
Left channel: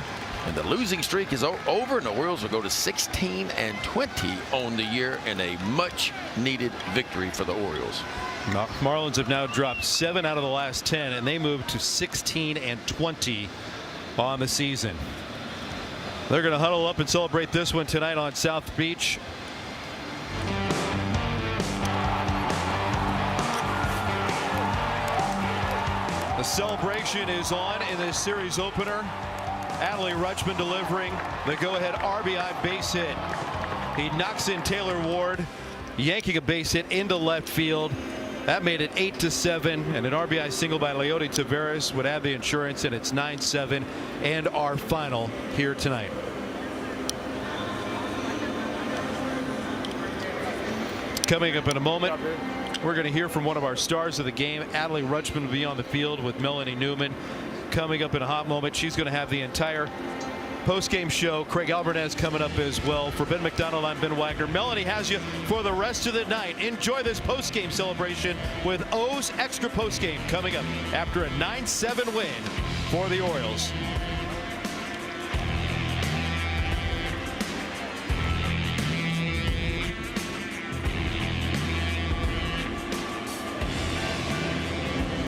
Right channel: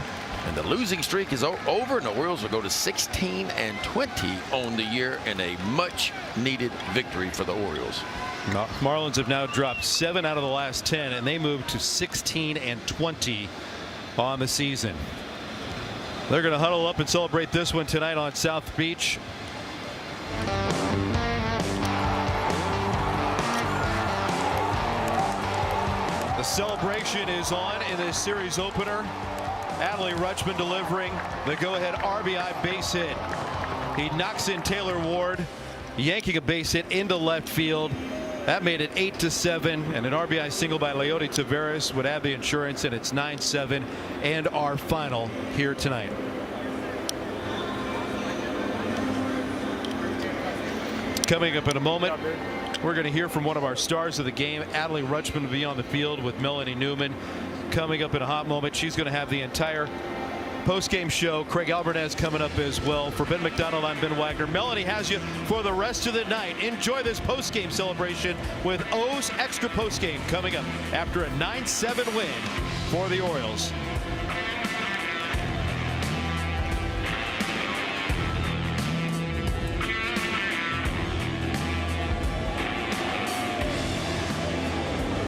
and the losing streak is over, and the Orioles will go to 16-20 on the year in a much-needed victory for the Orioles. Marlins have now dropped 7 out of the last 10, and they move to 16-20 on the season. They're going to huddle up and celebrate this one tonight on South Beach. The celebration is on in this series opener. Adley Rutschman delivering the go-ahead RBI base hit. He knocks in Taylor Ward, yanking a base hit into left field. That made it 8-7, and an RBI single by Leody Taveras would add the insurance, and it's 9-7 and our final here tonight. Coming up in a moment, we're going to hear from one of our stars of the game. Adley Rutschman will be on the field with Melanie Newman. Coming up in a hot moment, she's going to have the entire post-game show. Craig Alvarez coming up as well. For Ben McDonald, I'm Ben Wagner. Melanie has you for the rest of the night. Enjoy this post-game celebration with O's Extra Post-Game coming up after a 9-7 win for the Orioles.